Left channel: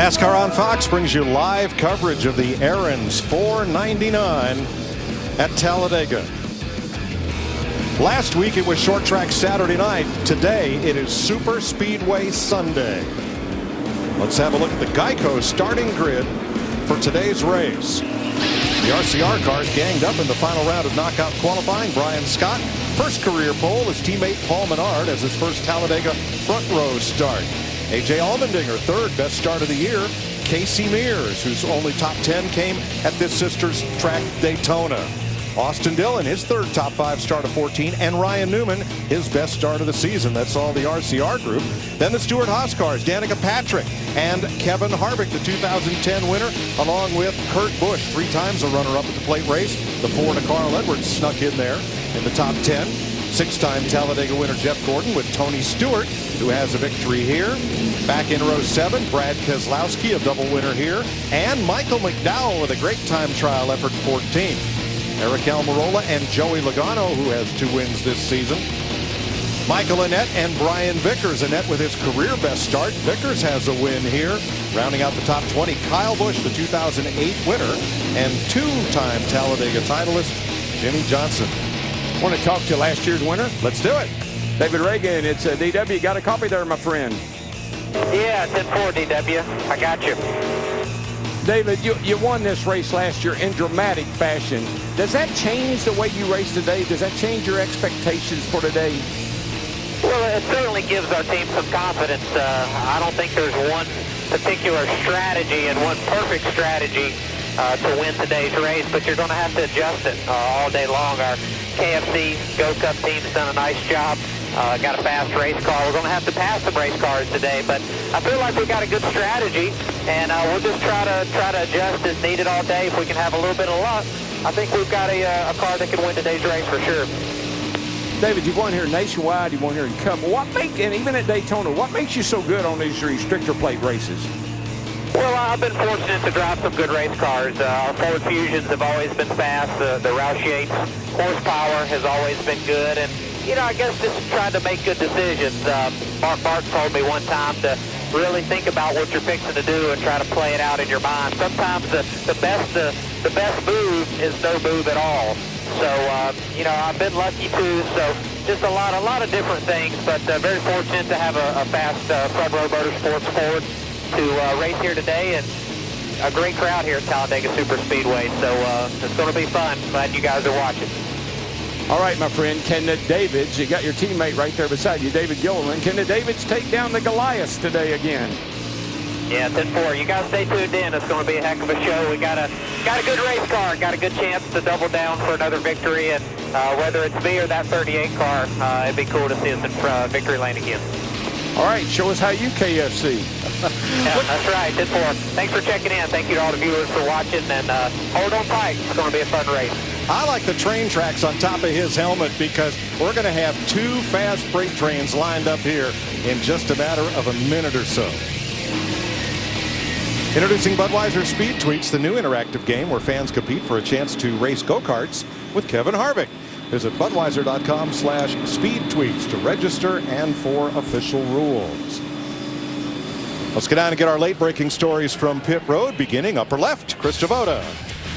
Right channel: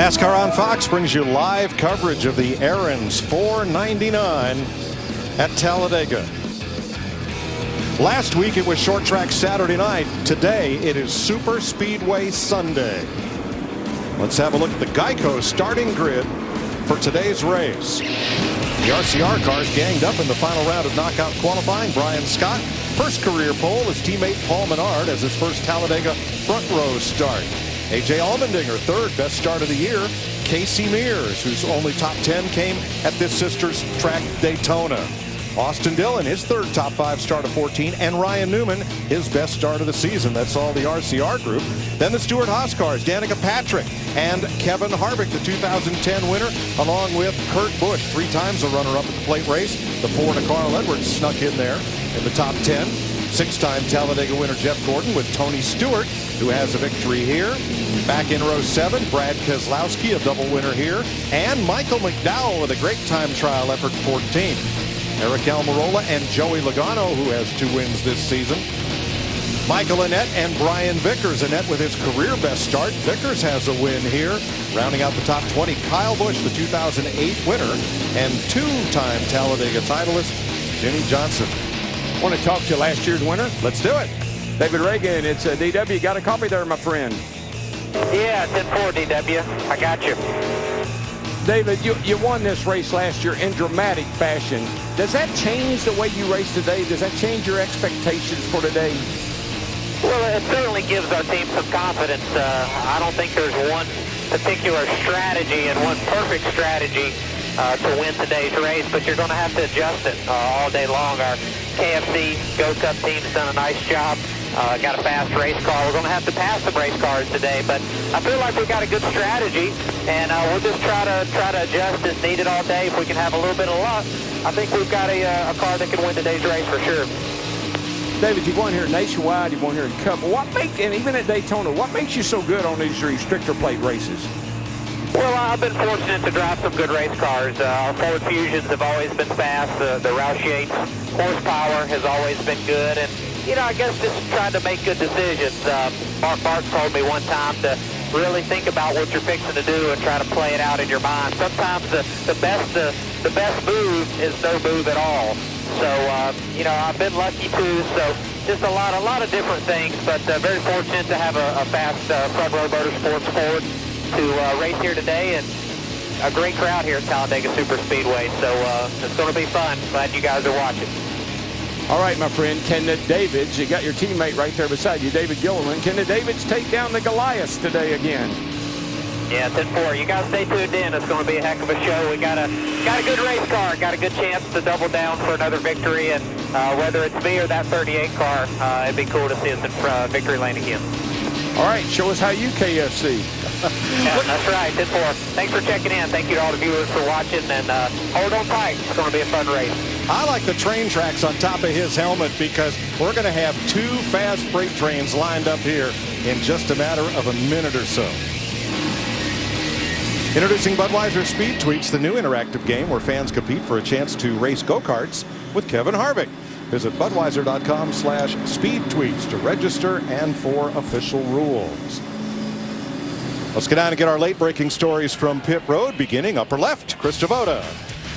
NASCAR on Fox brings you live coverage of the Aaron's 499 at Talladega. Last week it was short track Saturday night. Today it is Super Speedway Sunday. Let's have a look at the Geico starting grid for today's race. The RCR cars ganged up in the final round of knockout qualifying. Brian Scott, first career pole. His teammate Paul Menard has his first Talladega front row start. A.J. Allmendinger, third best start of the year. Casey Mears, whose only top 10 came at this sister's track, Daytona. Austin Dillon, his third top 5 start of 14. And Ryan Newman, his best start of the season. That's all the RCR group. Then the Stewart-Haas cars, Danica Patrick and Kevin Harvick, the 2010 winner, along with Kurt Busch, 3 times a runner-up at the plate race. The Ford of Carl Edwards snuck in there in the top 10. 6-time Talladega winner Jeff Gordon with Tony Stewart, who has a victory here. Back in row 7, Brad Keselowski, a double winner here. And Michael McDowell with a great time trial effort, 14th. Eric Almirola and Joey Logano, who has 2 wins this season. Michael Annett and Brian Vickers. Annett with his career best start. Vickers has a win here. Rounding out the top 20, Kyle Busch, the 2008 winner, and 2-time Talladega titleist, Jimmy Johnson. Want to talk to last year's winner? Let's do it. David Ragan, it's DW. Got a copy there, my friend? Yeah, 10-4, DW. I got you. David, you won this race last year in dramatic fashion. Does that change the way you race today? Does that change your expectations for today? Well, it certainly gives our team some confidence. I don't think there's one particular strategy and one perfect strategy to win today's race, but you're going to have to adjust it all day long. Our KFC Go Cup team's done a nice job. Got a fast race car. We're going to have to pass some race cars today, but I feel like we got a good strategy, and we'll just try to adjust as needed all day. If we can have a little bit of luck, I think we've got a car that can win today's race for sure. David, you've won here nationwide, you've won here in Cup. And even at Daytona, what makes you so good on these restrictor plate races? Well, I've been fortunate to drive some good race cars. Our Ford Fusions have always been fast. The Roush Yates horsepower has always been good, and you know, I guess just trying to make good decisions. Mark Martin told me one time to really think about what you're fixing to do and try to play it out in your mind. Sometimes the best move is no move at all. So you know, I've been lucky too. So just a lot of different things, but very fortunate to have a fast front row motorsports Ford to race here today, and a great crowd here at Talladega Super Speedway. So it's going to be fun. Glad you guys are watching. All right, my friend, can the Davids, you got your teammate right there beside you, David Gilliland, can the Davids take down the Goliaths today again? Yeah, 10-4. You guys stay tuned in. It's going to be a heck of a show. We got a good race car, got a good chance to double down for another victory, and whether it's me or that 38 car, it'd be cool to see us in victory lane again. All right, show us how you KFC. Yeah, that's right, 10-4. Thanks for checking in. Thank you to all the viewers for watching, and hold on tight. It's going to be a fun race. I like the train tracks on top of his helmet because we're going to have 2 fast freight trains lined up here in just a matter of a minute or so. Introducing Budweiser Speed Tweets, the new interactive game where fans compete for a chance to race go-karts with Kevin Harvick. Visit Budweiser.com/speedtweets to register and for official rules. Let's get down and get our late-breaking stories from pit road, beginning upper left. Chris Devoda.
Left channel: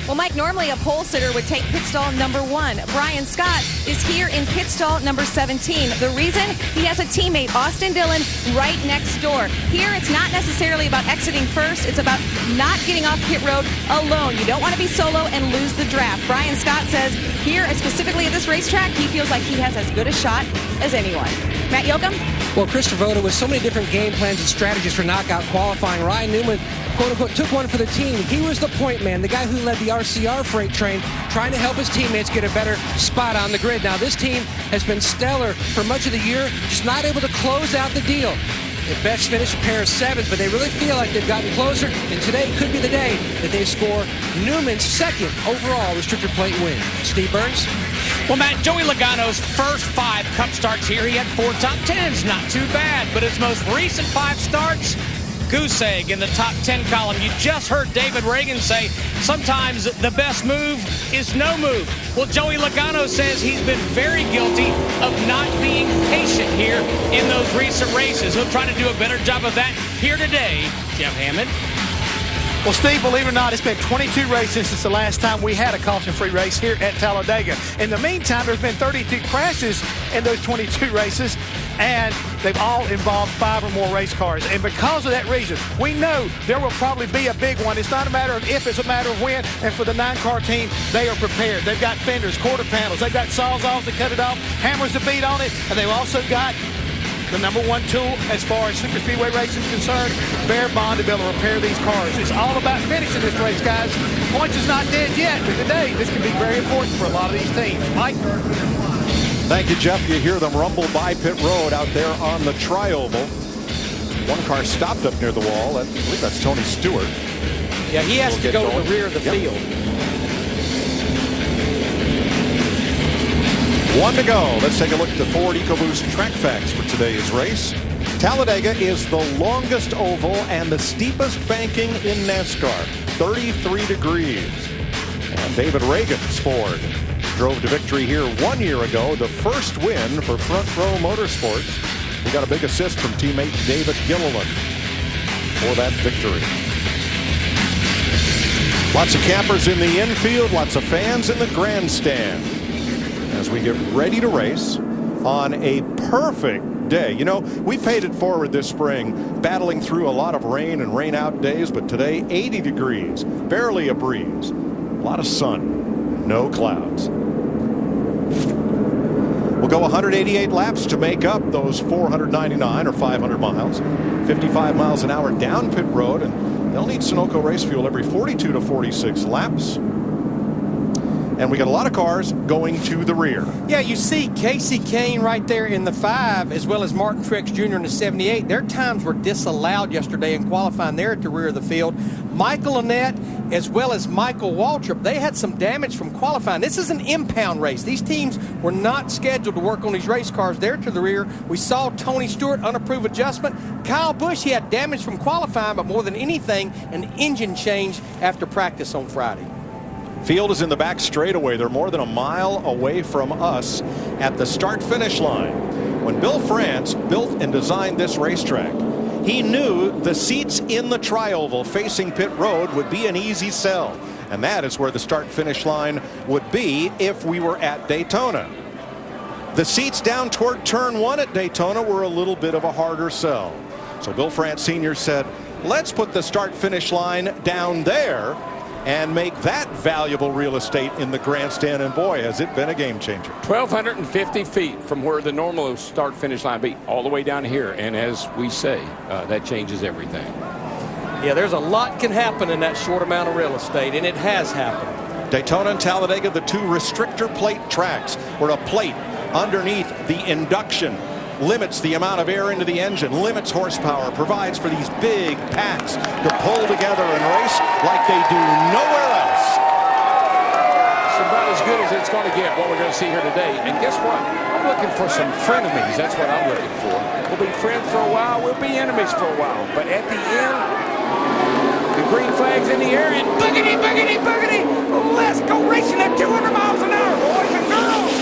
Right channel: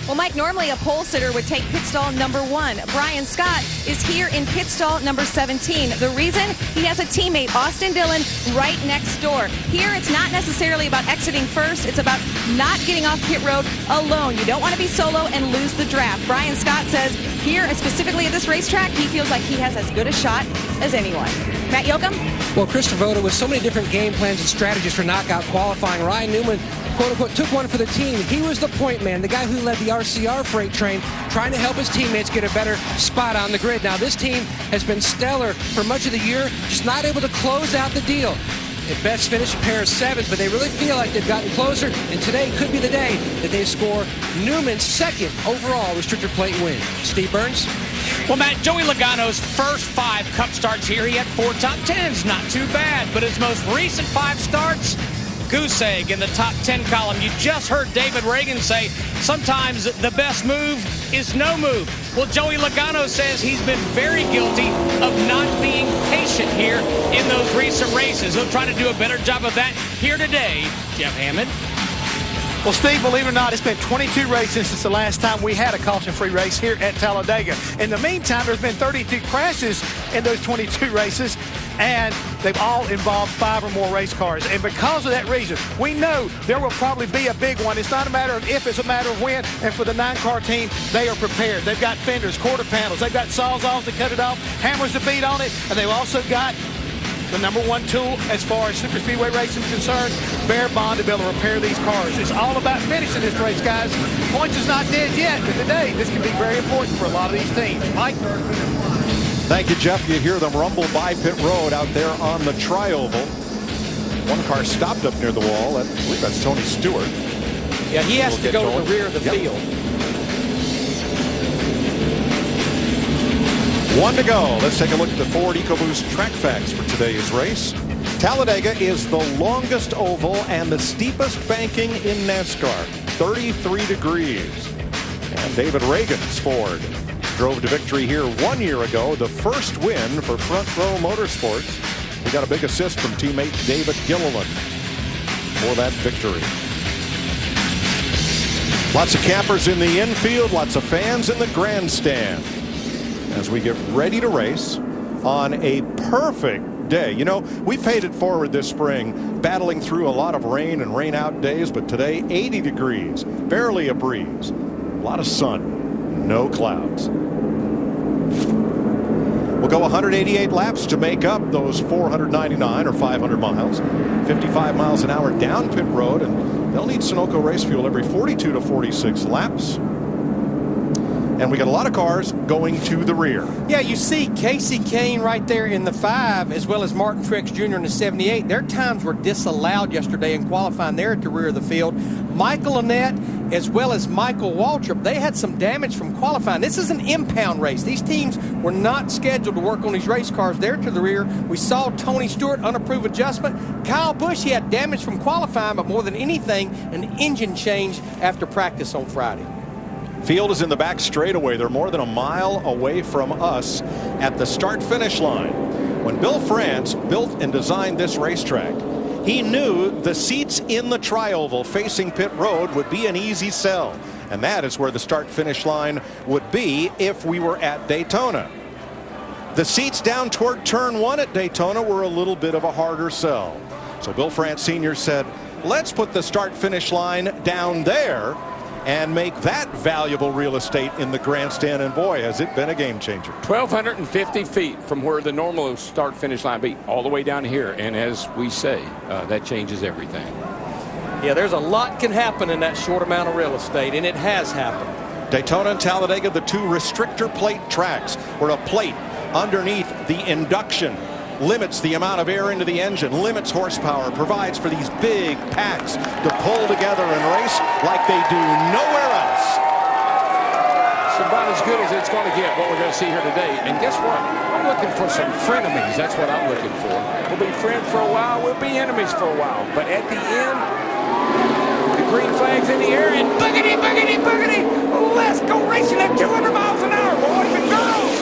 Well, Mike, normally a pole sitter would take pit stall number 1. Brian Scott is here in pit stall number 17. The reason? He has a teammate, Austin Dillon, right next door. Here, it's not necessarily about exiting first. It's about not getting off pit road alone. You don't want to be solo and lose the draft. Brian Scott says here, specifically at this racetrack, he feels like he has as good a shot as anyone. Matt Yoakum? Well, Chris Devoda, with so many different game plans and strategies for knockout qualifying, Ryan Newman, quote-unquote, took one for the team. He was the point man, the guy who led the RCR freight train, trying to help his teammates get a better spot on the grid. Now, this team has been stellar for much of the year, just not able to close out the deal. At best finish a pair of 7s, but they really feel like they've gotten closer, and today could be the day that they score Newman's 2nd overall restrictor plate win. Steve Burns? Well, Matt, Joey Logano's first 5 Cup starts here, he had 4 top 10s. Not too bad, but his most recent 5 starts, goose egg in the top 10 column. You just heard David Ragan say sometimes the best move is no move. Well, Joey Logano says he's been very guilty of not being patient here in those recent races. He'll try to do a better job of that here today. Jeff Hammond. Well, Steve, believe it or not, it's been 22 races since the last time we had a caution-free race here at Talladega. In the meantime, there's been 32 crashes in those 22 races, and they've all involved 5 or more race cars. And because of that reason, we know there will probably be a big one. It's not a matter of if, it's a matter of when. And for the 9-car team, they are prepared. They've got fenders, quarter panels. They've got sawzalls to cut it off, hammers to beat on it, and they've also got the #1 tool as far as super speedway racing is concerned, bare bond to be able to repair these cars. It's all about finishing this race, guys. Points is not dead yet, but today this can be very important for a lot of these teams. Mike? Thank you, Jeff. You hear them rumble by pit road out there on the tri-oval. One car stopped up near the wall. I believe that's Tony Stewart. Yeah, he has to go to the rear of the field. 1 to go. Let's take a look at the Ford EcoBoost track facts for today's race. Talladega is the longest oval and the steepest banking in NASCAR, 33 degrees. And David Ragan's Ford drove to victory here 1 year ago, the first win for Front Row Motorsports. We got a big assist from teammate David Gilliland for that victory. Lots of campers in the infield, lots of fans in the grandstand as we get ready to race on a perfect day. You know, we paid it forward this spring, battling through a lot of rain and rain out days, but today 80 degrees, barely a breeze, a lot of sun, no clouds. We'll go 188 laps to make up those 499 or 500 miles, 55 miles an hour down pit road, and they'll need Sunoco race fuel every 42 to 46 laps. And we got a lot of cars going to the rear. Yeah, you see Casey Kane right there in the 5, as well as Martin Truex Jr. in the 78. Their times were disallowed yesterday in qualifying there at the rear of the field. Michael Annett, as well as Michael Waltrip, they had some damage from qualifying. This is an impound race. These teams were not scheduled to work on these race cars there to the rear. We saw Tony Stewart, unapproved adjustment. Kyle Busch, he had damage from qualifying, but more than anything, an engine change after practice on Friday. Field is in the back straightaway. They're more than a mile away from us at the start-finish line. When Bill France built and designed this racetrack, he knew the seats in the tri-oval facing pit road would be an easy sell. And that is where the start-finish line would be if we were at Daytona. The seats down toward turn 1 at Daytona were a little bit of a harder sell. So Bill France Sr. said, let's put the start-finish line down there and make that valuable real estate in the grandstand, and boy, has it been a game changer. 1,250 feet from where the normal start-finish line be, all the way down here, and as we say, that changes everything. Yeah, there's a lot can happen in that short amount of real estate, and it has happened. Daytona and Talladega, the 2 restrictor plate tracks, where a plate underneath the induction limits the amount of air into the engine, limits horsepower, provides for these big packs to pull together and race like they do nowhere else. It's about as good as it's going to get, what we're going to see here today. And guess what? I'm looking for some frenemies. That's what I'm looking for. We'll be friends for a while. We'll be enemies for a while. But at the end, the green flag's in the air, and boogity, boogity, boogity. Let's go racing at 200 miles an hour, boys and girls.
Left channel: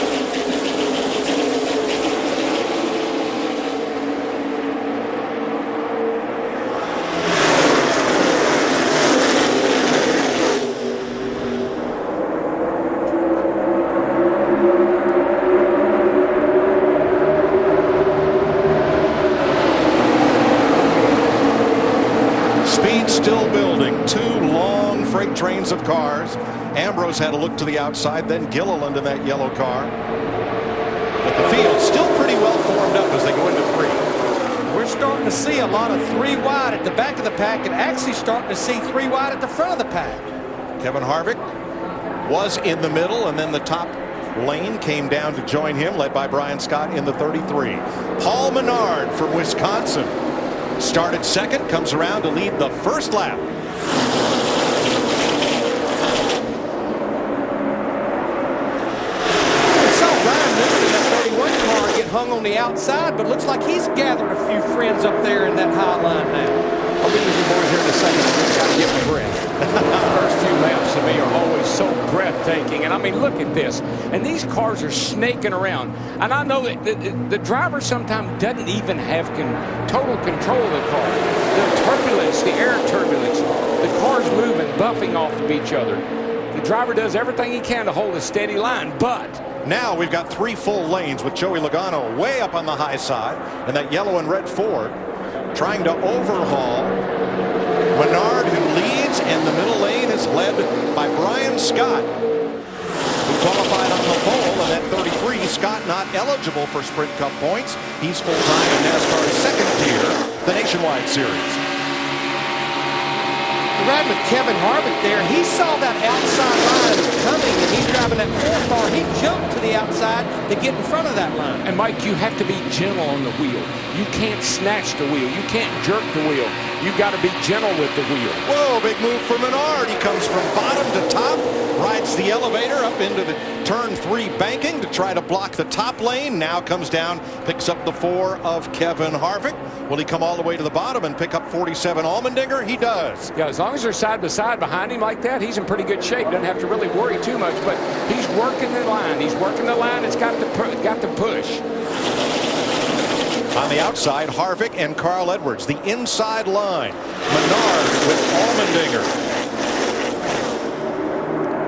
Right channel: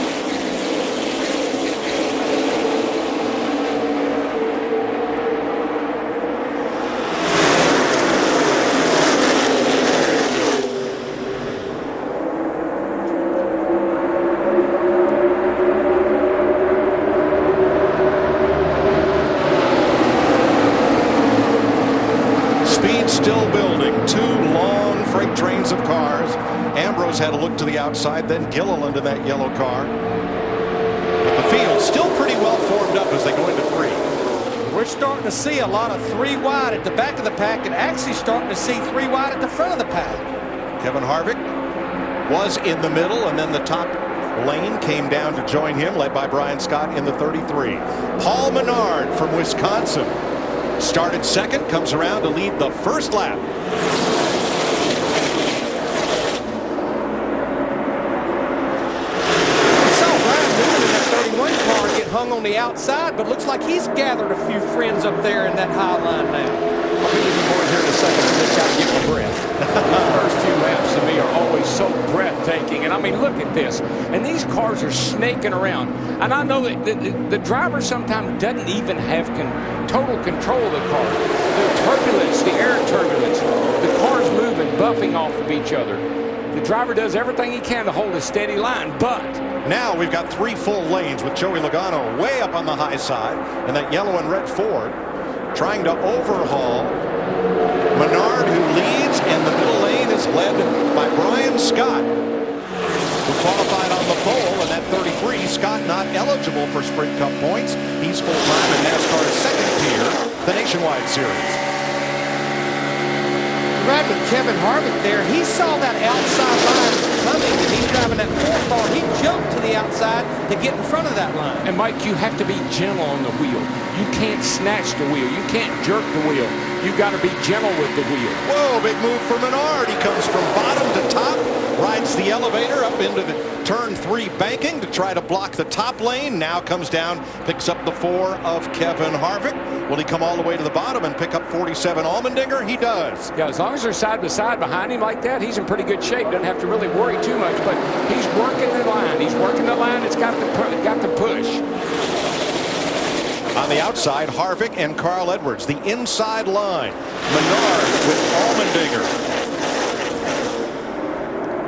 Still building, 2 long freight trains of cars. Ambrose had a look to the outside, then Gilliland in that yellow car. But the field still pretty well formed up as they go into 3. We're starting to see a lot of 3 wide at the back of the pack, and actually starting to see 3 wide at the front of the pack. Kevin Harvick was in the middle, and then the top lane came down to join him, led by Brian Scott in the 33. Paul Menard from Wisconsin started second, comes around to lead the first lap. We saw Ryan Newman in that 31 car get hung on the outside, but looks like he's gathered a few friends up there in that high line now. I'll be with you boys here in a second. I just got to get my breath. The first few laps to me are always so breathtaking. And I mean, look at this. And these cars are snaking around. And I know that the driver sometimes doesn't even have total control of the car. The turbulence, the air turbulence, the cars moving, buffing off of each other. The driver does everything he can to hold a steady line, but now we've got 3 full lanes with Joey Logano way up on the high side and that yellow and red Ford trying to overhaul Menard, who leads, and the middle lane is led by Brian Scott, who qualified on the pole, and that 33. Scott not eligible for Sprint Cup points. He's full-time in NASCAR's second tier, the Nationwide Series. Riding with Kevin Harvick there, he saw that outside line coming, and he's driving that 4 car. He jumped to the outside to get in front of that line. And Mike, you have to be gentle on the wheel. You can't snatch the wheel. You can't jerk the wheel. You got to be gentle with the wheel. Whoa, big move for Menard. He comes from bottom to top, rides the elevator up into the turn 3 banking to try to block the top lane. Now comes down, picks up the 4 of Kevin Harvick. Will he come all the way to the bottom and pick up 47 Allmendinger? He does. Yeah, as long as they're side by side behind him like that, he's in pretty good shape. Doesn't have to really worry too much, but he's working the line. He's working the line. It's got the push. On the outside, Harvick and Carl Edwards. The inside line, Menard with Allmendinger.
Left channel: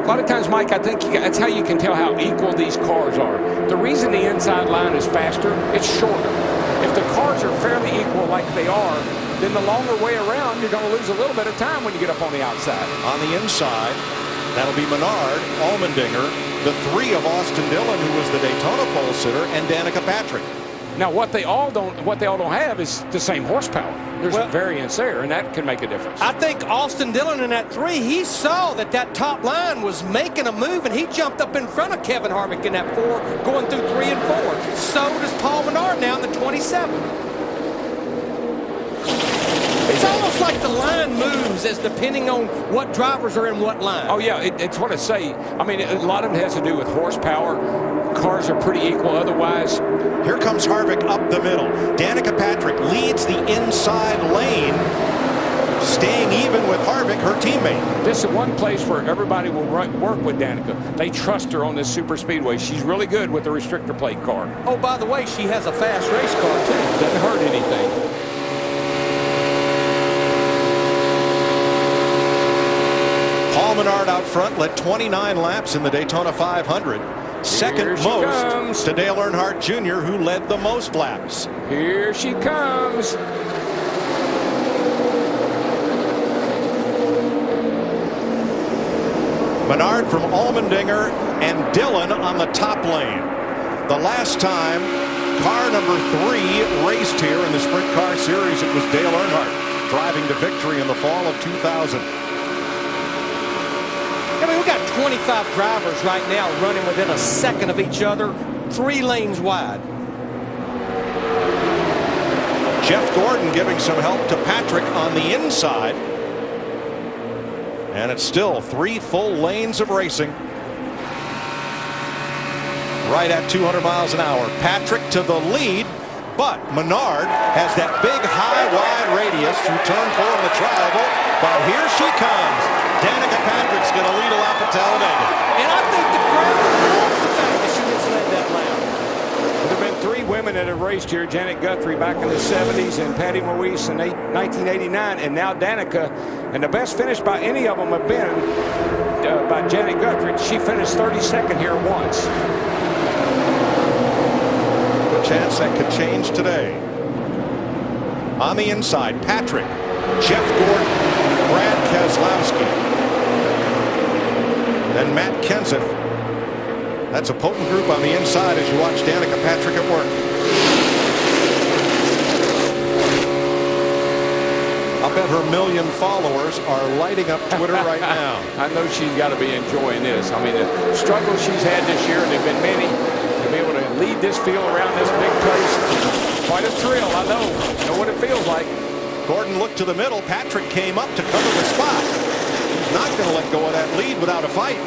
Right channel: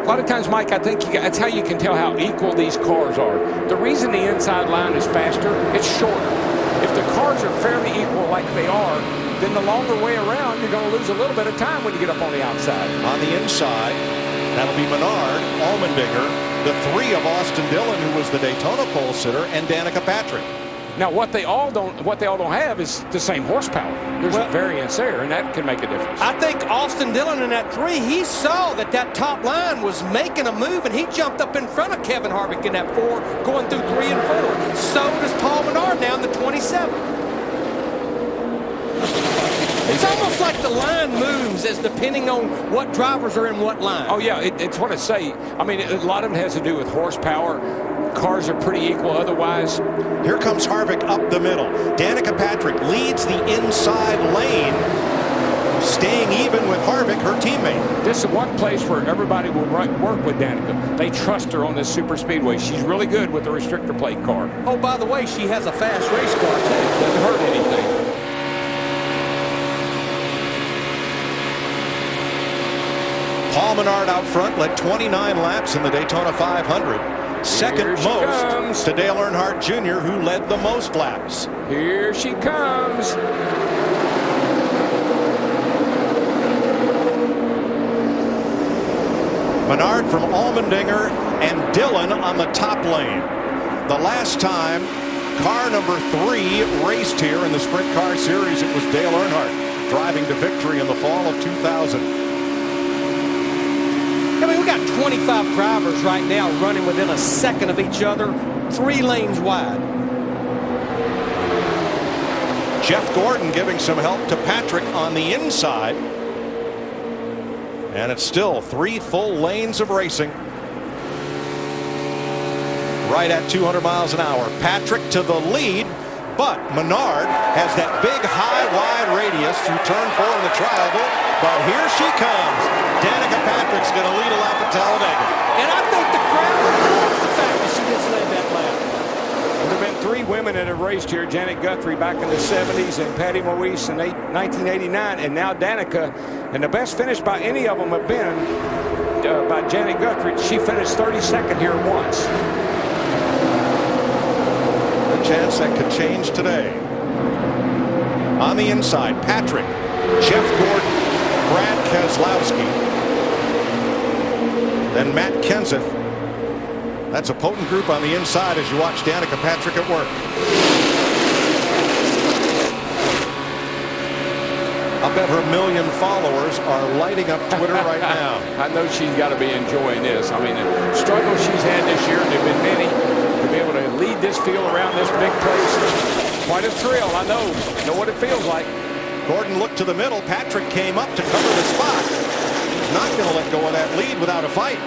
A lot of times, Mike, I think that's how you can tell how equal these cars are. The reason the inside line is faster, it's shorter. If the cars are fairly equal like they are, then the longer way around, you're going to lose a little bit of time when you get up on the outside. On the inside, that'll be Menard, Allmendinger, the 3 of Austin Dillon, who was the Daytona pole sitter, and Danica Patrick. Now, what they all don't have is the same horsepower. There's a variance there, and that can make a difference. I think Austin Dillon in that 3, he saw that top line was making a move, and he jumped up in front of Kevin Harvick in that 4, going through 3 and 4. So does Paul Menard now in the 27. It's almost like the line moves as depending on what drivers are in what line. Oh, yeah, it's what I say. I mean, a lot of it has to do with horsepower. Cars are pretty equal otherwise. Here comes Harvick up the middle. Danica Patrick leads the inside lane, staying even with Harvick, her teammate. This is one place where everybody will work with Danica. They trust her on this super speedway. She's really good with the restrictor plate car. Oh, by the way, she has a fast race car, too. Doesn't hurt anything. Paul Menard out front, led 29 laps in the Daytona 500. Second most to Dale Earnhardt Jr., who led the most laps. Here she comes. Menard from Allmendinger and Dillon on the top lane. The last time car number 3 raced here in the Sprint Car Series, it was Dale Earnhardt driving to victory in the fall of 2000. I mean, we got 25 drivers right now running within a second of each other, 3 lanes wide. Jeff Gordon giving some help to Patrick on the inside. And it's still 3 full lanes of racing. Right at 200 miles an hour. Patrick to the lead, but Menard has that big high wide radius through turn 4 in the trial vote. But here she comes. Danica Patrick's going to lead a lap at Talladega. And I think the crowd loves the fact that she just led that lap. Well, there have been 3 women that have raced here. Janet Guthrie back in the 70s and Patty Moise in 1989, and now Danica. And the best finish by any of them have been by Janet Guthrie. She finished 32nd here once. Good chance that could change today. On the inside, Patrick, Jeff Gordon, Brad Keselowski, then Matt Kenseth. That's a potent group on the inside as you watch Danica Patrick at work. I'll bet her 1 million followers are lighting up Twitter right now. I know she's got to be enjoying this. I mean, the struggles she's had this year, and there have been many, to be able to lead this field around this big place, quite a thrill. I know what it feels like. Gordon looked to the middle. Patrick came up to cover the spot. He's not going to let go of that lead without a fight.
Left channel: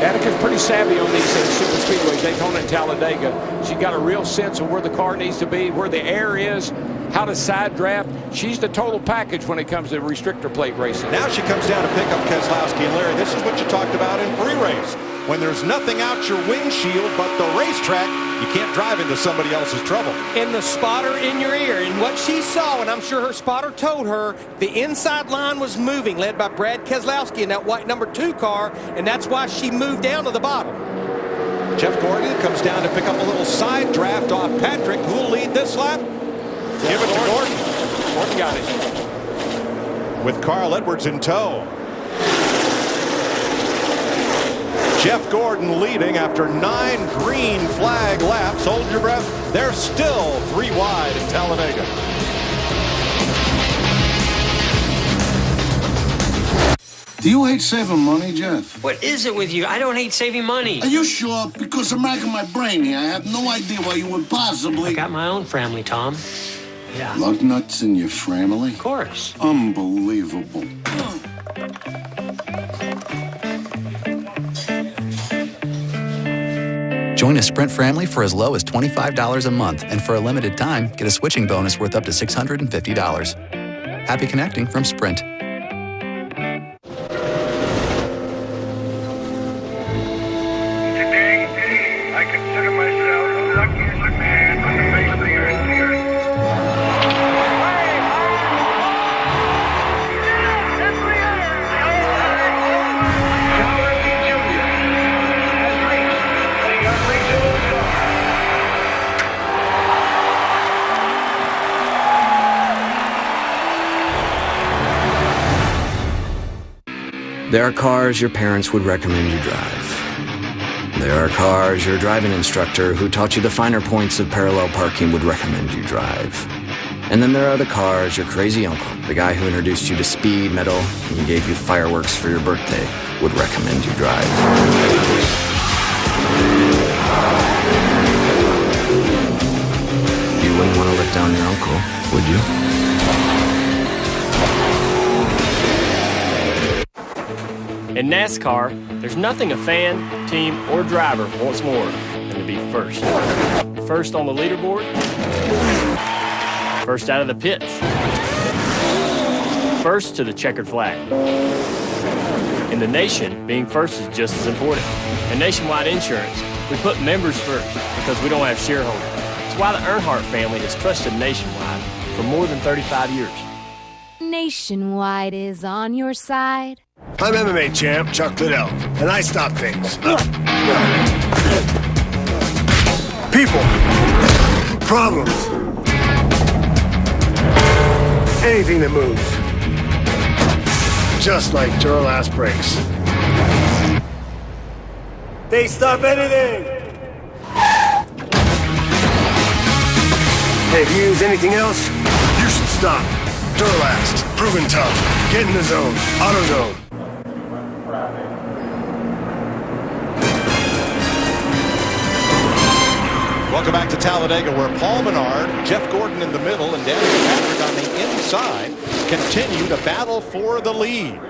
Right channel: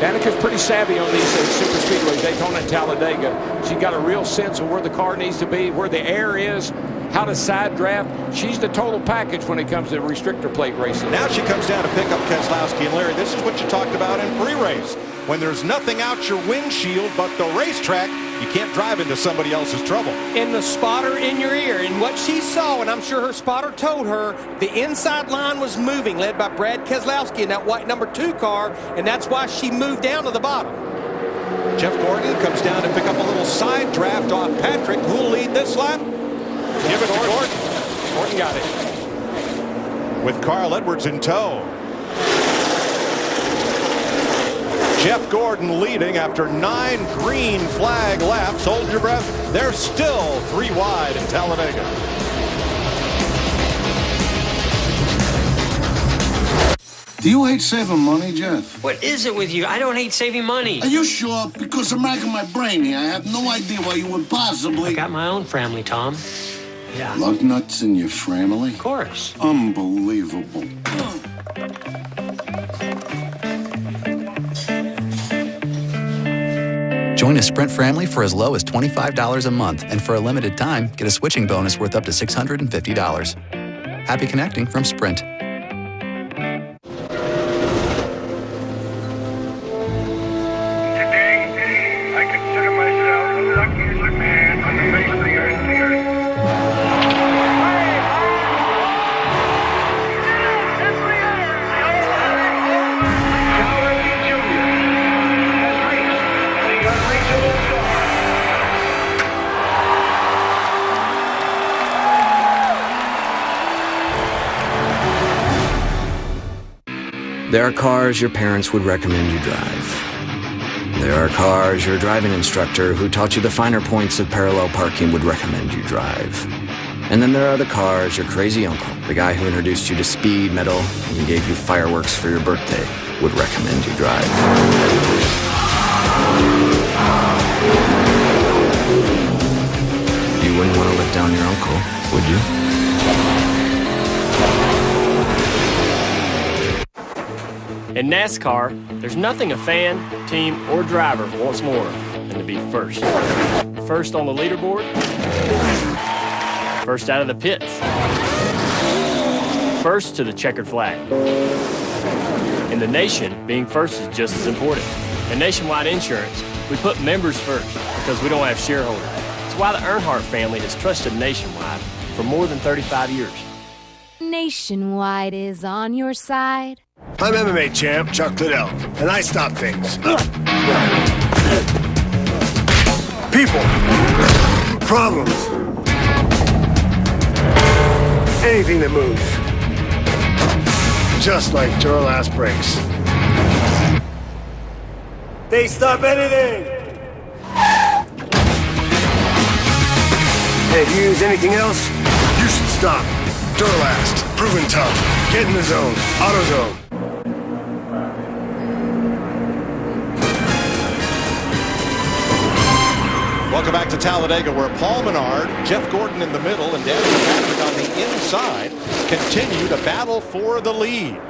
Danica's pretty savvy on these super speedways, Daytona and Talladega. She got a real sense of where the car needs to be, where the air is. how to side draft. She's the total package when it comes to restrictor plate racing. Now she comes down to pick up Keselowski. And Larry, this is what you talked about in pre-race. When there's nothing out your windshield but the racetrack, you can't drive into somebody else's trouble. And the spotter in your ear. And what she saw, and I'm sure her spotter told her, the inside line was moving, led by Brad Keselowski in that white number 2 car, and that's why she moved down to the bottom. Jeff Gordon comes down to pick up a little side draft off Patrick. Who'll lead this lap? Give it to Gordon. Gordon got it. With Carl Edwards in tow. Jeff Gordon leading after 9 green flag laps. Hold your breath. They're still 3 wide in Talladega. Do you hate saving money, Jeff? What is it with you? I don't hate saving money. Are you sure? Because I'm racking my brain here. I have no idea why you would possibly... I got my own family, Tom. Yeah. Lug nuts in your family? Of course. Unbelievable. Join a Sprint family for as low as $25 a month, and for a limited time, get a switching bonus worth up to $650. Happy connecting from Sprint. Today, I consider myself the luckiest man on the face of the earth. There are cars your parents would recommend you drive. There are cars your driving instructor who taught you the finer points of parallel parking would recommend you drive. And then there are the cars your crazy uncle, the guy who introduced you to speed, metal, and gave you fireworks for your birthday, would recommend you drive. You wouldn't want to let down your uncle, would you? In NASCAR, there's nothing a fan, team, or driver wants more than to be first. First on the leaderboard, first out of the pits, first to the checkered flag. In the nation, being first is just as important. In Nationwide Insurance, we put members first because we don't have shareholders. It's why the Earnhardt family has trusted Nationwide for more than 35 years. Nationwide is on your side. I'm MMA champ Chuck Liddell, and I stop things. People. Problems. Anything that moves. Just like Duralast brakes. They stop anything! Hey, if you use anything else, you should stop. Duralast. Proven tough. Get in the zone. AutoZone. Welcome back to Talladega, where Paul Menard, Jeff Gordon in the middle, and Danica Patrick on the inside continue to battle for the lead.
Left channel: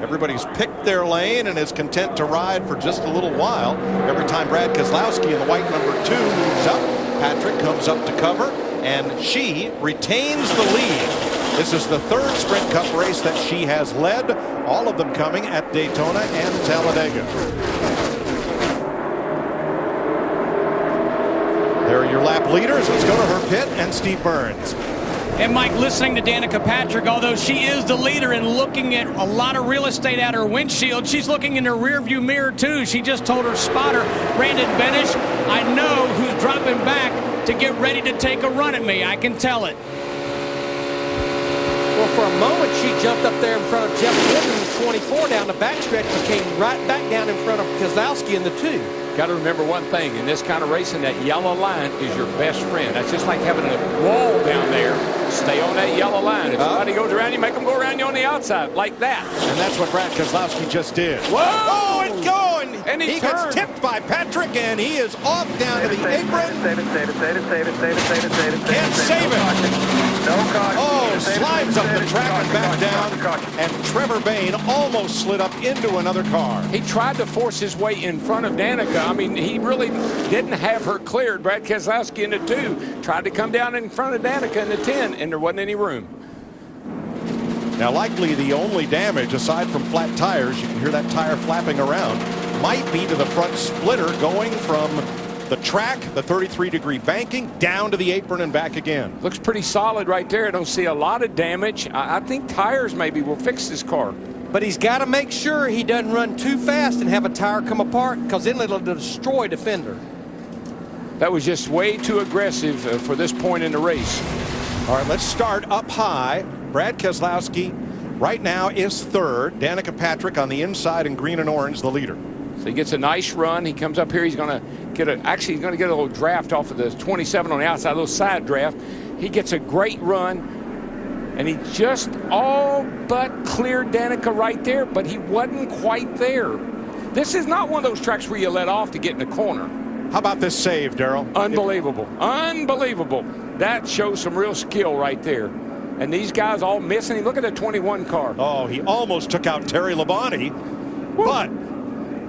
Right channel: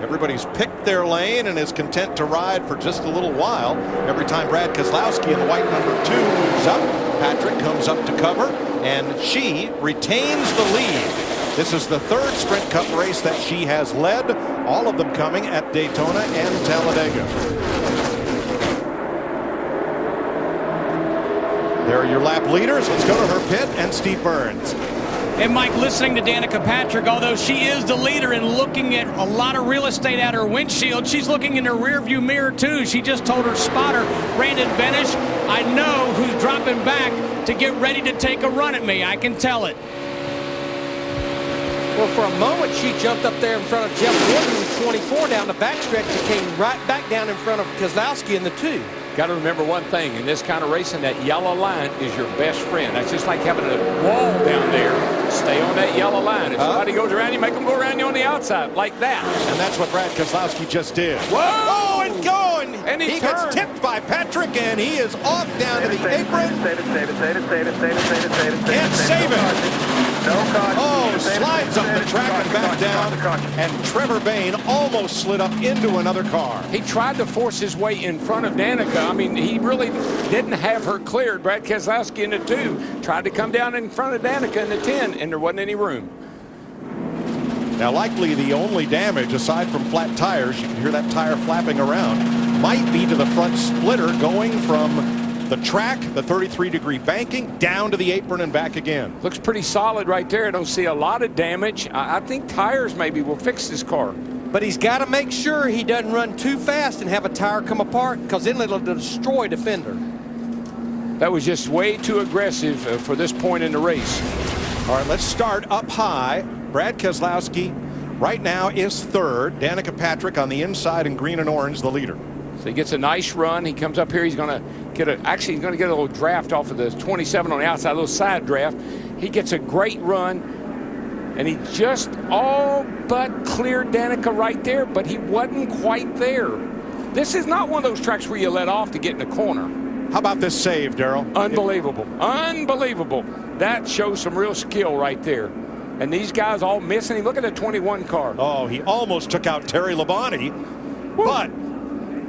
Everybody's picked their lane and is content to ride for just a little while. Every time Brad Keselowski in the white number 2 moves up, Patrick comes up to cover, and she retains the lead. This is the 3rd Sprint Cup race that she has led, all of them coming at Daytona and Talladega. There are your lap leaders. Let's go to her pit and Steve Burns. And Mike, listening to Danica Patrick, although she is the leader and looking at a lot of real estate out her windshield, she's looking in her rearview mirror too. She just told her spotter, Brandon Benish, I know who's dropping back to get ready to take a run at me. I can tell it. Well, for a moment, she jumped up there in front of Jeff Gordon in the 24 down the backstretch, but came right back down in front of Keselowski in the 2. Got to remember one thing, in this kind of racing, that yellow line is your best friend. That's just like having a wall down there. Stay on that yellow line. If somebody goes around you, make them go around you on the outside, like that. And that's what Brad Keselowski just did. Whoa! Oh, it's going! And he gets tipped by Patrick, and he is off down to the apron. Save it. Can't save it. Oh, slides up the track and back down, and Trevor Bayne almost slid up into another car. He tried to force his way in front of Danica. I mean, he really didn't have her cleared. Brad Keselowski in the 2 tried to come down in front of Danica in the 10, and there wasn't any room. Now, likely the only damage, aside from flat tires, you can hear that tire flapping around, might be to the front splitter going from the track, the 33-degree banking, down to the apron and back again. Looks pretty solid right there. I don't see a lot of damage. I think tires maybe will fix this car. But he's got to make sure he doesn't run too fast and have a tire come apart, because then it'll destroy defender. That was just way too aggressive for this point in the race. All right, let's start up high. Brad Keselowski right now is 3rd. Danica Patrick on the inside in green and orange, the leader. So he gets a nice run. He comes up here. He's going to get he's going to get a little draft off of the 27 on the outside, a little side draft. He gets a great run, and he just all but cleared Danica right there, but he wasn't quite there. This is not one of those tracks where you let off to get in the corner. How about this save, Darrell? Unbelievable. Unbelievable. That shows some real skill right there. And these guys all missing him. Look at the 21 car. Oh, he almost took out Terry Labonte, but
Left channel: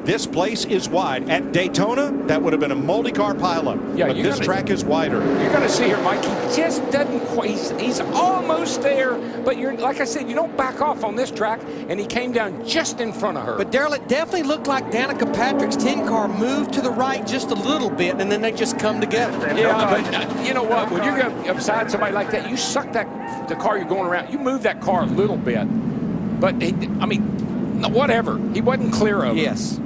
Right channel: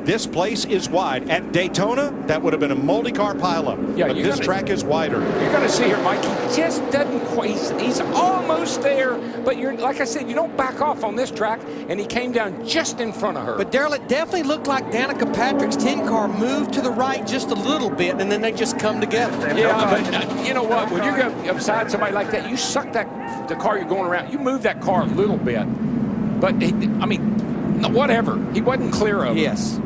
this place is wide. At Daytona, that would have been a multi-car pileup. Yeah, but this track is wider. You're going to see here, Mike. He just doesn't quite. He's almost there, but you're like I said, you don't back off on this track, and he came down just in front of her. But Darrell, it definitely looked like Danica Patrick's 10 car moved to the right just a little bit, and then they just come together. Yeah, but you know what? When you go beside somebody like that, you suck the car you're going around. You move that car a little bit, but I mean, whatever. He wasn't clear of it. Yes.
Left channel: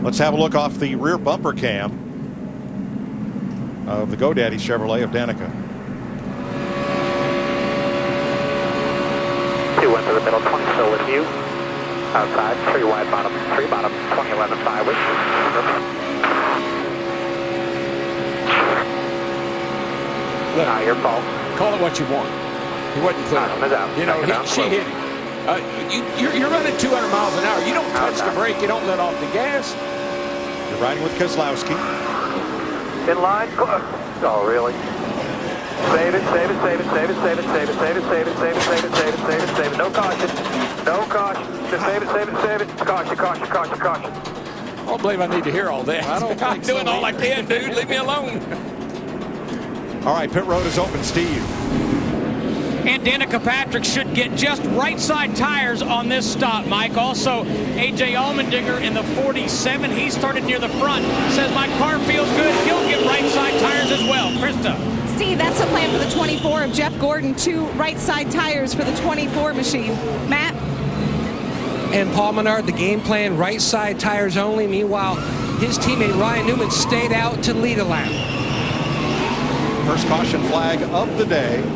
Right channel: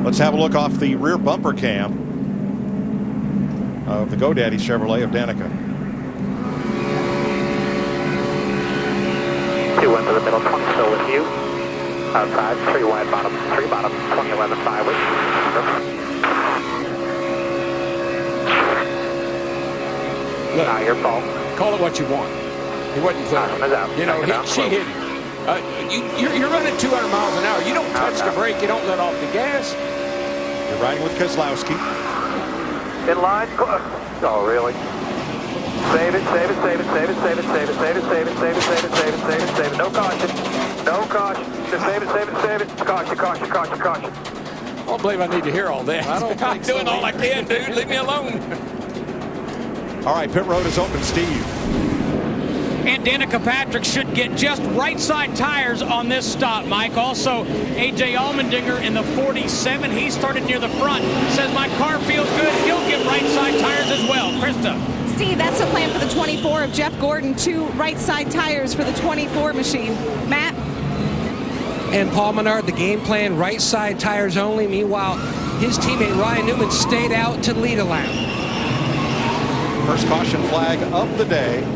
Let's have a look off the rear bumper cam of the GoDaddy Chevrolet of Danica. 2 into the middle, 20 still with you. Outside, 3 wide bottom, 3 bottom, 2011 5 with. Look, not your fault. Call it what you want. He wasn't clear. You know, she hit him. You're running 200 miles an hour. You don't touch the brake. You don't let off the gas. You're riding with Keselowski. In line. Oh, really? Save it, save it, save it, save it, save it, save it, save it, save it, save it, save it, save it, save it, save it. No caution. No caution. Just save it, save it, save it. Caution, caution, caution, caution. I don't believe I need to hear all that. I don't think I'm doing all I can, dude. Leave me alone. All right, pit road is open, Steve. And Danica Patrick should get just right side tires on this stop, Mike. Also, A.J. Allmendinger in the 47. He started near the front. Says, my car feels good. He'll get right side tires as well. Krista. Steve, that's the plan for the 24 of Jeff Gordon. 2 right side tires for the 24 machine. Matt? And Paul Menard, the game plan, right side tires only. Meanwhile, his teammate Ryan Newman stayed out to lead a lap. First caution flag of the day.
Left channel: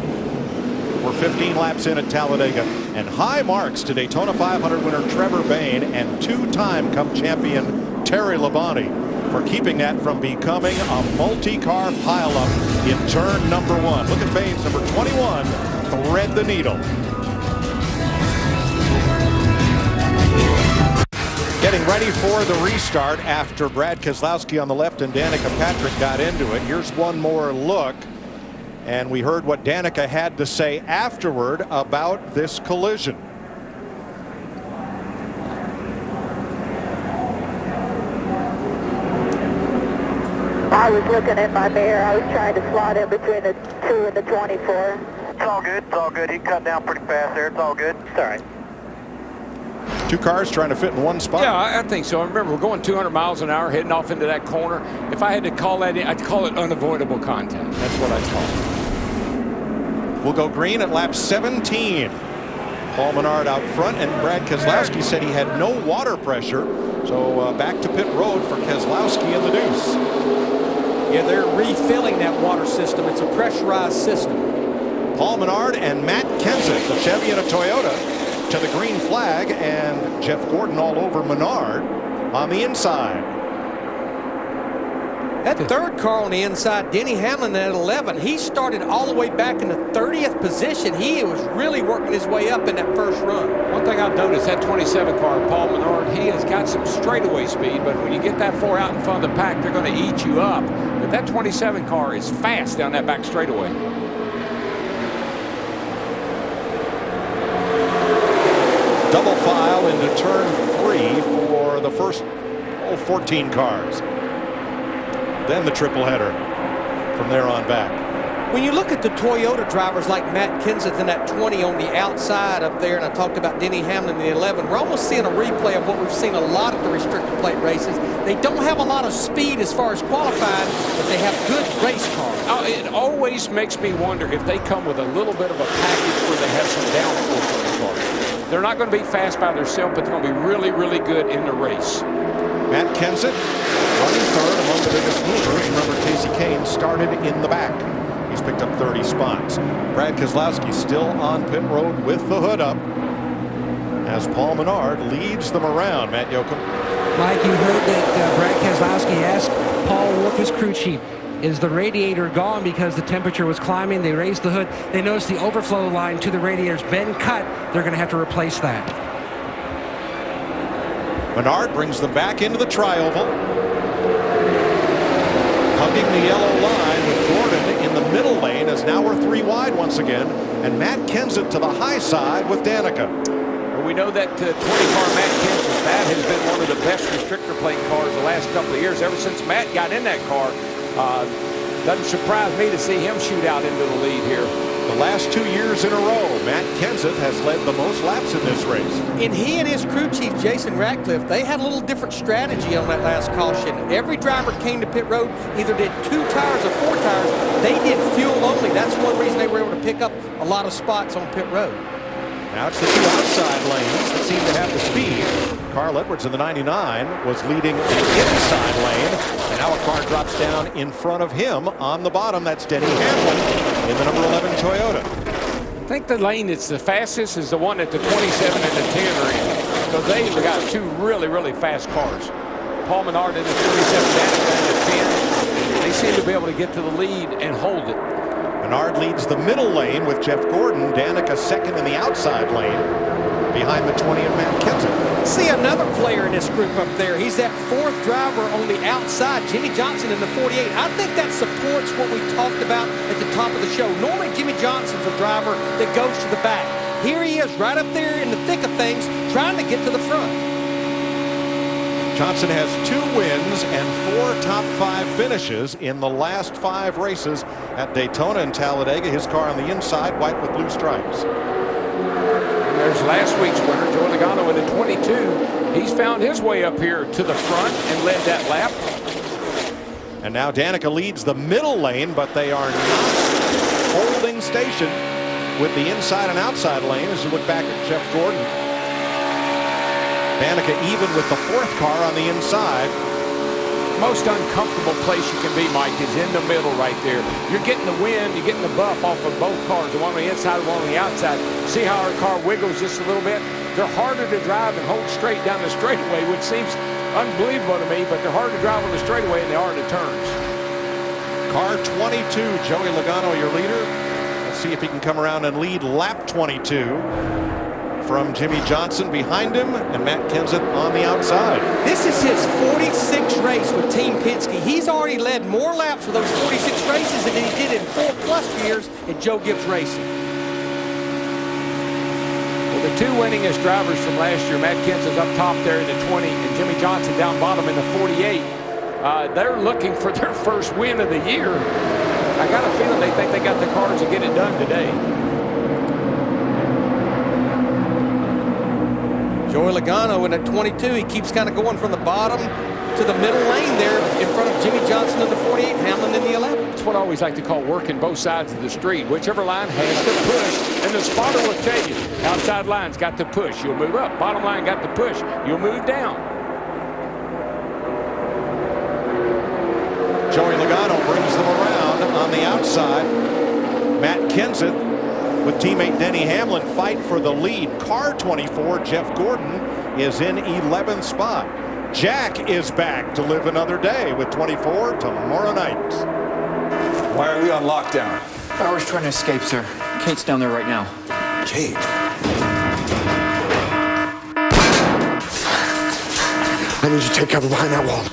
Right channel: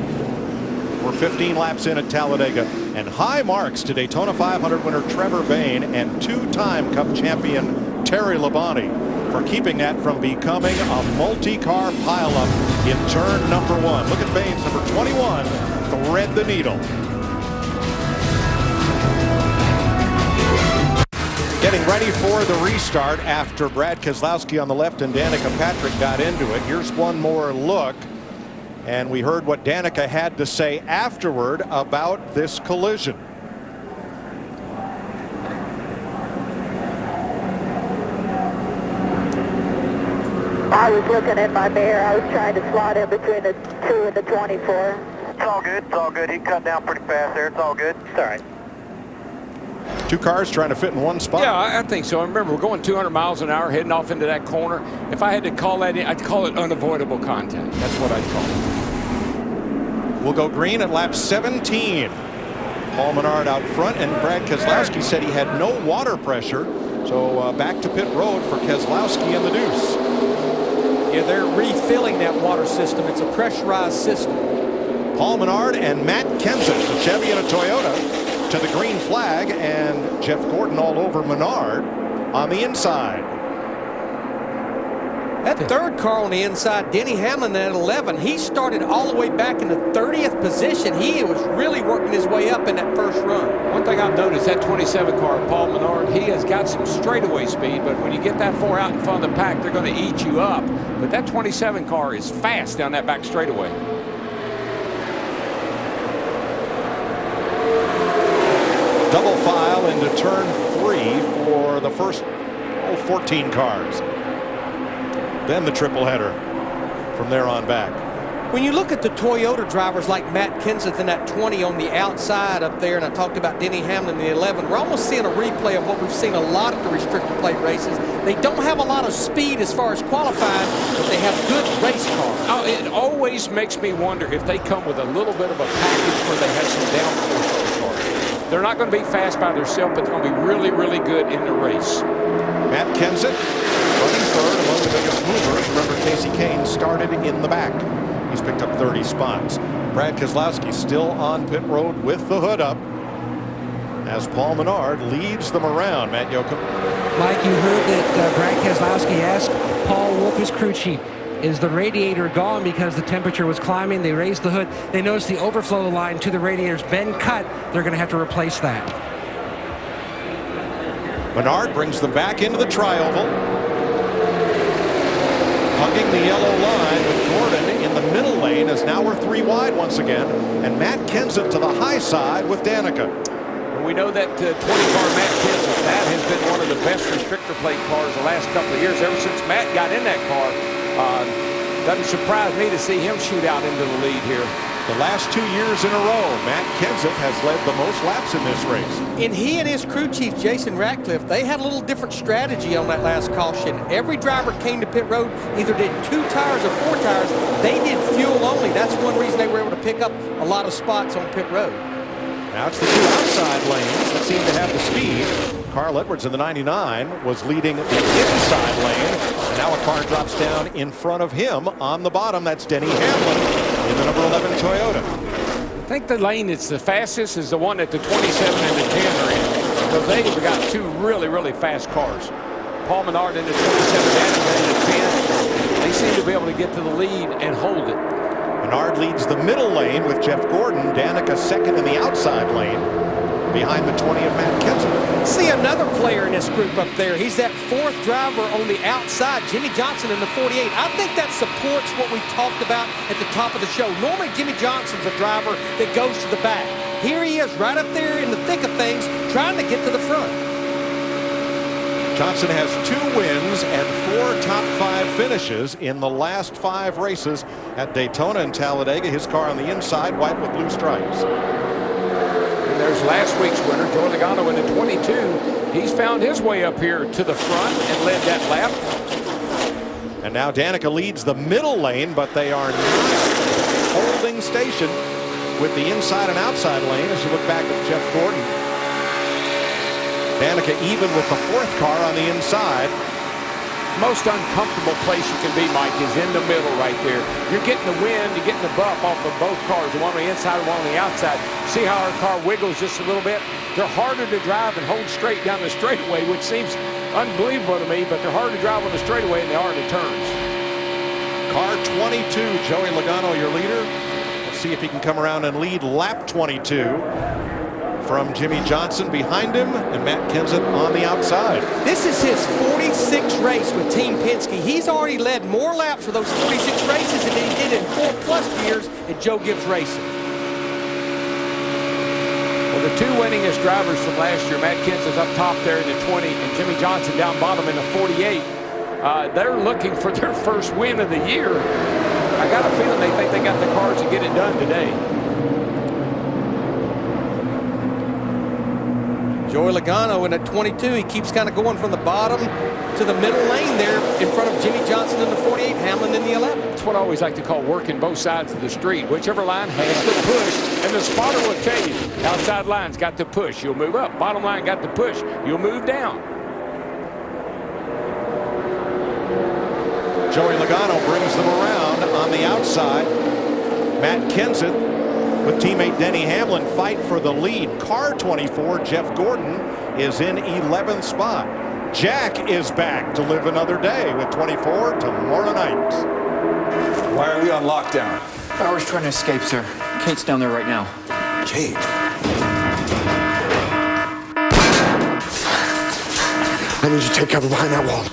We're 15 laps in at Talladega, and high marks to Daytona 500 winner Trevor Bayne and 2-time Cup champion Terry Labonte for keeping that from becoming a multi-car pileup in turn number 1. Look at Bayne's number 21 thread the needle. Getting ready for the restart after Brad Keselowski on the left and Danica Patrick got into it. Here's one more look. And we heard what Danica had to say afterward about this collision. I was looking at my mirror. I was trying to slot in between the 2 and the 24. It's all good. It's all good. He cut down pretty fast there. It's all good. It's all right. 2 cars trying to fit in one spot. Yeah, I think so. Remember, we're going 200 miles an hour heading off into that corner. If I had to call that in, I'd call it unavoidable contact. That's what I'd call it. We'll go green at lap 17. Paul Menard out front, and Brad Keselowski said he had no water pressure. So back to pit road for Keselowski and the deuce. Yeah, they're refilling that water system. It's a pressurized system. Paul Menard and Matt Kenseth, the Chevy and a Toyota, to the green flag, and Jeff Gordon all over Menard on the inside. That third car on the inside, Denny Hamlin at 11, he started all the way back in the 30th position. He was really working his way up in that first run. One thing I've noticed, that 27 car, Paul Menard, he has got some straightaway speed, but when you get that 4 out in front of the pack, they're going to eat you up. But that 27 car is fast down that back straightaway. Double file into turn 3 for the first 14 cars. Then the triple header from there on back. When you look at the Toyota drivers like Matt Kenseth in that 20 on the outside up there, and I talked about Denny Hamlin in the 11, we're almost seeing a replay of what we've seen a lot at the restrictor plate races. They don't have a lot of speed as far as qualifying, but they have good race cars. Oh, it always makes me wonder if they come with a little bit of a package where they have some downforce on the cars. They're not going to be fast by themselves, but they're going to be really, really good in the race. Matt Kenseth running third among the biggest movers. Remember, Casey Kane started in the back. He's picked up 30 spots. Brad Keselowski still on pit road with the hood up as Paul Menard leads them around. Matt Yoakum. Mike, you heard that Brad Keselowski asked Paul Wolf, his crew chief, is the radiator gone because the temperature was climbing? They raised the hood. They noticed the overflow line to the radiator's been cut. They're going to have to replace that. Menard brings them back into the tri-oval. Hugging the yellow line with Gordon in the middle lane as now we're 3 wide once again. And Matt Kenseth to the high side with Danica. Well, we know that 20-car Matt Kenseth, that has been one of the best restrictor plate cars the last couple of years. Ever since Matt got in that car, doesn't surprise me to see him shoot out into the lead here. The last 2 years in a row, Matt Kenseth has led the most laps in this race. And he and his crew chief, Jason Ratcliffe, they had a little different strategy on that last caution. Every driver came to pit road, either did 2 tires or 4 tires. They did fuel only. That's one reason they were able to pick up a lot of spots on pit road. Now it's the 2 outside lanes that seem to have the speed. Carl Edwards in the 99 was leading the inside lane, and now a car drops down in front of him on the bottom. That's Denny Hamlin in the number 11 Toyota. I think the lane that's the fastest is the one that the 27 and the 10 are in, because they've got 2 really, really fast cars. Paul Menard in the 27, Danica in the 10. They seem to be able to get to the lead and hold it. Menard leads the middle lane with Jeff Gordon. Danica second in the outside lane behind the 20 of Matt Kenseth. See another player in this group up there. He's that 4th driver on the outside, Jimmy Johnson in the 48. I think that supports what we talked about at the top of the show. Normally, Jimmy Johnson's a driver that goes to the back. Here he is right up there in the thick of things, trying to get to the front. Johnson has 2 wins and 4 top 5 finishes in the last 5 races at Daytona and Talladega. His car on the inside, white with blue stripes. And there's last week's winner, Joey Logano in the 22. He's found his way up here to the front and led that lap. And now Danica leads the middle lane, but they are not holding station with the inside and outside lane as you look back at Jeff Gordon. Danica even with the 4th car on the inside. Most uncomfortable place you can be, Mike, is in the middle right there. You're getting the wind, you're getting the buff off of both cars, the one on the inside and one on the outside. See how our car wiggles just a little bit? They're harder to drive and hold straight down the straightaway, which seems unbelievable to me, but they're harder to drive on the straightaway than they are in the turns. Car 22, Joey Logano, your leader. Let's see if he can come around and lead lap 22. From Jimmy Johnson behind him and Matt Kenseth on the outside. This is his 46th race with Team Penske. He's already led more laps for those 46 races than he did in 4+ years at Joe Gibbs Racing. Well, the 2 winningest drivers from last year, Matt Kenseth's up top there in the 20 and Jimmy Johnson down bottom in the 48. They're looking for their first win of the year. I got a feeling they think they got the cars to get it done today. Joey Logano in at 22, he keeps kind of going from the bottom to the middle lane there in front of Jimmy Johnson in the 48, Hamlin in the 11. That's what I always like to call working both sides of the street. Whichever line has to push, and the spotter will tell you, outside line's got to push, you'll move up. Bottom line got to push, you'll move down. Joey Logano brings them around on the outside. Matt Kenseth with teammate Denny Hamlin fight for the lead. Car 24, Jeff Gordon, is in 11th spot. Jack is back to live another day with 24 tomorrow night. Why are we on lockdown? Bauer's trying to escape, sir. Kate's down there right now. Kate? I need you to take cover behind that wall.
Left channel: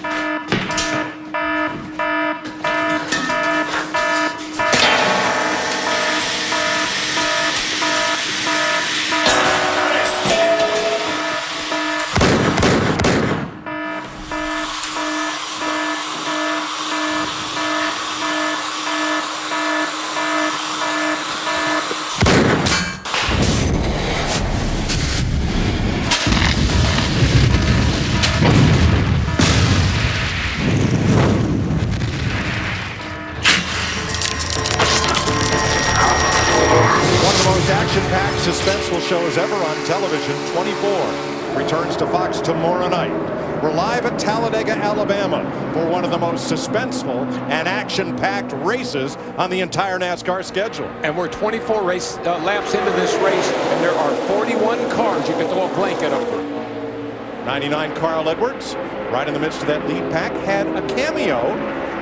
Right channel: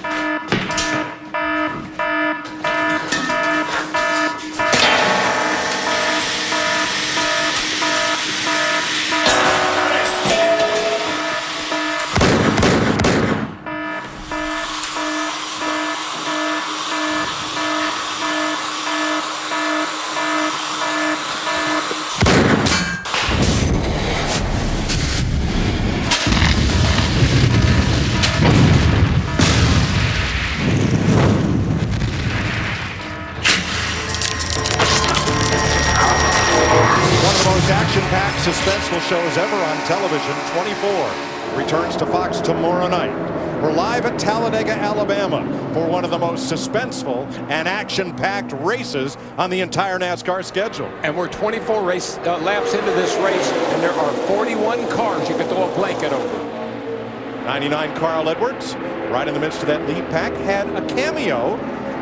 suspenseful show as ever on television. 24 returns to Fox tomorrow night. We're live at Talladega, Alabama for one of the most suspenseful and action-packed races on the entire NASCAR schedule. And we're 24 laps into this race, and there are 41 cars you can throw a blanket over. 99 Carl Edwards, right in the midst of that lead pack, had a cameo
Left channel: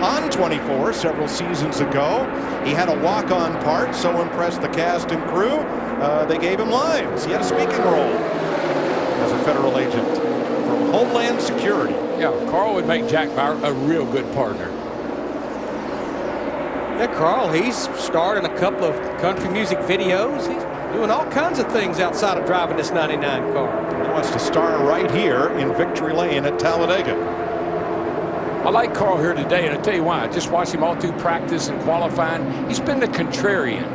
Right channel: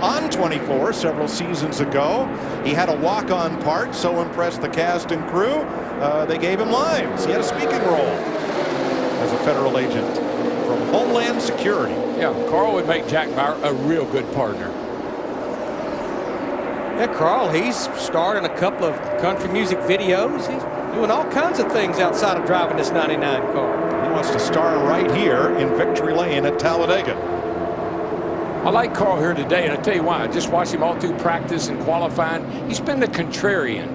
on 24 several seasons ago. He had a walk-on part, so impressed the cast and crew, they gave him lines. He had a speaking role as a federal agent from Homeland Security. Yeah, Carl would make Jack Bauer a real good partner. Yeah, Carl, he's starred in a couple of country music videos. He's doing all kinds of things outside of driving this 99 car. He wants to star right here in Victory Lane at Talladega. I like Carl here today, and I'll tell you why. I just watched him all through practice and qualifying. He's been the contrarian.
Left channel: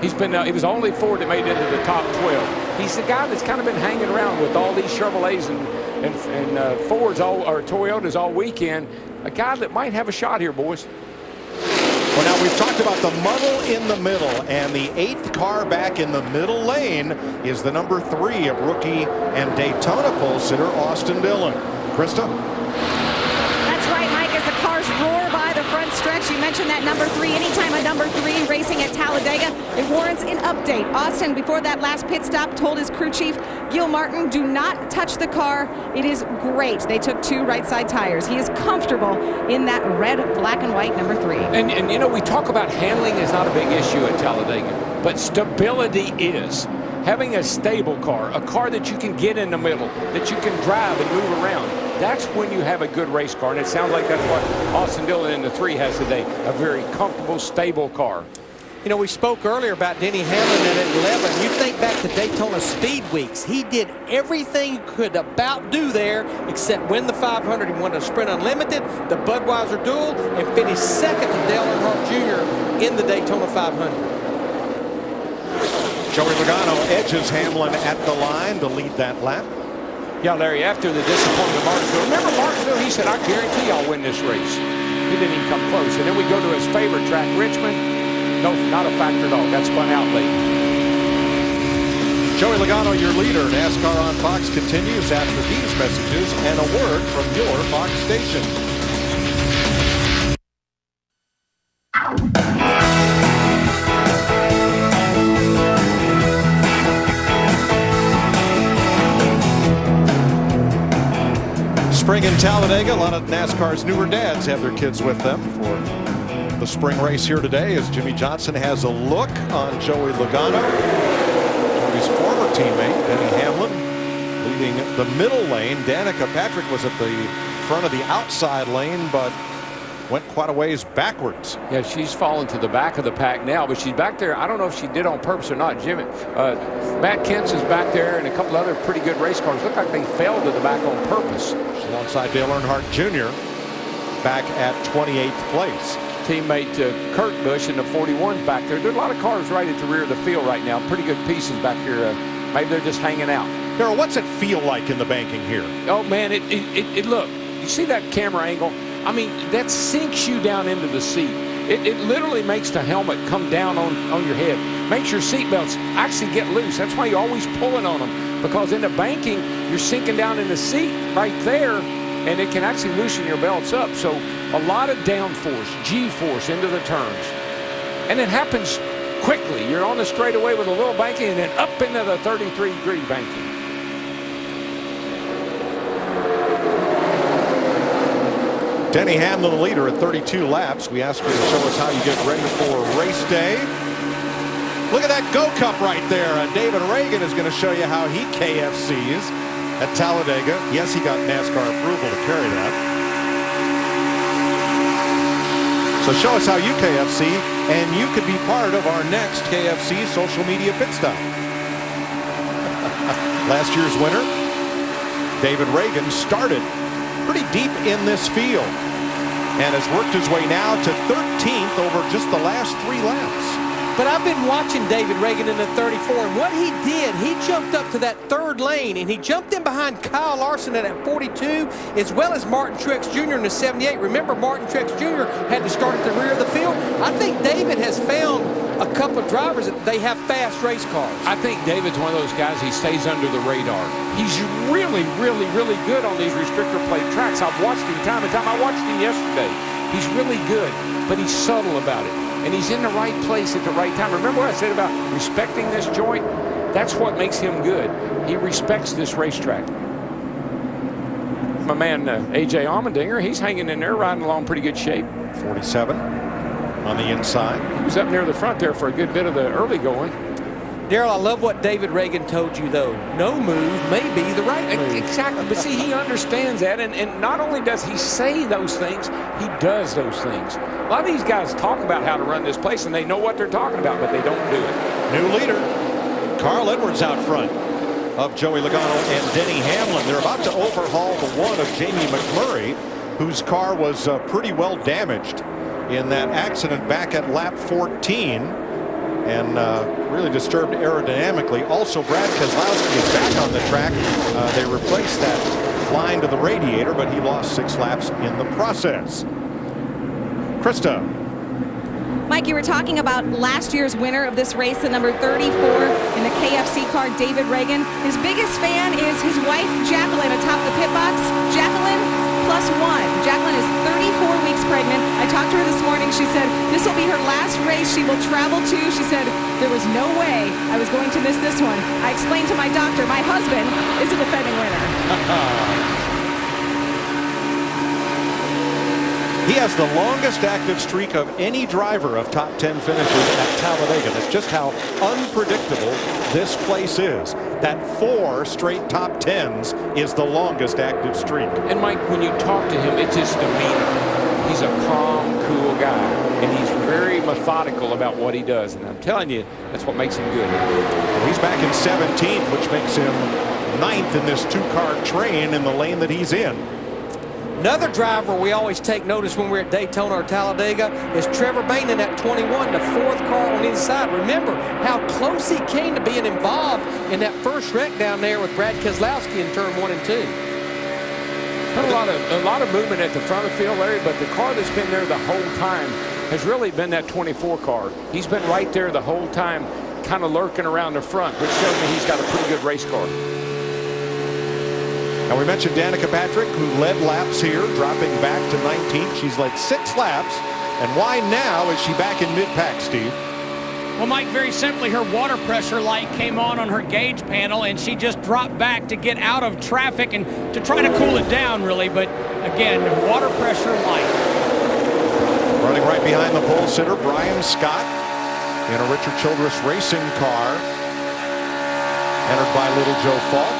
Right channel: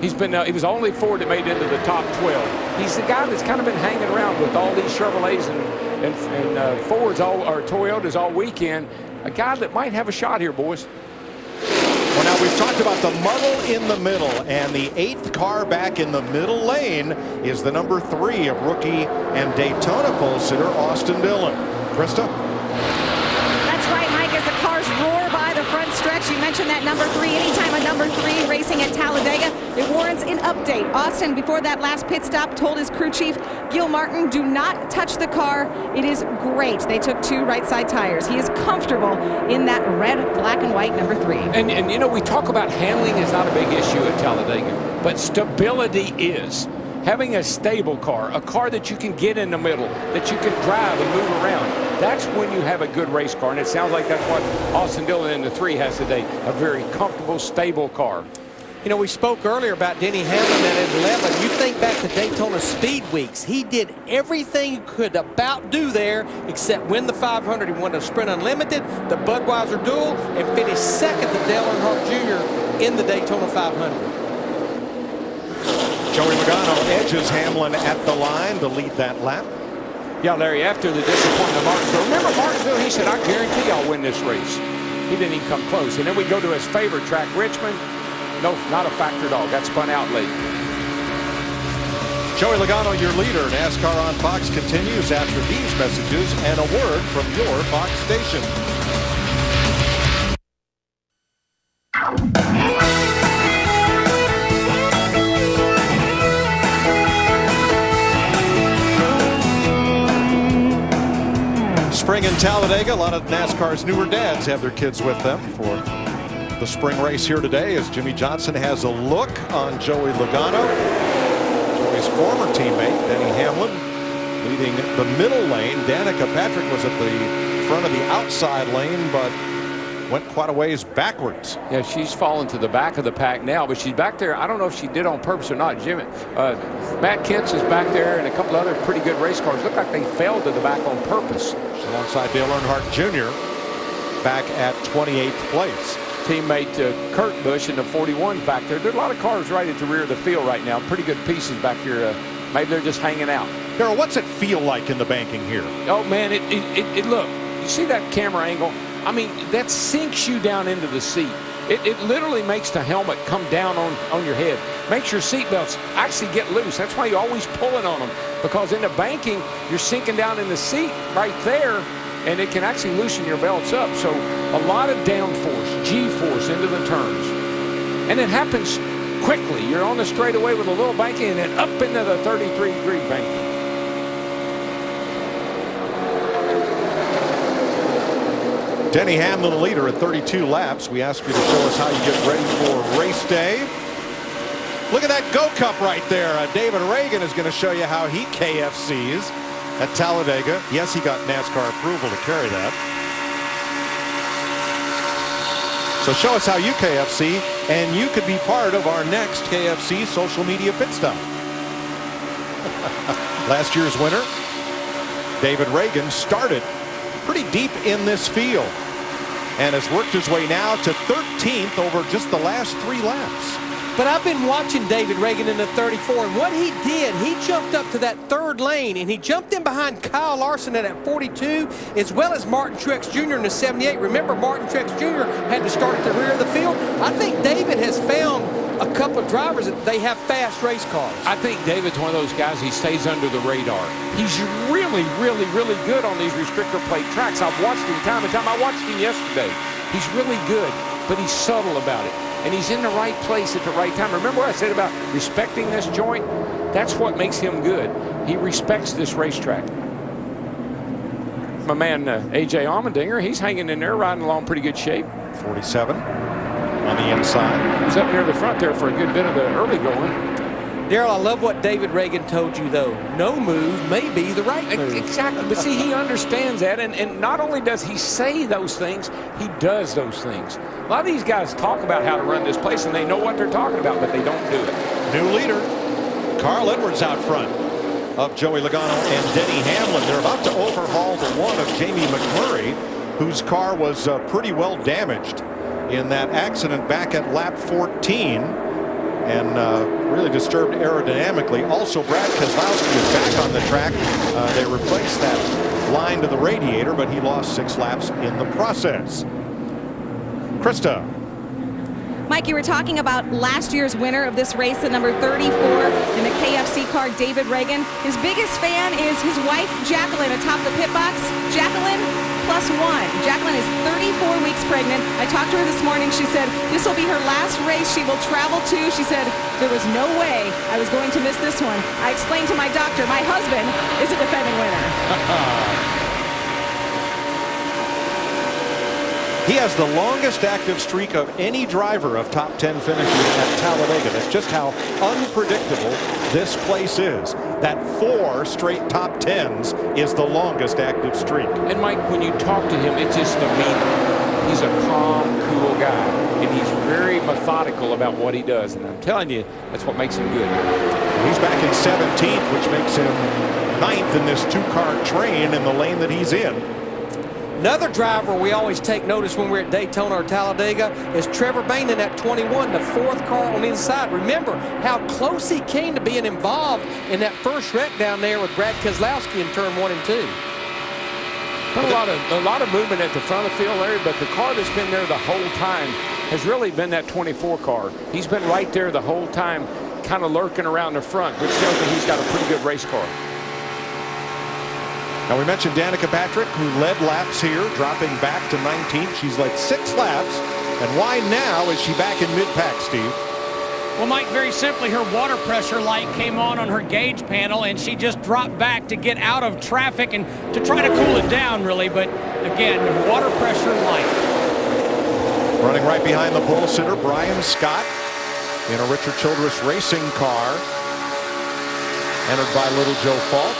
He was the only Ford that made it into the top 12. He's the guy that's kind of been hanging around with all these Chevrolets and Fords or Toyotas all weekend. A guy that might have a shot here, boys. Well, now we've talked about the muddle in the middle, and the 8th car back in the middle lane is the number 3 of rookie and Daytona pole sitter Austin Dillon. Krista? That's right, Mike, as the cars roar by the front stretch. You mentioned that number 3. Anytime a number 3 racing at Talladega, it warrants an update. Austin, before that last pit stop, told his crew chief, Gil Martin, do not touch the car. It is great. They took 2 right side tires. He is comfortable in that red, black, and white number 3. And you know, we talk about handling is not a big issue at Talladega, but stability is. Having a stable car, a car that you can get in the middle, that you can drive and move around, that's when you have a good race car. And it sounds like that's what Austin Dillon in the 3 has today, a very comfortable, stable car. You know, we spoke earlier about Denny Hamlin that at 11. You think back to Daytona Speed Weeks. He did everything he could about do there except win the 500. He won the Sprint Unlimited, the Budweiser Duel, and finished second to Dale Earnhardt Jr. in the Daytona 500. Joey Logano edges Hamlin at the line to lead that lap. Yeah, Larry, after the disappointment of Martinsville. Remember Martinsville? He said, I guarantee I'll win this race. He didn't even come close. And then we go to his favorite track, Richmond. No, not a factor at all. Got spun out late. Joey Logano, your leader. NASCAR on Fox continues after these messages and a word from your Fox station. Spring in Talladega. A lot of NASCAR's newer dads have their kids with them for the spring race here today as Jimmy Johnson has a look on Joey Logano. Joey's former teammate, Denny Hamlin, leading the middle lane. Danica Patrick was at the front of the outside lane, but went quite a ways backwards. Yeah, she's fallen to the back of the pack now, but she's back there. I don't know if she did on purpose or not. Jimmy, Matt Kent's is back there, and a couple other pretty good race cars. Look like they fell to the back on purpose. She's alongside Dale Earnhardt Jr. back at 28th place. Teammate Kurt Busch in the 41's back there. There are a lot of cars right at the rear of the field right now. Pretty good pieces back here. Maybe they're just hanging out. Darryl, what's it feel like in the banking here? Oh, man, it look. You see that camera angle? I mean, that sinks you down into the seat. It literally makes the helmet come down on your head. Makes your seatbelts actually get loose. That's why you're always pulling on them. Because in the banking, you're sinking down in the seat right there, and it can actually loosen your belts up. So a lot of downforce, G-force into the turns. And it happens quickly. You're on the straightaway with a little banking and then up into the 33-degree banking. Denny Hamlin, the leader at 32 laps. We ask you to show us how you get ready for race day. Look at that Go Cup right there. David Ragan is going to show you how he KFCs at Talladega. Yes, he got NASCAR approval to carry that. So show us how you KFC, and you could be part of our next KFC social media pit stop. Last year's winner, David Ragan, started pretty deep in this field and has worked his way now to 13th over just the last 3 laps. But I've been watching David Ragan in the 34, and what he did, he jumped up to that 3rd lane, and he jumped in behind Kyle Larson at that 42, as well as Martin Truex Jr. in the 78. Remember, Martin Truex Jr. had to start at the rear of the field. I think David has found a couple of drivers that they have fast race cars. I think David's one of those guys, he stays under the radar. He's really, really, really good on these restrictor plate tracks. I've watched him time and time. I watched him yesterday. He's really good, but he's subtle about it. And he's in the right place at the right time. Remember what I said about respecting this joint? That's what makes him good. He respects this racetrack. My man, A.J. Allmendinger, he's hanging in there, riding along pretty good shape. 47 on the inside. He was up near the front there for a good bit of the early going. Daryl, I love what David Ragan told you, though. No move may be the right move. Exactly. But see, he understands that. And not only does he say those things, he does those things. A lot of these guys talk about how to run this place, and they know what they're talking about, but they don't do it. New leader, Carl Edwards out front of Joey Logano and Denny Hamlin. They're about to overhaul the one of Jamie McMurray, whose car was pretty well damaged in that accident back at lap 14 and really disturbed aerodynamically. Also, Brad Keselowski is back on the track. They replaced that line to the radiator, but he lost 6 laps in the process. Krista. Mike, you were talking about last year's winner of this race, the number 34 in the KFC car, David Ragan. His biggest fan is his wife, Jacqueline, atop the pit box. Jacqueline +1. Jacqueline is 34 weeks pregnant. I talked to her this morning. She said this will be her last race she will travel to. She said there was no way I was going to miss this one. I explained to my doctor, my husband is a defending winner. He has the longest active streak of any driver of top 10 finishes at Talladega. That's just how unpredictable this place is. That 4 straight top 10s is the longest active streak. And Mike, when you talk to him, it's his demeanor. He's a calm, cool guy, and he's very methodical about what he does. And I'm telling you, that's what makes him good. Well, he's back in 17th, which makes him 9th in this 2-car train in the lane that he's in. Another driver we always take notice when we're at Daytona or Talladega is Trevor Bayne at 21, the 4th car on the inside. Remember how close he came to being involved in that first wreck down there with Brad Keselowski in turn 1 and 2. A lot of movement at the front of the field, Larry, but the car that's been there the whole time has really been that 24 car. He's been right there the whole time, kind of lurking around the front, which tells me he's got a pretty good race car. Now, we mentioned Danica Patrick, who led laps here, dropping back to 19th. She's led 6 laps. And why now is she back in mid-pack, Steve? Well, Mike, very simply, her water pressure light came on her gauge panel, and she just dropped back to get out of traffic and to try to cool it down, really. But, again, water pressure light. Running right behind the pole sitter, Brian Scott, in a Richard Childress racing car, entered by Little Joe Falk.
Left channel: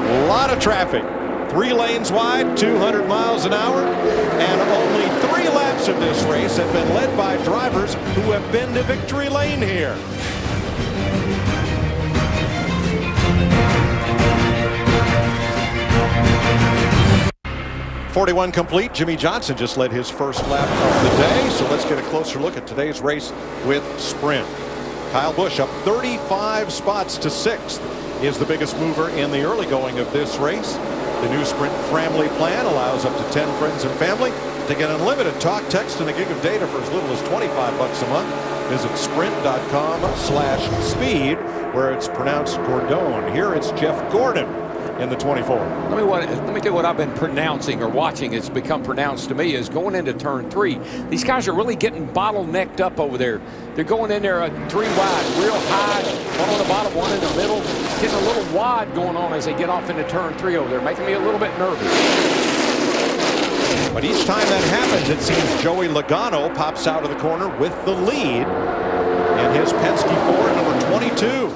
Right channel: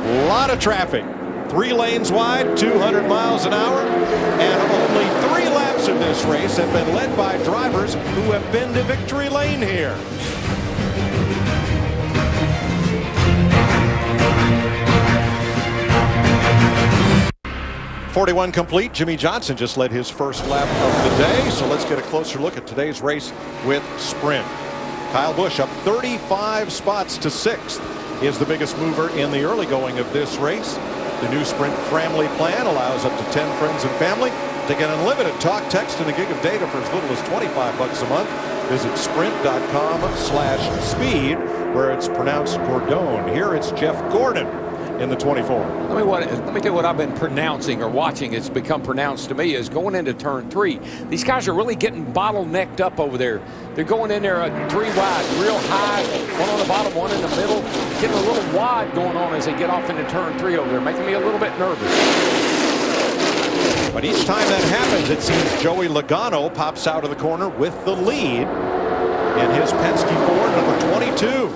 A lot of traffic. 3 lanes wide, 200 miles an hour, and only 3 laps of this race have been led by drivers who have been to victory lane here. .41 complete. Jimmy Johnson just led his first lap of the day, so let's get a closer look at today's race with sprint. Kyle Busch up 35 spots to 6th. Is the biggest mover in the early going of this race. The new Sprint family plan allows up to 10 friends and family to get unlimited talk, text, and a gig of data for as little as $25 a month. Visit sprint.com/speed, where it's pronounced Gordon. Here it's Jeff Gordon in the 24. Let me tell you what I've been pronouncing or watching. It's become pronounced to me is going into turn 3. These guys are really getting bottlenecked up over there. They're going in there 3 wide, real high, 1 on the bottom, 1 in the middle. Getting a little wide going on as they get off into turn 3 over there, making me a little bit nervous. But each time that happens, it seems Joey Logano pops out of the corner with the lead in his Penske Ford number 22.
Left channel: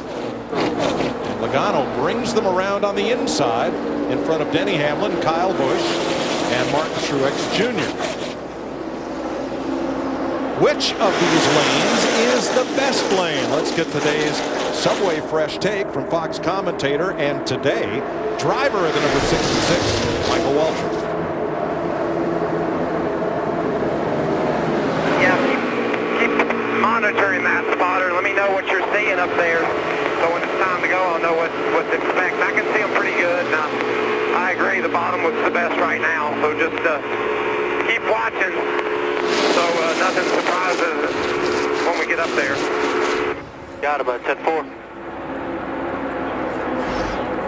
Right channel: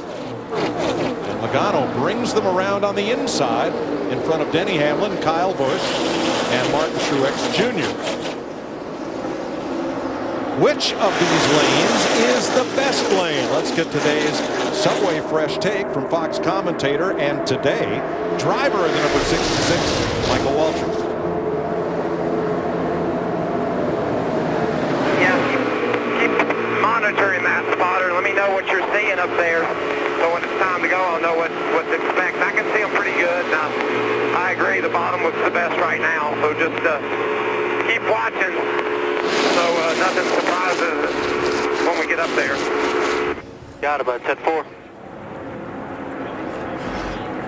And Logano brings them around on the inside in front of Denny Hamlin, Kyle Busch, and Martin Truex Jr. Which of these lanes is the best lane? Let's get today's Subway Fresh take from Fox commentator and today driver of the number 66, Michael Waltrip. Yeah, keep monitoring that spotter. Let me know what you're seeing up there. So when it's time to go, I'll know what to expect. I can see them pretty good. Now, I agree, the bottom was the best right now. So just keep watching. So so nothing surprises when we get up there. Got it, bud. 10-4.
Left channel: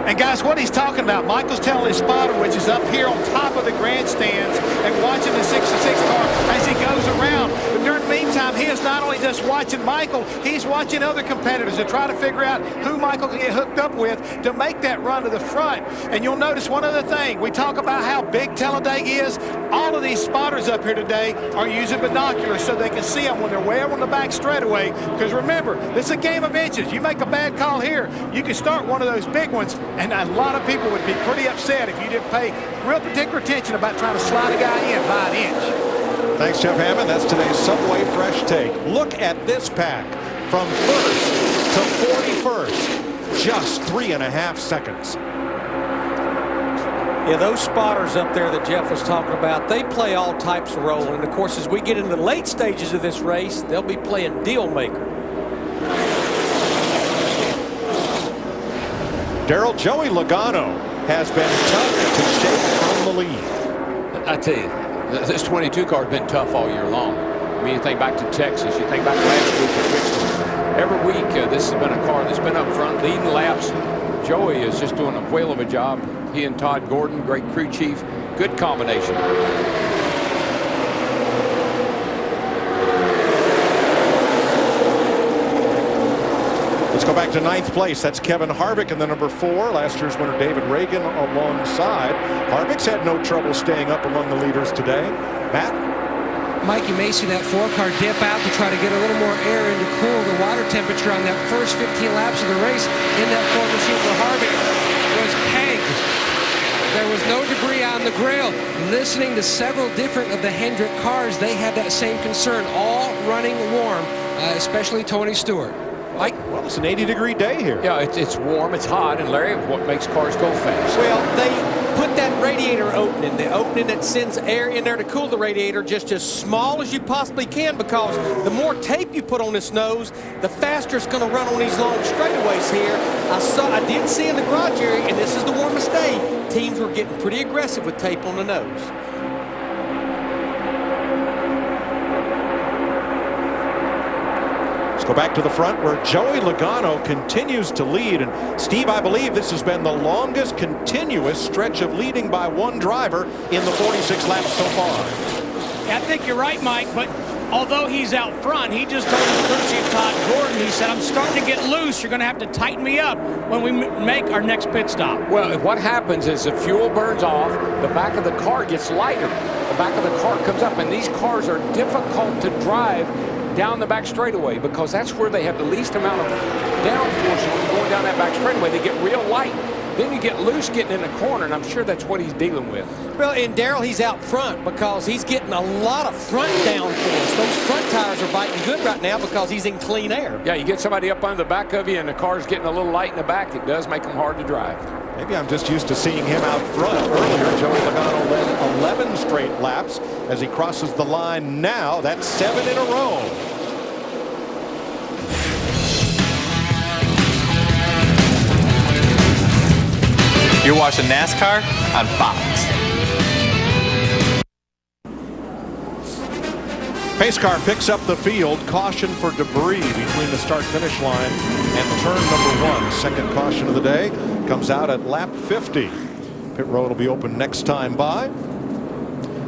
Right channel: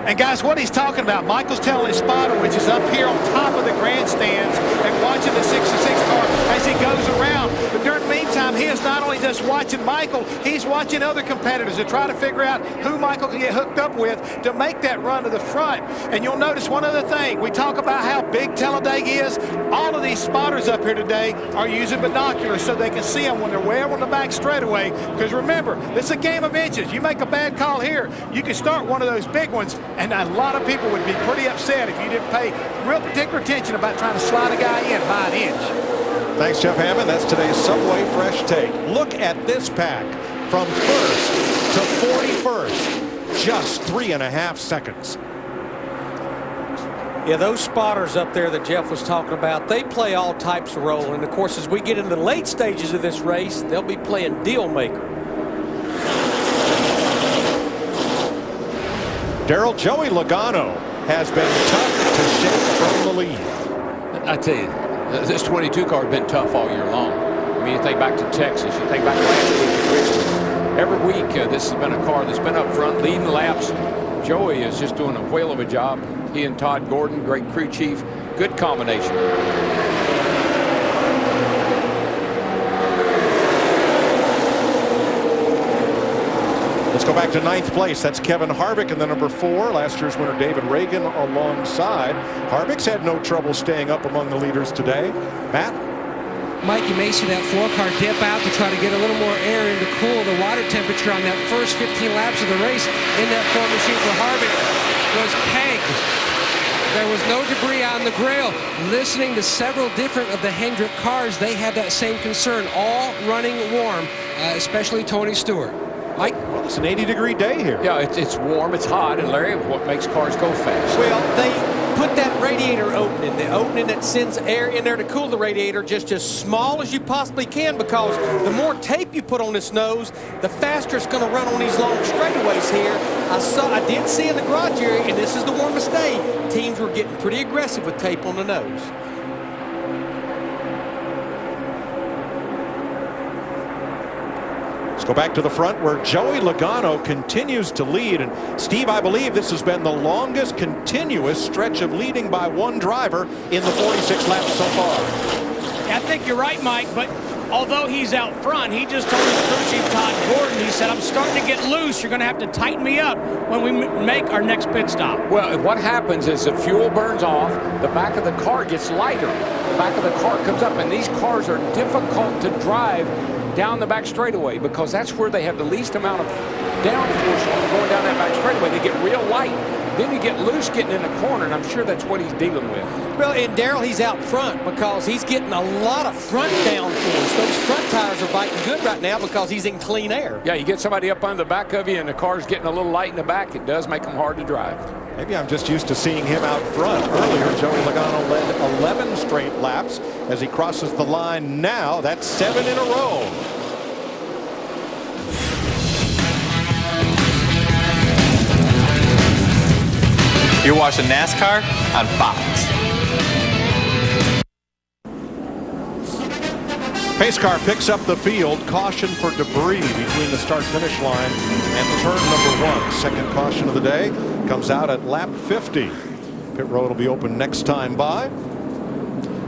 And guys, what he's talking about, Michael's telling his spotter, which is up here on top of the grandstands, and watching the 66 car as he goes around. But during the meantime, he is not only just watching Michael, he's watching other competitors to try to figure out who Michael can get hooked up with to make that run to the front. And you'll notice one other thing. We talk about how big Talladega is. All of these spotters up here today are using binoculars so they can see them when they're way over on the back straightaway. Because remember, this is a game of inches. You make a bad call here, you can start one of those big ones. And a lot of people would be pretty upset if you didn't pay real particular attention about trying to slide a guy in by an inch. Thanks, Jeff Hammond. That's today's Subway Fresh Take. Look at this pack from first to 41st. Just 3.5 seconds. Yeah, those spotters up there that Jeff was talking about, they play all types of role. And, of course, as we get into the late stages of this race, they'll be playing deal maker. Joey Logano has been tough to shake from the lead. I tell you, this 22 car has been tough all year long. I mean, you think back to Texas, you think back last week at Richmond. Every week, this has been a car that's been up front, leading laps. Joey is just doing a whale of a job. He and Todd Gordon, great crew chief, good combination. Let's go back to 9th place. That's Kevin Harvick in the number 4. Last year's winner David Ragan alongside. Harvick's had no trouble staying up among the leaders today. Matt? Mike, you may see that 4-car dip out to try to get a little more air in to cool the water temperature on that first 15 laps of the race. In that Ford machine for Harvick was pegged. There was no debris on the grill. Listening to several different of the Hendrick cars, they had that same concern, all running warm, especially Tony Stewart. Mike? Well, it's an 80-degree day here. Yeah, it's warm, it's hot, and Larry, what makes cars go fast? Well, they put that radiator opening, the opening that sends air in there to cool the radiator, just as small as you possibly can, because the more tape you put on this nose, the faster it's going to run on these long straightaways here. I did see in the garage area, and this is the warmest day, teams were getting pretty aggressive with tape on the nose. Let's go back to the front where Joey Logano continues to lead. And Steve, I believe this has been the longest continuous stretch of leading by one driver in the 46 laps so far. Yeah, I think you're right, Mike, but although he's out front, he just told his crew chief, Todd Gordon, he said, I'm starting to get loose. You're going to have to tighten me up when we make our next pit stop. Well, what happens is the fuel burns off, the back of the car gets lighter. The back of the car comes up, and these cars are difficult to drive down the back straightaway because that's where they have the least amount of downforce on going down that back straightaway. They get real light. Then you get loose getting in the corner, and I'm sure that's what he's dealing with. Well, and Darrell, he's out front because he's getting a lot of front downforce. Those front tires are biting good right now because he's in clean air. Yeah, you get somebody up on the back of you and the car's getting a little light in the back, it does make them hard to drive. Maybe I'm just used to seeing him out front. Earlier, Joey Logano led 11 straight laps. As he crosses the line now, that's 7 in a row. You're watching NASCAR on Fox. Pace car picks up the field. Caution for debris between the start-finish line and turn number 1. Second caution of the day comes out at lap 50. Pit road will be open next time by.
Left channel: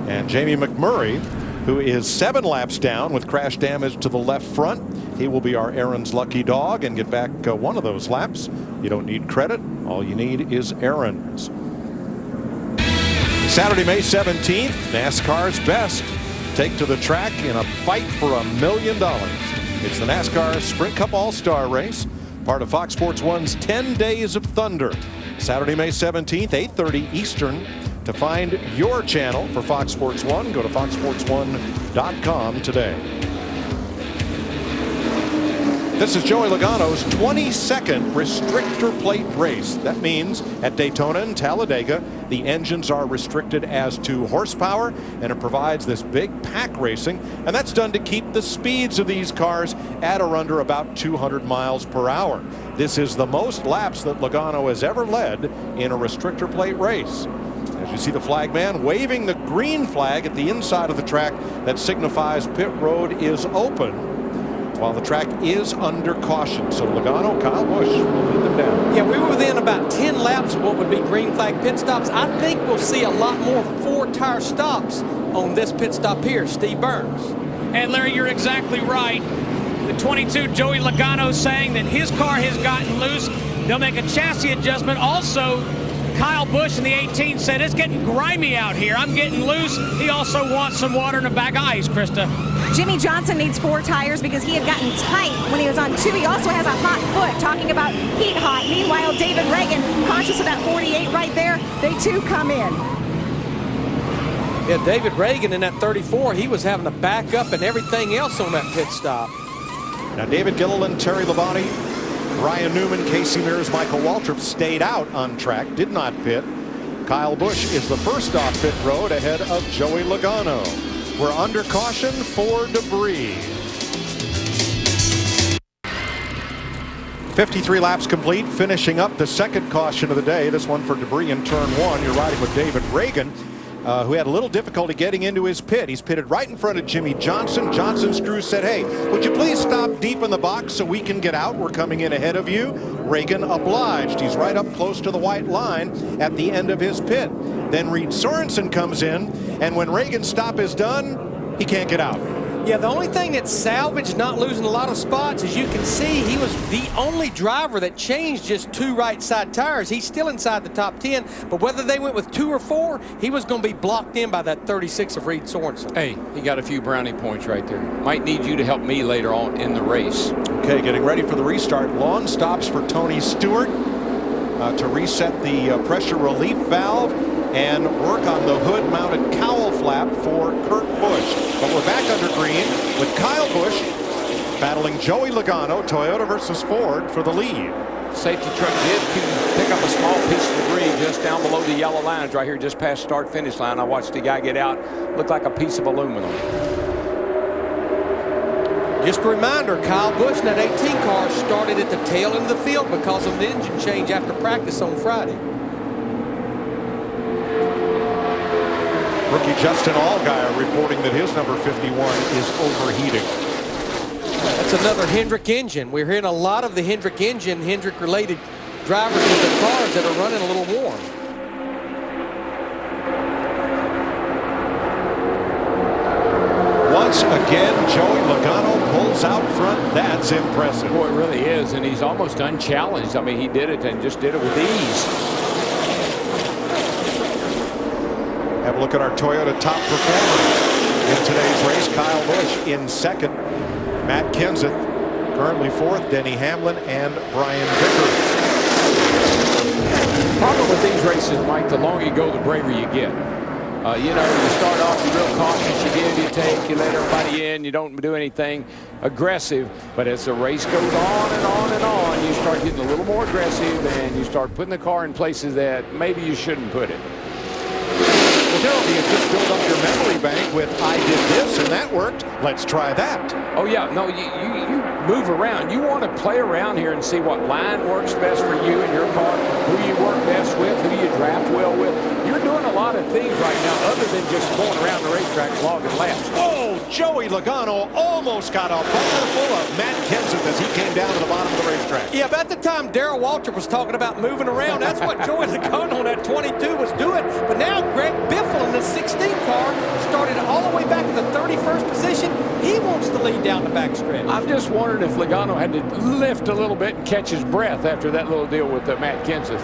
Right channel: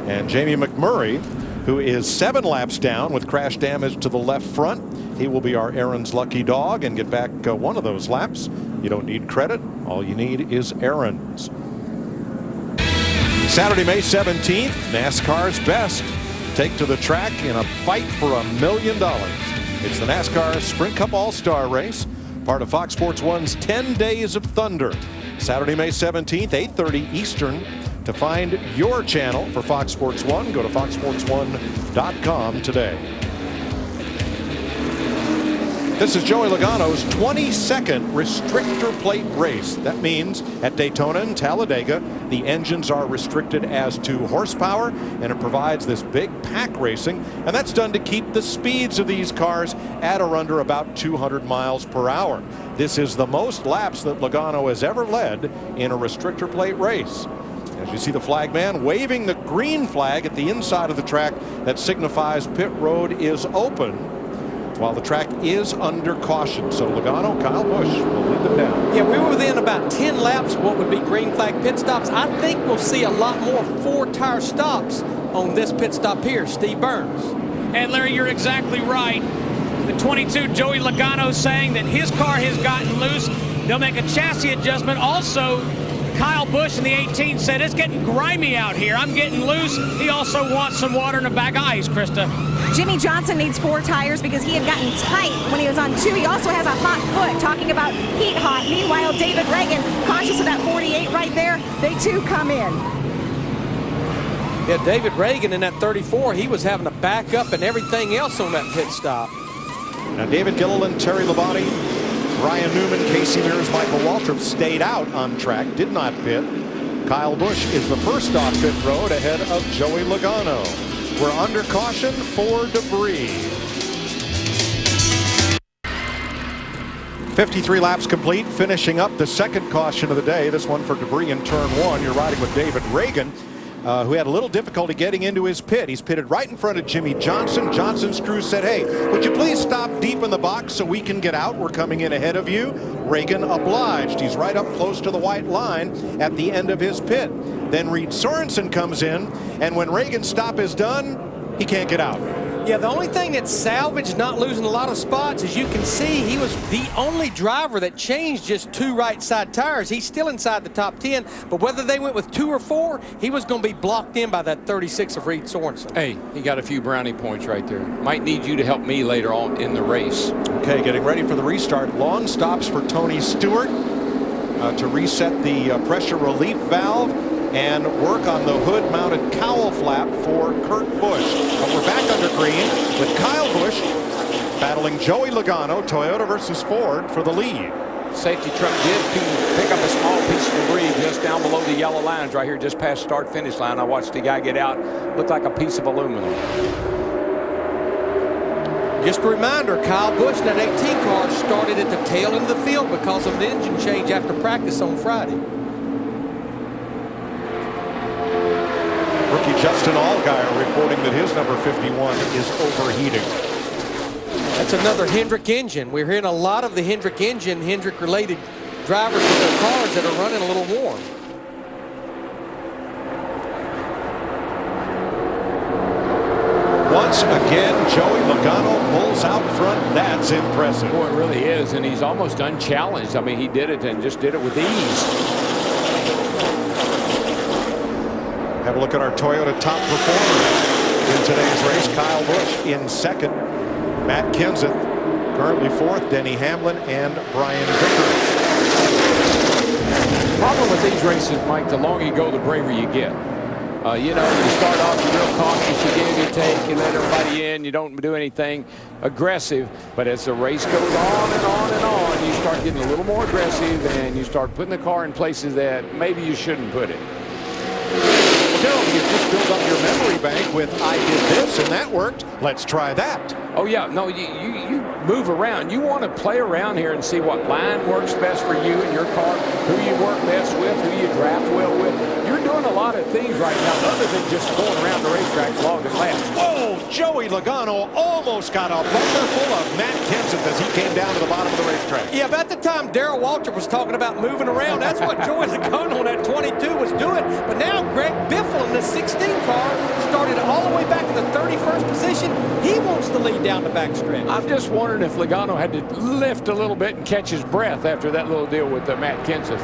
And Jamie McMurray, who is 7 laps down with crash damage to the left front. He will be our Aaron's lucky dog and get back one of those laps. You don't need credit. All you need is Aaron's. Saturday, May 17th, NASCAR's best take to the track in a fight for $1 million. It's the NASCAR Sprint Cup All-Star Race, part of Fox Sports 1's 10 Days of Thunder. Saturday, May 17th, 8:30 Eastern. To find your channel for Fox Sports 1, go to foxsports1.com today. This is Joey Logano's 22nd restrictor plate race. That means at Daytona and Talladega, the engines are restricted as to horsepower, and it provides this big pack racing, and that's done to keep the speeds of these cars at or under about 200 miles per hour. This is the most laps that Logano has ever led in a restrictor plate race. As you see the flag man waving the green flag at the inside of the track that signifies pit road is open while the track is under caution. So Logano, Kyle Busch will lead them down. Yeah, we were within about 10 laps of what would be green flag pit stops. I think we'll see a lot more 4-tire stops on this pit stop here. Steve Burns. And Larry, you're exactly right. The 22 Joey Logano saying that his car has gotten loose. They'll make a chassis adjustment. Also, Kyle Busch in the 18 said it's getting grimy out here. I'm getting loose. He also wants some water in a bag of ice, Krista. Jimmy Johnson needs 4 tires because he had gotten tight when he was on 2. He also has a hot foot, talking about heat hot. Meanwhile, David Ragan, cautious of that 48 right there. They too come in. Yeah, David Ragan in that 34, he was having to back up and everything else on that pit stop. Now David Gilliland, Terry Labonte, Ryan Newman, Casey Mears, Michael Waltrip stayed out on track, did not pit. Kyle Busch is the first off pit road ahead of Joey Logano. We're under caution for debris. 53 laps complete, finishing up the second caution of the day. This one for debris in turn 1. You're riding with David Ragan, who had a little difficulty getting into his pit. He's pitted right in front of Jimmy Johnson. Johnson's crew said, hey, would you please stop deep in the box so we can get out? We're coming in ahead of you. Reagan obliged. He's right up close to the white line at the end of his pit. Then Reed Sorensen comes in, and when Reagan's stop is done, he can't get out. Yeah, the only thing that's salvaged, not losing a lot of spots, as you can see, he was the only driver that changed just 2 right side tires. He's still inside the top 10, but whether they went with 2 or 4, he was going to be blocked in by that 36 of Reed Sorensen. Hey, he got a few brownie points right there. Might need you to help me later on in the race. Okay, getting ready for the restart. Long stops for Tony Stewart to reset the pressure relief valve and work on the hood-mounted cowl flap for Kurt Busch. But we're back under green with Kyle Busch battling Joey Logano, Toyota versus Ford, for the lead. Safety truck did pick up a small piece of debris just down below the yellow lines right here, just past start-finish line. I watched the guy get out. Looked like a piece of aluminum. Just a reminder, Kyle Busch in that 18 car started at the tail end of the field because of the engine change after practice on Friday. Rookie Justin Allgaier reporting that his number 51 is overheating. That's another Hendrick engine. We're hearing a lot of the Hendrick engine, Hendrick-related drivers with their cars that are running a little warm. Once again, Joey Logano pulls out front. That's impressive. Boy, it really is, and he's almost unchallenged. I mean, he did it and just did it with ease. Have a look at our Toyota top performers in today's race. Kyle Busch in second. Matt Kenseth currently fourth. Denny Hamlin and Brian Vickers. Problem with these races, Mike, the longer you go, the braver you get. You know, you start off, you're real cautious, you give, you take, you let everybody in, you don't do anything aggressive. But as the race goes on and on and on, you start getting a little more aggressive and you start putting the car in places that maybe you shouldn't put it. Well, Daryl, you just build up your memory bank with I did this and that worked. Let's try that. Oh, yeah. No, you move around. You want to play around here and see what line works best for you and your car, who you work best with, who you draft well with. You're doing a lot of things right now other than just going around the racetrack logging laps. Whoa, Joey Logano almost got a bumper full of Matt Kenseth as he came down to the bottom of the racetrack. Yeah, about the time Darrell Waltrip was talking about moving around, that's what Joey Logano on that 22 was doing. But now Greg Biffle in the 16 car started all the way back in the 31st position. He wants the lead down the backstretch. I'm just wondering if Logano had to lift a little bit and catch his breath after that little deal with Matt Kenseth.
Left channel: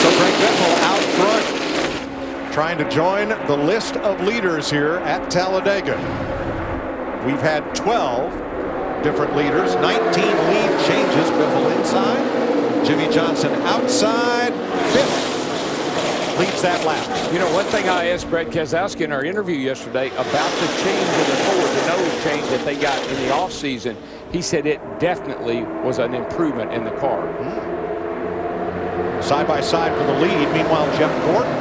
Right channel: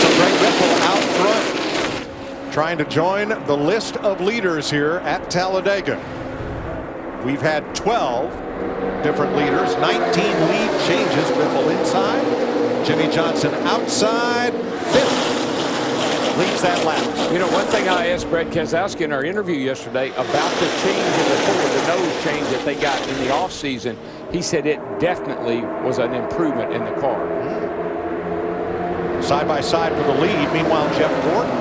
So Greg Biffle out front, trying to join the list of leaders here at Talladega. We've had 12 different leaders, 19 lead changes. Biffle inside, Jimmy Johnson outside. Biff leads that lap. You know, one thing I asked Brad Keselowski in our interview yesterday about the change of the Ford, the nose change that they got in the offseason, he said it definitely was an improvement in the car. Side by side for the lead. Meanwhile, Jeff Gordon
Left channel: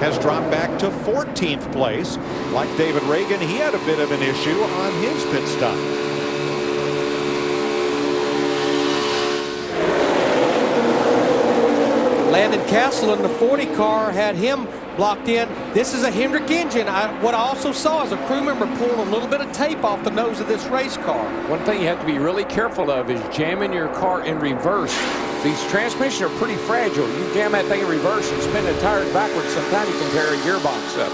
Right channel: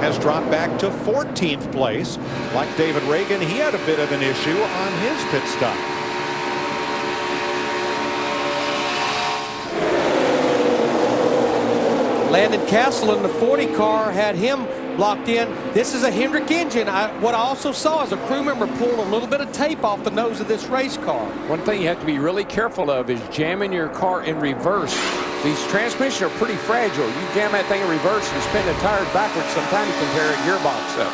has dropped back to 14th place. Like David Ragan, he had a bit of an issue on his pit stop. Landon Castle in the 40 car had him blocked in. This is a Hendrick engine. What I also saw is a crew member pulled a little bit of tape off the nose of this race car. One thing you have to be really careful of is jamming your car in reverse. These transmissions are pretty fragile. You jam that thing in reverse and spin the tires backwards, sometimes you can tear a gearbox up.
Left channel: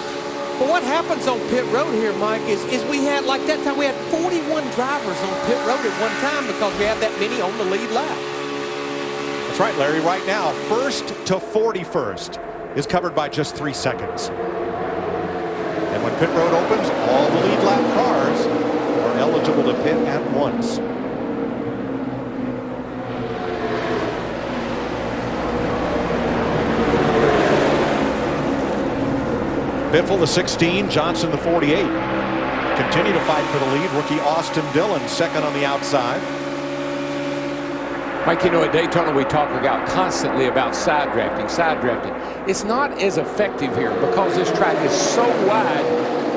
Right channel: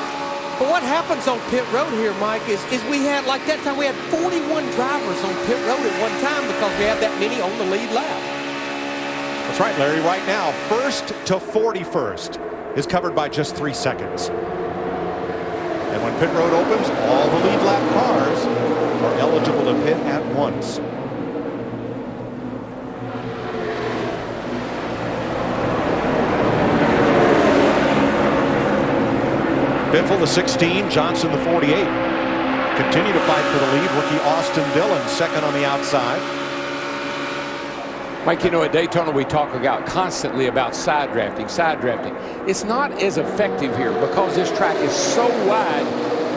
But what happens on pit road here, Mike, is we had, like that time, we had 41 drivers on pit road at one time because we had that many on the lead lap. That's right, Larry. Right now, first to 41st is covered by just 3 seconds. And when pit road opens, all the lead lap cars are eligible to pit at once. Biffle, the 16, Johnson, the 48. Continue to fight for the lead. Rookie Austin Dillon, second on the outside. Mike, you know, at Daytona we talk constantly about side drafting. It's not as effective here because this track is so wide.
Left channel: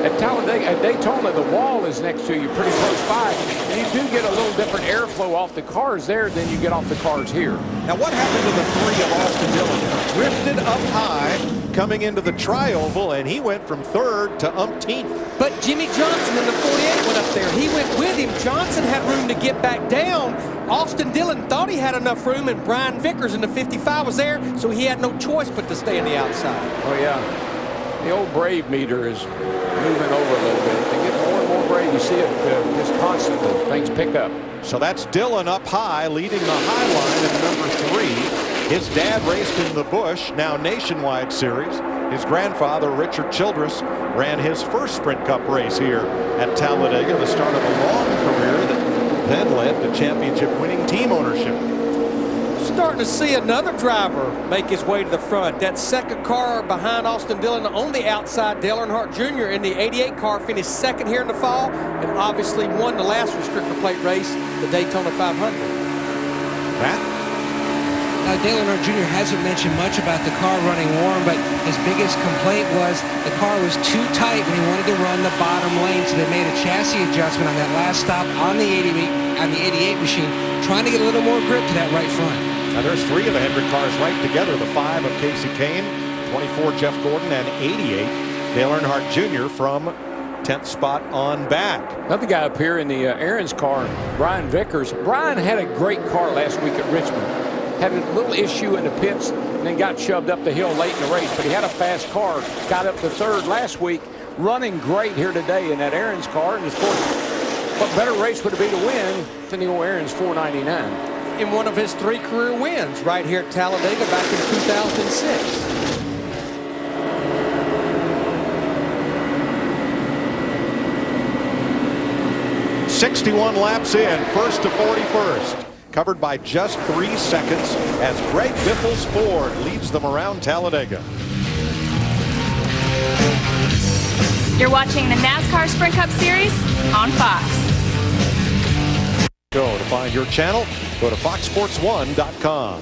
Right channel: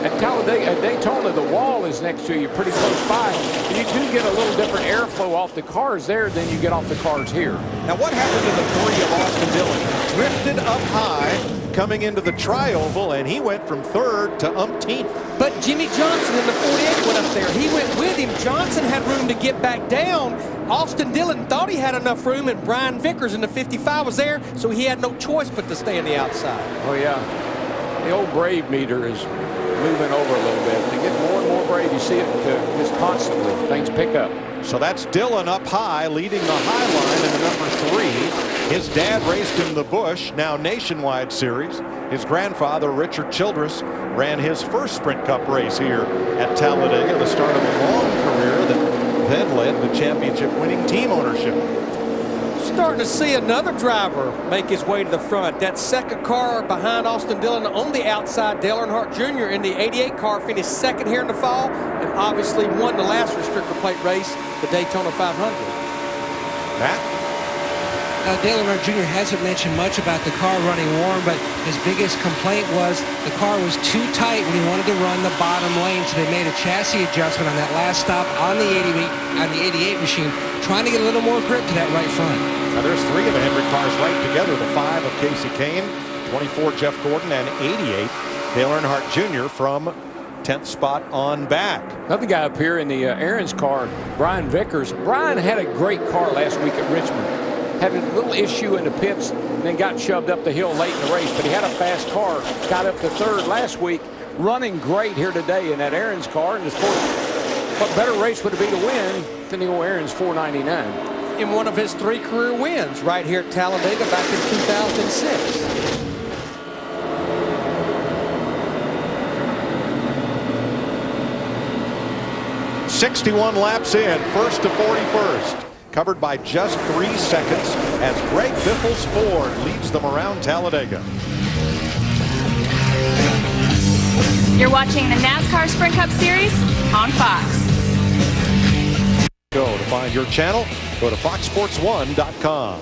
At Talladega, at Daytona, the wall is next to you pretty close by, and you do get a little different airflow off the cars there than you get off the cars here. Now, what happened to the 3 of Austin Dillon? Drifted up high coming into the tri-oval, and he went from 3rd to umpteenth. But Jimmy Johnson in the 48 went up there. He went with him. Johnson had room to get back down. Austin Dillon thought he had enough room, and Brian Vickers in the 55 was there, so he had no choice but to stay on the outside. Oh, yeah. The old brave meter is moving over a little bit. They get more and more brave. You see it just constantly. Things pick up. So that's Dillon up high, leading the high line in the number 3. His dad raced in the Busch, now Nationwide Series. His grandfather, Richard Childress, ran his first Sprint Cup race here at Talladega, the start of a long career that then led to championship-winning team ownership. Starting to see another driver make his way to the front. That second car behind Austin Dillon on the outside, Dale Earnhardt Jr. in the 88 car finished second here in the fall and obviously won the last restrictor plate race, the Daytona 500. Matt? Dale Earnhardt Jr. hasn't mentioned much about the car running warm, but his biggest complaint was the car was too tight when he wanted to run the bottom lane, so they made a chassis adjustment on that last stop on the 88 machine, trying to get a little more grip to that right front. Now there's 3 of the Hendrick cars right together, the 5 of Casey Kane, 24 Jeff Gordon, and 88 Dale Earnhardt Jr. from 10th spot on back. Another guy up here in the Aaron's car, Brian Vickers. Brian had a great car last week at Richmond. Had a little issue in the pits and then got shoved up the hill late in the race, but he had a fast car, got up to 3rd last week, running great here today in that Aaron's car. And of course, what better race would it be to win than the old Aaron's 499? In one of his 3 career wins right here at Talladega back in 2006. "61 laps in, first to 41st. Covered by just 3 seconds as Greg Biffle's Ford leads them around Talladega." You're watching the NASCAR Sprint Cup Series on Fox. To find your channel, go to foxsports1.com.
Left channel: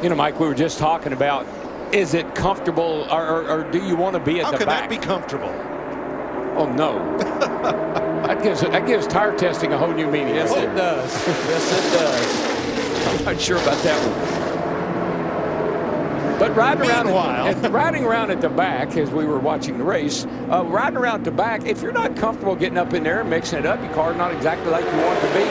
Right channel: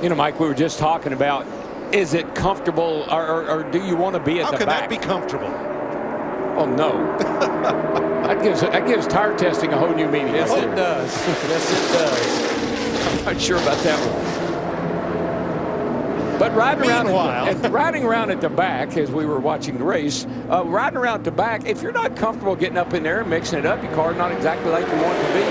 You know, Mike, we were just talking about, is it comfortable or do you want to be at the back? How can that be comfortable? Oh, no. That gives tire testing a whole new meaning. Yes, right it does. Yes, it does. I'm not sure about that one. But riding around at the back as we were watching the race, riding around at the back, if you're not comfortable getting up in there and mixing it up, your car's not exactly like you want it to be,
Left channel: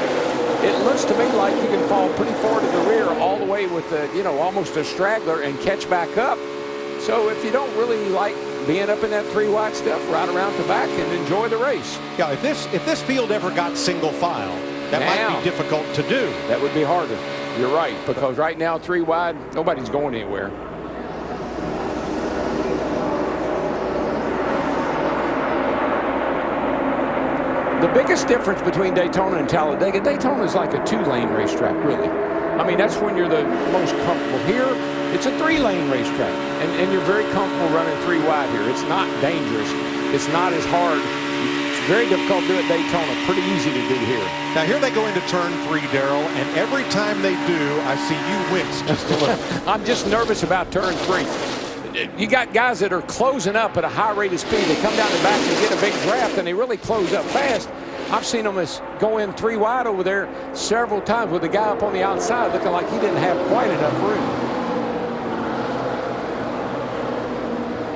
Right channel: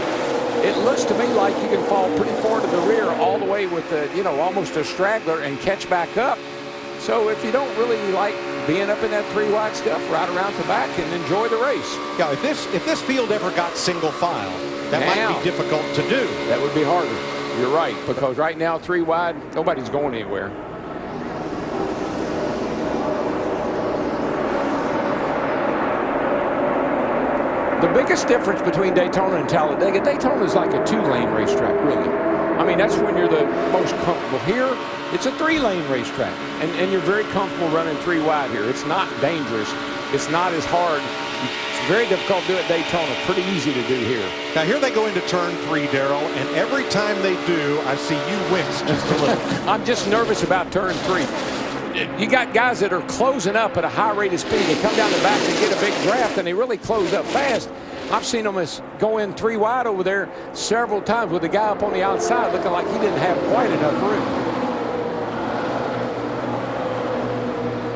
it looks to me like you can fall pretty far to the rear all the way with the, almost a straggler and catch back up. So if you don't really like being up in that 3 wide stuff, ride around the back and enjoy the race. Yeah, if this field ever got single file, that might be difficult to do. That would be harder. You're right, because right now 3 wide, nobody's going anywhere. The biggest difference between Daytona and Talladega, Daytona is like a 2-lane racetrack, really. I mean, that's when you're the most comfortable. Here, it's a 3-lane racetrack, and you're very comfortable running 3 wide here. It's not dangerous. It's not as hard. It's very difficult to do at Daytona. Pretty easy to do here. Now, here they go into turn 3, Darrell, and every time they do, I see you wince just a little. I'm just nervous about turn 3. You got guys that are closing up at a high rate of speed. They come down the back and they get a big draft, and they really close up fast. I've seen them go in 3 wide over there several times with the guy up on the outside looking like he didn't have quite enough room.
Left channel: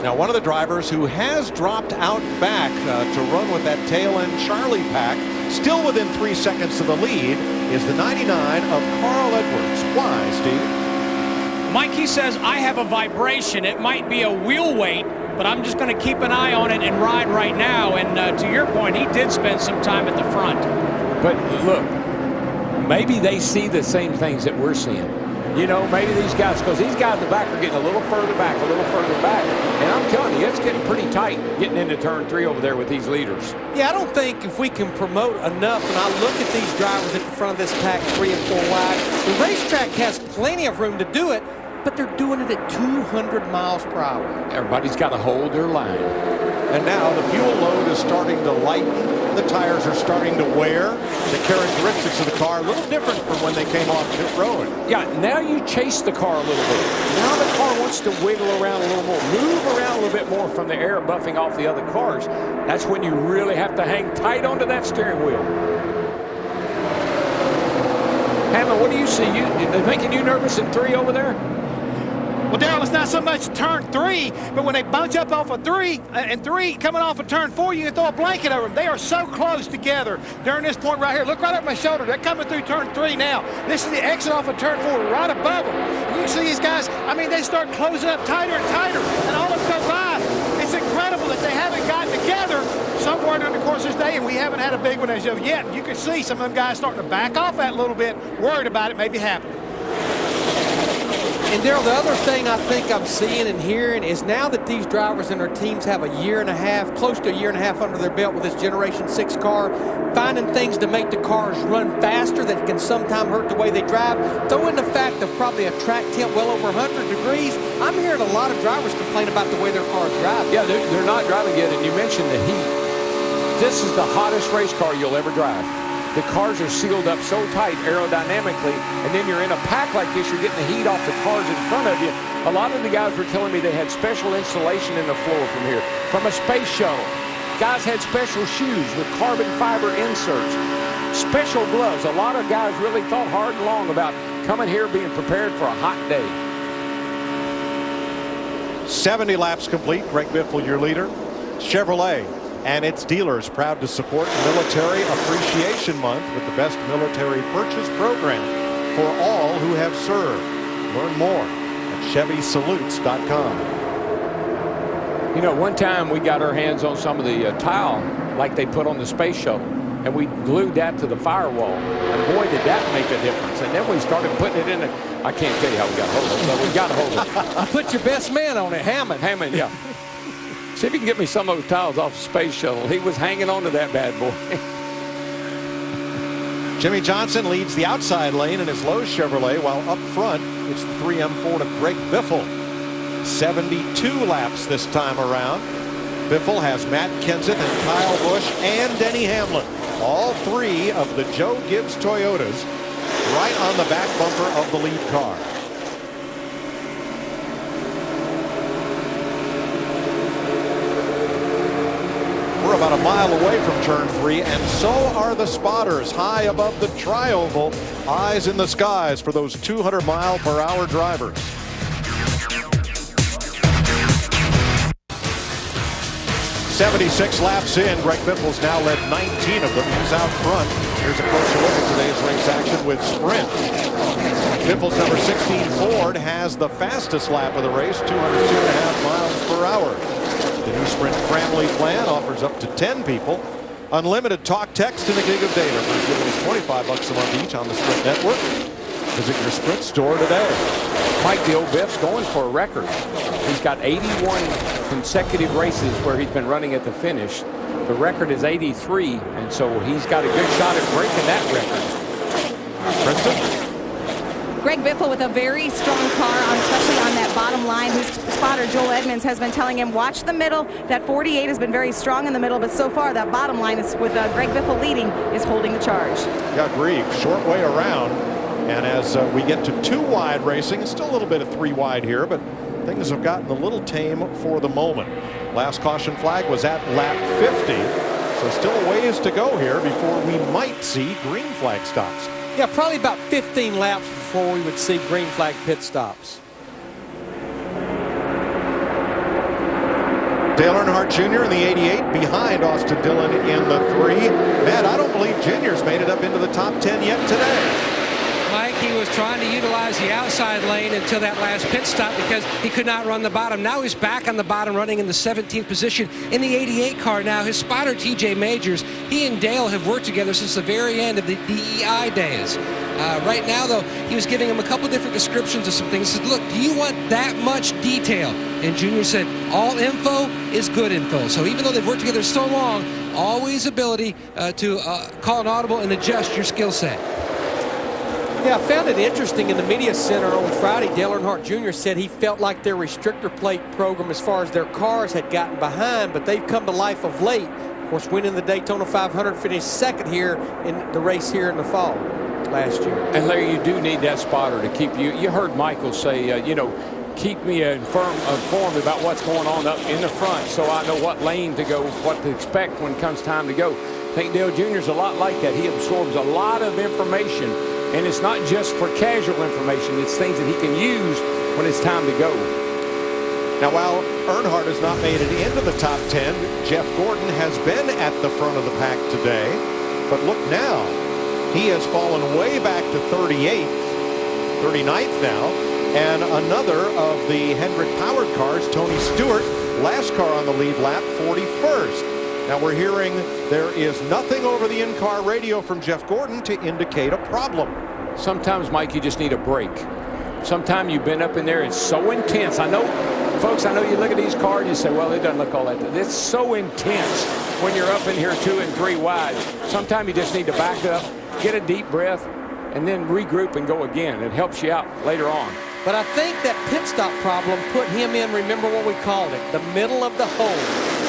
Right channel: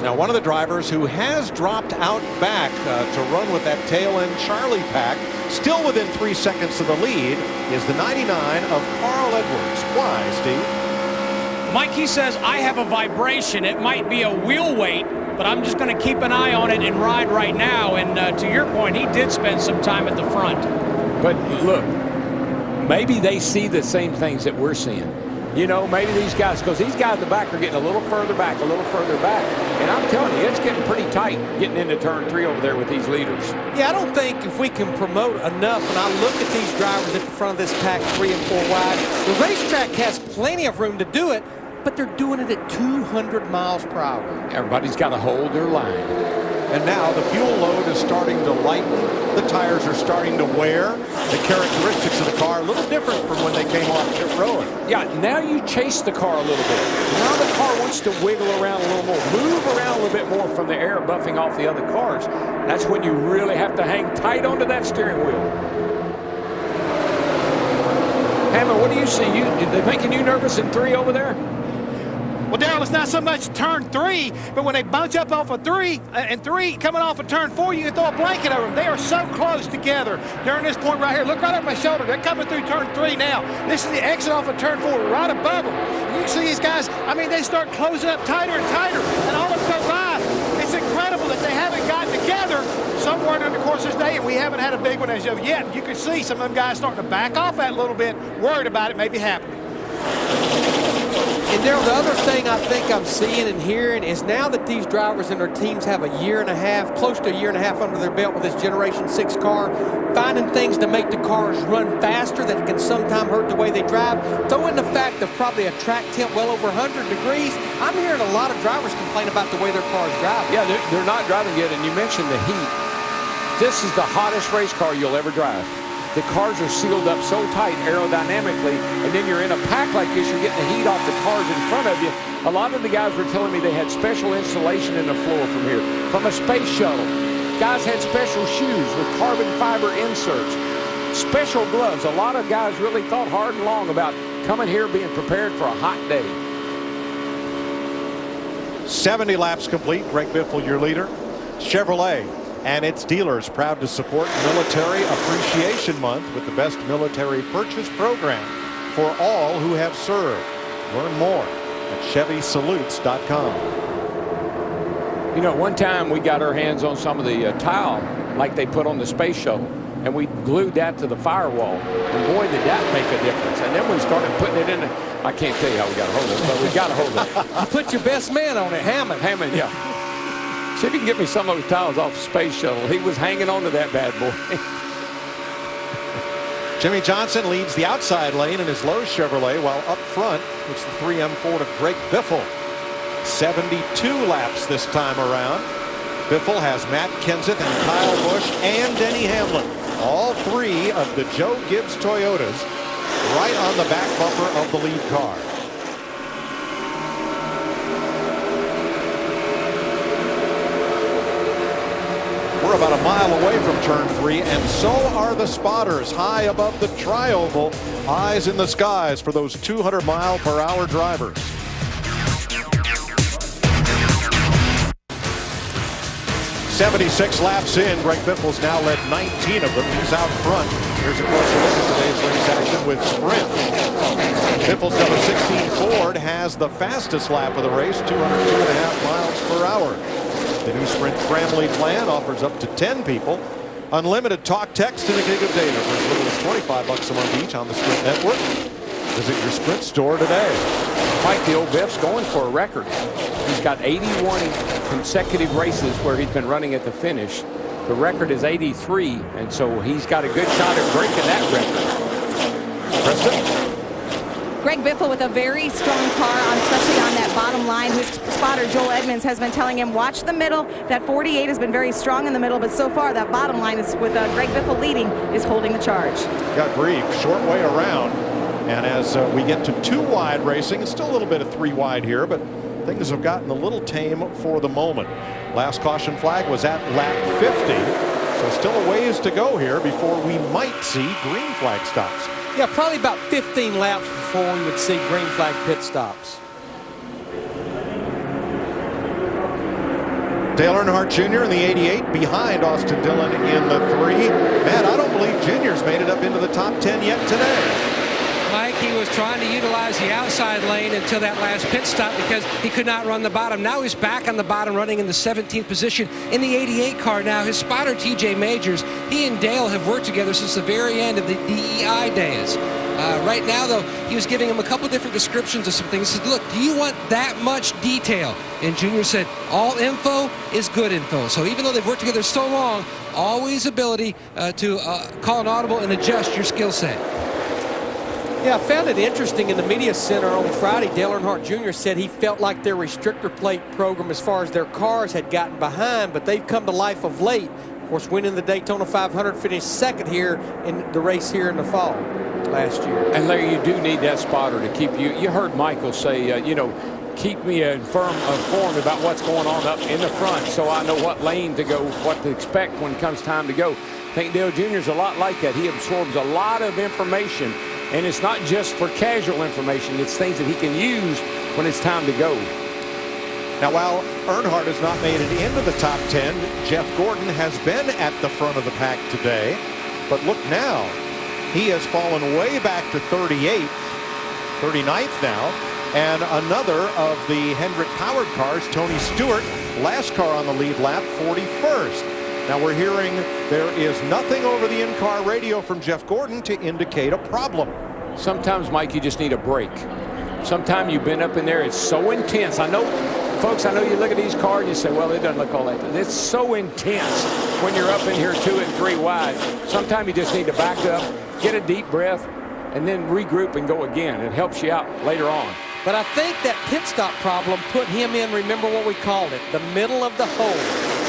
Now, one of the drivers who has dropped out back to run with that tail end Charlie pack, still within 3 seconds of the lead, is the 99 of Carl Edwards. Why, Steve? Mike, he says, I have a vibration. It might be a wheel weight, but I'm just going to keep an eye on it and ride right now. And to your point, he did spend some time at the front. But look, maybe they see the same things that we're seeing. You know, maybe these guys, because these guys in the back are getting a little further back. And I'm telling you, it's getting pretty tight getting into turn 3 over there with these leaders. Yeah, I don't think if we can promote enough, and I look at these drivers at the front of this pack 3 and 4 wide, the racetrack has plenty of room to do it, but they're doing it at 200 miles per hour. Everybody's got to hold their line. And now the fuel load is starting to lighten. The tires are starting to wear. The characteristics of the car a little different from when they came off pit road. Yeah, now you chase the car a little bit. Now the car wants to wiggle around a little more, move around a little bit more from the air buffing off the other cars. That's when you really have to hang tight onto that steering wheel. Hammond, what do you see? They making you nervous in 3 over there? Well, Darrell, it's not so much turn 3, but when they bunch up off of 3 and 3 coming off of turn 4, you can throw a blanket over them. They are so close together during this point right here. Look right up my shoulder. They're coming through turn 3 now. This is the exit off of turn 4 right above them. And you can see these guys, I mean, they start closing up tighter and tighter, and all of them go by. It's incredible that they haven't gotten together somewhere during the course of this day, and we haven't had a big one as of yet. You can see some of them guys starting to back off that a little bit, worried about it maybe happening. And Darrell, the other thing I think I'm seeing and hearing is now that these drivers and their teams have a year and a half, close to a year and a half under their belt with this Generation 6 car, finding things to make the cars run faster that can sometimes hurt the way they drive. Throw in the fact of probably a track temp well over 100 degrees. I'm hearing a lot of drivers complain about the way their cars drive. Yeah, they're not driving good, and you mentioned the heat. This is the hottest race car you'll ever drive. The cars are sealed up so tight aerodynamically, and then you're in a pack like this, you're getting the heat off the cars in front of you. A lot of the guys were telling me they had special insulation in the floor from here, from a space shuttle. Guys had special shoes with carbon fiber inserts, special gloves. A lot of guys really thought hard and long about coming here being prepared for a hot day. 70 laps complete. Greg Biffle, your leader. Chevrolet and its dealers proud to support Military Appreciation Month with the best military purchase program for all who have served. Learn more at ChevySalutes.com. You know, one time we got our hands on some of the tile like they put on the space shuttle, and we glued that to the firewall, and boy, did that make a difference. And then we started putting it in I can't tell you how we got a hold of it, but we got a hold of it. You put your best man on it, Hammond. Hammond, yeah. See if you can get me some of those tiles off the space shuttle. He was hanging on to that bad boy. Jimmy Johnson leads the outside lane in his Lowe's Chevrolet, while up front it's the 3M Ford of Greg Biffle. 72 laps this time around. Biffle has Matt Kenseth and Kyle Busch and Denny Hamlin, all 3 of the Joe Gibbs Toyotas, right on the back bumper of the lead car. We're about a mile away from turn 3, and so are the spotters high above the tri-oval. Eyes in the skies for those 200-mile-per-hour drivers. .76 laps in. Greg Biffle's now led 19 of them. He's out front. Here's a closer look at today's race action with Sprint. Biffle's number 16 Ford has the fastest lap of the race, 202.5 miles per hour. The new Sprint family plan offers up to 10 people unlimited talk, text, and a gig of data for as little as $25 a month each on the Sprint network. Visit your Sprint store today. Mike, the old Biff's going for a record. He's got 81 consecutive races where he's been running at the finish. The record is 83, and so he's got a good shot at breaking that record. Krista? Greg Biffle with a very strong car, especially on that bottom line. His spotter, Joel Edmonds, has been telling him, watch the middle. That 48 has been very strong in the middle, but so far that bottom line is with Greg Biffle leading is holding the charge. Yeah, Grieg, short way around. And as we get to 2 wide racing, it's still a little bit of 3 wide here, but things have gotten a little tame for the moment. Last caution flag was at lap 50, so still a ways to go here before we might see green flag stops. Yeah, probably about 15 laps before we would see green flag pit stops. Dale Earnhardt Jr. in the 88 behind Austin Dillon in the 3. Matt, I don't believe Jr.'s made it up into the top 10 yet today. Mike, he was trying to utilize the outside lane until that last pit stop because he could not run the bottom. Now he's back on the bottom, running in the 17th position in the 88 car now. His spotter, TJ Majors, he and Dale have worked together since the very end of the DEI days. Right now, though, he was giving him a couple different descriptions of some things. He said, look, do you want that much detail? And Junior said, all info is good info. So even though they've worked together so long, always ability to call an audible and adjust your skill set. Yeah, I found it interesting in the media center on Friday. Dale Earnhardt Jr. said he felt like their restrictor plate program, as far as their cars, had gotten behind, but they've come to life of late. Of course, winning the Daytona 500, finished second here in the race here in the fall last year. And Larry, you do need that spotter to keep you. You heard Michael say, you know, keep me informed about what's going on up in the front so I know what lane to go, what to expect when it comes time to go. I think Dale Jr. is a lot like that. He absorbs a lot of information. And it's not just for casual information. It's things that he can use when it's time to go. Now, while Earnhardt has not made it into the top 10, Jeff Gordon has been at the front of the pack today. But look now, he has fallen way back to 38th, 39th now. And another of the Hendrick-powered cars, Tony Stewart, last car on the lead lap, 41st. Now we're hearing there is nothing over the in-car radio from Jeff Gordon to indicate a problem. Sometimes, Mike, you just need a break. Sometimes you've been up in there, it's so intense. I know, folks, I know you look at these cars and you say, well, it doesn't look all that. It's so intense when you're up in here 2 and 3 wide. Sometimes you just need to back up, get a deep breath, and then regroup and go again. It helps you out later on. But I think that pit stop problem put him in, remember what we called it, the middle of the hole.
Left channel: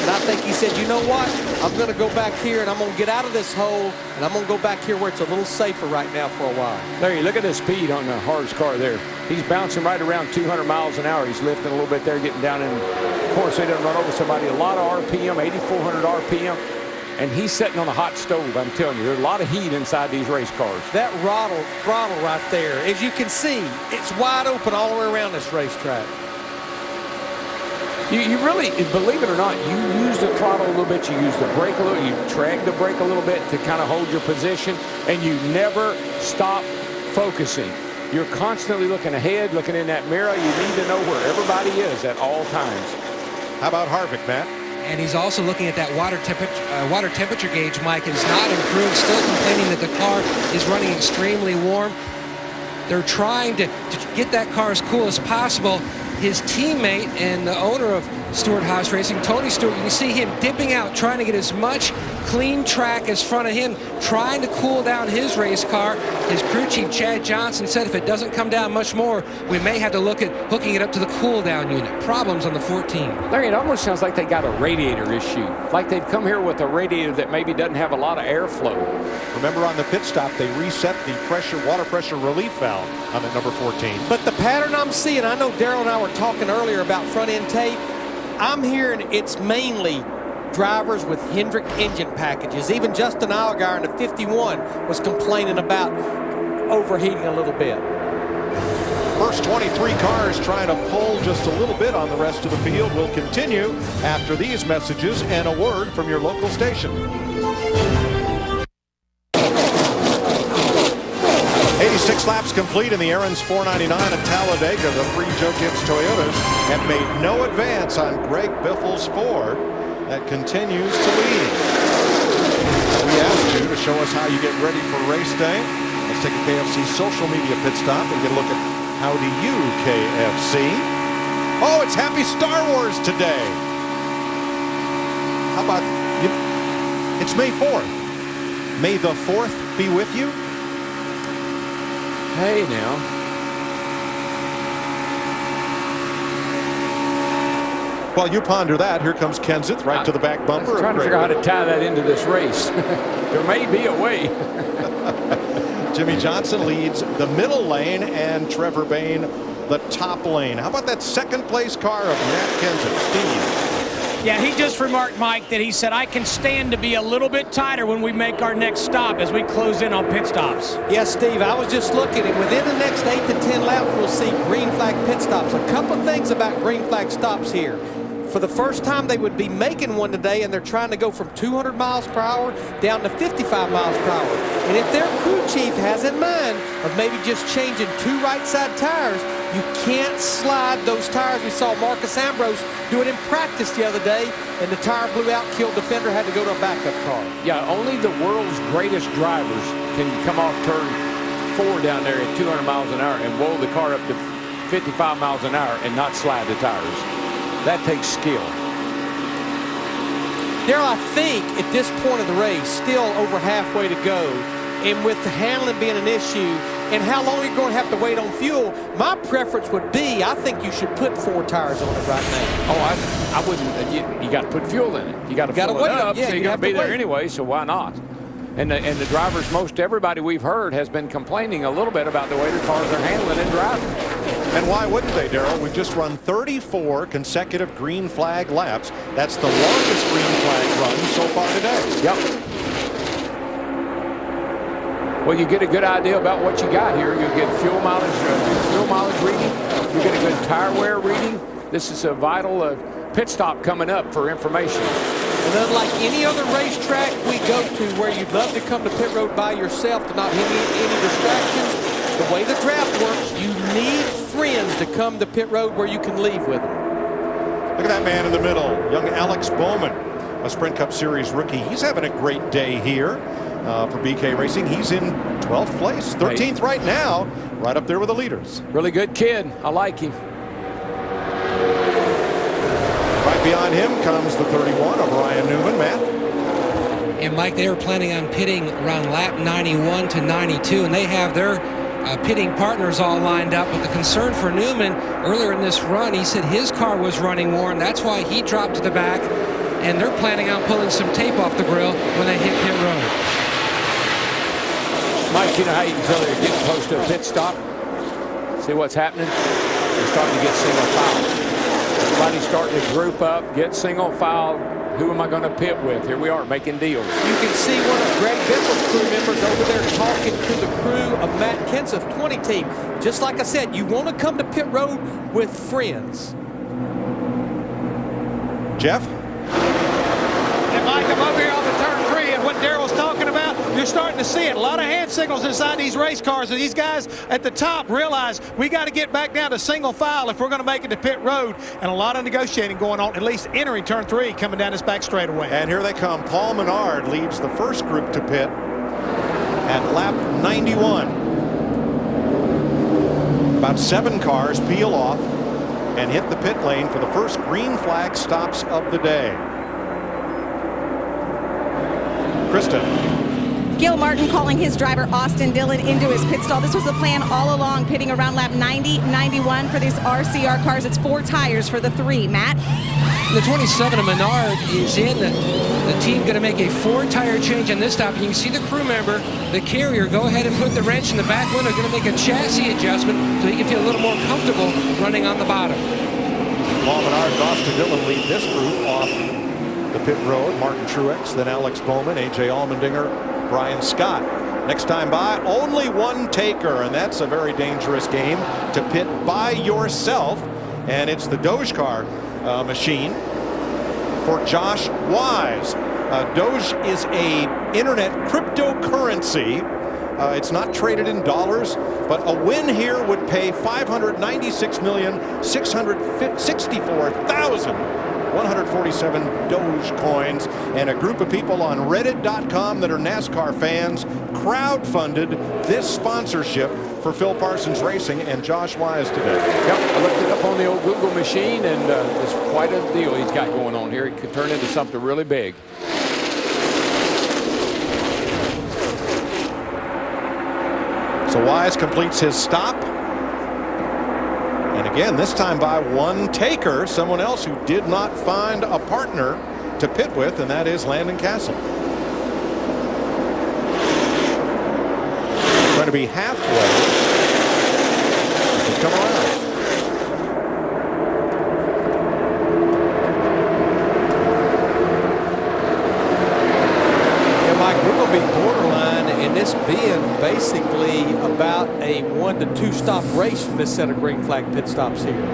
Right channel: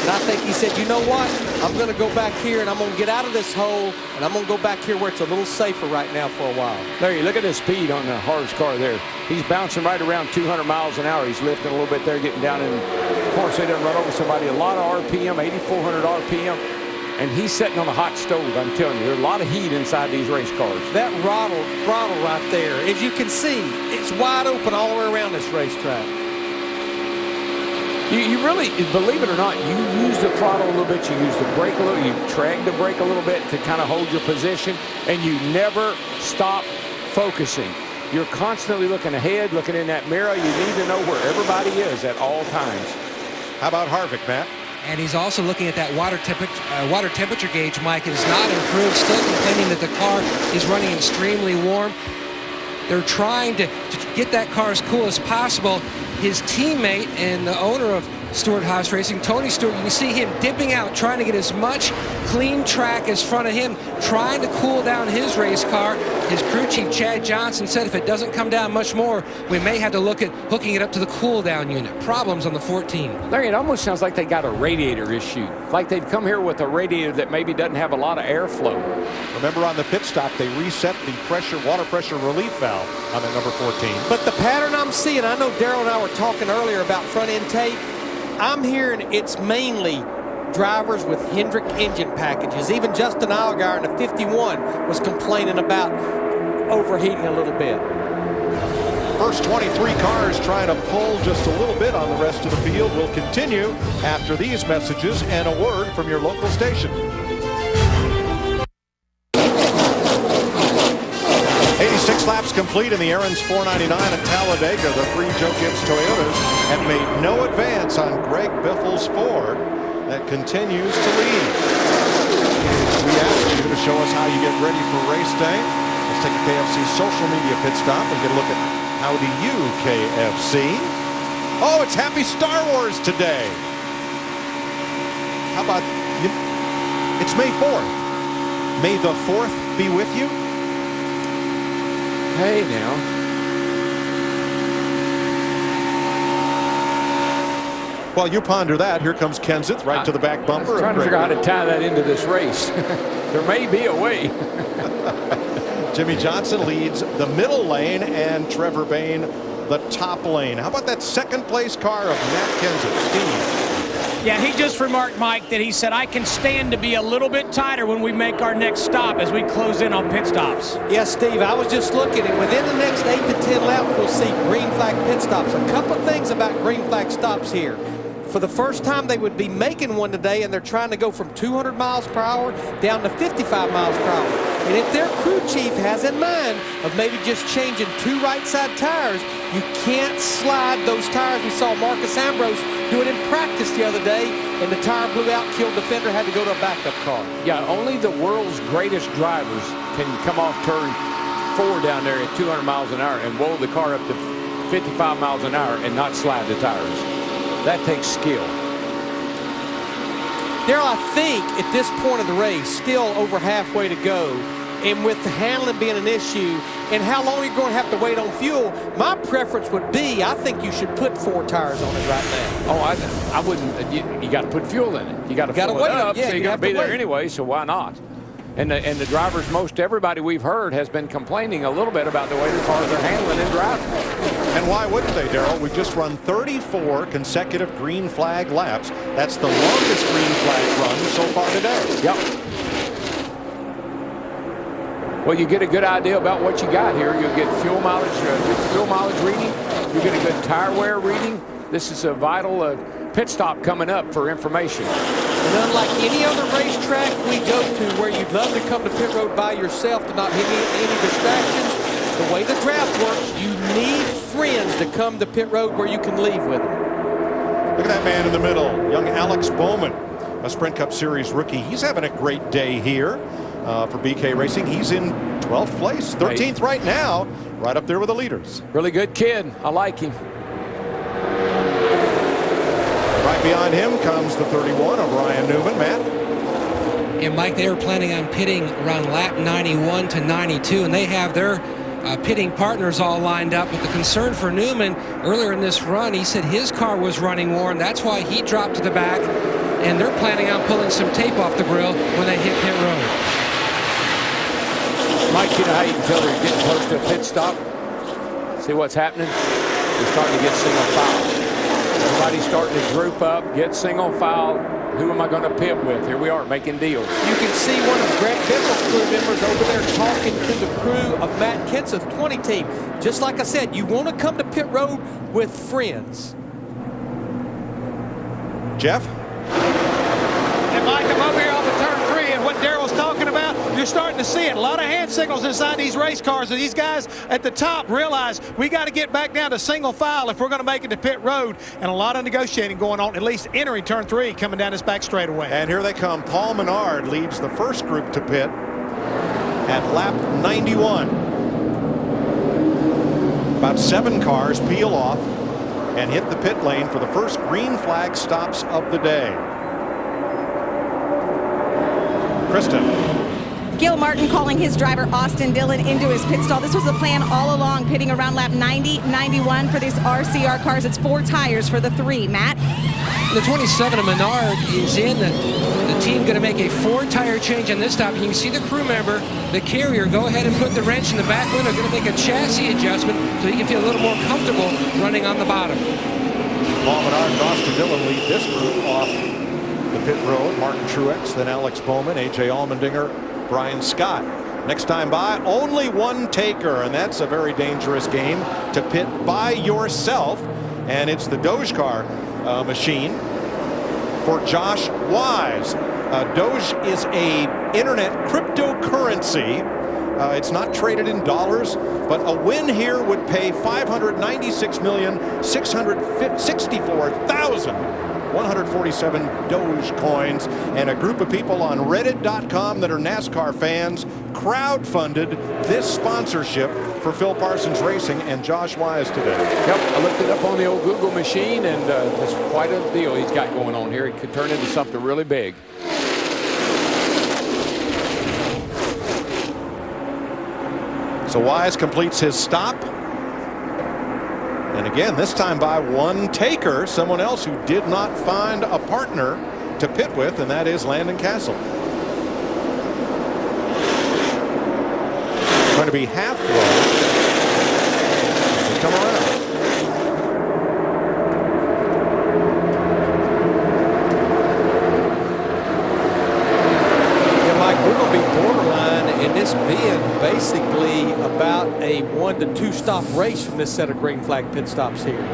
And I think he said, you know what, I'm going to go back here and I'm going to get out of this hole and I'm going to go back here where it's a little safer right now for a while. Larry, look at the speed on the Harv's car there. He's bouncing right around 200 miles an hour. He's lifting a little bit there, getting down in the corner so he doesn't run over somebody. A lot of RPM, 8,400 RPM. And he's sitting on a hot stove, I'm telling you. There's a lot of heat inside these race cars. That throttle right there, as you can see, it's wide open all the way around this racetrack. You really, believe it or not, you use the throttle a little bit, you use the brake a little, you drag the brake a little bit to kind of hold your position, and you never stop focusing. You're constantly looking ahead, looking in that mirror. You need to know where everybody is at all times. How about Harvick, Matt? And he's also looking at that water temperature gauge, Mike. It has not improved, still complaining that the car is running extremely warm. They're trying to get that car as cool as possible. His teammate and the owner of Stewart Haas Racing, Tony Stewart, you can see him dipping out, trying to get as much clean track as front of him, trying to cool down his race car. His crew chief, Chad Johnson, said if it doesn't come down much more, we may have to look at hooking it up to the cool down unit. Problems on the 14. Larry, it almost sounds like they got a radiator issue. Like they've come here with a radiator that maybe doesn't have a lot of airflow. Remember on the pit stop, they reset the water pressure relief valve on that number 14. But the pattern I'm seeing, I know Darrell and I were talking earlier about front end tape. I'm hearing it's mainly drivers with Hendrick engine packages. Even Justin Allgaier in the 51 was complaining about overheating a little bit. First 23 cars trying to pull just a little bit on the rest of the field will continue after these messages and a word from your local station. 86 laps complete in the Aaron's 499 at Talladega. The 3 Joe Gibbs Toyotas have made no advance on Greg Biffle's Ford that continues to lead. Now, we asked you to show us how you get ready for race day. Let's take a KFC social media pit stop and get a look at how do you KFC. Oh, it's Happy Star Wars today. How about you? It's May 4th. May the 4th be with you. Hey, now. While you ponder that, here comes Kenseth right to the back bumper. I'm trying to figure out how to tie that into this race. There may be a way. Jimmy Johnson leads the middle lane and Trevor Bayne the top lane. How about that second place car of Matt Kenseth? Steve. Yeah, he just remarked, Mike, that he said, I can stand to be a little bit tighter when we make our next stop as we close in on pit stops. Yes, Steve, I was just looking, and within the next 8 to 10 laps, we'll see green flag pit stops. A couple of things about green flag stops here. for the first time they would be making one today, and they're trying to go from 200 miles per hour down to 55 miles per hour. And if their crew chief has in mind of maybe just changing 2 right side tires, you can't slide those tires. We saw Marcus Ambrose do it in practice the other day, and the tire blew out, killed the fender, had to go to a backup car. Yeah, only the world's greatest drivers can come off turn 4 down there at 200 miles an hour and roll the car up to 55 miles an hour and not slide the tires. That takes skill. Darrell, I think at this point of the race, still over halfway to go, and with the handling being an issue and how long you're going to have to wait on fuel, my preference would be, I think you should put 4 tires on it right now. Oh, I wouldn't. You got to put fuel in it. You got to fill it up, so you got to be there anyway, so why not? And the drivers, most everybody we've heard has been complaining a little bit about the way the cars are handling and driving. And why wouldn't they, Darrell? We've just run 34 consecutive green flag laps. That's the longest green flag run so far today. Yep. Well, you get a good idea about what you got here. You'll get fuel mileage reading. You get a good tire wear reading. This is a vital pit stop coming up for information. And unlike any other racetrack we go to where you'd love to come to pit road by yourself to not hit any distractions, the way the draft works, you need friends to come to pit road where you can leave with them. Look at that man in the middle, young Alex Bowman, a Sprint Cup Series rookie. He's having a great day here for BK Racing. He's in 12th place, 13th right now, right up there with the leaders. Really good kid. I like him. Right behind him comes the 31 of Ryan Newman. Matt? And Mike, they were planning on pitting around lap 91 to 92, and they have their pitting partners all lined up. But the concern for Newman earlier in this run, he said his car was running worn. That's why he dropped to the back, and they're planning on pulling some tape off the grill when they hit pit road. Mike, you know how you can tell they're getting close to a pit stop? See what's happening? They're starting to get single file. Everybody's starting to group up, get single file. Who am I going to pit with? Here we are making deals. You can see one of Greg Biffle's crew members over there talking to the crew of Matt Kenseth's 20 team. Just like I said, you want to come to pit road with friends. Jeff? And Mike, I'm over here off of turn 3, and what Darrell's talking about, you're starting to see it. A lot of hand signals inside these race cars, and these guys at the top realize we got to get back down to single file if we're going to make it to pit road, and a lot of negotiating going on, at least entering turn 3, coming down this back straightaway. And here they come. Paul Menard leads the first group to pit at lap 91. About 7 cars peel off and hit the pit lane for the first green flag stops of the day. Krista. Gil Martin calling his driver Austin Dillon into his pit stall. This was the plan all along, pitting around lap 90, 91 for these RCR cars. It's 4 tires for the 3. Matt? The 27 of Menard is in. The team going to make a 4-tire change on this stop. You can see the crew member, the carrier, go ahead and put the wrench in the back window. Going to make a chassis adjustment so he can feel a little more comfortable running on the bottom. Paul Menard and Austin Dillon lead this group off the pit road. Martin Truex, then Alex Bowman, A.J. Allmendinger, Brian Scott. Next time by, only 1 taker, and that's a very dangerous game to pit by yourself. And it's the Doge car machine for Josh Wise. Doge is a internet cryptocurrency. It's not traded in dollars, but a win here would pay $596,664,147 Doge coins, and a group of people on Reddit.com that are NASCAR fans crowdfunded this sponsorship for Phil Parsons Racing and Josh Wise today. Yep, I looked it up on the old Google machine, and it's quite a deal he's got going on here. It could turn into something really big. So Wise completes his stop. And again, this time by 1 taker, someone else who did not find a partner to pit with, and that is Landon Castle. Going to be halfway as they come around. Yeah, Mike, we're going to be borderline in this being basically about a 1 to 2 stop race from this set of green flag pit stops here.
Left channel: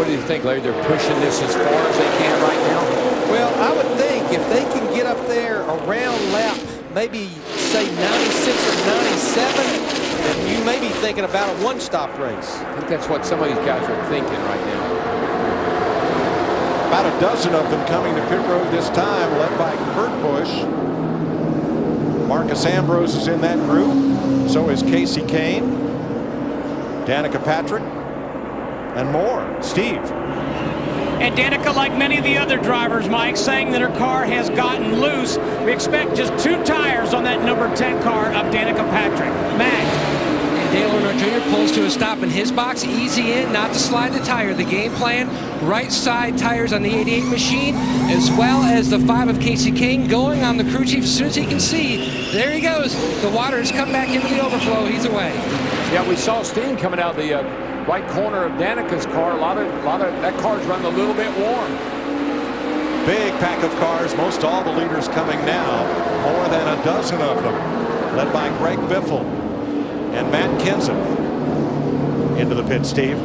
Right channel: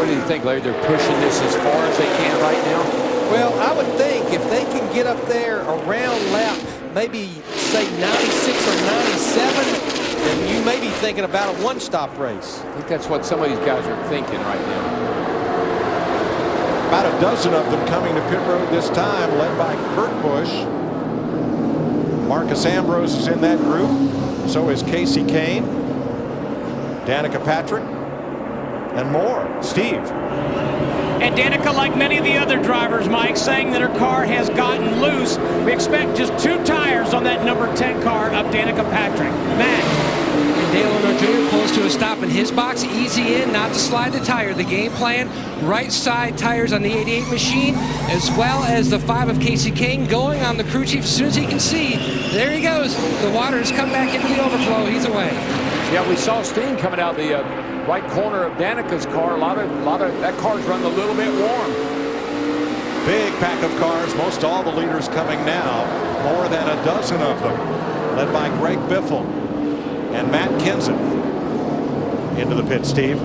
What do you think, Larry? They're pushing this as far as they can right now? Well, I would think if they can get up there around lap, maybe say 96 or 97, then you may be thinking about a one-stop race. I think that's what some of these guys are thinking right now. About a dozen of them coming to pit road this time, led by Kurt Busch. Marcus Ambrose is in that group. So is Casey Kane, Danica Patrick, and more. Steve. And Danica, like many of the other drivers, Mike, saying that her car has gotten loose. We expect just 2 tires on that number 10 car of Danica Patrick. Matt. And Dale Earnhardt Jr. pulls to a stop in his box. Easy in, not to slide the tire. The game plan, right side tires on the 88 machine, as well as the 5 of Casey Kane going on the crew chief as soon as he can see. There he goes. The water has come back into the overflow. He's away. Yeah, we saw steam coming out the right corner of Danica's car. A lot of that car's running a little bit warm. Big pack of cars. Most all the leaders coming now. More than a dozen of them, led by Greg Biffle and Matt Kenseth. Into the pit, Steve.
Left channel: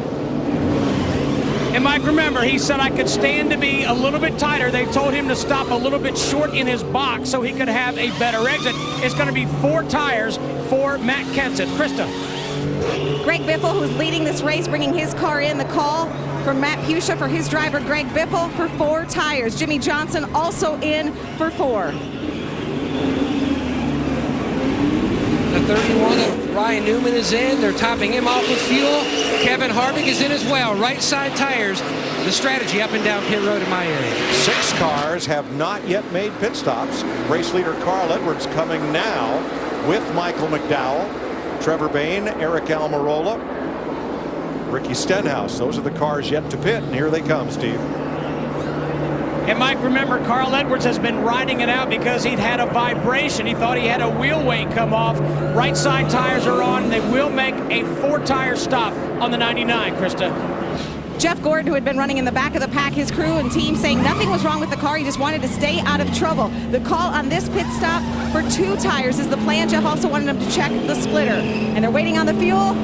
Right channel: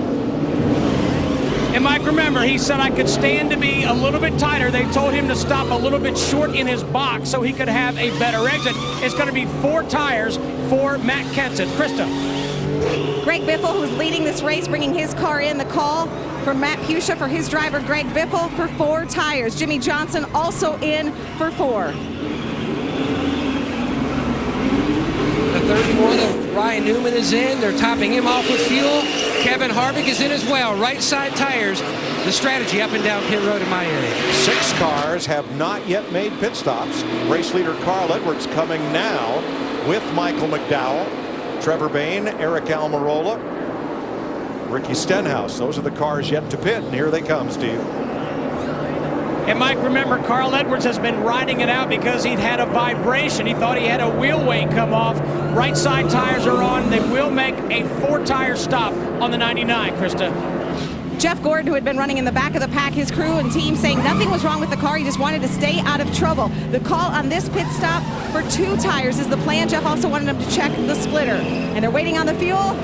And Mike, remember, he said I could stand to be a little bit tighter. They told him to stop a little bit short in his box so he could have a better exit. It's going to be 4 tires for Matt Kenseth. Krista. Greg Biffle, who's leading this race, bringing his car in. The call from Matt Pusha for his driver, Greg Biffle, for 4 tires. Jimmy Johnson also in for 4. The 31 of Ryan Newman is in. They're topping him off with fuel. Kevin Harvick is in as well. Right side tires. The strategy up and down pit road in my area. 6 cars have not yet made pit stops. Race leader Carl Edwards coming now with Michael McDowell, Trevor Bayne, Eric Almirola, Ricky Stenhouse. Those are the cars yet to pit, and here they come, Steve. And Mike, remember, Carl Edwards has been riding it out because he'd had a vibration. He thought he had a wheel weight come off. Right side tires are on. They will make a 4-tire stop on the 99, Krista. Jeff Gordon, who had been running in the back of the pack, his crew and team saying nothing was wrong with the car. He just wanted to stay out of trouble. The call on this pit stop for 2 tires is the plan. Jeff also wanted him to check the splitter. And they're waiting on the fuel.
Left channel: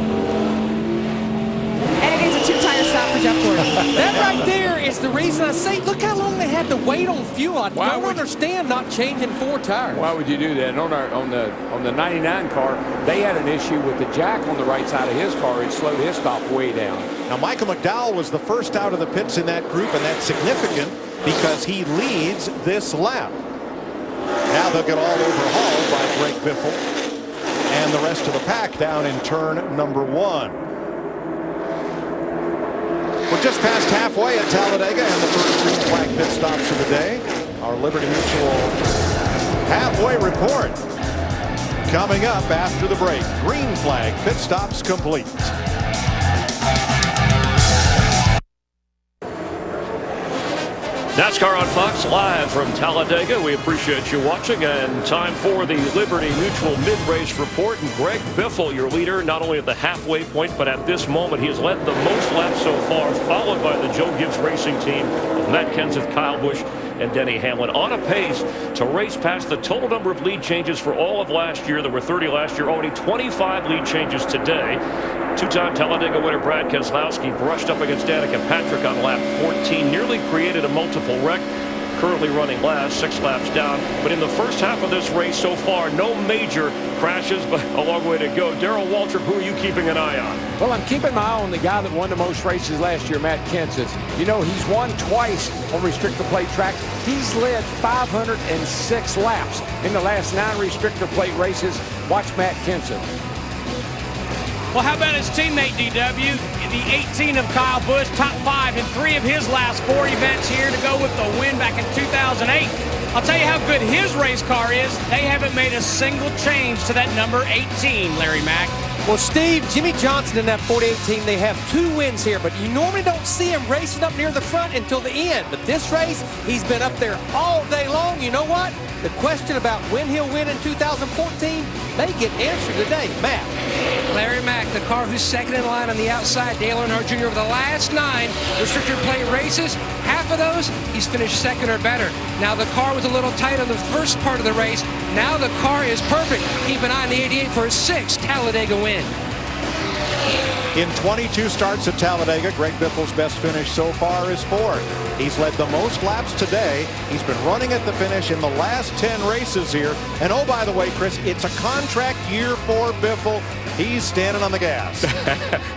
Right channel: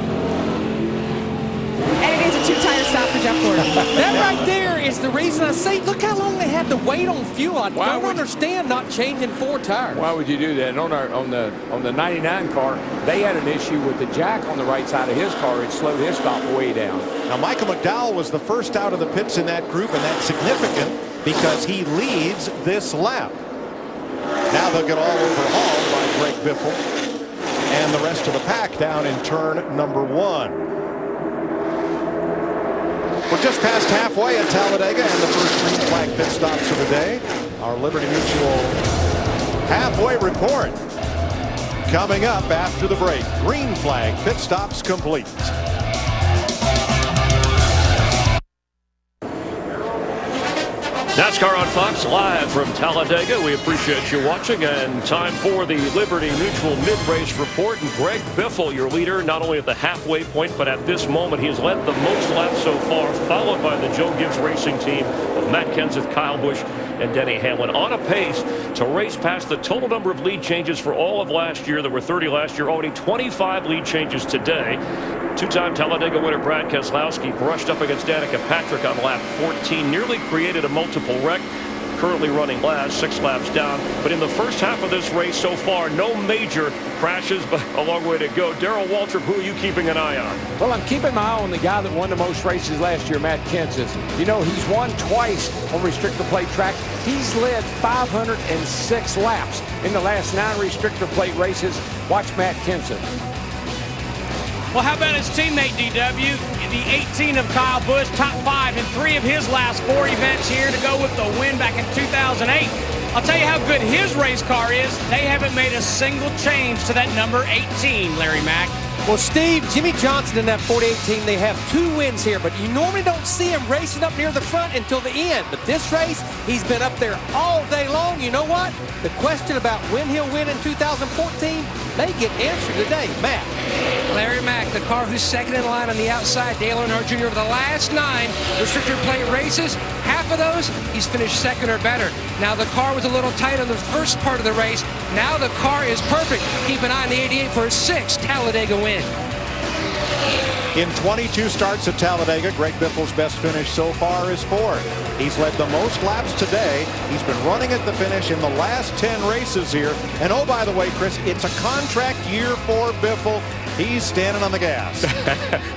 And it is a 2-tire stop for Jeff Gordon. That right there is the reason I say, look how long they had to wait on fuel. I don't understand not changing 4 tires. Why would you do that? And on the 99 car, they had an issue with the jack on the right side of his car. It slowed his stop way down. Now, Michael McDowell was the first out of the pits in that group, and that's significant because he leads this lap. Now they'll get all overhauled by Greg Biffle and the rest of the pack down in turn number 1. We're just past halfway at Talladega and the first green flag pit stops of the day. Our Liberty Mutual halfway report coming up after the break. Green flag pit stops complete. NASCAR on Fox, live from Talladega. We appreciate you watching, and time for the Liberty Mutual mid-race report. And Greg Biffle, your leader, not only at the halfway point, but at this moment, he has led the most laps so far, followed by the Joe Gibbs Racing team of Matt Kenseth, Kyle Busch, and Denny Hamlin, on a pace to race past the total number of lead changes for all of last year. There were 30 last year, already 25 lead changes today. 2-time Talladega winner Brad Keselowski brushed up against Danica Patrick on lap 14, nearly created a multiple wreck. Currently running last, 6 laps down. But in the first half of this race so far, no major crashes, but a long way to go. Darrell Waltrip, who are you keeping an eye on? Well, I'm keeping my eye on the guy that won the most races last year, Matt Kenseth. You know, he's won twice on restrictor plate tracks. He's led 506 laps in the last 9 restrictor plate races. Watch Matt Kenseth. Well, how about his teammate, DW? The 18 of Kyle Busch, top 5 in 3 of his last 4 events here to go with the win back in 2008. I'll tell you how good his race car is. They haven't made a single change to that number 18, Larry Mack. Well, Steve, Jimmy Johnson in that 48 team, they have 2 wins here, but you normally don't see him racing up near the front until the end. But this race, he's been up there all day long. You know what? The question about when he'll win in 2014 may get answered today. Matt. Larry Mack, the car who's second in line on the outside. Dale Earnhardt Jr. over the last 9 restrictor plate races, half of those he's finished second or better. Now the car was a little tight on the first part of the race. Now the car is perfect. Keep an eye on the 88 for his 6th Talladega win. In 22 starts at Talladega, Greg Biffle's best finish so far is 4th. He's led the most laps today. He's been running at the finish in the last 10 races here. And oh, by the way, Chris, it's a contract year for Biffle. He's standing on the gas.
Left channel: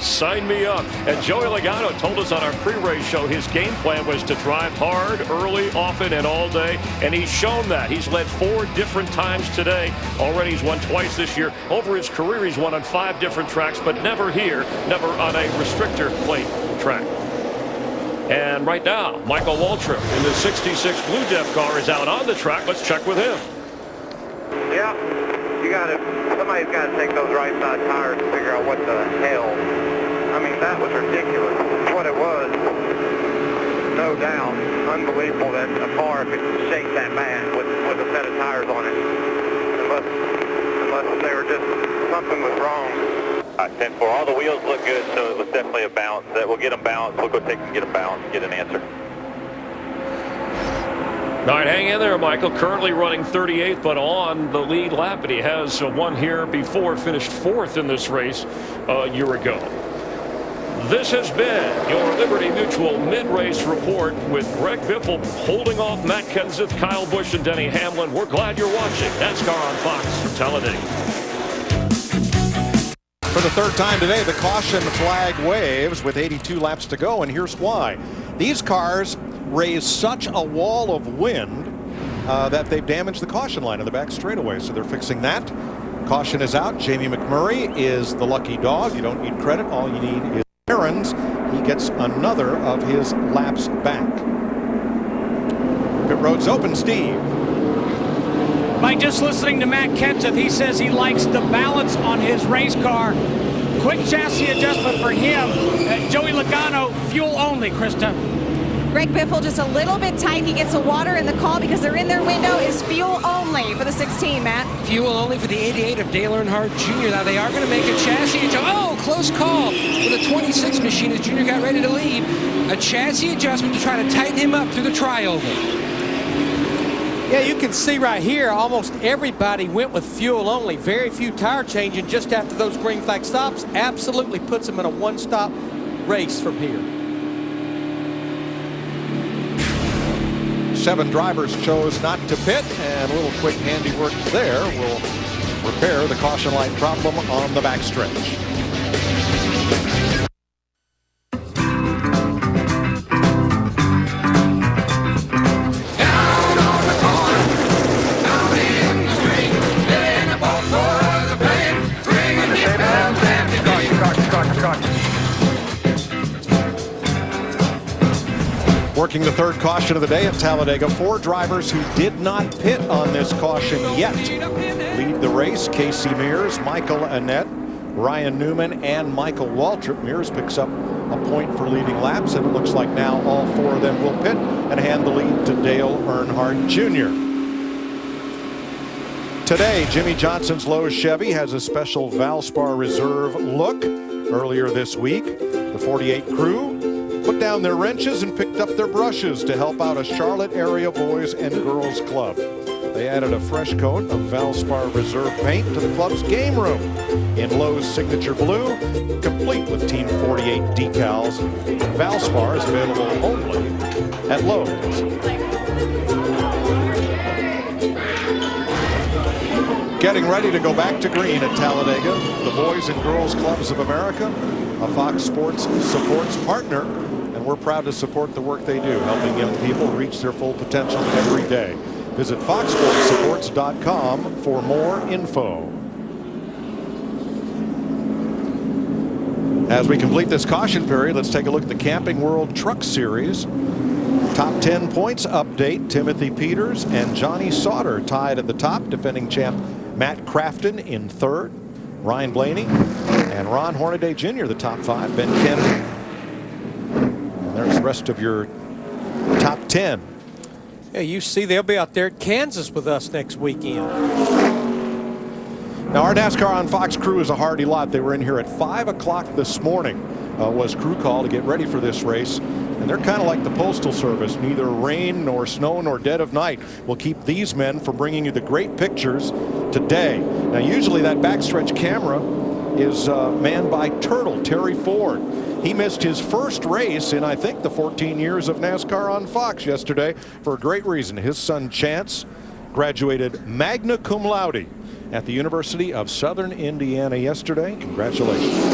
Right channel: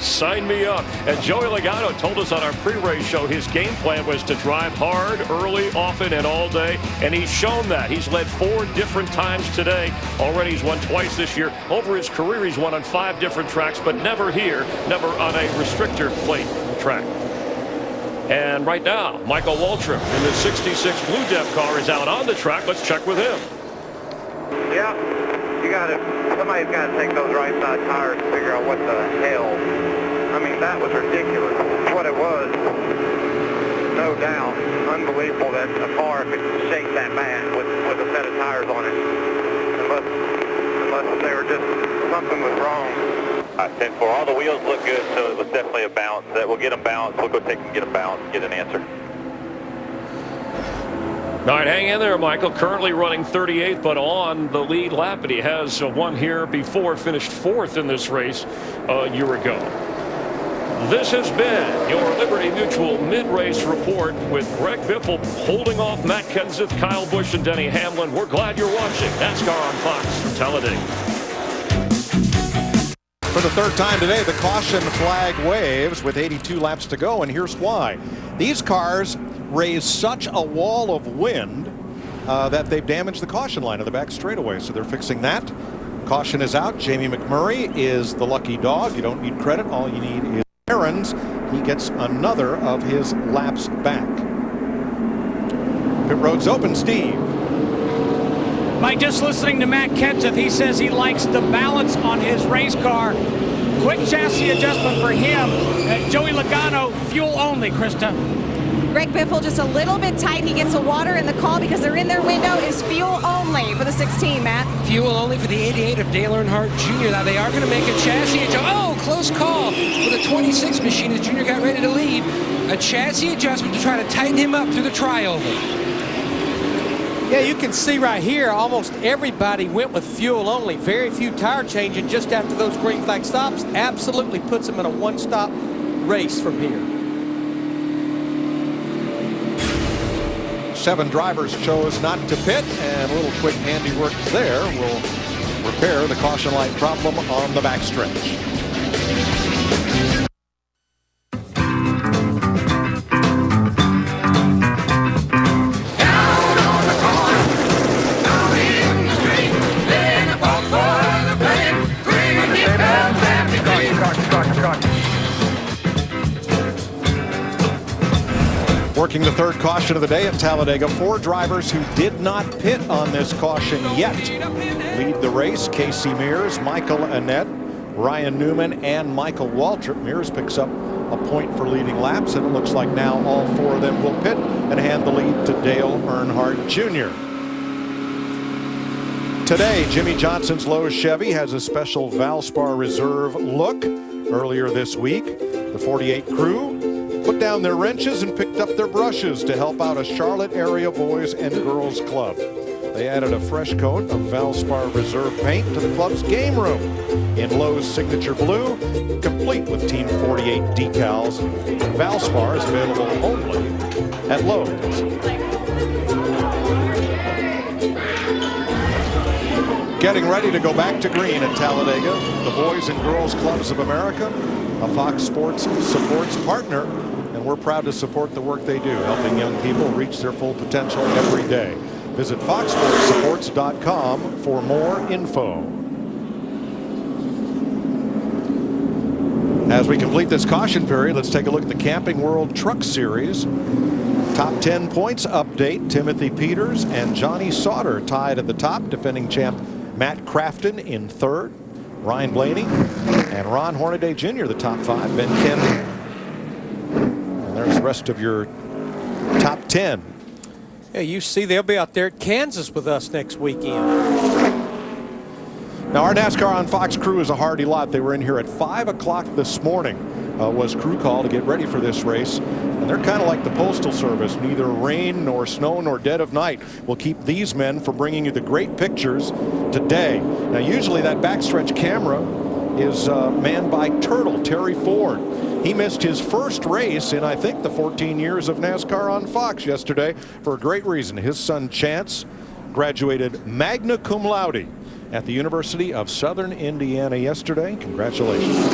Sign me up. And Joey Logano told us on our pre-race show his game plan was to drive hard, early, often, and all day. And he's shown that. He's led 4 different times today. Already he's won twice this year. Over his career, he's won on 5 different tracks, but never here, never on a restrictor plate track. And right now, Michael Waltrip in the 66 Blue Def car is out on the track. Let's check with him. Yeah, somebody's got to take those right side tires and figure out what the hell. I mean, that was ridiculous. What it was, no doubt, unbelievable that a car could shake that bad with a set of tires on it. Unless they were just, something was wrong. 10-4, all the wheels look good, so it was definitely a bounce. We'll get them balanced. We'll go take them, get them balanced, get an answer. All right, hang in there, Michael. Currently running 38th, but on the lead lap. And he has won here before, finished 4th in this race a year ago. This has been your Liberty Mutual mid-race report with Greg Biffle holding off Matt Kenseth, Kyle Busch, and Denny Hamlin. We're glad you're watching NASCAR on Fox from Talladega. For the 3rd time today, the caution flag waves with 82 laps to go, and here's why. These cars raise such a wall of wind that they've damaged the caution line in the back straightaway, so they're fixing that. Caution is out. Jamie McMurray is the lucky dog. You don't need credit. All you need is errands. He gets another of his laps back. Pit road's open, Steve. Mike, just listening to Matt Kenseth, he says he likes the balance on his race car. Quick chassis adjustment for him. Joey Logano, fuel only, Krista. Greg Biffle just a little bit tight. He gets a water in the call because they're in their window. Is fuel only for the 16, Matt. Fuel only for the 88 of Dale Earnhardt Jr. Now they are going to make a chassis adjustment. Oh, close call with a 26 machine as Jr. got ready to leave. A chassis adjustment to try to tighten him up through the trioval. Yeah, you can see right here, almost everybody went with fuel only. Very few tire changing just after those green flag stops. Absolutely puts them in a one-stop race from here. 7 drivers chose not to pit, and a little quick handiwork there will repair the caution light problem on the backstretch. Working the 3rd caution of the day at Talladega, 4 drivers who did not pit on this caution yet lead the race. Casey Mears, Michael Annett, Ryan Newman, and Michael Waltrip. Mears picks up a point for leading laps, and it looks like now all 4 of them will pit and hand the lead to Dale Earnhardt Jr. Today, Jimmy Johnson's Lowe's Chevy has a special Valspar Reserve look. Earlier this week, the 48 crew put down their wrenches and picked up their brushes to help out a Charlotte area boys and girls club. They added a fresh coat of Valspar Reserve paint to the club's game room in Lowe's signature blue, complete with Team 48 decals. Valspar is available only at Lowe's. Getting ready to go back to green at Talladega, the Boys and Girls Clubs of America, a Fox Sports supports partner, and we're proud to support the work they do, helping young people reach their full potential every day. Visit foxsportsupports.com for more info. As we complete this caution period, let's take a look at the Camping World Truck Series. Top 10 points update. Timothy Peters and Johnny Sauter tied at the top. Defending champ Matt Crafton in 3rd. Ryan Blaney and Ron Hornaday Jr. the top 5. Ben Kennedy. And there's the rest of your top 10. Yeah, you see they'll be out there at Kansas with us next weekend. Now, our NASCAR on Fox crew is a hardy lot. They were in here at 5 o'clock this morning. Was crew call to get ready for this race. And they're kind of like the Postal Service. Neither rain nor snow nor dead of night will keep these men from bringing you the great pictures today. Now, usually that backstretch camera is manned by Turtle, Terry Ford. He missed his first race in, I think, the 14 years of NASCAR on Fox yesterday for a great reason. His son Chance graduated magna cum laude at the University of Southern Indiana yesterday. Congratulations.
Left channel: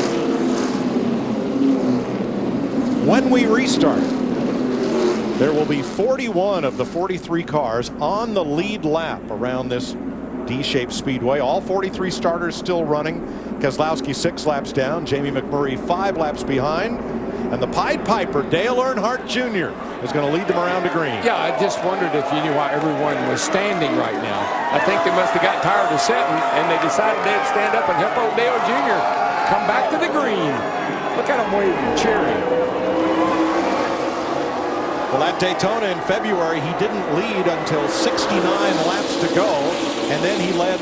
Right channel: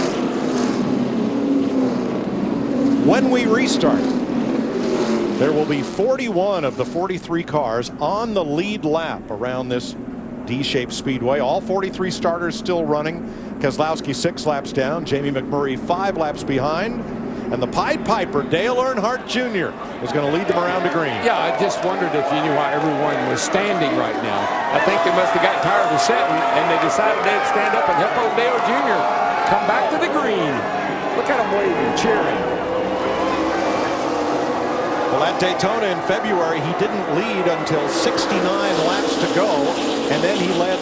When we restart, there will be 41 of the 43 cars on the lead lap around this D-shaped speedway. All 43 starters still running. Keselowski 6 laps down. Jamie McMurray 5 laps behind. And the Pied Piper, Dale Earnhardt Jr., is going to lead them around to green. Yeah, I just wondered if you knew why everyone was standing right now. I think they must have got tired of sitting, and they decided they'd stand up and help old Dale Jr. come back to the green. Look at him waving, cheering. Well, at Daytona in February, he didn't lead until 69 laps to go, and then he led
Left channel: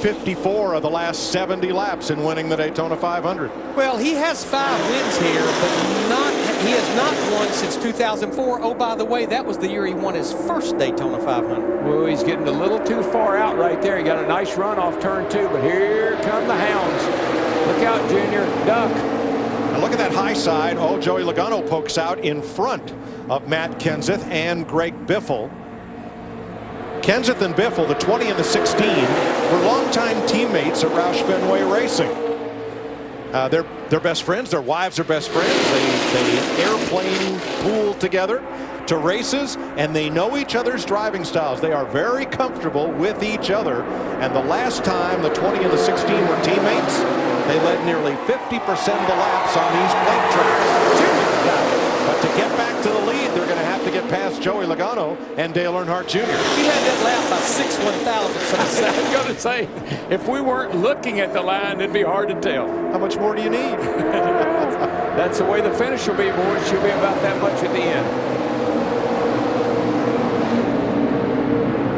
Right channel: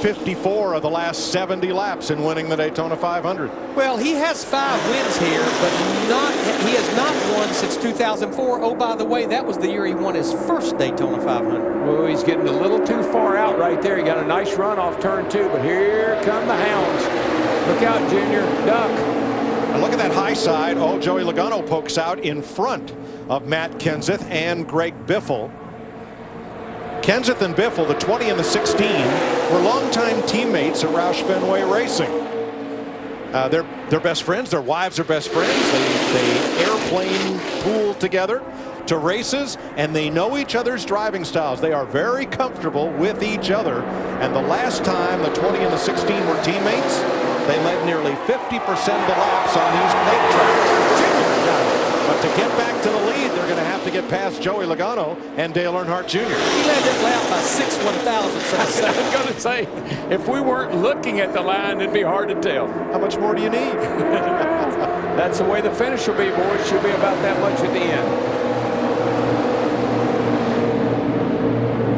54 of the last 70 laps in winning the Daytona 500. Well, he has 5 wins here, but he has not won since 2004. Oh, by the way, that was the year he won his first Daytona 500. Well, he's getting a little too far out right there. He got a nice run off turn 2, but here come the hounds. Look out, Junior. Duck. Now look at that high side. Oh, Joey Logano pokes out in front of Matt Kenseth and Greg Biffle. Kenseth and Biffle, the 20 and the 16, were longtime teammates at Roush Fenway Racing. They're best friends. Their wives are best friends. They airplane pool together to races, and they know each other's driving styles. They are very comfortable with each other. And the last time the 20 and the 16 were teammates, they led nearly 50% of the laps on these plate tracks. Junior got it. But to get back to the lead, they're going to have to get past Joey Logano and Dale Earnhardt Jr. He led that lap by 6 1,000ths of a second. I was going to say, if we weren't looking at the line, it'd be hard to tell. How much more do you need? That's the way the finish will be, boys. She'll be about that much at the end.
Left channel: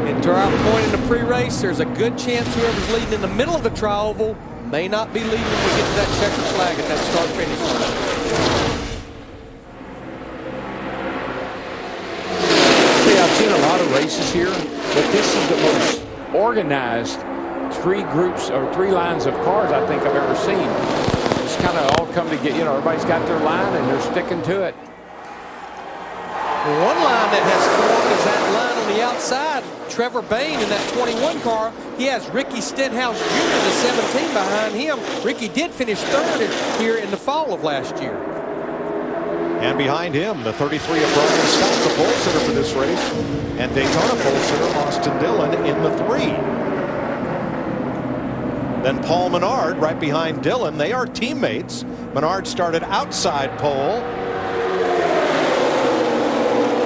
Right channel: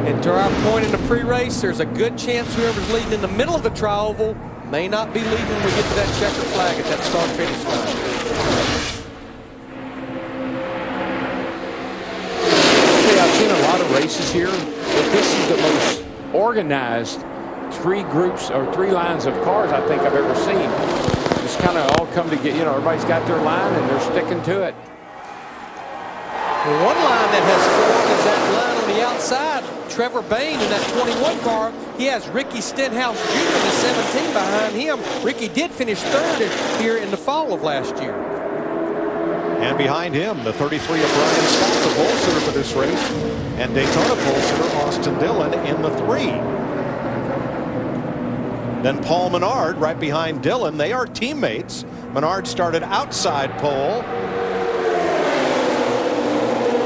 And to our point in the pre-race, there's a good chance whoever's leading in the middle of the tri-oval may not be leading when we get to that checkered flag at that start-finish line. I've seen a lot of races here, but this is the most organized 3 groups or 3 lines of cars I think I've ever seen. Just kind of all come together. You know, everybody's got their line and they're sticking to it. Well, one line that has formed is that line on the outside. Trevor Bayne in that 21 car. He has Ricky Stenhouse Jr. in the 17 behind him. Ricky did finish 3rd here in the fall of last year. And behind him, the 33 of Brian Scott, the pole sitter for this race, and Daytona pole sitter Austin Dillon in the 3. Then Paul Menard right behind Dillon. They are teammates. Menard started outside pole.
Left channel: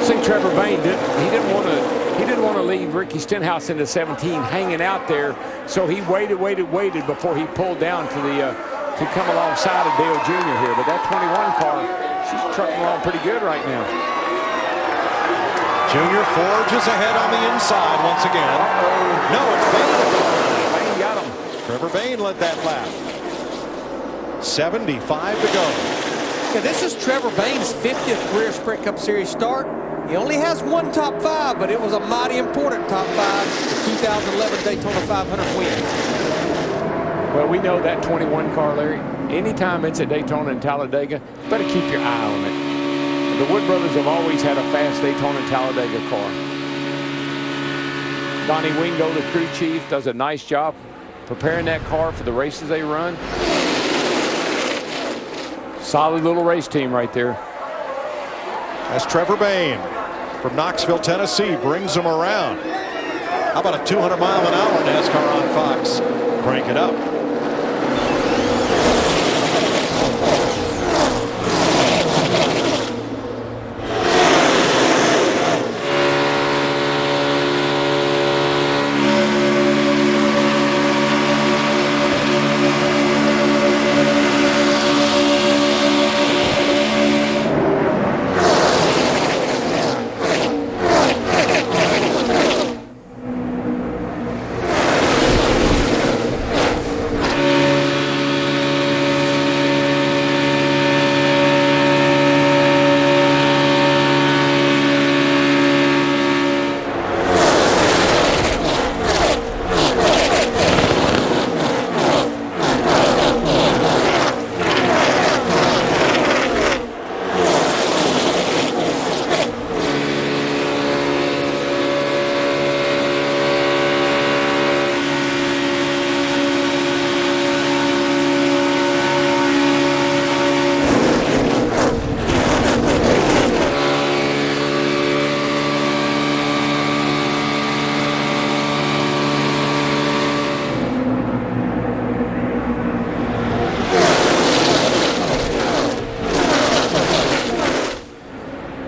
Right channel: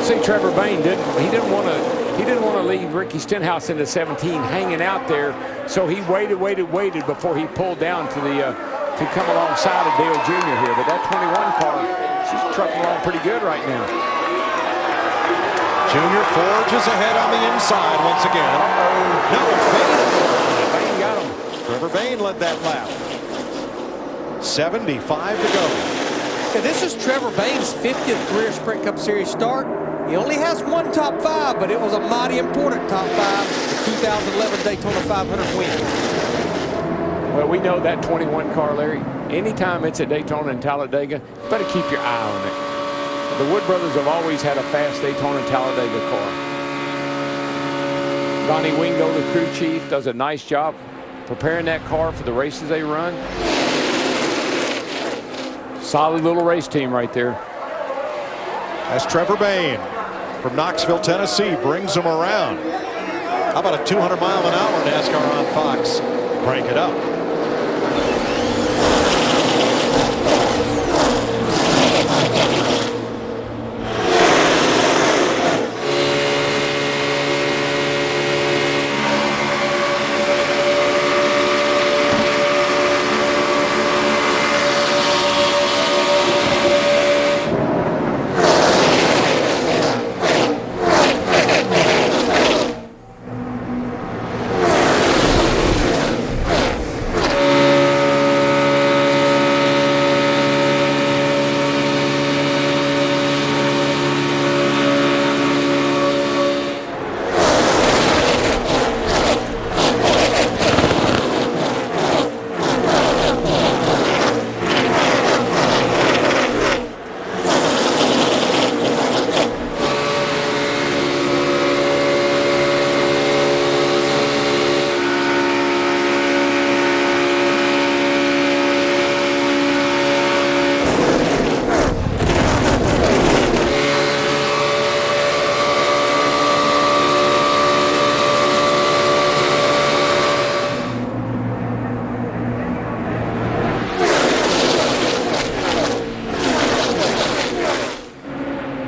See, Trevor Bayne didn't want to leave Ricky Stenhouse in the 17 hanging out there, so he waited before he pulled down to come alongside of Dale Jr. here. But that 21 car, she's trucking along pretty good right now. Junior forges ahead on the inside once again. No, it's Bayne at the line. Bayne got him. Trevor Bayne led that lap. 75 to go. Yeah, this is Trevor Bayne's 50th career Sprint Cup Series start. He only has 1 top 5, but it was a mighty important top 5, the 2011 Daytona 500 win. Well, we know that 21 car, Larry. Anytime it's at Daytona and Talladega, you better keep your eye on it. The Wood brothers have always had a fast Daytona and Talladega car. Donnie Wingo, the crew chief, does a nice job preparing that car for the races they run. Solid little race team right there. As Trevor Bayne from Knoxville, Tennessee, brings them around. How about a 200-mile-an-hour NASCAR on Fox? Crank it up.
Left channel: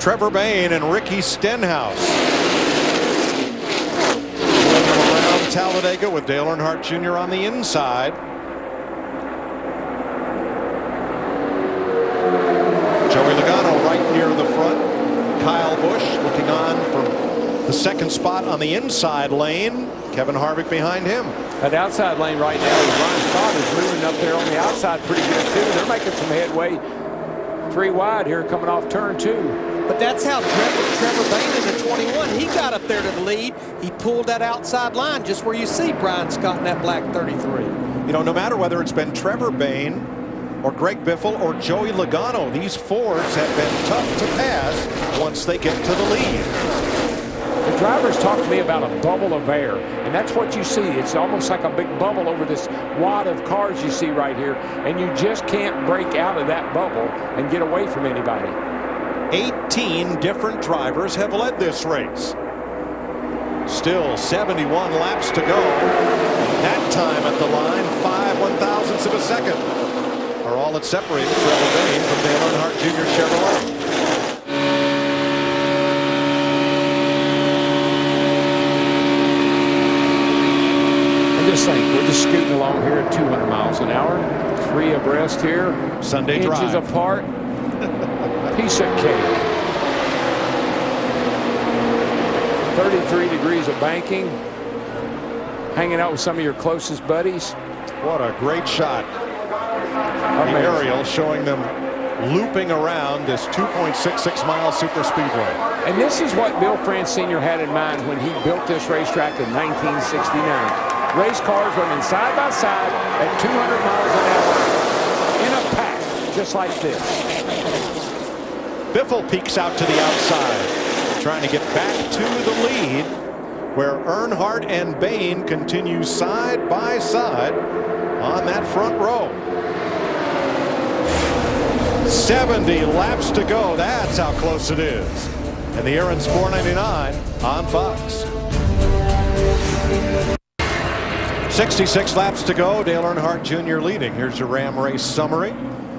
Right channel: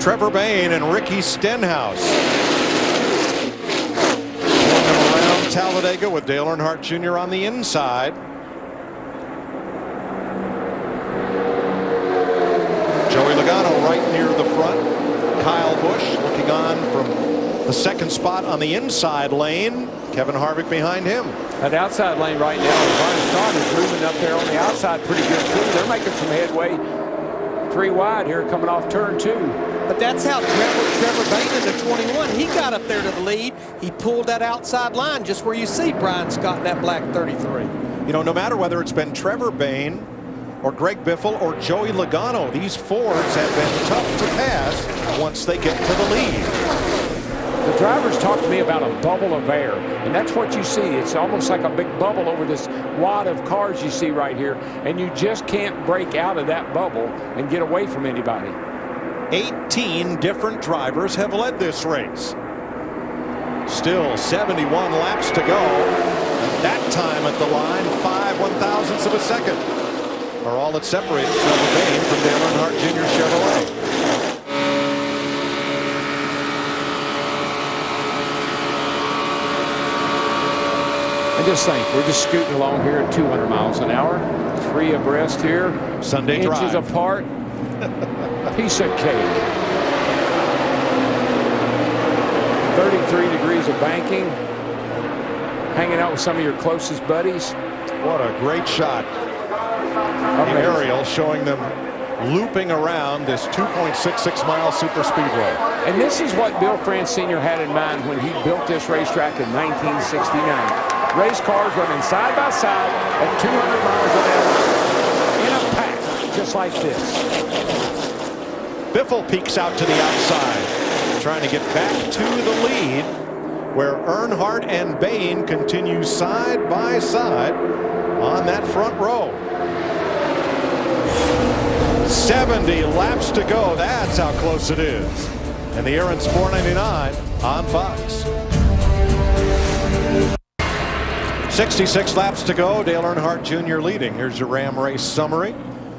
Trevor Bayne and Ricky Stenhouse. Pulling them around Talladega with Dale Earnhardt Jr. on the inside. Joey Logano right near the front. Kyle Busch looking on from the second spot on the inside lane. Kevin Harvick behind him. That outside lane right now with Brian Scott is moving up there on the outside pretty good too. They're making some headway. 3 wide here coming off turn 2. But that's how Trevor Bayne in the 21, he got up there to the lead. He pulled that outside line just where you see Brian Scott in that black 33. You know, no matter whether it's been Trevor Bayne or Greg Biffle or Joey Logano, these Fords have been tough to pass once they get to the lead. The drivers talk to me about a bubble of air, and that's what you see. It's almost like a big bubble over this wad of cars you see right here, and you just can't break out of that bubble and get away from anybody. 18 different drivers have led this race. Still 71 laps to go, and that time at the line, 5 1/1000ths of a second are all that separated Trevor Bayne from Dale Earnhardt Jr. Chevrolet. And just think, we're just scooting along here at 200 miles an hour, 3 abreast here, Sunday inches drive apart. Piece of cake. 33 degrees of banking. Hanging out with some of your closest buddies. What a great shot. The aerial showing them looping around this 2.66 mile super speedway. And this is what Bill France Sr. had in mind when he built this racetrack in 1969. Race cars running side by side at 200 miles an hour in a pack, just like this. Biffle peeks out to the outside, trying to get back to the lead, where Earnhardt and Bayne continue side by side on that front row. 70 laps to go. That's how close it is. And the Aaron's 499 on Fox. 66 laps to go. Dale Earnhardt Jr. leading. Here's your Ram race summary.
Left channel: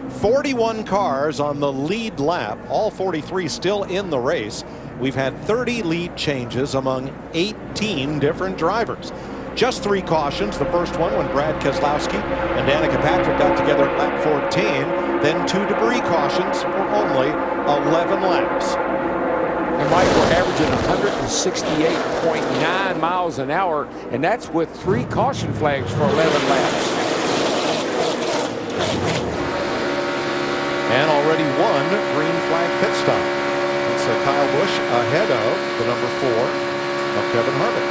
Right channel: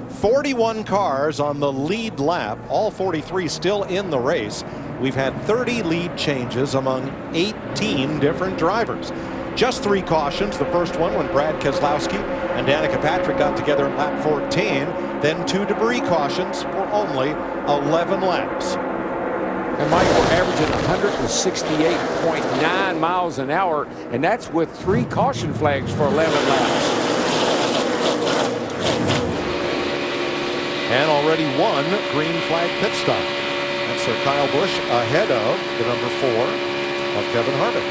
41 cars on the lead lap, all 43 still in the race. We've had 30 lead changes among 18 different drivers. Just 3 cautions. The first one when Brad Keselowski and Danica Patrick got together at lap 14. Then 2 debris cautions for only 11 laps. And Mike, we're averaging 168.9 miles an hour, and that's with 3 caution flags for 11 laps. And already 1 green flag pit stop. That's Kyle Busch ahead of the number 4 of Kevin Harvick.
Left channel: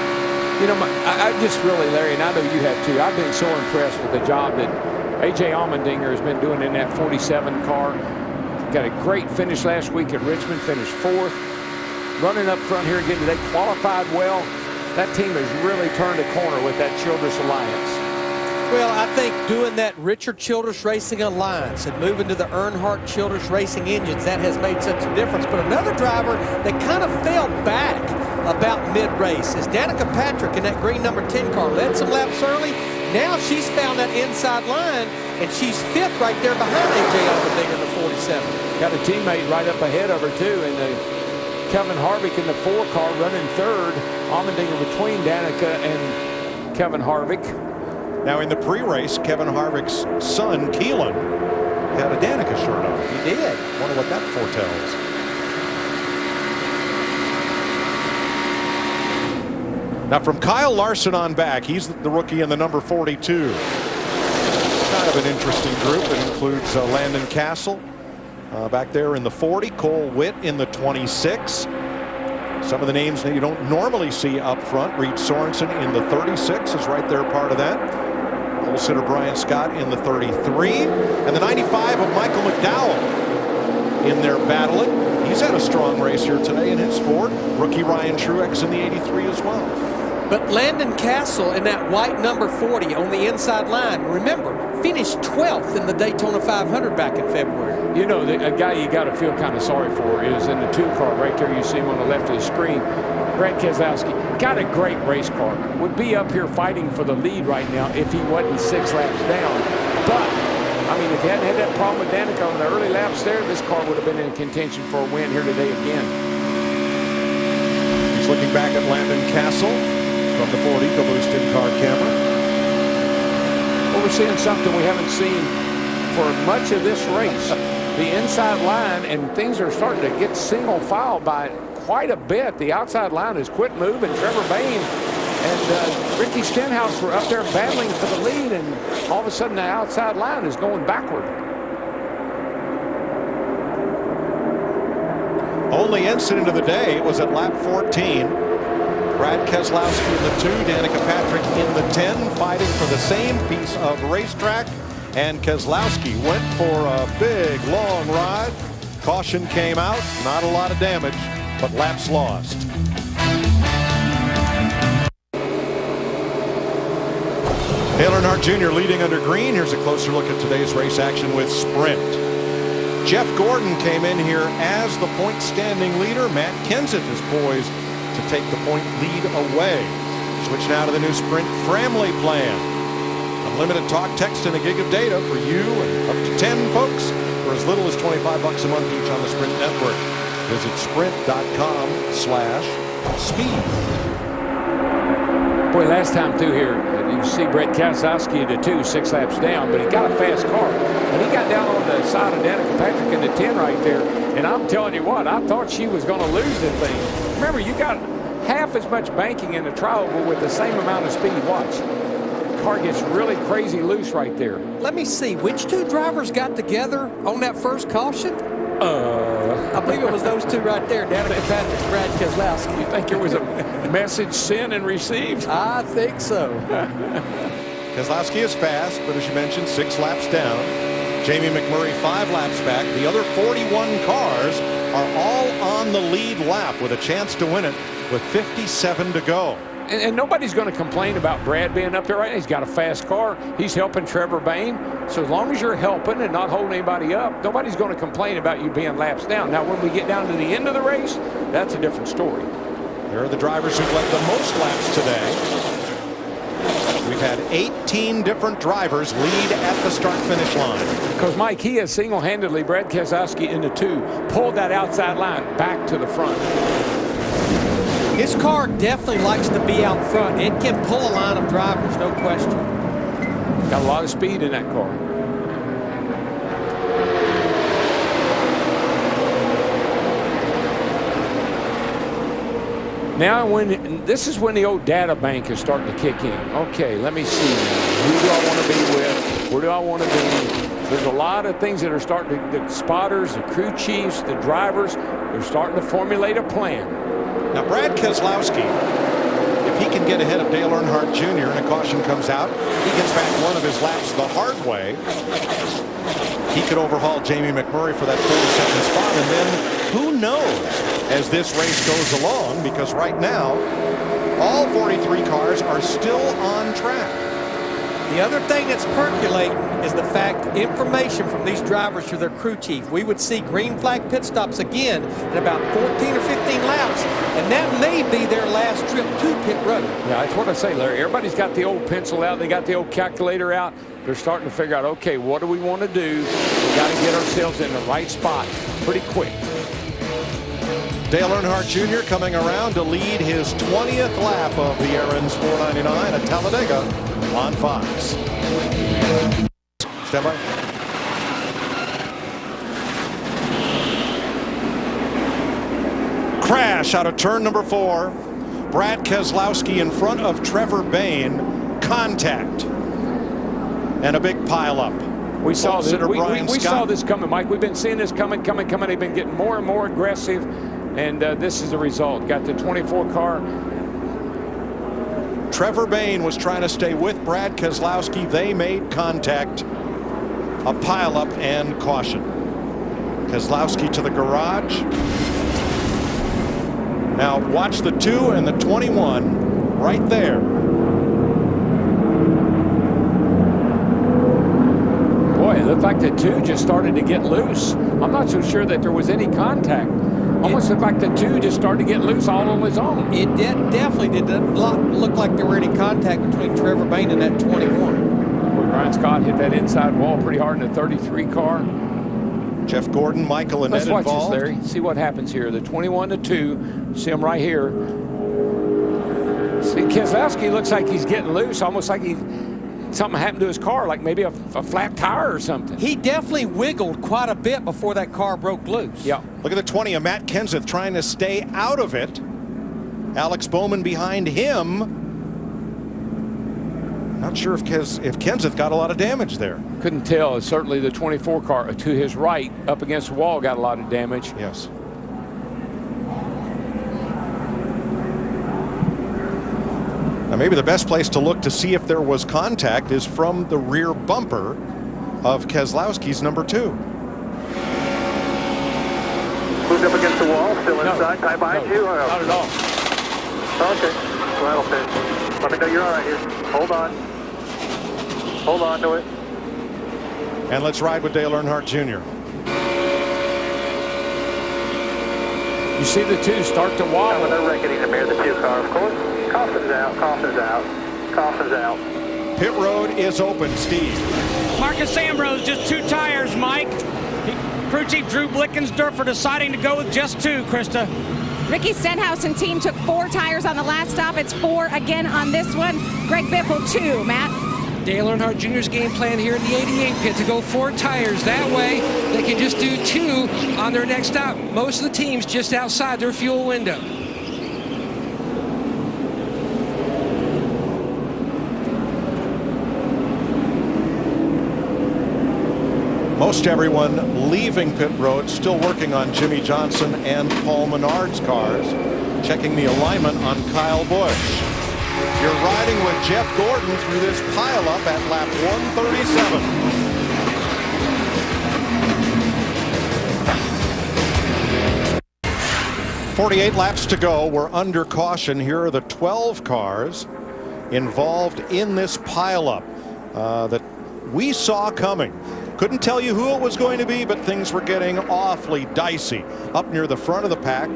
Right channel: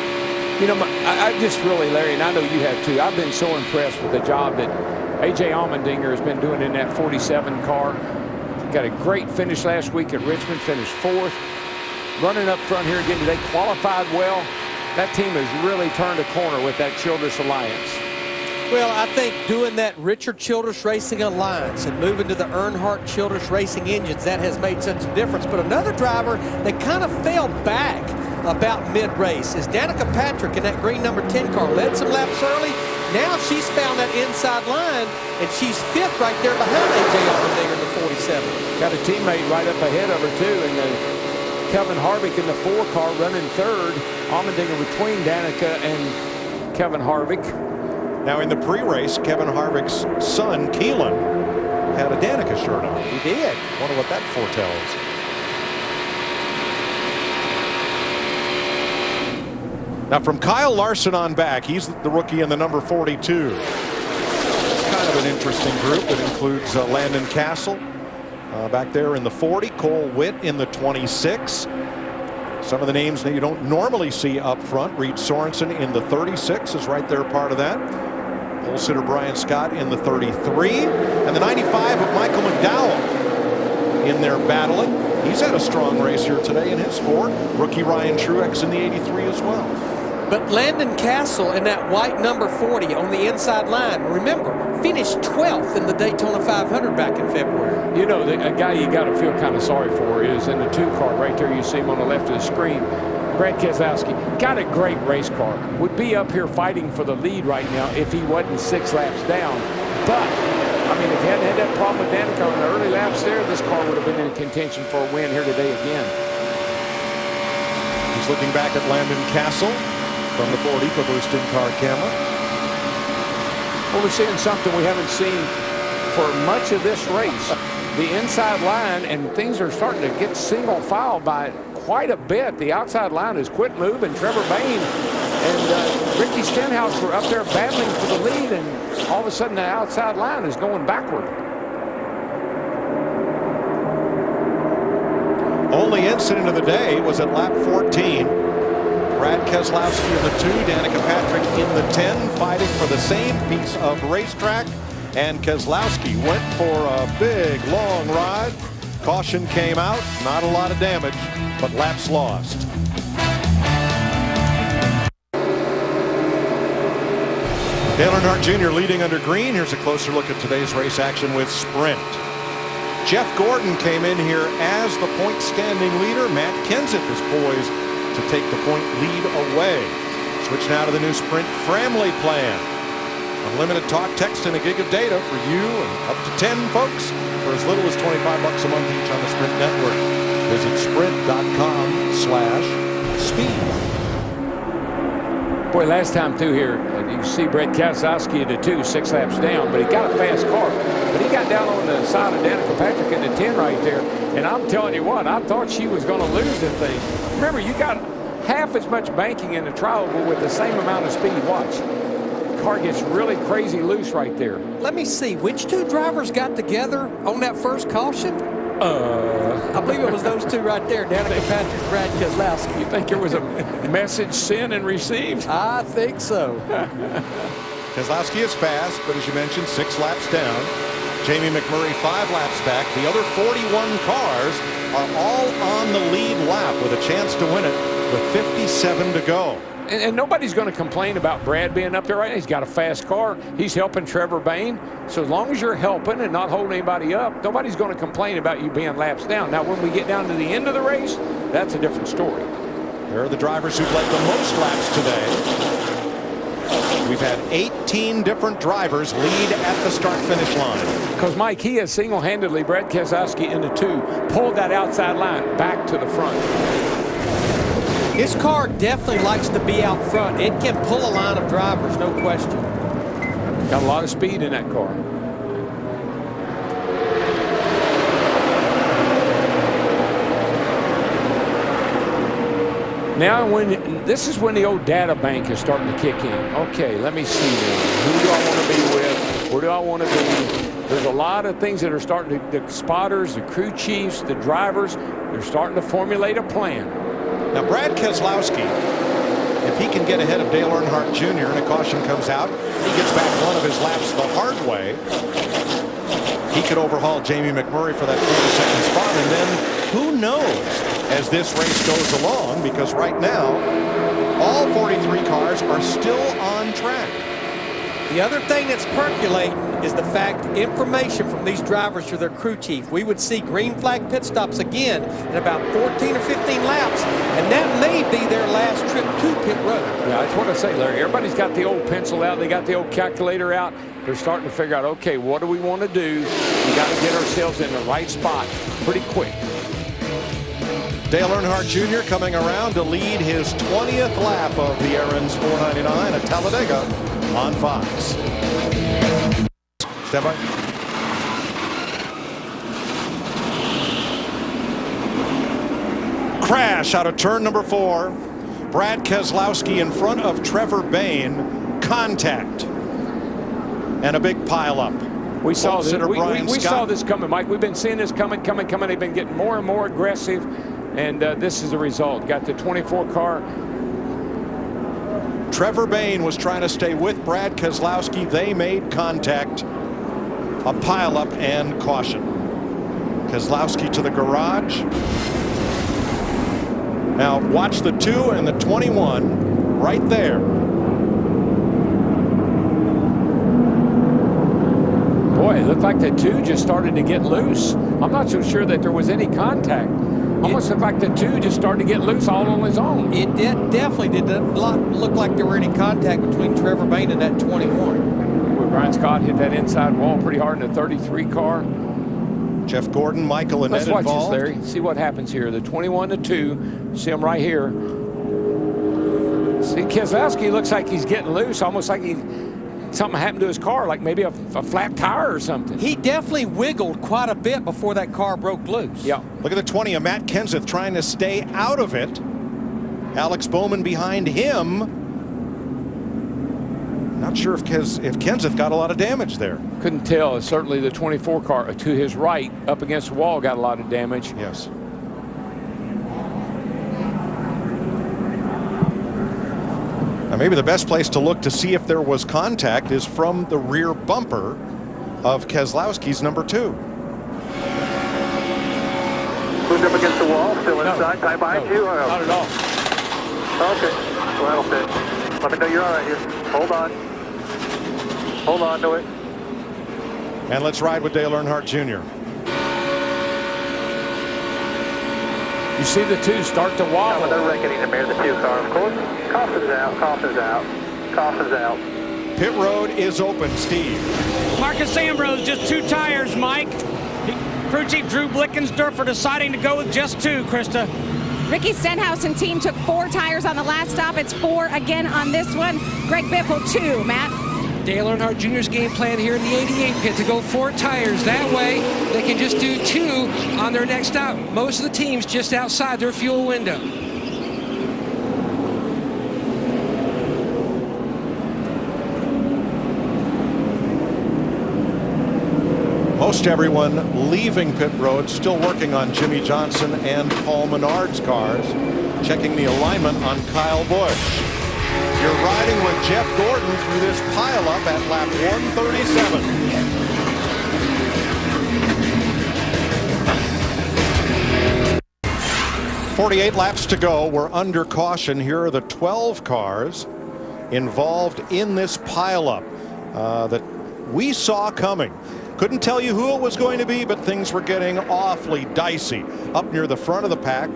You know, I just really, Larry, and I know you have too, I've been so impressed with the job that A.J. Allmendinger has been doing in that 47 car. Got a great finish last week at Richmond, finished 4th. Running up front here again today, qualified well. That team has really turned a corner with that Childress Alliance. Well, I think doing that Richard Childress Racing Alliance and moving to the Earnhardt Childress Racing engines, that has made such a difference. But another driver that kind of fell back about mid-race is Danica Patrick in that green number 10 car. Led some laps early. Now she's found that inside line, and she's 5th right there behind A.J. Allmendinger in the 47. Got a teammate right up ahead of her, too, and Kevin Harvick in the 4 car running 3rd. Allmendinger between Danica and Kevin Harvick. Now in the pre-race, Kevin Harvick's son, Keelan, had a Danica shirt on. He did. Wonder what that foretells. Now from Kyle Larson on back, he's the rookie in the number 42. It's kind of an interesting group. It includes Landon Castle back there in the 40, Cole Witt in the 26. Some of the names that you don't normally see up front. Reed Sorensen in the 36 is right there, part of that. Pole sitter Brian Scott in the 33. And the 95 of Michael McDowell in there battling. He's had a strong race here today in his Ford. Rookie Ryan Truex in the 83 as well. But Landon Castle in that white number 40 on the inside line, remember, finished 12th in the Daytona 500 back in February. You know, a guy you got to feel kind of sorry for is in the 2 car right there. You see him on the left of the screen. Brad Keselowski got a great race car. Would be up here fighting for the lead right now if he wasn't 6 laps down. But I mean, if he hadn't had that problem with Danica on the early laps there, this car would have been in contention for a win here today again. He's looking back at Landon Castle from the Ford EcoBoost in-car camera. Well, we're seeing something we haven't seen for much of this race. The inside line, and things are starting to get single file by quite a bit. The outside line has quit moving. Trevor Bayne and Ricky Stenhouse were up there battling for the lead, and all of a sudden the outside line is going backward. Only incident of the day was at lap 14. Brad Keselowski in the 2, Danica Patrick in the 10, fighting for the same piece of racetrack. And Keselowski went for a big, long ride. Caution came out. Not a lot of damage, but laps lost. Dale Earnhardt Jr. leading under green. Here's a closer look at today's race action with Sprint. Jeff Gordon came in here as the point standing leader. Matt Kenseth is poised to take the point lead away. Switch now to the new Sprint Framley plan. Unlimited talk, text, and a gig of data for you and up to 10 folks for as little as $25 a month each on the Sprint network. Visit sprint.com/speed. Boy, last time through here, you see Brett Keselowski at the 2, 6 laps down, but he got a fast car. But he got down on the side of Danica Patrick in the 10 right there, and I'm telling you what, I thought she was going to lose the thing. Remember, you got half as much banking in the tri-oval with the same amount of speed. Watch. The car gets really crazy loose right there. Let me see, which two drivers got together on that first caution? I believe it was those two right there, Danica Patrick, Brad Keselowski. You think it was a message sent and received? I think so. Keselowski is fast, but as you mentioned, 6 laps down. Jamie McMurray 5 laps back. The other 41 cars are all on the lead lap with a chance to win it with 57 to go. And nobody's going to complain about Brad being up there right now. He's got a fast car. He's helping Trevor Bayne. So as long as you're helping and not holding anybody up, nobody's going to complain about you being laps down. Now, when we get down to the end of the race, that's a different story. There are the drivers who've led the most laps today. We've had 18 different drivers lead at the start-finish line. Because, Mike, he has single-handedly, Brad Keselowski in the 2, pulled that outside line back to the front. His car definitely likes to be out front. It can pull a line of drivers, no question. Got a lot of speed in that car. Now, this is when the old data bank is starting to kick in. Okay, let me see now. Who do I want to be with? Where do I want to be? There's a lot of things that are starting to, the spotters, the crew chiefs, the drivers, they're starting to formulate a plan. Now, Brad Keselowski, if he can get ahead of Dale Earnhardt Jr. and a caution comes out, he gets back one of his laps the hard way. He could overhaul Jamie McMurray for that 42nd spot, and then who knows as this race goes along, because right now, all 43 cars are still on track. The other thing that's percolating is the fact information from these drivers to their crew chief. We would see green flag pit stops again in about 14 or 15 laps, and that may be their last trip to pit road. Yeah, that's what I say, Larry. Everybody's got the old pencil out. They got the old calculator out. They're starting to figure out, okay, what do we want to do? We got to get ourselves in the right spot pretty quick. Dale Earnhardt Jr. coming around to lead his 20th lap of the Aaron's 499 at Talladega on Fox. Stand by. Crash out of turn number 4. Brad Keselowski in front of Trevor Bayne. Contact. And a big pileup. We saw this. We saw this coming, Mike. We've been seeing this coming. They've been getting more and more aggressive, and this is the result. Got the 24 car. Trevor Bayne was trying to stay with Brad Keselowski. They made contact. A pileup and caution. Keselowski to the garage. Now watch the 2 and the 21 right there. Boy, it looked like the 2 just started to get loose. I'm not so sure that there was any contact. Almost looked like the 2 just started to get loose all on his own. It definitely did not look like there were any contact between Trevor Bayne and that 21. Boy, Brian Scott hit that inside wall pretty hard in the 33 car. Jeff Gordon, Michael and Let's Ed watch involved. this, Larry. See what happens here. The 21-2. See him right here. See, Keselowski looks like he's getting loose, almost like something happened to his car, like maybe a flat tire or something. He definitely wiggled quite a bit before that car broke loose. Yeah. Look at the 20 of Matt Kenseth trying to stay out of it. Alex Bowman behind him. Not sure if Kenseth got a lot of damage there. Couldn't tell. Certainly the 24 car to his right up against the wall got a lot of damage. Yes. Now maybe the best place to look to see if there was contact is from the rear bumper of Keselowski's number 2. Moved up against the wall, still inside. Tie behind you? Or not at all. Okay. Well, that'll fit. Let me know you're all right here. Hold on. Hold on to it. And let's ride with Dale Earnhardt Jr. You see the 2 start to wobble. They're reckoning the mirror, the 2 car, of course. Caution's out, caution's out, caution's out. Pit road is open, Steve. Marcus Ambrose, just 2 tires, Mike. Crew Chief Drew Blickensdorfer deciding to go with just 2, Krista. Ricky Stenhouse and team took 4 tires on the last stop. It's 4 again on this one. Greg Biffle, 2. Matt? Dale Earnhardt Jr.'s game plan here in the 88 pit to go 4 tires. That way, they can just do 2 on their next stop. Most of the teams just outside their fuel window. Most everyone leaving pit road still working on Jimmy Johnson and Paul Menard's cars, checking the alignment on Kyle Busch. You're riding with Jeff Gordon through this pileup at lap 137. 48 laps to go. We're under caution. Here are the 12 cars involved in this pileup that we saw coming. Couldn't tell you who it was going to be, but things were getting awfully dicey. Up near the front of the pack,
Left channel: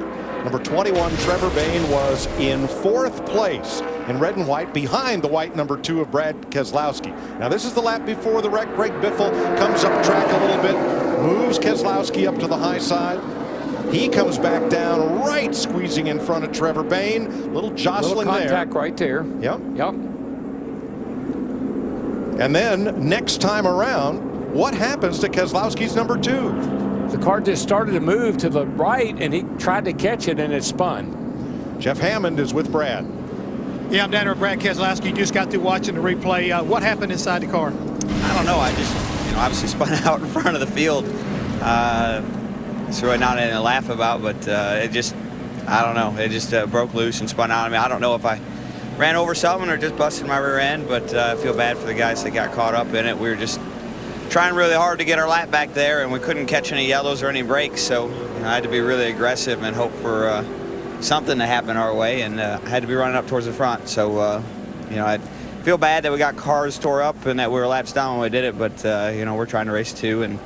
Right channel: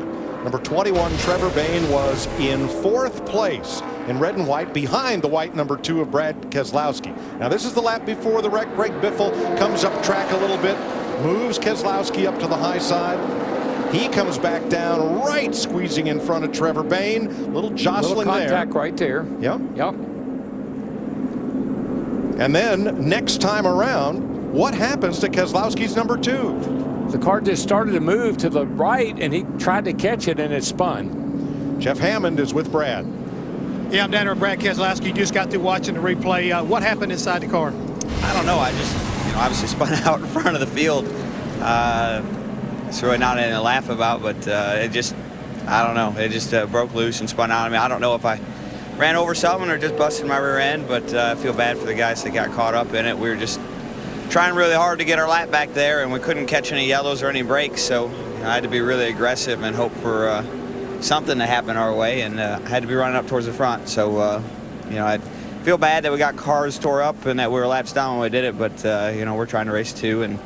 number 21, Trevor Bayne, was in 4th place in red and white, behind the white number 2 of Brad Keselowski. Now this is the lap before the wreck. Greg Biffle comes up track a little bit, moves Keselowski up to the high side. He comes back down, right squeezing in front of Trevor Bayne. Little jostling there. Contact right there. Yep. Yep. And then next time around, what happens to Keselowski's number 2? The car just started to move to the right, and he tried to catch it, and it spun. Jeff Hammond is with Brad. Yeah, I'm down there with Brad Keselowski. You just got through watching the replay. What happened inside the car? I don't know. I just, obviously spun out in front of the field. It's really not anything to laugh about, but it just, I don't know. It just broke loose and spun out. I mean, I don't know if I ran over something or just busted my rear end, but I feel bad for the guys that got caught up in it. We were just trying really hard to get our lap back there, and we couldn't catch any yellows or any brakes, so I had to be really aggressive and hope for something to happen our way, and I had to be running up towards the front. So, I feel bad that we got cars tore up and that we were laps down when we did it, but, we're trying to race 2, and it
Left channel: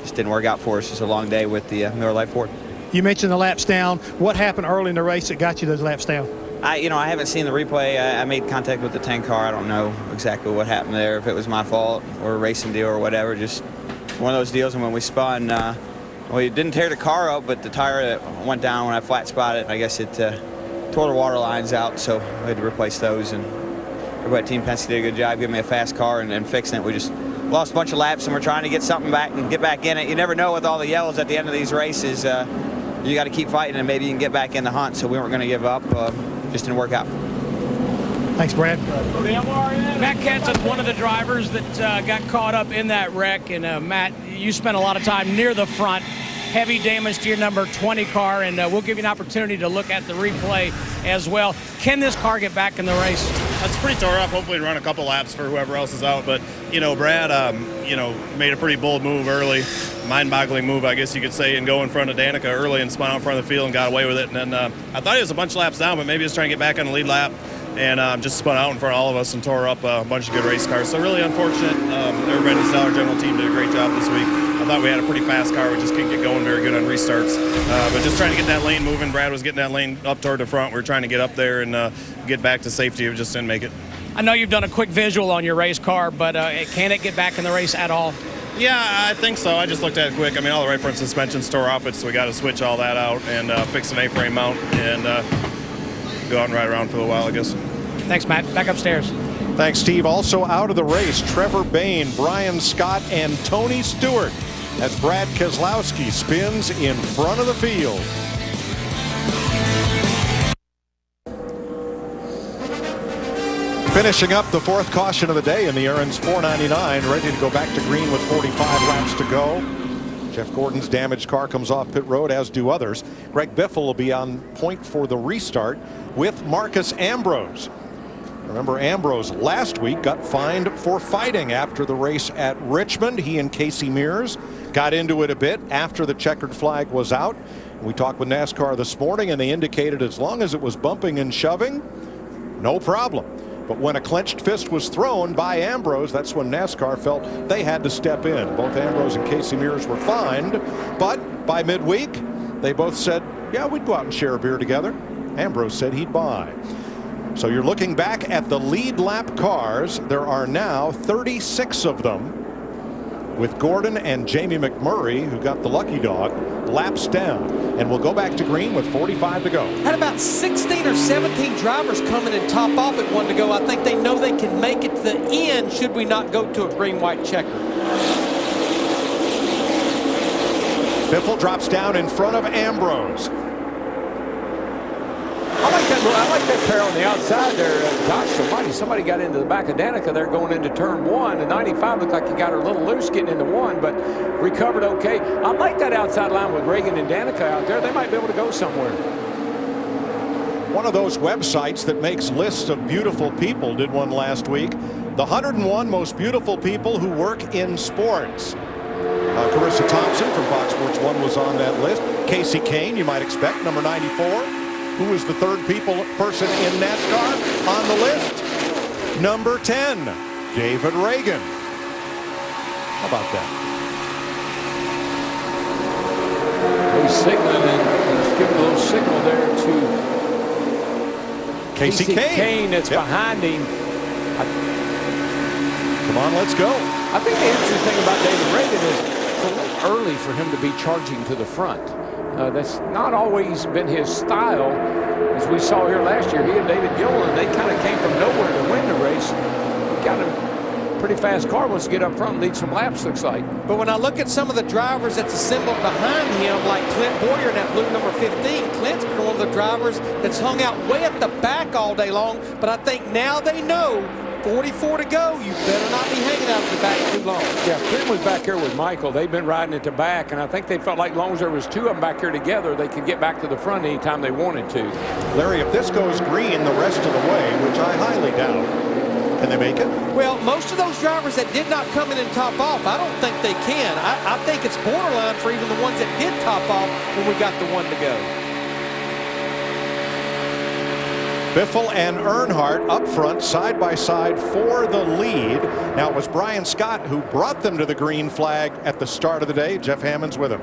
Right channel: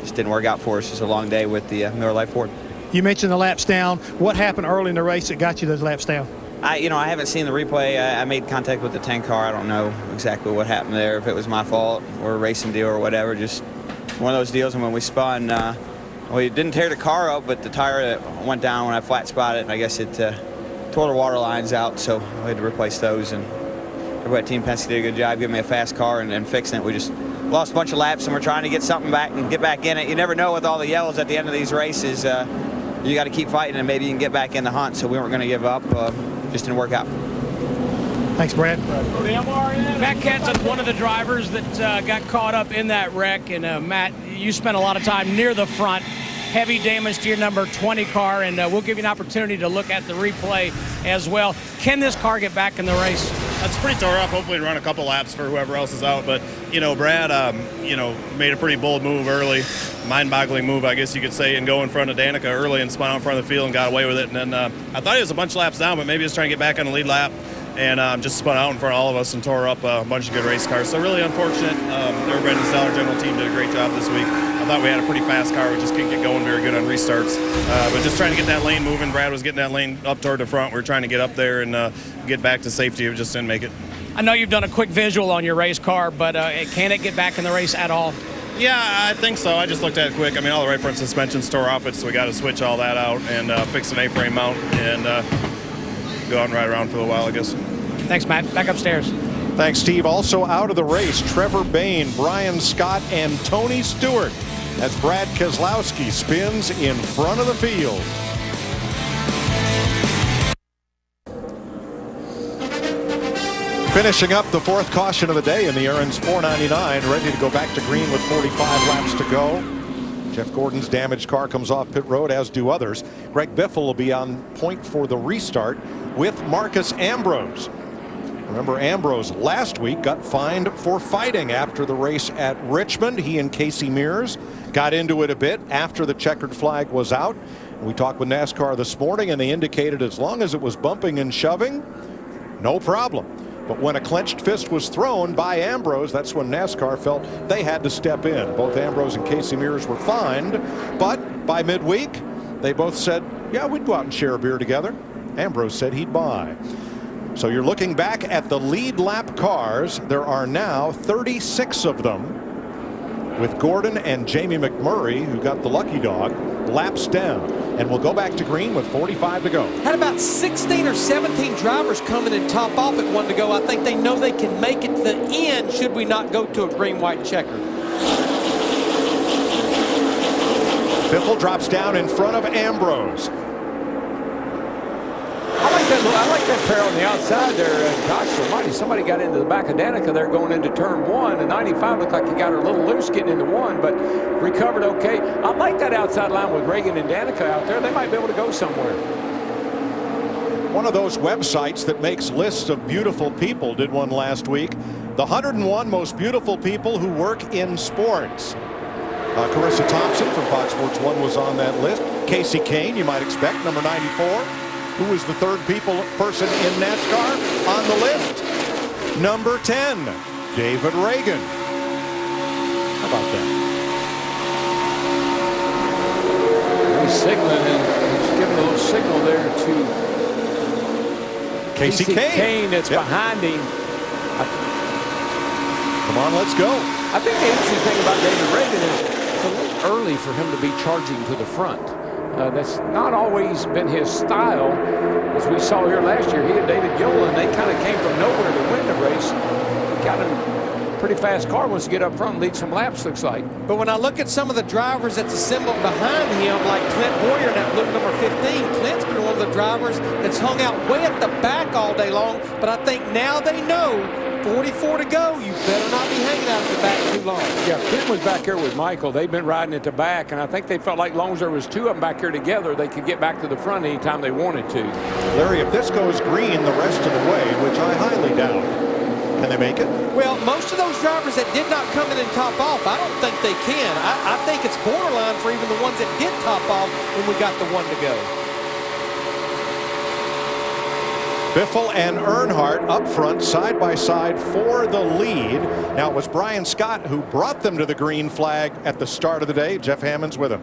just didn't work out for us. It's a long day with the Miller Lite Ford. You mentioned the laps down. What happened early in the race that got you those laps down? I haven't seen the replay. I made contact with the 10 car. I don't know exactly what happened there, if it was my fault or a racing deal or whatever. Just one of those deals. And when we spun, we didn't tear the car up, but the tire went down when I flat spotted it. And I guess it tore the water lines out, so we had to replace those. And everybody at Team Penske did a good job giving me a fast car and fixing it. We just lost a bunch of laps, and we're trying to get something back and get back in it. You never know with all the yellows at the end of these races. You got to keep fighting, and maybe you can get back in the hunt. So we weren't going to give up. Just didn't work out. Thanks, Brad. Matt Kenseth, one of the drivers that got caught up in that wreck. And Matt, you spent a lot of time near the front. Heavy damage to your number 20 car, and we'll give you an opportunity to look at the replay as well. Can this car get back in the race? That's pretty tore up. Hopefully run a couple laps for whoever else is out. But, Brad, made a pretty bold move early, mind-boggling move, I guess you could say, and go in front of Danica early and spun out in front of the field and got away with it. And then I thought he was a bunch of laps down, but maybe he was trying to get back on the lead lap and just spun out in front of all of us and tore up a bunch of good race cars. So really unfortunate. Everybody in the Stellar General team did a great job this week. I thought we had a pretty fast car. We just couldn't get going very good on restarts. But just trying to get that lane moving. Brad was getting that lane up toward the front. We were trying to get up there and get back to safety. We just didn't make it. I know you've done a quick visual on your race car, but can it get back in the race at all? Yeah, I think so. I just looked at it quick. I mean, all the right front suspensions tore off it, so we got to switch all that out and fix an A-frame mount and go out and ride around for a while, I guess. Thanks, Matt. Back upstairs. Thanks, Steve. Also out of the race, Trevor Bayne, Brian Scott, and Tony Stewart as Brad Keselowski spins in front of the field. Finishing up the fourth caution of the day in the Aaron's 499, ready to go back to green with 45 laps to go. Jeff Gordon's damaged car comes off pit road, as do others. Greg Biffle will be on point for the restart with Marcus Ambrose. Remember, Ambrose last week got fined for fighting after the race at Richmond. He and Casey Mears got into it a bit after the checkered flag was out. We talked with NASCAR this morning, and they indicated as long as it was bumping and shoving, no problem. But when a clenched fist was thrown by Ambrose, that's when NASCAR felt they had to step in. Both Ambrose and Casey Mears were fined, but by midweek, they both said, yeah, we'd go out and share a beer together. Ambrose said he'd buy. So you're looking back at the lead lap cars. There are now 36 of them, with Gordon and Jamie McMurray, who got the lucky dog, laps down. And we'll go back to green with 45 to go. Had about 16 or 17 drivers coming and top off at 1 to go. I think they know they can make it to the end should we not go to a green-white checker. Biffle drops down in front of Ambrose. I like that pair on the outside there. Gosh almighty, somebody got into the back of Danica there going into turn 1. And 95 looked like he got her a little loose getting into 1, but recovered okay. I like that outside line with Ragan and Danica out there. They might be able to go somewhere. One of those websites that makes lists of beautiful people did one last week. The 101 most beautiful people who work in sports. Carissa Thompson from Fox Sports 1 was on that list. Casey Kane, you might expect, number 94. Who was the third person in NASCAR on the list? Number 10, David Ragan. How about that? He's signaling, and he's giving a little signal there to Casey Kane that's behind him. Come on, let's go. I think the interesting thing about David Ragan is it's a little early for him to be charging to the front. That's not always been his style. As we saw here last year, he and David Gilliland, they kind of came from nowhere to win the race. He got a pretty fast car, wants to get up front and lead some laps, looks like. But when I look at some of the drivers that's assembled behind him, like Clint Boyer in that blue number 15, Clint's been one of the drivers that's hung out way at the back all day long. But I think now they know 44 to go, you better not be hanging out at the back too long. Yeah, Clint was back here with Michael. They've been riding at the back, and I think they felt like as long as there was 2 of them back here together, they could get back to the front anytime they wanted to. Larry, if this goes green the rest of the way, which I highly doubt, can they make it? Well, most of those drivers that did not come in and top off, I don't think they can. I think it's borderline for even the ones that did top off when we got the 1 to go. Biffle and Earnhardt up front, side by side for the lead. Now, it was Brian Scott who brought them to the green flag at the start of the day. Jeff Hammond's with him.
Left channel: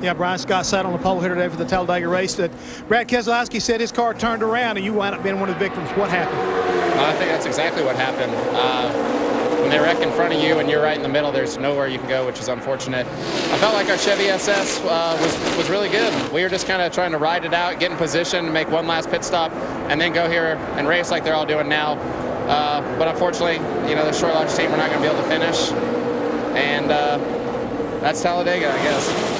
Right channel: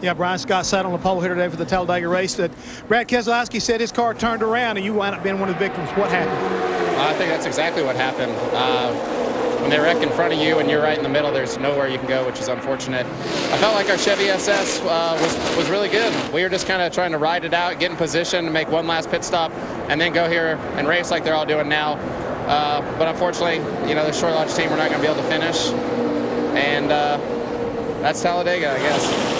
Yeah, Brian Scott sat on the pole here today for the Talladega race. That Brad Keselowski said his car turned around and you wound up being one of the victims. What happened? I think that's exactly what happened. When they wreck in front of you and you're right in the middle, there's nowhere you can go, which is unfortunate. I felt like our Chevy SS was really good. We were just kind of trying to ride it out, get in position, make one last pit stop, and then go here and race like they're all doing now. But unfortunately, you know, the short launch team, we're not going to be able to finish. And that's Talladega, I guess.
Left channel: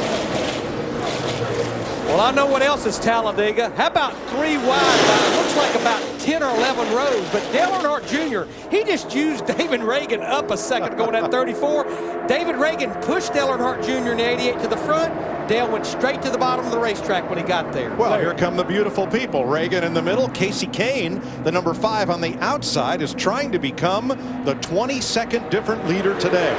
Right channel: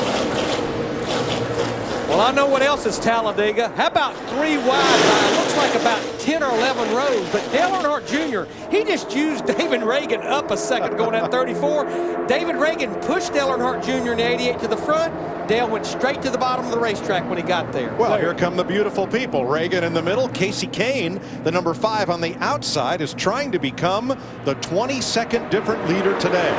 Well, I know what else is Talladega. How about 3 wide by, looks like about 10 or 11 rows. But Dale Earnhardt Jr., he just used David Ragan up a second going at 34. David Ragan pushed Dale Earnhardt Jr. in the 88 to the front. Dale went straight to the bottom of the racetrack when he got there. Well, here come the beautiful people. Reagan in the middle. Casey Kane, the number 5 on the outside, is trying to become the 22nd different leader today.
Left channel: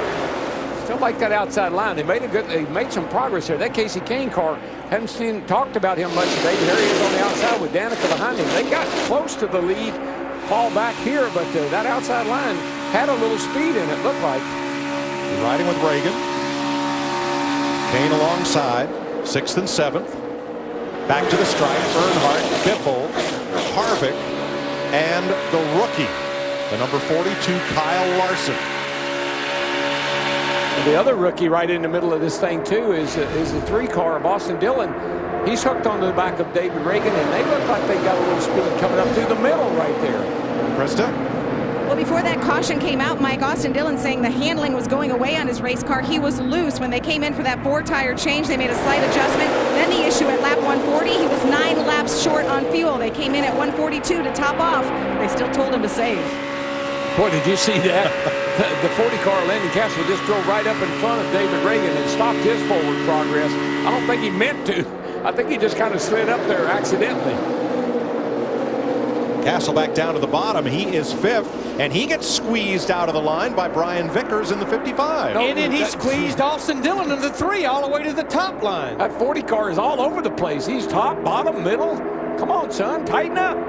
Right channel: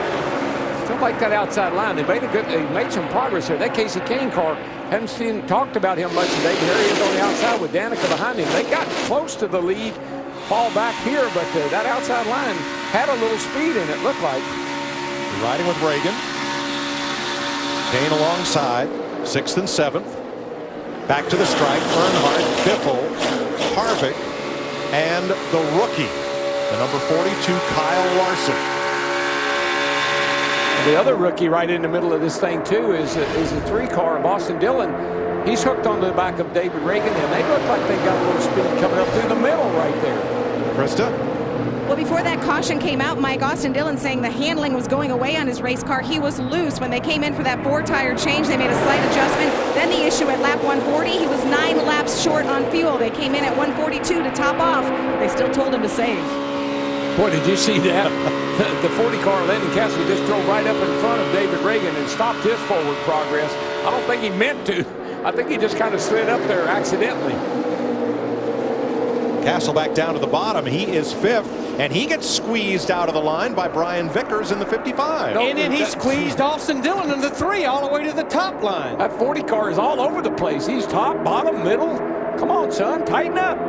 Still like that outside line. They made some progress here. That Casey Kane car, haven't talked about him much today, but here he is on the outside with Danica behind him. They got close to the lead, fall back here, but that outside line had a little speed in it, looked like. They're riding with Reagan. Kane alongside, 6th and 7th. Back to the stripe, Earnhardt, Biffle, Harvick, and the rookie, the number 42 Kyle Larson. The other rookie right in the middle of this thing, too, is the 3 car of Austin Dillon. He's hooked onto the back of David Ragan, and they look like they got a little speed coming up through the middle right there. Krista? Well, before that caution came out, Mike, Austin Dillon saying the handling was going away on his race car. He was loose. When they came in for that 4-tire change, they made a slight adjustment. Then the issue at lap 140, he was 9 laps short on fuel. They came in at 142 to top off. They still told him to save. Boy, did you see that? The 40 car, Landon Castle, just drove right up in front of David Ragan and stopped his forward progress. I don't think he meant to. I think he just kind of slid up there accidentally. Castle back down to the bottom. He is 5th, and he gets squeezed out of the line by Brian Vickers in the 55. And then he squeezed Austin Dillon in the 3 all the way to the top line. That 40 car is all over the place. He's top, bottom, middle. Come on, son, tighten up.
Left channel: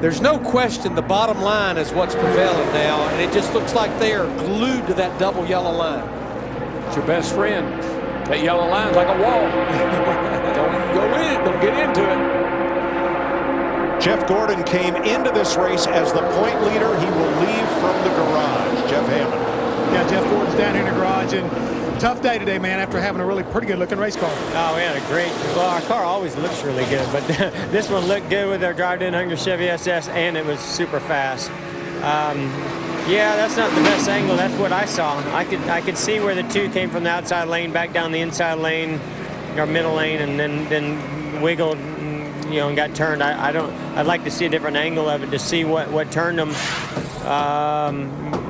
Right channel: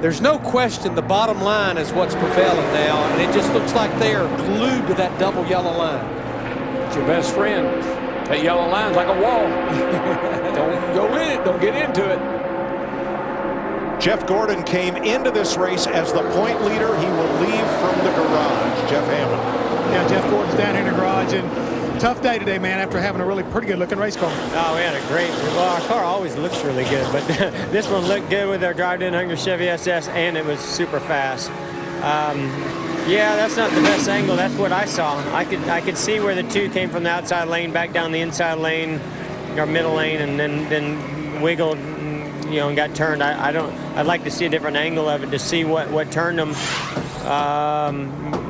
There's no question the bottom line is what's prevailing now, and it just looks like they are glued to that double yellow line. It's your best friend. That yellow line's like a wall. Don't go in it. Don't get into it. Jeff Gordon came into this race as the point leader. He will leave from the garage. Jeff Hammond. Yeah, Jeff Gordon's down here in the garage, and tough day today, man, after having a really pretty good looking race car. Oh, we had a great, well, our car always looks really good, but this one looked good with our drive-in Hunger Chevy SS, and it was super fast. Yeah, that's not the best angle. That's what I saw. I could see where the 2 came from the outside lane back down the inside lane, or middle lane, and then wiggled, you know, and got turned. I'd like to see a different angle of it to see what turned him.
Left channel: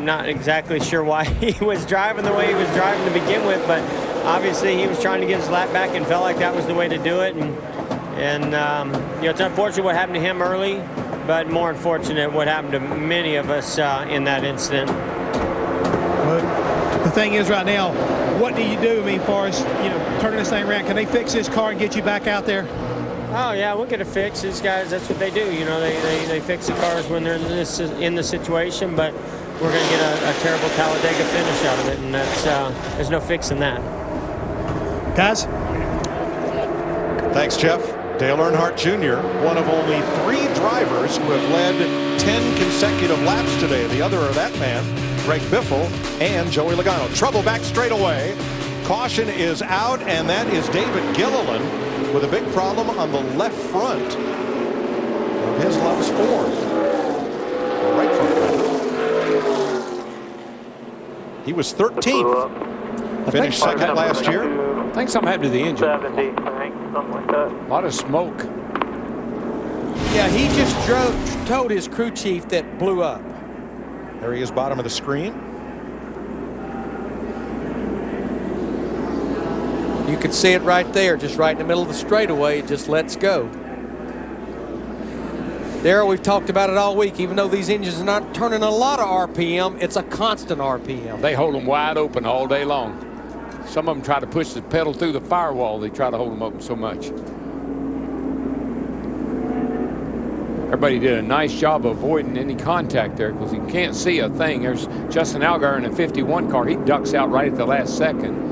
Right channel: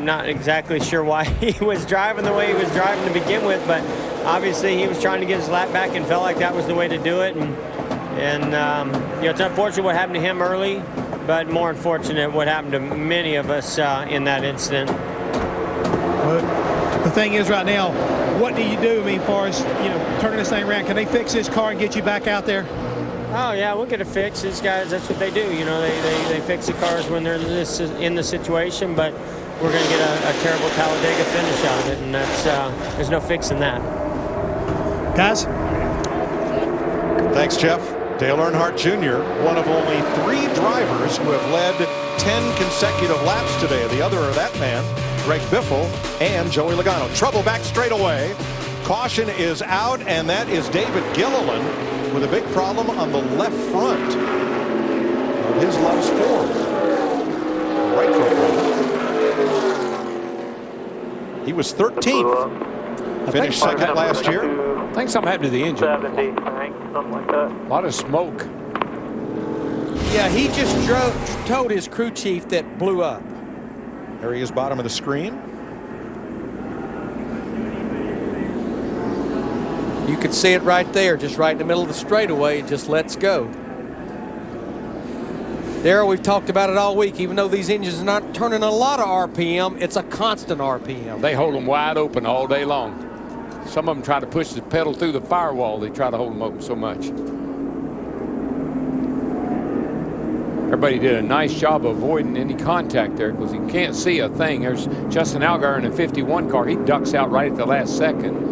Not exactly sure why he was driving the way he was driving to begin with, but obviously he was trying to get his lap back and felt like that was the way to do it. And you know, it's unfortunate what happened to him early, but more unfortunate what happened to many of us in that incident. Well, the thing is right now, what do you do? I mean, as far as, you know, turning this thing around, can they fix this car and get you back out there? Oh yeah, we'll get it fixed. These guys, that's what they do. You know, they fix the cars when they're in the situation. But we're going to get a terrible Talladega finish out of it, and that's there's no fixing that. Guys, thanks, Jeff. Dale Earnhardt Jr., one of only 3 drivers who have led 10 consecutive laps today. The other are that man, Greg Biffle, and Joey Logano. Trouble back straight away. Caution is out, and that is David Gilliland with a big problem on the left front of his Love's Ford. Or right front, rather. He was 13th. Finished second last year. I think something happened to the engine. 70, I think, something like that. A lot of smoke. Yeah, he just told his crew chief that blew up. There he is, bottom of the screen. You could see it right there, just right in the middle of the straightaway. It just lets go. Darrell, we've talked about it all week. Even though these engines are not turning a lot of RPM, it's a constant RPM. They hold them wide open all day long. Some of them try to push the pedal through the firewall. They try to hold them open so much. Everybody did a nice job of avoiding any contact there because you can't see a thing. There's Justin Allgaier in a 51 car. He ducks out right at the last second.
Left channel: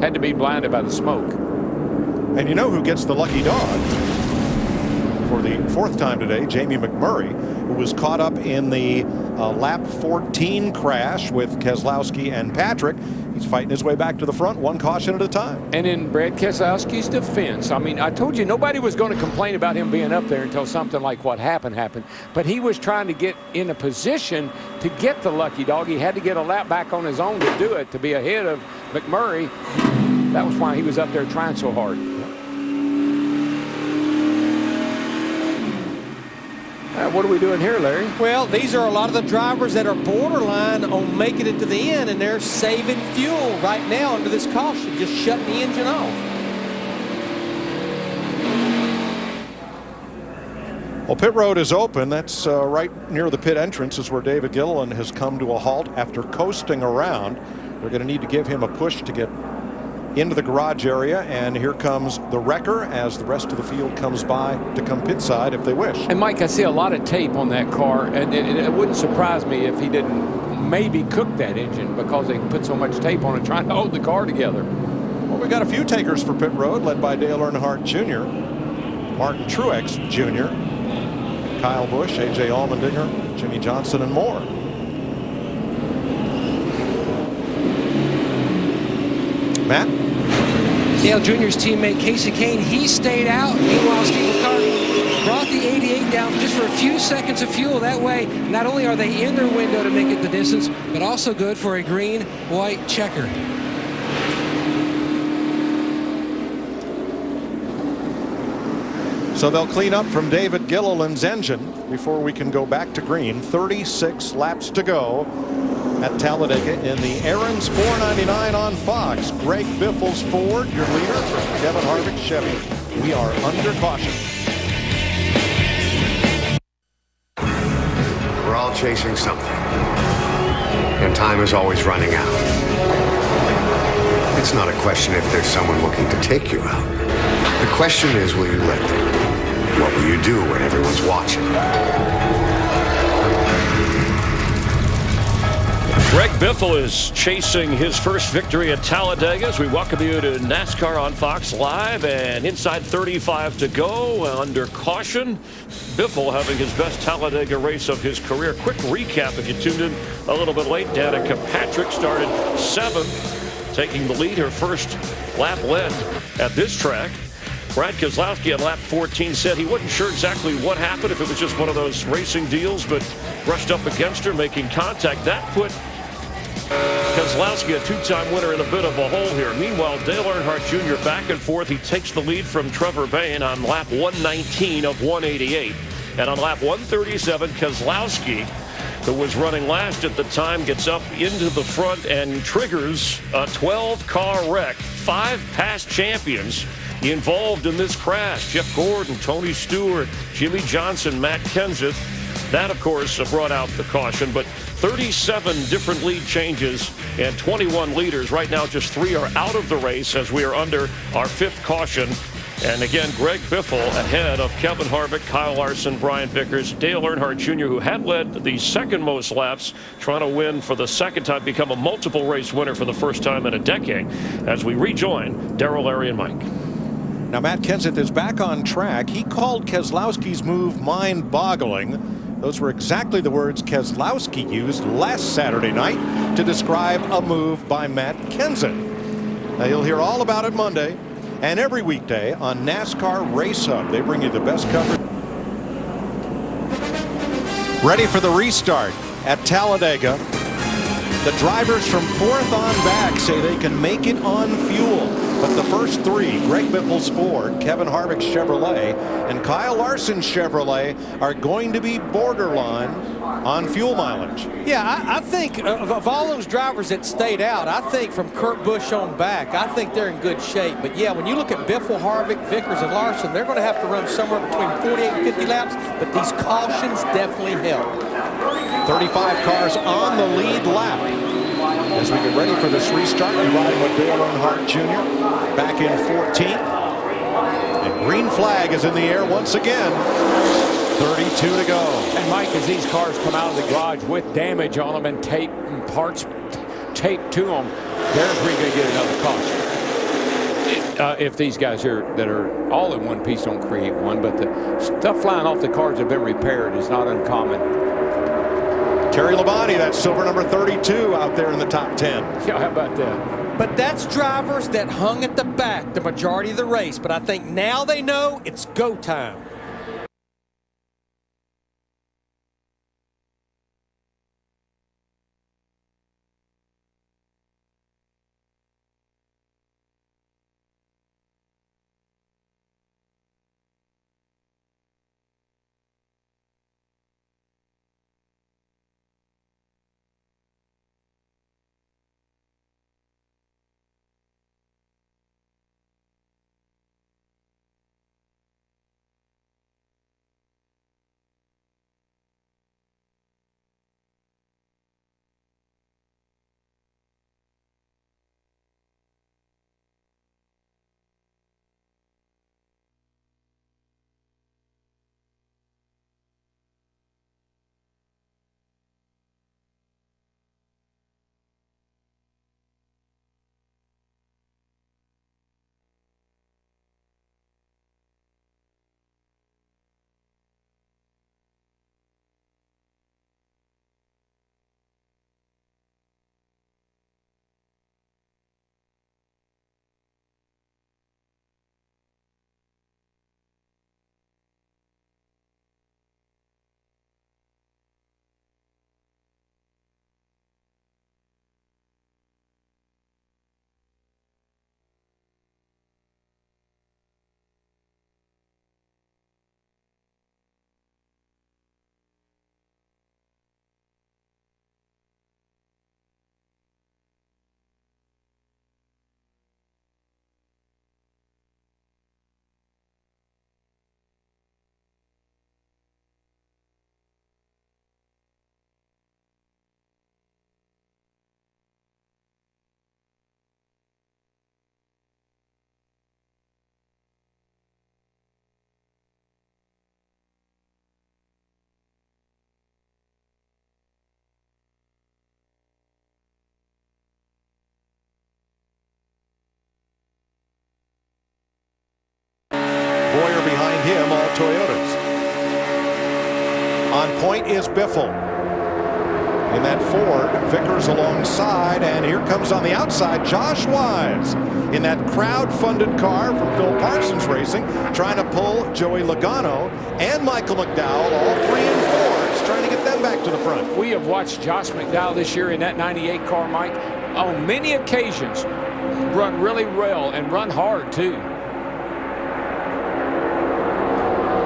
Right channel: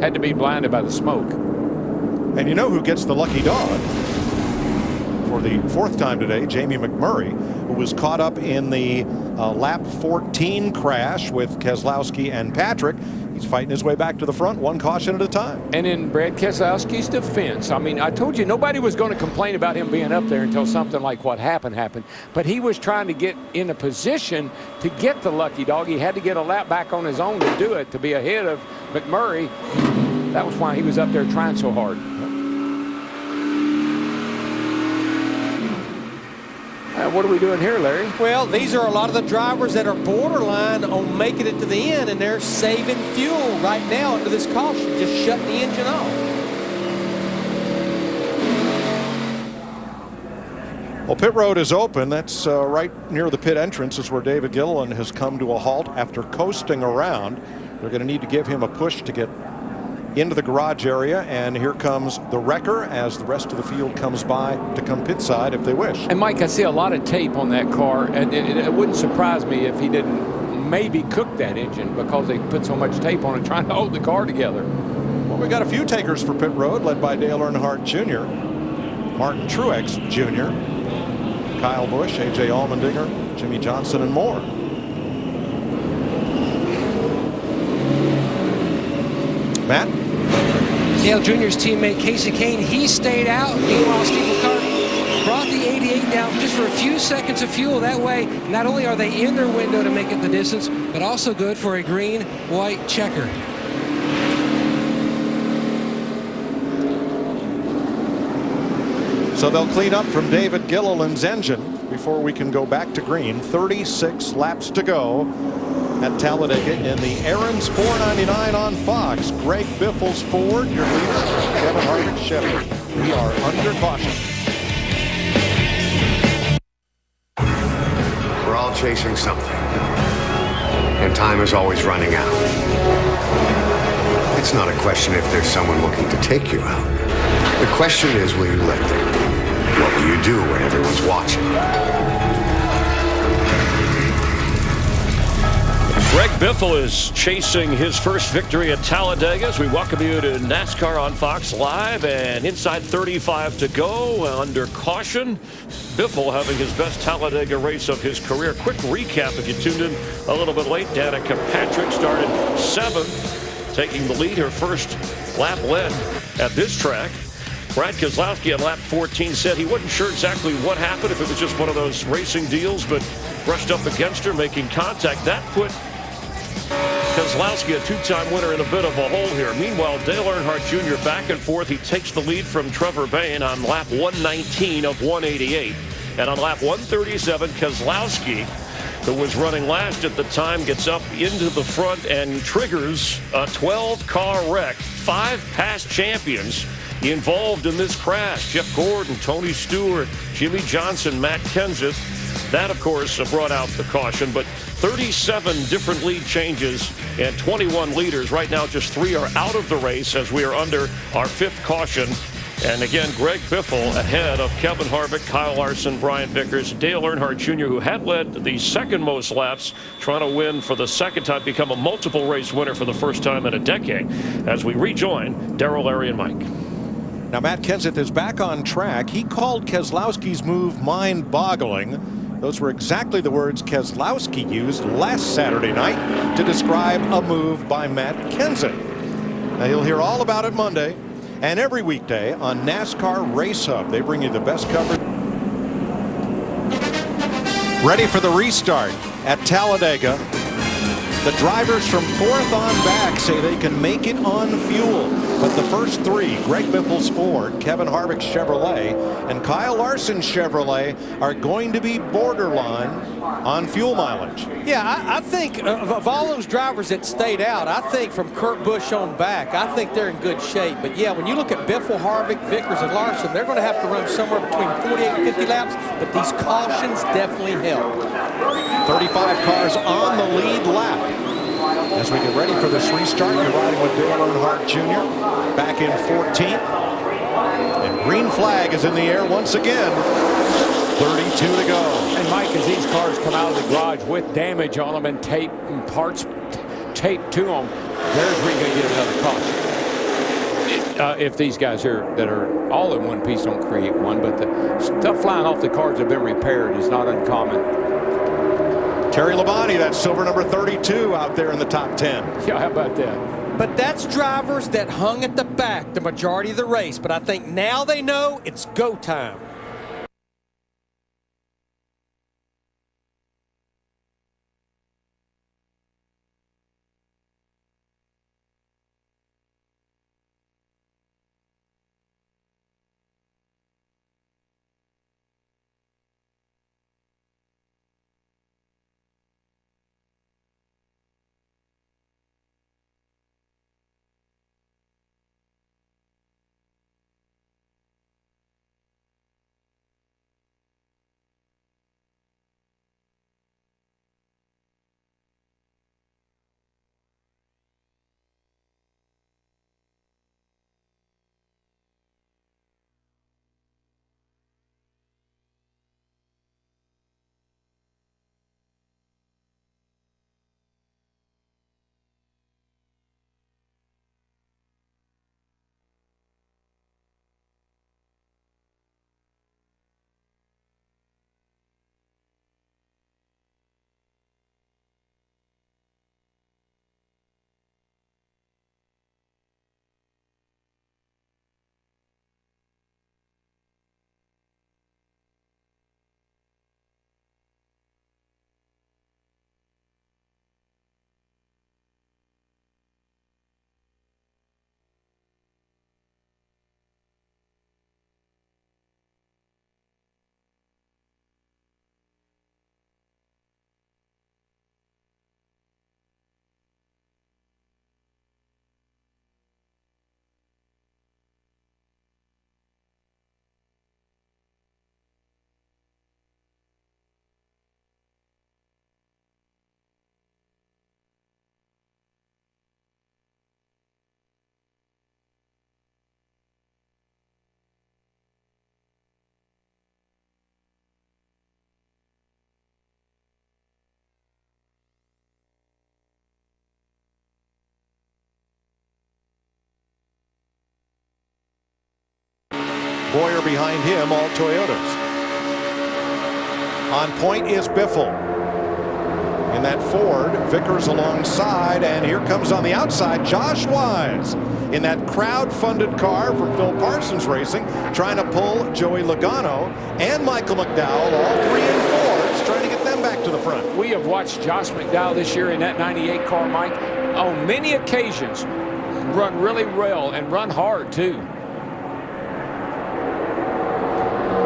Had to be blinded by the smoke. And you know who gets the lucky dog? For the 4th time today, Jamie McMurray, who was caught up in the lap 14 crash with Keselowski and Patrick. He's fighting his way back to the front, 1 caution at a time. And in Brad Keselowski's defense, I mean, I told you nobody was going to complain about him being up there until something like what happened. But he was trying to get in a position to get the lucky dog. He had to get a lap back on his own to do it, to be ahead of McMurray. That was why he was up there trying so hard. What are we doing here, Larry? Well, these are a lot of the drivers that are borderline on making it to the end, and they're saving fuel right now under this caution, just shutting the engine off. Well, pit road is open. That's right near the pit entrance is where David Gilliland has come to a halt after coasting around. They're going to need to give him a push to get into the garage area, and here comes the wrecker as the rest of the field comes by to come pit side if they wish. And Mike, I see a lot of tape on that car, and it wouldn't surprise me if he didn't maybe cook that engine because they put so much tape on it trying to hold the car together. Well, we got a few takers for pit road, led by Dale Earnhardt Jr., Martin Truex Jr., Kyle Busch, A.J. Allmendinger, Jimmy Johnson, and more. Matt? Dale Jr.'s teammate Casey Kane, he stayed out. Meanwhile, Steve Ricciardo brought the 88 down just for a few seconds of fuel. That way, not only are they in their window to make it the distance, but also good for a green-white checker. So they'll clean up from David Gilliland's engine before we can go back to green. 36 laps to go at Talladega in the Aaron's 499 on Fox. Greg Biffle's Ford, your leader. Kevin Harvick Chevy. We are under caution. We're all chasing something, and time is always running out. It's not a question if there's someone looking to take you out. The question is, will you let them? What will you do when everyone's watching? Greg Biffle is chasing his first victory at Talladega as we welcome you to NASCAR on Fox Live, and inside 35 to go under caution. Biffle having his best Talladega race of his career. Quick recap if you tuned in a little bit late. Danica Patrick started 7th, taking the lead, her first lap led at this track. Brad Keselowski on lap 14 said he wasn't sure exactly what happened, if it was just one of those racing deals, but brushed up against her, making contact. That put Keselowski, a two-time winner, in a bit of a hole here. Meanwhile, Dale Earnhardt Jr. back and forth. He takes the lead from Trevor Bayne on lap 119 of 188. And on lap 137, Keselowski, who was running last at the time, gets up into the front and triggers a 12-car wreck. 5 past champions involved in this crash. Jeff Gordon, Tony Stewart, Jimmy Johnson, Matt Kenseth. That, of course, brought out the caution, but 37 different lead changes and 21 leaders. Right now, just 3 are out of the race as we are under our 5th caution. And again, Greg Biffle ahead of Kevin Harvick, Kyle Larson, Brian Vickers, Dale Earnhardt Jr., who had led the second most laps, trying to win for the second time, become a multiple race winner for the first time in a decade, as we rejoin Darrell, Larry, and Mike. Now, Matt Kenseth is back on track. He called Keselowski's move mind-boggling. Those were exactly the words Keselowski used last Saturday night to describe a move by Matt Kenseth. Now, you'll hear all about it Monday and every weekday on NASCAR Race Hub. They bring you the best coverage. Ready for the restart at Talladega. The drivers from 4th on back say they can make it on fuel. But the first 3, Greg Biffle's Ford, Kevin Harvick's Chevrolet, and Kyle Larson's Chevrolet, are going to be borderline on fuel mileage. Yeah, I think of all those drivers that stayed out, I think from Kurt Busch on back, I think they're in good shape. But yeah, when you look at Biffle, Harvick, Vickers, and Larson, they're going to have to run somewhere between 48 and 50 laps, but these cautions definitely help. 35 cars on the lead lap. As we get ready for this restart, you're riding with Dale Earnhardt Jr. back in 14th. And green flag is in the air once again. 32 to go. And Mike, as these cars come out of the garage with damage on them and tape and parts taped to them, there's where you're going to get another caution. If these guys here that are all in one piece don't create one, but the stuff flying off the cars that have been repaired is not uncommon. Terry Labonte, that's silver number 32 out there in the top 10. Yeah, how about that? But that's drivers that hung at the back the majority of the race. But I think now they know it's go time. Boyer behind him, all Toyotas. On point is Biffle. In that Ford, Vickers alongside, and here comes on the outside Josh Wise in that crowd-funded car from Phil Parsons Racing, trying to pull Joey Logano and Michael McDowell, all 3 in Fords, trying to get them back to the front. We have watched Josh McDowell this year in that 98 car, Mike, on many occasions run really well and run hard too.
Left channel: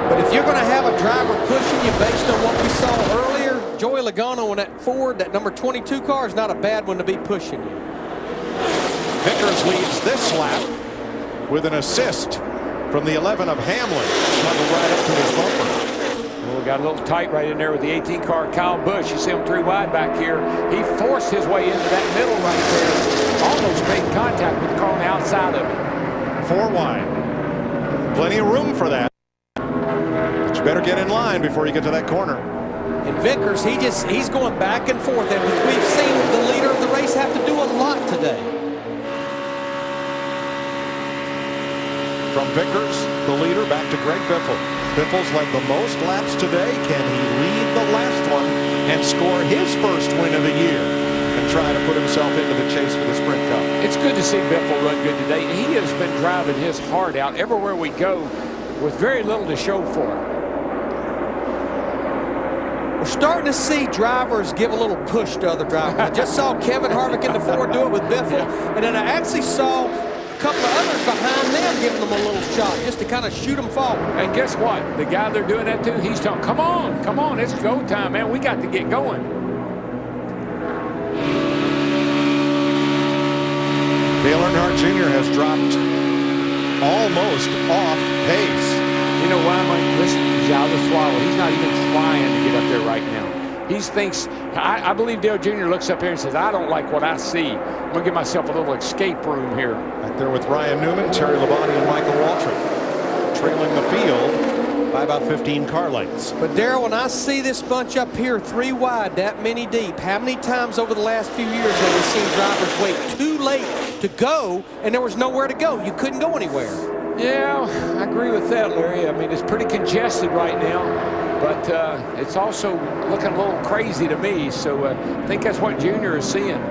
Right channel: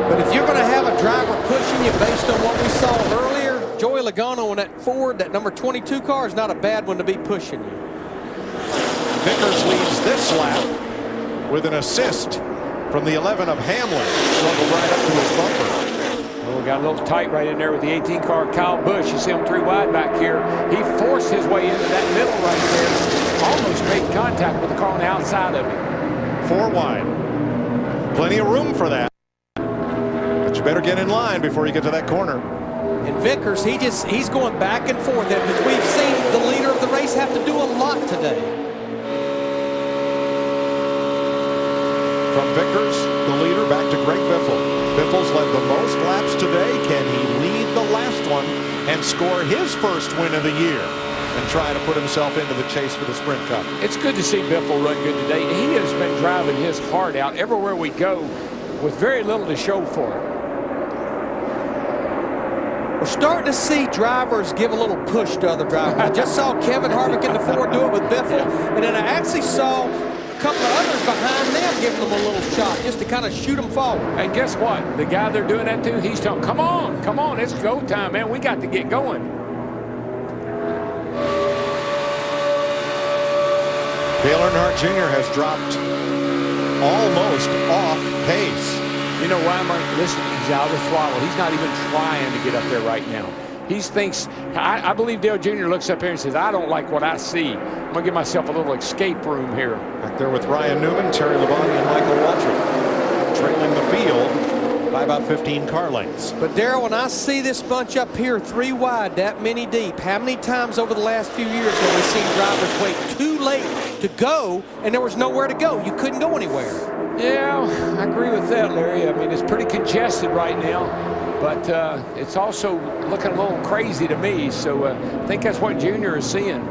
But if you're going to have a driver pushing you based on what we saw earlier, Joey Logano in that Ford, that number 22 car, is not a bad one to be pushing you. Vickers leads this lap with an assist from the 11 of Hamlin. Snuggled right up to his bumper. Oh, got a little tight right in there with the 18 car, Kyle Busch. You see him 3 wide back here. He forced his way into that middle right there. Almost made contact with the car on the outside of him. 4 wide. Plenty of room for that. But you better get in line before you get to that corner. And Vickers, he's going back and forth. And we've seen the leader of the race have to do a lot today. From Vickers, the leader, back to Greg Biffle. Biffle's led the most laps today. Can he lead the last one and score his first win of the year and try to put himself into the chase for the Sprint Cup? It's good to see Biffle run good today. He has been driving his heart out everywhere we go with very little to show for it. We're starting to see drivers give a little push to other drivers. I just saw Kevin Harvick in the Ford do it with Biffle, and then I actually saw a couple of others behind them giving them a little shot just to kind of shoot them forward. And guess what? The guy they're doing that to, he's telling, come on, it's go time, man. We got to get going. Dale Earnhardt Jr. has dropped almost off pace. You know why, Mike? Listen, he's out of the throttle. He's not even trying to get up there right now. He thinks, I believe Dale Jr. looks up here and says, I don't like what I see. I'm going to give myself a little escape room here. Back there with Ryan Newman, Terry Labonte, and Michael Waltrip, trailing the field by about 15 car lengths. But Darrell, when I see this bunch up here 3 wide, that many deep, how many times over the last few years have we seen drivers wait too late to go and there was nowhere to go? You couldn't go anywhere. Yeah, I agree with that, Larry. I mean, it's pretty congested right now, but it's also looking a little crazy to me. So I think that's what Junior is seeing.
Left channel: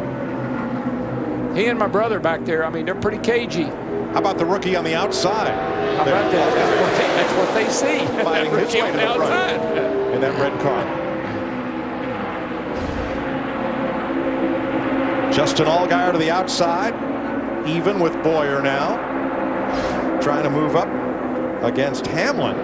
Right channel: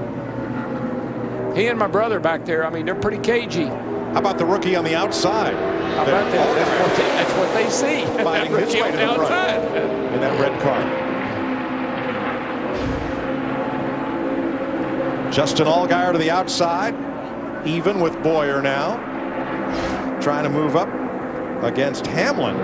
He and my brother back there, I mean, they're pretty cagey. How about the rookie on the outside? How about that? That's what they see. Fighting his way to the front in that red car. Justin Allgaier to the outside, even with Boyer now. Trying to move up against Hamlin,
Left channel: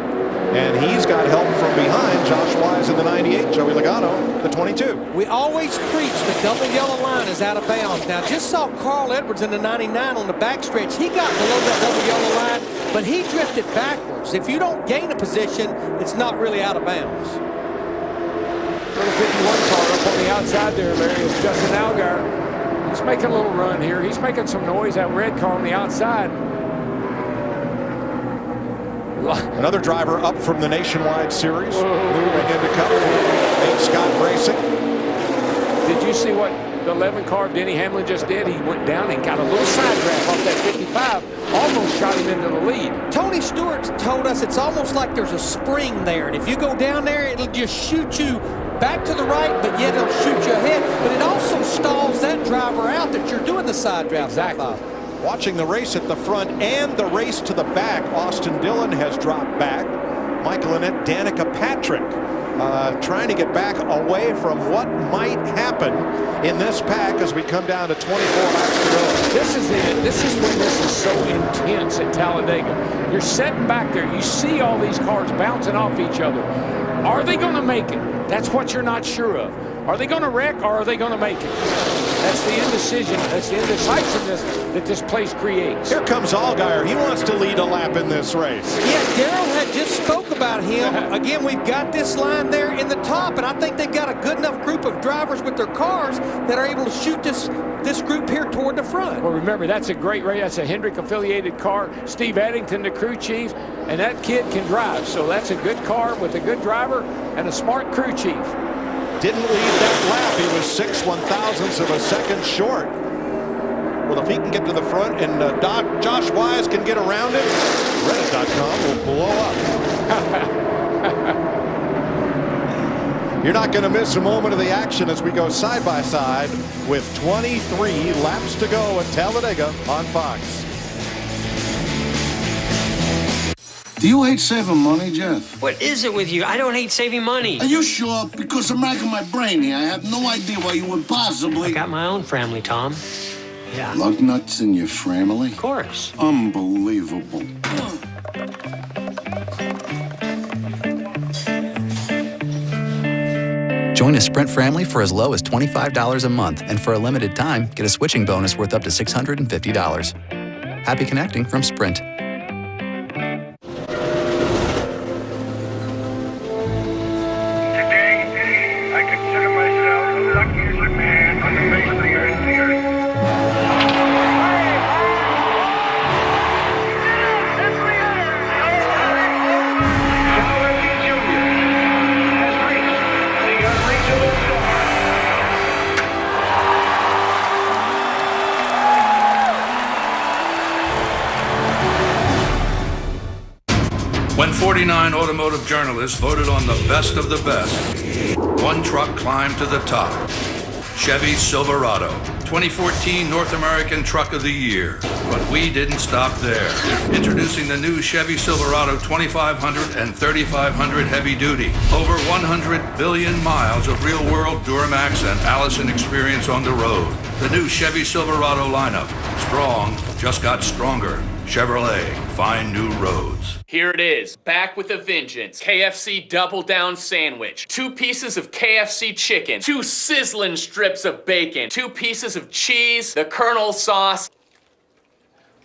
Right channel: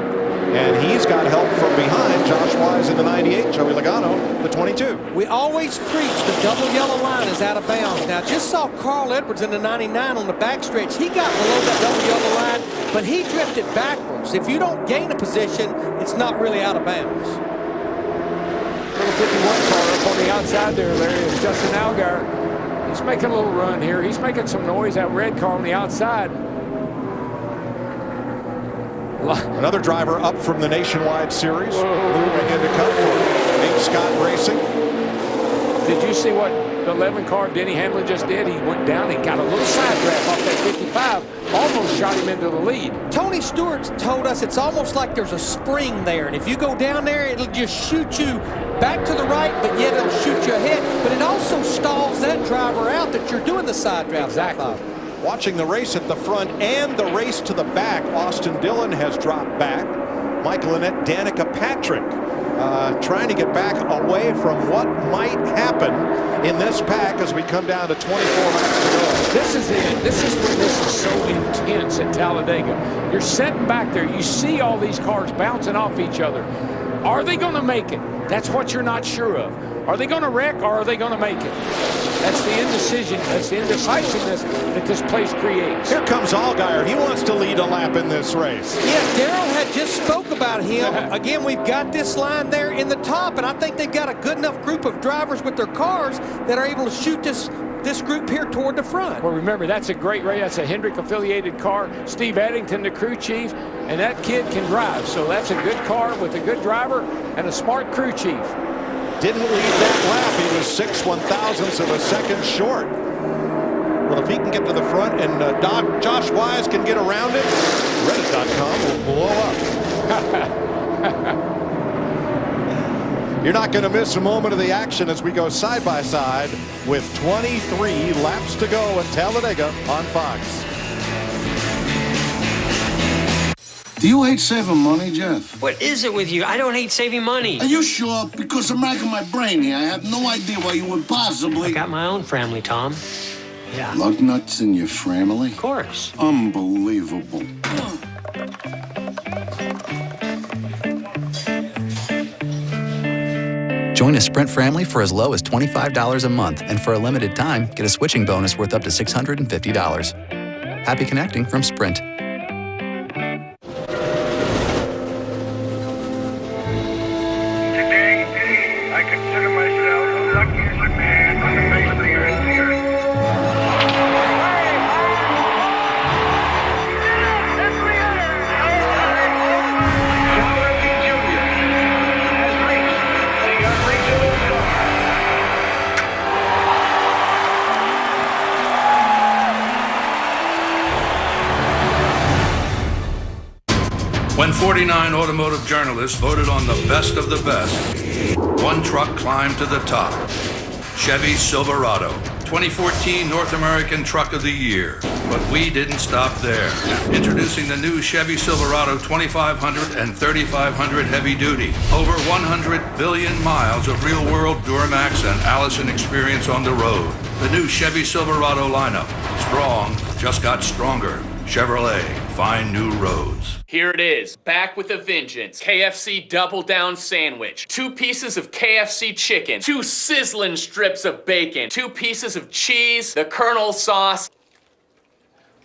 and he's got help from behind. Josh Wise in the 98, Joey Logano, the 22. We always preach the double yellow line is out of bounds. Now, just saw Carl Edwards in the 99 on the backstretch. He got below that double yellow line, but he drifted backwards. If you don't gain a position, it's not really out of bounds. Little 51 car up on the outside there, Larry, is Justin Allgaier. He's making a little run here. He's making some noise. That red car on the outside. Another driver up from the Nationwide Series, moving into Cup for Nate Scott Racing. Did you see what the 11 car Denny Hamlin just did? He went down and got a little side draft off that 55, almost shot him into the lead. Tony Stewart told us it's almost like there's a spring there, and if you go down there, it'll just shoot you back to the right, but yet it'll shoot you ahead. But it also stalls that driver out that you're doing the side draft. Exactly. Watching the race at the front and the race to the back, Austin Dillon has dropped back. Michael Annett, Danica Patrick trying to get back away from what might happen in this pack as we come down to 24 laps to go. This is it. This is when this is so intense at Talladega. You're sitting back there. You see all these cars bouncing off each other. Are they going to make it? That's what you're not sure of. Are they going to wreck or are they going to make it? That's the indecision. That's the indecisiveness that this place creates. Here comes Allgaier. He wants to lead a lap in this race. Yes, Darrell had just spoke about him. Again, we've got this line there in the top, and I think they've got a good enough group of drivers with their cars that are able to shoot this group here toward the front. Well, remember, that's a great race. That's a Hendrick-affiliated car. Steve Eddington, the crew chief, and that kid can drive. So that's a good car with a good driver and a smart crew chief. Didn't lead that lap. He was 6/1000ths of a second short. Well, if he can get to the front and Josh Wise can get around him, Reddit.com will blow up. You're not going to miss a moment of the action as we go side by side with 23 laps to go at Talladega on Fox. Do you hate saving money, Jeff? What is it with you? I don't hate saving money. Are you sure? Because I'm racking my brain here. I have no idea why you would possibly... I got my own family, Tom. Yeah. Lug nuts in your family? Of course. Unbelievable. Join a Sprint family for as low as $25 a month, and for a limited time, get a switching bonus worth up to $650. Happy connecting from Sprint. Today, I consider myself the luckiest man on the face of the earth. When 49 automotive journalists voted on the best of the best, one truck climbed to the top. Chevy Silverado, 2014 North American Truck of the Year. But we didn't stop there. Introducing the new Chevy Silverado 2500 and 3500 Heavy Duty. Over 100 billion miles of real-world Duramax and Allison experience on the road. The new Chevy Silverado lineup. Strong, just got stronger. Chevrolet, find new roads. Here it is, back with a vengeance. KFC Double Down Sandwich. 2 pieces of KFC chicken, 2 sizzling strips of bacon, 2 pieces of cheese, the Colonel sauce.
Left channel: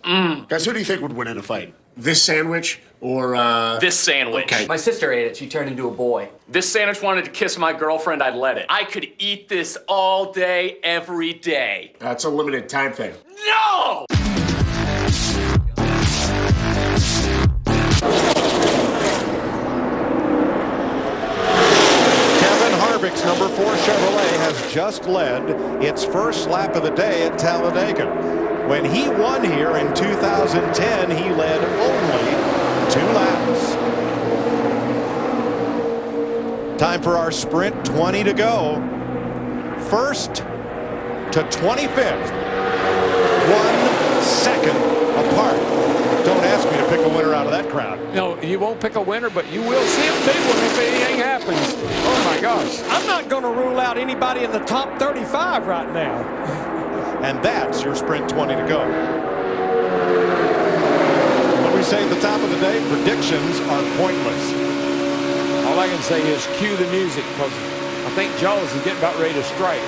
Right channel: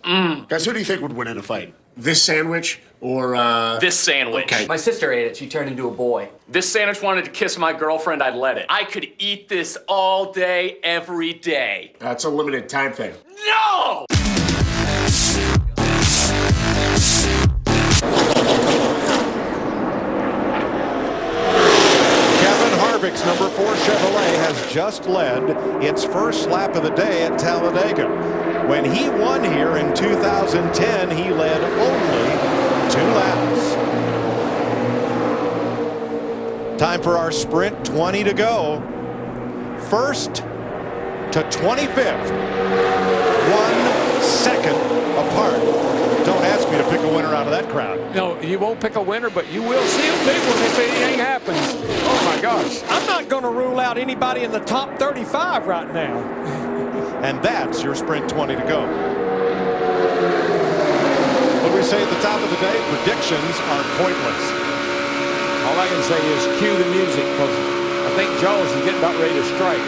Guys, who do you think would win in a fight? This sandwich or, This sandwich. Okay. My sister ate it. She turned into a boy. This sandwich wanted to kiss my girlfriend, I'd let it. I could eat this all day, every day. That's a limited time thing. No! Kevin Harvick's number 4 Chevrolet has just led its first lap of the day at Talladega. When he won here in 2010, he led only 2 laps. Time for our sprint, 20 to go. First to 25th. 1 second apart. Don't ask me to pick a winner out of that crowd. No, you won't pick a winner, but you will see a big one if anything happens. Oh, my gosh. I'm not going to rule out anybody in the top 35 right now. And that's your sprint 20 to go. What we say at the top of the day, predictions are pointless. All I can say is cue the music, because I think Jaws is getting about ready to strike.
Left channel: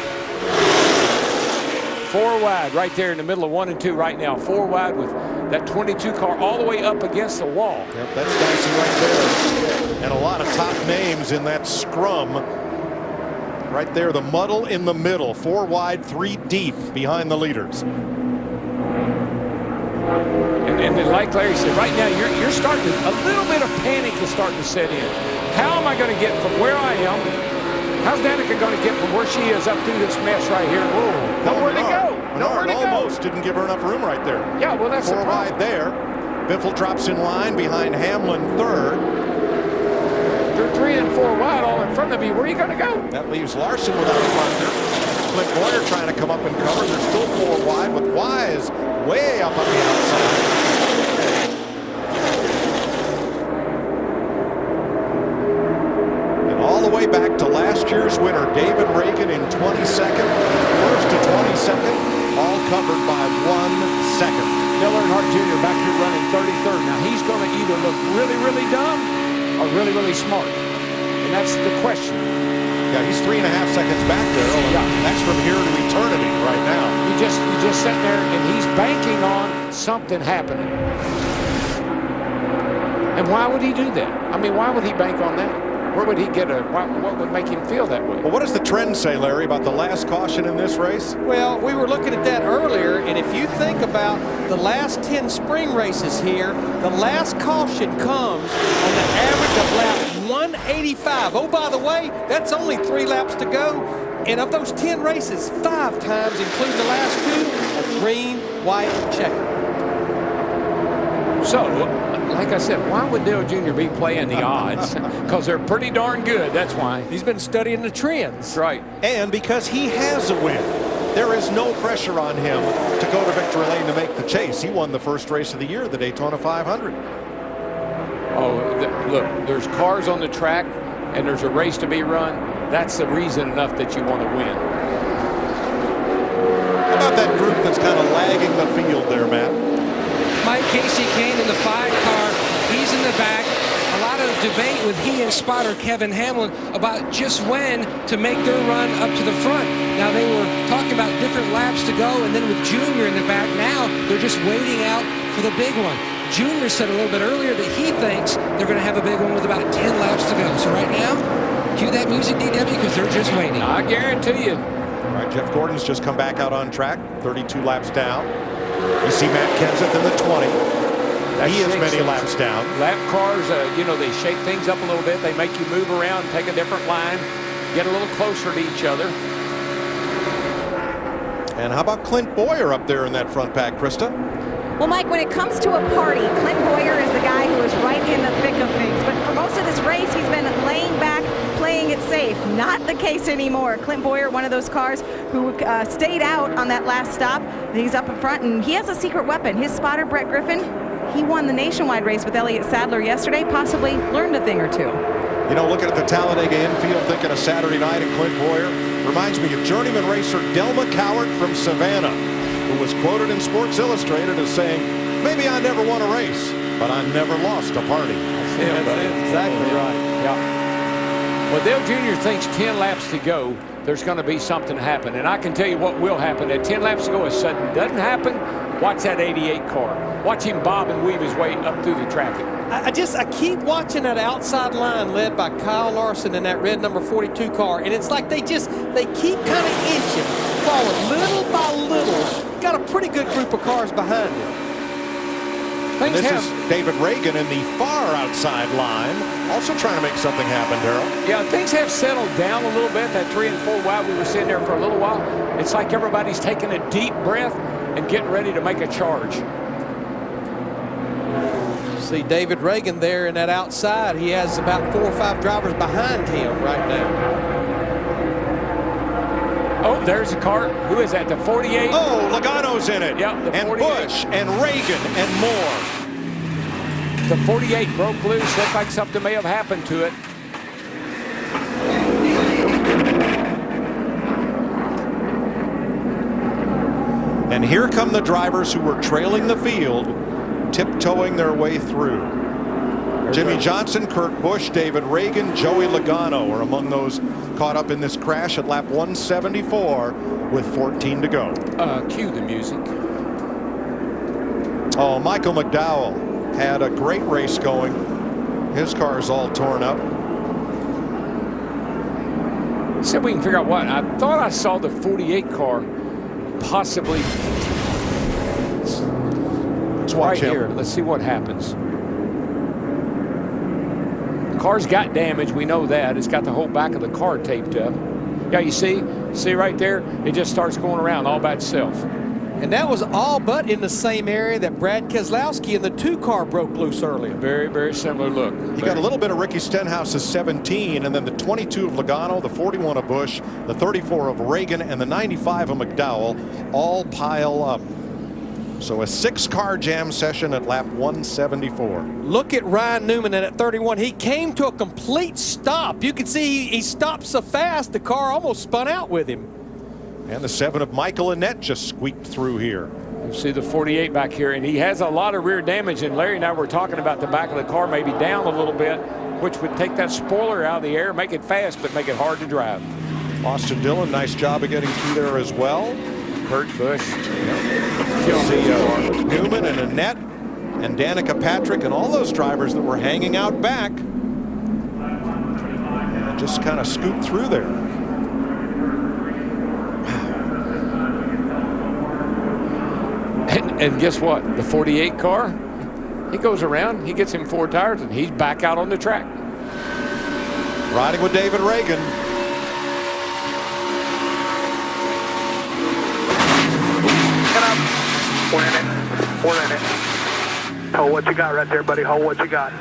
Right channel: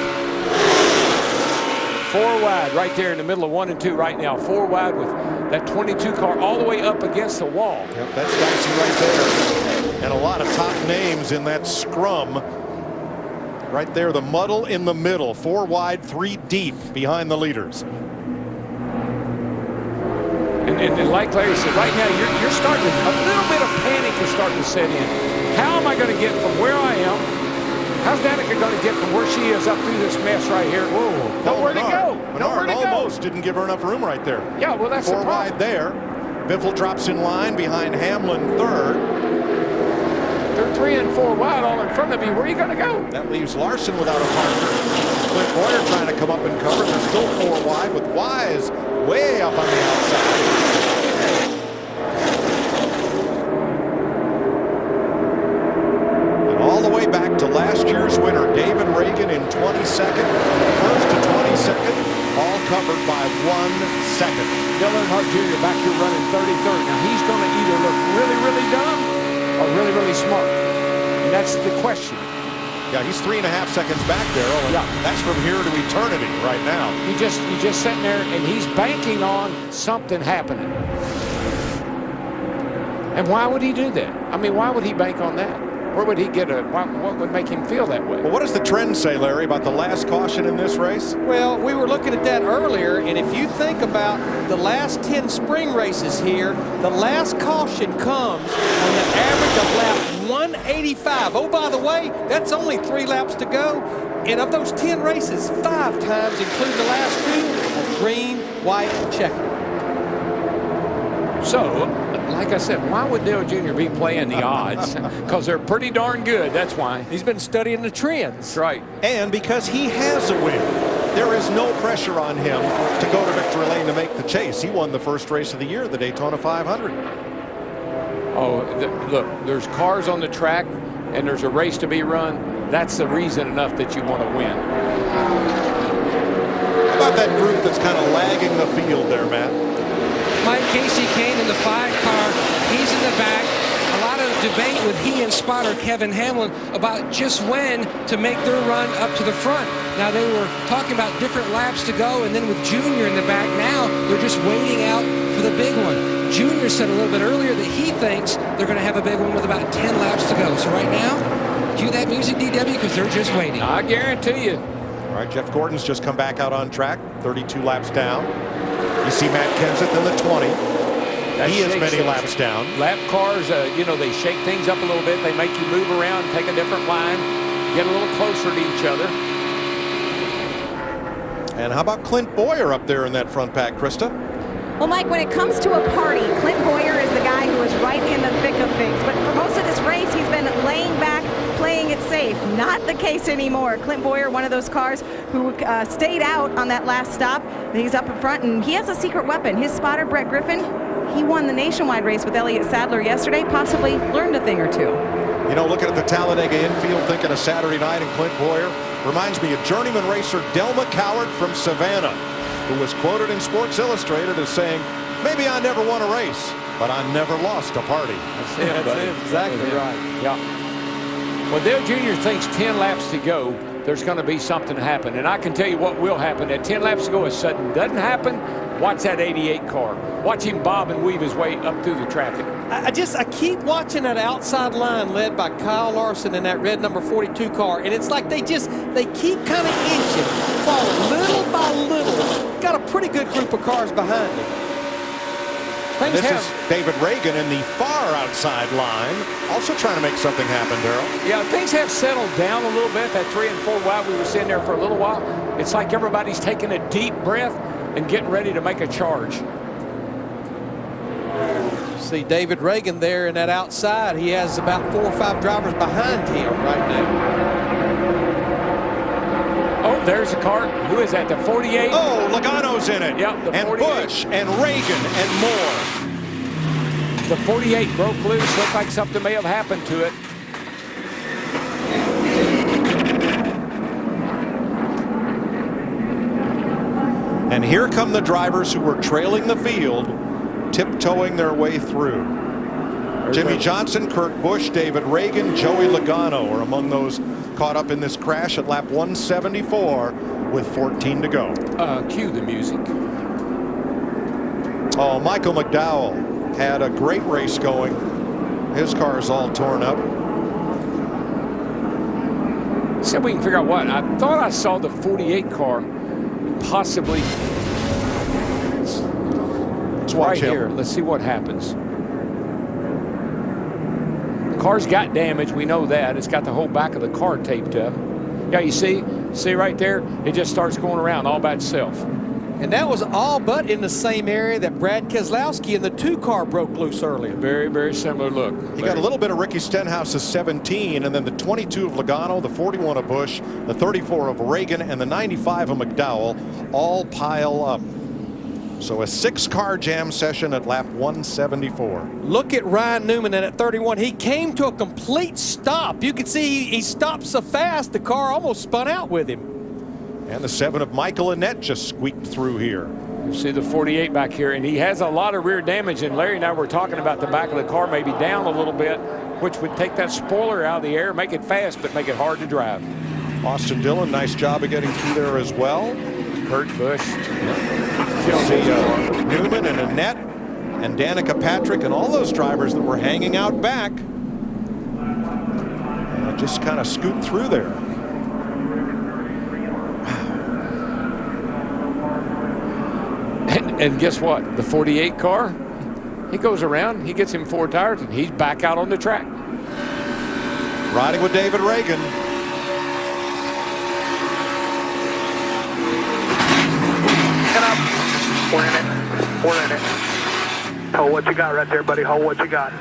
4 wide right there in the middle of 1 and 2 right now. 4 wide with that 22 car all the way up against the wall. Yep, that's dicey right there. And a lot of top names in that scrum. Right there, the muddle in the middle. 4 wide, 3 deep behind the leaders. And like Larry said, right now you're starting to, a little bit of panic is starting to set in. How am I going to get from where I am? How's Danica going to get from where she is up through this mess right here? Whoa, nowhere to go. Nowhere to go. Almost didn't give her enough room right there. Yeah, well, that's 4 wide there. Biffle drops in line behind Hamlin 3rd. They're 3 and 4 wide all in front of you. Where are you going to go? That leaves Larson without a partner. Clint Boyer trying to come up and cover. They're still 4 wide with Wise way up on the outside. All the way back to last year's winner, David Ragan in 22nd. First to 22nd, all covered by 1 second. Dale Earnhardt Jr. back here running 33rd. Now he's going to either look really, really dumb or really, really smart. And that's the question. Yeah, he's 3.5 seconds back there. Oh, yeah. That's from here to eternity right now. You just sitting there and he's banking on something happening. And why would he do that? I mean, why would he bank on that? Where would he get what would make him feel that way? Well, what does the trend say, Larry, about the last caution in this race? Well, we were looking at that earlier, and if you think about the last 10 spring races here, the last caution comes on the average of lap 185. Oh, by the way, that's only 3 laps to go. And of those 10 races, 5 times, including the last 2, are green white, and checker. So, like I said, why would Dale Jr. be playing the odds? Because they're pretty darn good, that's why. He's been studying the trends. That's right. And because he has a win. There is no pressure on him to go to victory lane to make the chase. He won the first race of the year, the Daytona 500. Oh, look, there's cars on the track, and there's a race to be run. That's the reason enough that you want to win. How about that group that's kind of lagging the field there, Matt? Mike Casey Kane in the 5 car. He's in the back. A lot of debate with he and spotter Kevin Hamlin about just when to make their run up to the front. Now, they were talking about different laps to go, and then with Junior in the back, now they're just waiting out for the big one. Junior said a little bit earlier that he thinks they're going to have a big one with about 10 laps to go. So right now, cue that music, DW, because they're just waiting. I guarantee you. All right, Jeff Gordon's just come back out on track, 32 laps down. You see Matt Kenseth in the 20. He is many laps down. Lap cars, you know, they shake things up a little bit. They make you move around, take a different line, get a little closer to each other. And how about Clint Boyer up there in that front pack, Krista? Well, Mike, when it comes to a party, Clint Boyer is the guy who is right in the thick of things. But for most of this race, he's been laying back, playing it safe. Not the case anymore. Clint Boyer, one of those cars who stayed out on that last stop. He's up in front, and he has a secret weapon. His spotter, Brett Griffin, he won the nationwide race with Elliott Sadler yesterday, possibly learned a thing or two. You know, looking at the Talladega infield, thinking of Saturday night and Clint Boyer, reminds me of journeyman racer Delma Cowart from Savannah, who was quoted in Sports Illustrated as saying, "Maybe I never won a race, but I never lost a party." That's him, buddy. That's exactly right. Yeah. Well, Dale Jr. thinks 10 laps to go, there's going to be something happen. And I can tell you what will happen. At 10 laps to go, if sudden doesn't happen, watch that 88 car. Watch him bob and weave his way up through the traffic. I keep watching that outside line led by Kyle Larson in that red number 42 car, and it's like they keep kind of inching forward little by little. Got a pretty good group of cars behind him. This is David Ragan in the far outside line, also trying to make something happen, Darrell. Yeah, things have settled down a little bit. That 3 and 4 wide, we were sitting there for a little while. It's like everybody's taking a deep breath and getting ready to make a charge. See David Ragan there in that outside. He has about 4 or 5 drivers behind him right now. Oh, there's a car. Who is that? The 48? Oh, Logano's in it. Yep, the and 48. Busch and Ragan and more. The 48 broke loose. Looked like something may have happened to it. And here come the drivers who were trailing the field, tiptoeing their way through. Jimmy Johnson, Kurt Busch, David Ragan, Joey Logano are among those caught up in this crash at lap 174 with 14 to go. Cue the music. Oh, Michael McDowell had a great race going. His car is all torn up. See if we can figure out what. I thought I saw the 48 car possibly. Let's watch him. Here. Let's see what happens. Car's got damage. We know that. It's got the whole back of the car taped up. Yeah, you see right there? It just starts going around all by itself. And that was all but in the same area that Brad Keselowski in the 2 car broke loose earlier. Very, very similar look. You got a little bit of Ricky Stenhouse's 17, and then the 22 of Logano, the 41 of Busch, the 34 of Ragan, and the 95 of McDowell all pile up. So a 6-car jam session at lap 174. Look at Ryan Newman at 31. He came to a complete stop. You can see he stopped so fast the car almost spun out with him. And the 7 of Michael Annett just squeaked through here. You see the 48 back here, and he has a lot of rear damage. And Larry and I were talking about the back of the car maybe down a little bit, which would take that spoiler out of the air, make it fast, but make it hard to drive. Austin Dillon, nice job of getting through there as well. Kurt Busch. You'll see Newman and Annett and Danica Patrick and all those drivers that were hanging out back just kind of scoot through there. And guess what? The 48 car, he goes around, he gets him 4 tires, and he's back out on the track. Riding with David Ragan. We're in it. We're in it. Hold what you got right there, buddy. Hold what you got.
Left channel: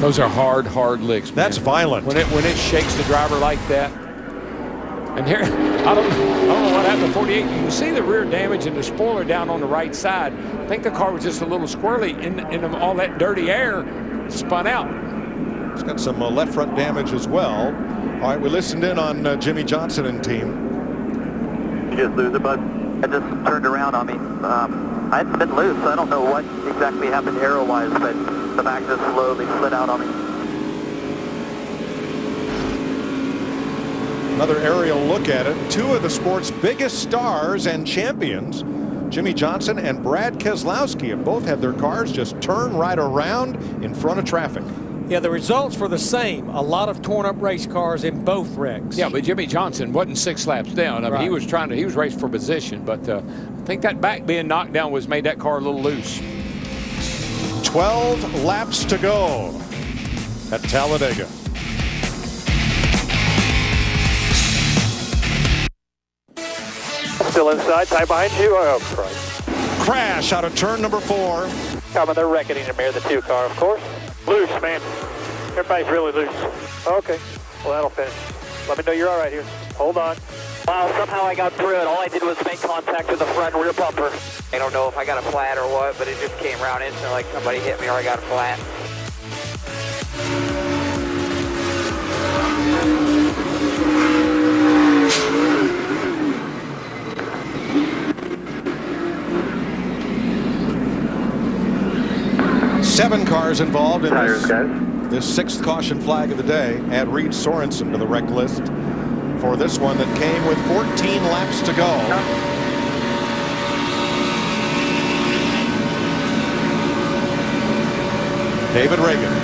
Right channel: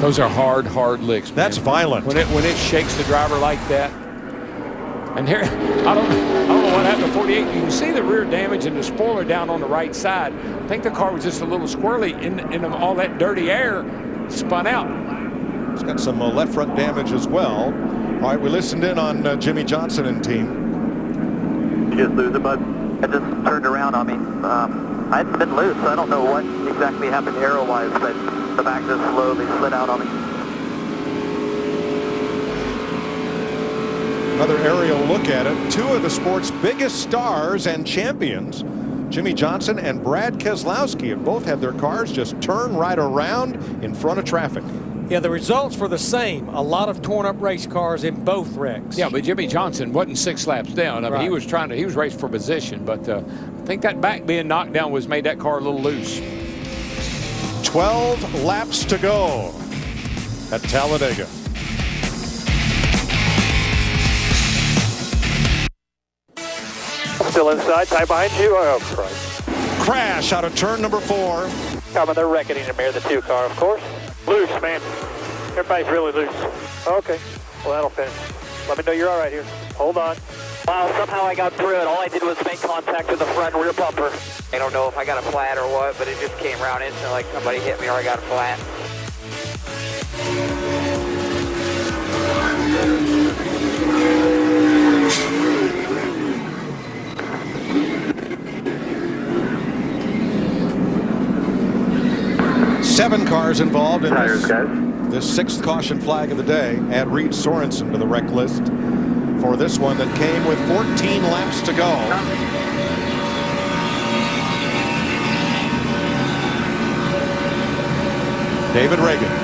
Those are hard licks, man. That's violent. When it shakes the driver like that. And here, I don't know what happened to 48. You can see the rear damage and the spoiler down on the right side. I think the car was just a little squirrely in all that dirty air, spun out. It's got some left front damage as well. All right, we listened in on Jimmy Johnson and team. You just lose it, bud? It just turned around on me. I hadn't been loose, so I don't know what exactly happened aero-wise, but the back just slowly slid out on me. Another aerial look at it. Two of the sport's biggest stars and champions, Jimmy Johnson and Brad Keselowski, have both had their cars just turn right around in front of traffic. Yeah, the results were the same. A lot of torn up race cars in both wrecks. Yeah, but Jimmy Johnson wasn't 6 laps down. I mean, he was racing for position, but I think that back being knocked down made that car a little loose. 12 laps to go at Talladega. Still inside, tight behind you. Oh, Christ. Crash out of turn number 4. Coming, they're reckoning to mirror the 2 car, of course. Loose, man. Everybody's really loose. Okay, well, that'll finish. Let me know you're all right here. Hold on. Wow, somehow I got through it. All I did was make contact with the front and rear bumper. I don't know if I got a flat or what, but it just came around instantly like somebody hit me or I got a flat. Seven cars involved in this 6th caution flag of the day. Add Reed Sorensen to the wreck list for this one that came with 14 laps to go. David Ragan.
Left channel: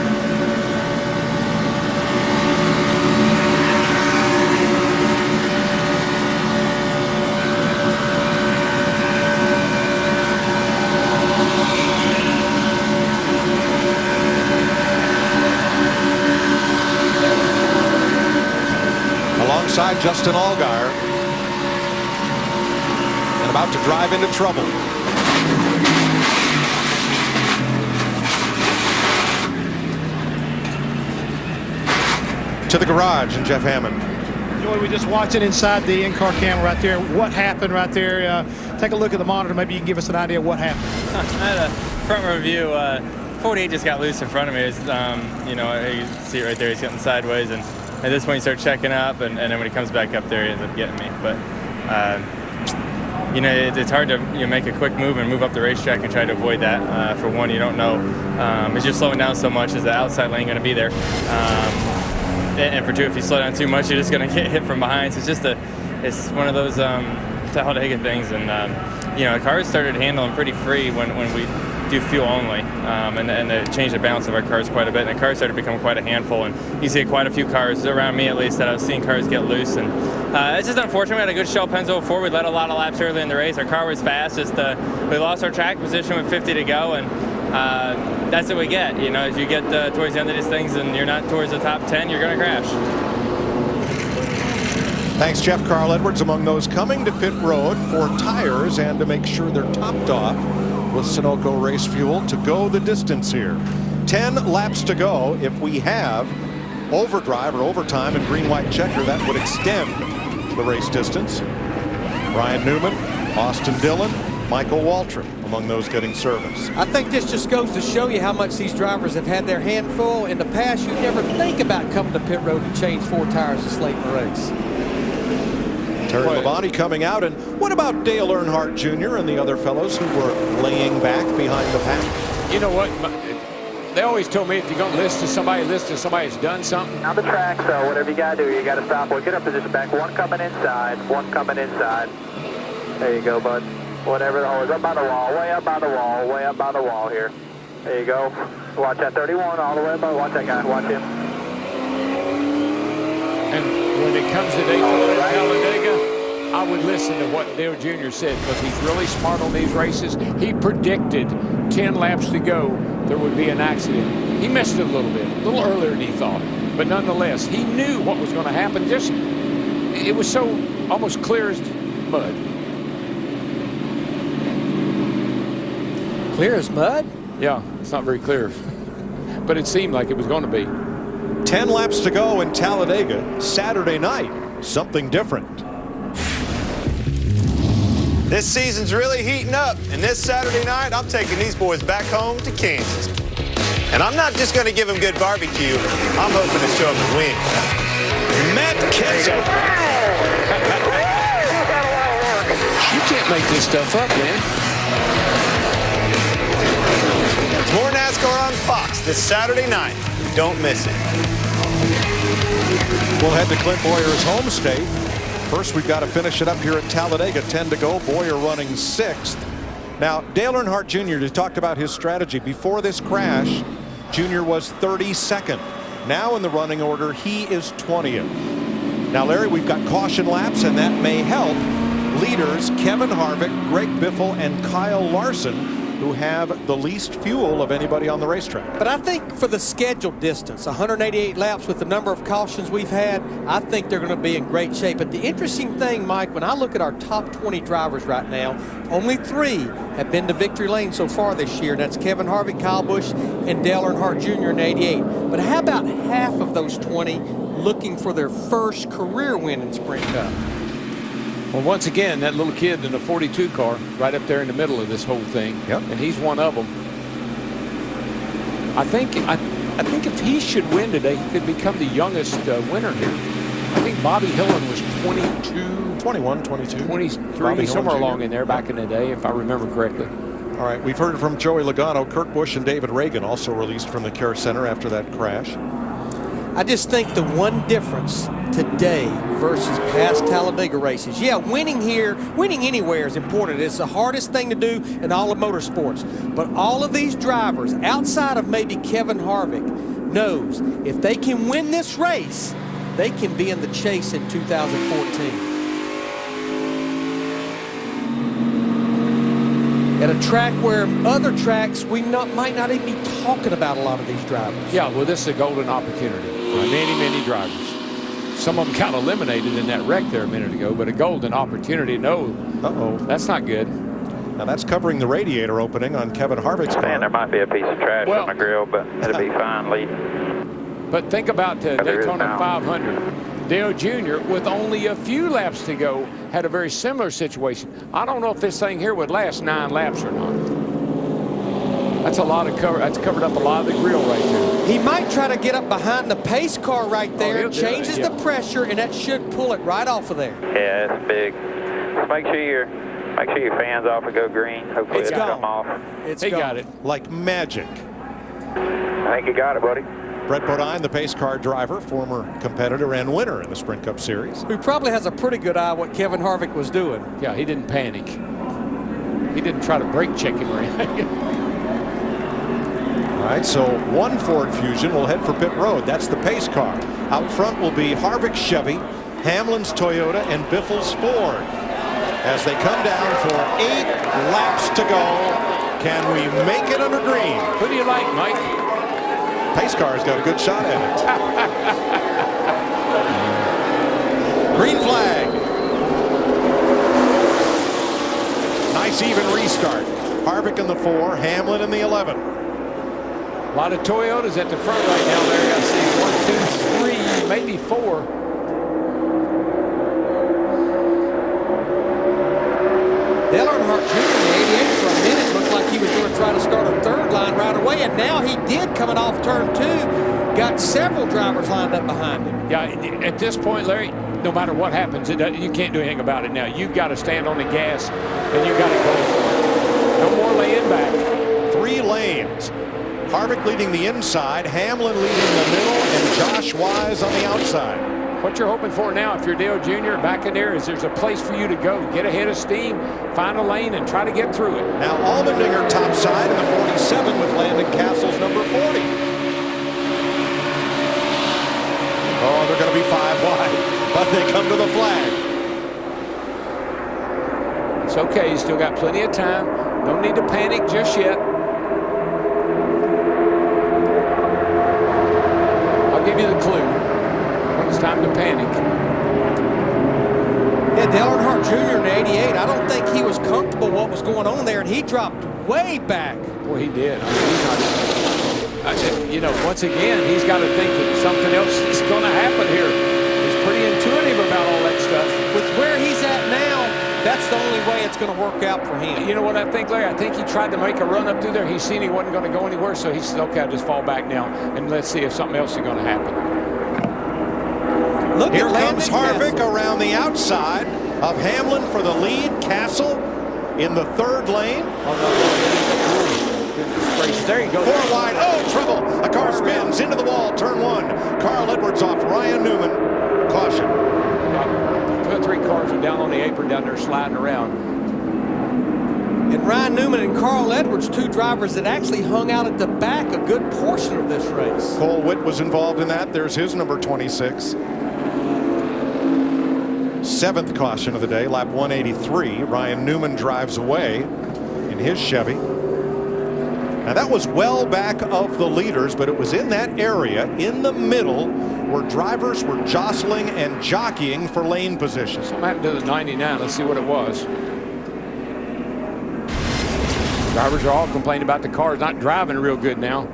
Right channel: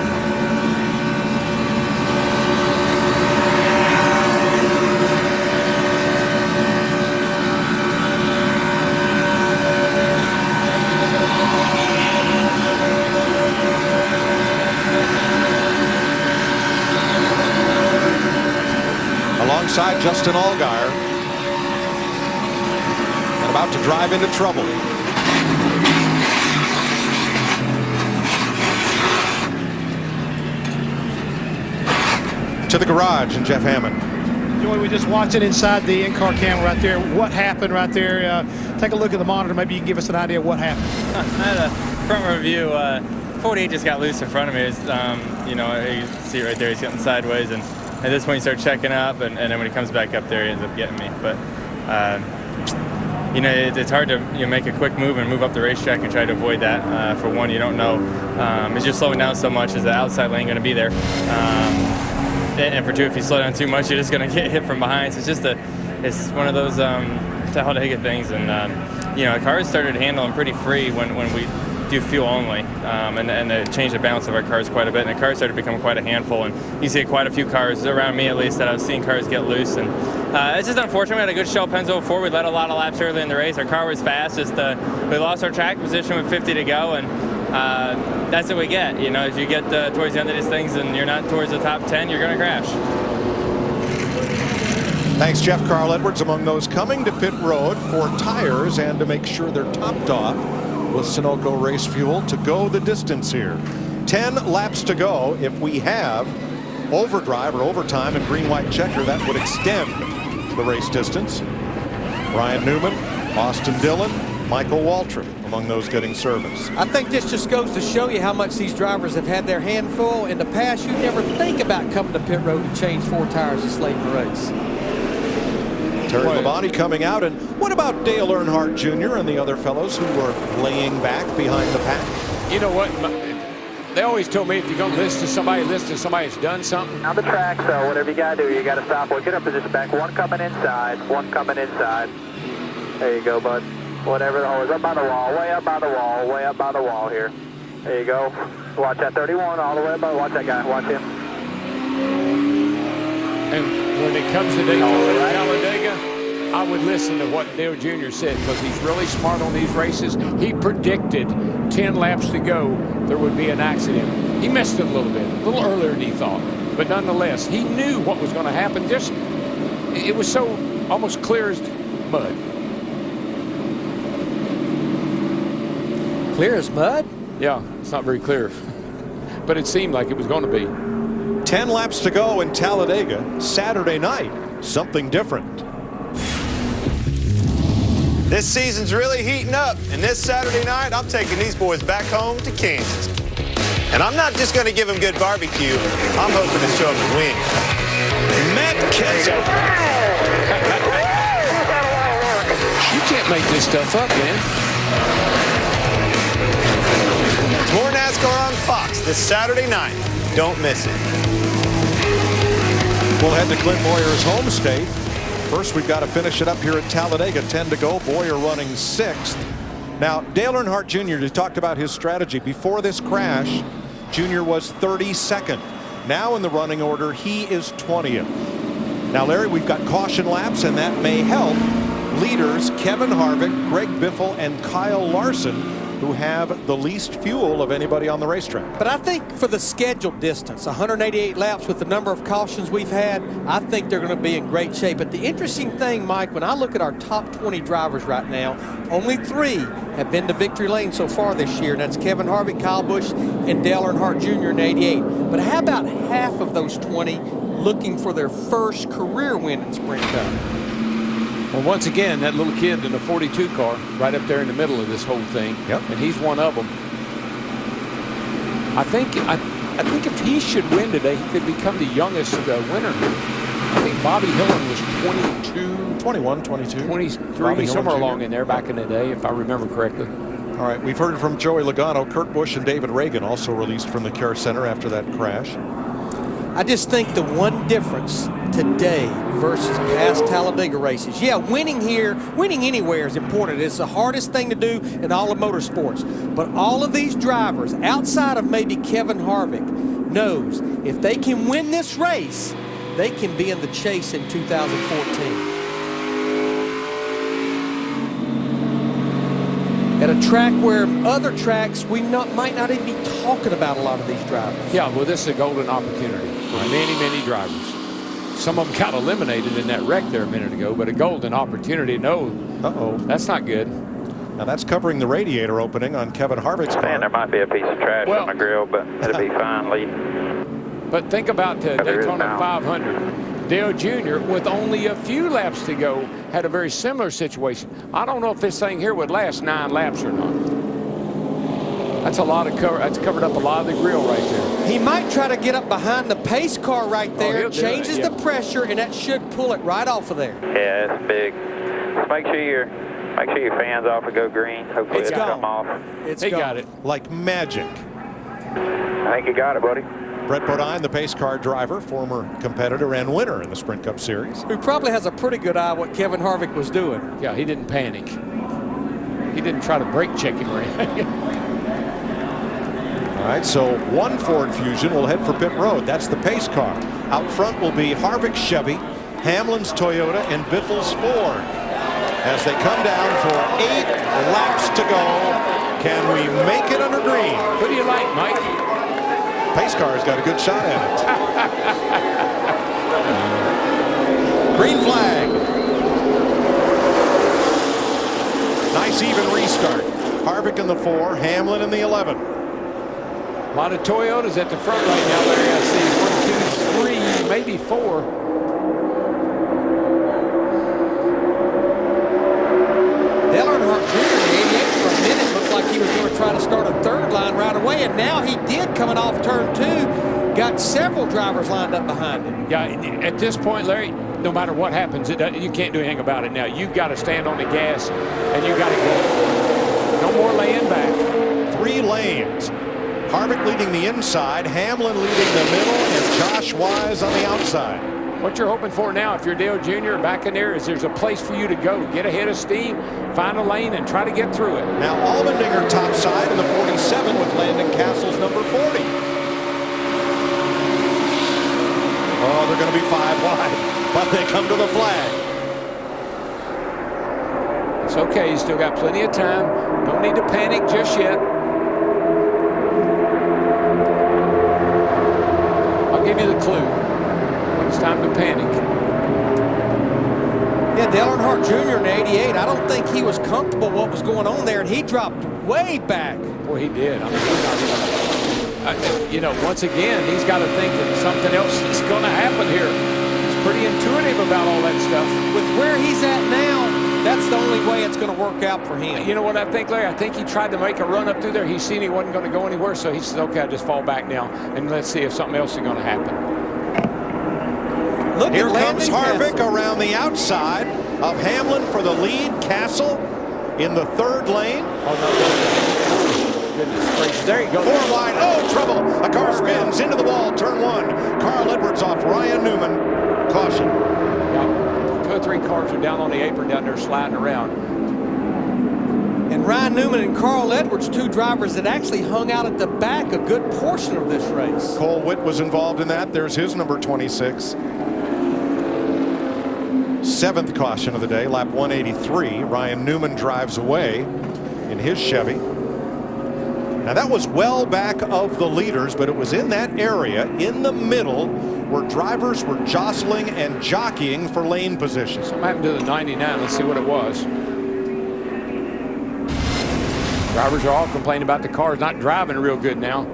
Alongside Justin Allgaier, and about to drive into trouble. To the garage and Jeff Hammond. Joey, we're just watching inside the in-car camera right there. What happened right there? Take a look at the monitor. Maybe you can give us an idea of what happened. I had a front row view. 48 just got loose in front of me. It's, you know, you see it right there. He's getting sideways, and at this point, he starts checking up, and then when he comes back up there, he ends up getting me. But, you know, it's hard to make a quick move and move up the racetrack and try to avoid that. For one, you don't know. As you're slowing down so much, is the outside lane going to be there? And for two, if you slow down too much, you're just going to get hit from behind. So it's just it's one of those Talladega things. And, you know, the cars started handling pretty free when we do fuel only, and it changed the balance of our cars quite a bit, and the cars started to become quite a handful, and you see quite a few cars around me at least that I was seeing cars get loose, and it's just unfortunate. We had a good Shell Pennzoil before. We led a lot of laps early in the race. Our car was fast, just we lost our track position with 50 to go, and that's what we get. You know, as you get towards the end of these things and you're not towards the top 10, you're going to crash. Thanks, Jeff. Carl Edwards among those coming to pit road for tires and to make sure they're topped off with Sunoco race fuel to go the distance here. 10 laps to go. If we have overdrive or overtime and green-white checker, that would extend the race distance. Ryan Newman, Austin Dillon, Michael Waltrip among those getting service. I think this just goes to show you how much these drivers have had their hand full. In the past, you'd never think about coming to pit road to change 4 tires this late in the race. Terry Labonte coming out. And what about Dale Earnhardt Jr. and the other fellows who were laying back behind the pack? You know what? They always told me if you're going to listen to somebody that's done something. On the track, so whatever you got to do, you got to stop. We'll get our position back. One coming inside. One coming inside. There you go, bud. Whatever the hole is. Up by the wall. Way up by the wall. Way up by the wall here. There you go. Watch that 31 all the way up. Watch that guy. Watch him. And when it comes to Talladega, I would listen to what Dale Jr. said because he's really smart on these races. He predicted 10 laps to go there would be an accident. He missed it a little bit, a little earlier than he thought. But nonetheless, he knew what was going to happen. Just it was so almost clear as mud. Clear as mud? Yeah, it's not very clear. But it seemed like it was going to be. 10 laps to go in Talladega Saturday night. Something different. This season's really heating up, and this Saturday night, I'm taking these boys back home to Kansas. And I'm not just going to give them good barbecue. I'm hoping to show them the win. Matt Kenseth. You can't make this stuff up, man. More NASCAR on Fox this Saturday night. Don't miss it. We'll head to Clint Boyer's home state. First, we've got to finish it up here at Talladega. 10 to go. Boyer running 6th. Now, Dale Earnhardt Jr., you talked about his strategy. Before this crash, Jr. was 32nd. Now in the running order, he is 20th. Now, Larry, we've got caution laps, and that may help leaders Kevin Harvick, Greg Biffle, and Kyle Larson, who have the least fuel of anybody on the racetrack. But I think for the scheduled distance, 188 laps with the number of cautions we've had, I think they're going to be in great shape. But the interesting thing, Mike, when I look at our top 20 drivers right now, only 3 have been to victory lane so far this year. That's Kevin Harvick, Kyle Busch, and Dale Earnhardt Jr. in 88. But how about half of those 20 looking for their first career win in Sprint Cup? Well, once again, that little kid in the 42 car right up there in the middle of this whole thing. Yep. And he's one of them. I think if he should win today, he could become the youngest winner here. I think Bobby Hillin was 22. 21, 22. 23, somewhere along in there back in the day, if I remember correctly. All right, we've heard from Joey Logano. Kurt Busch and David Ragan also released from the Care Center after that crash. I just think the one difference today versus past Talladega races, yeah, winning here, winning anywhere is important. It's the hardest thing to do in all of motorsports. But all of these drivers, outside of maybe Kevin Harvick, knows if they can win this race, they can be in the chase in 2014. At a track where other tracks we might not even be talking about a lot of these drivers. Yeah, well, this is a golden opportunity for many, many drivers. Some of them got eliminated in that wreck there a minute ago, but a golden opportunity. No, that's not good. Now that's covering the radiator opening on Kevin Harvick's car. Man, there might be a piece of trash on my grill, but it'll be fine leading. But think about the Daytona 500. Dale Jr., with only a few laps to go, had a very similar situation. I don't know if this thing here would last 9 laps or not. That's a lot of cover. That's covered up a lot of the grill right there. He might try to get up behind the pace car right there, changes the pressure, and that should pull it right off of there. Yeah, it's big. Just make sure your fans off and go green. Hopefully it'll come off. He got it. Like magic. I think you got it, buddy. Brett Bodine, the pace car driver, former competitor and winner in the Sprint Cup Series. Who probably has a pretty good eye what Kevin Harvick was doing. Yeah, he didn't panic. He didn't try to brake check him or anything. All right, so one Ford Fusion will head for pit road. That's the pace car. Out front will be Harvick's Chevy, Hamlin's Toyota, and Biffle's Ford. As they come down for 8 laps to go, can we make it under green? Who do you like, Mike? Pace car's got a good shot at it. Green flag. Nice even restart. Harvick in the 4, Hamlin in the 11. A lot of Toyotas at the front right now, Larry. I see 1, 2, 3, maybe 4. Dale Earnhardt Jr. in the 88 for a minute looked like he was going to try to start a third line right away, and now he did coming off turn 2. Got several drivers lined up behind him. Yeah, at this point, Larry, no matter what happens, you can't do anything about it now. You've got to stand on the gas, and you've got to go for it. No more laying back. 3 lanes. Harvick leading the inside, Hamlin leading the middle, and Josh Wise on the outside. What you're hoping for now, if you're Dale Jr. back in there, is there's a place for you to go. Get ahead of steam, find a lane, and try to get through it. Now Allmendinger topside in the 47 with Landon Castle's number 40. Oh, they're going to be 5 wide, but they come to the flag. It's okay. You still got plenty of time. No need to panic just yet. I'll give you the clue when it's time to panic. Yeah, Dale Earnhardt Jr. in 88, I don't think he was comfortable what was going on there, and he dropped way back. Well, he did. I mean, he's not even, you know, once again, he's got to think that something else is going to happen here. He's pretty intuitive about all that stuff. With where he's at now, that's the only way it's going to work out for him. You know what I think, Larry? I think he tried to make a run up through there. He seen he wasn't going to go anywhere, so he said, okay, I'll just fall back now, and let's see if something else is going to happen. Look, here comes Harvick around the outside of Hamlin for the lead. Castle in the third lane. Oh, no, goodness gracious. There you go. Four wide. Oh, trouble. A car spins into the wall. Turn one. Carl Edwards off Ryan Newman. Caution. Yeah. 2 or 3 cars are down on the apron down there sliding around. And Ryan Newman and Carl Edwards, 2 drivers that actually hung out at the back a good portion of this race. Cole Witt was involved in that. There's his number 26. 7th caution of the day, lap 183. Ryan Newman drives away in his Chevy. Now that was well back of the leaders, but it was in that area in the middle where drivers were jostling and jockeying for lane position. Something happened to the 99. Let's see what it was. Drivers are all complaining about the cars not driving real good now.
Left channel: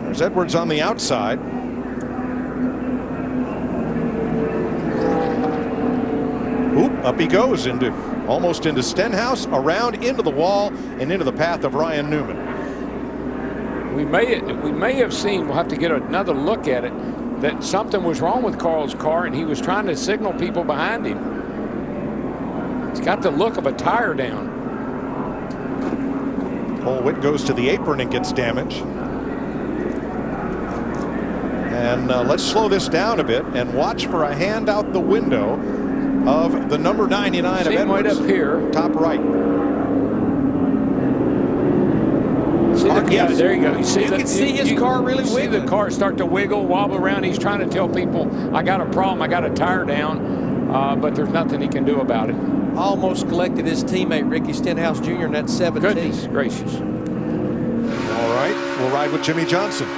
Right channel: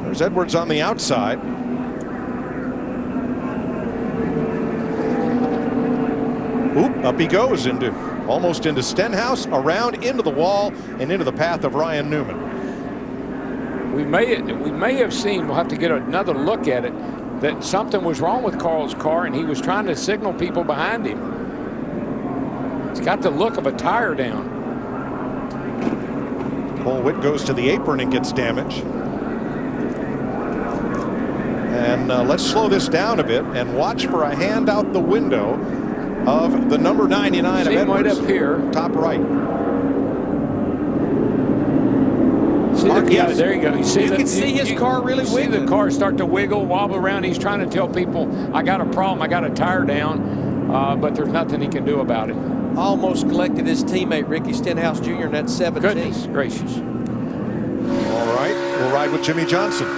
There's Edwards on the outside. Oop, up he goes almost into Stenhouse, around into the wall and into the path of Ryan Newman. We may have seen, we'll have to get another look at it, that something was wrong with Carl's car and he was trying to signal people behind him. He's got the look of a tire down. Cole Witt goes to the apron and gets damage. And let's slow this down a bit and watch for a hand out the window of the number 99 of Edwards. Right up here. Top right. Yeah, there you go. You can see his car really wiggling. See the car start to wiggle, wobble around. He's trying to tell people, I got a problem, I got a tire down, but there's nothing he can do about it. Almost collected his teammate Ricky Stenhouse Jr. in that 17. Goodness gracious. All right, we'll ride with Jimmy Johnson.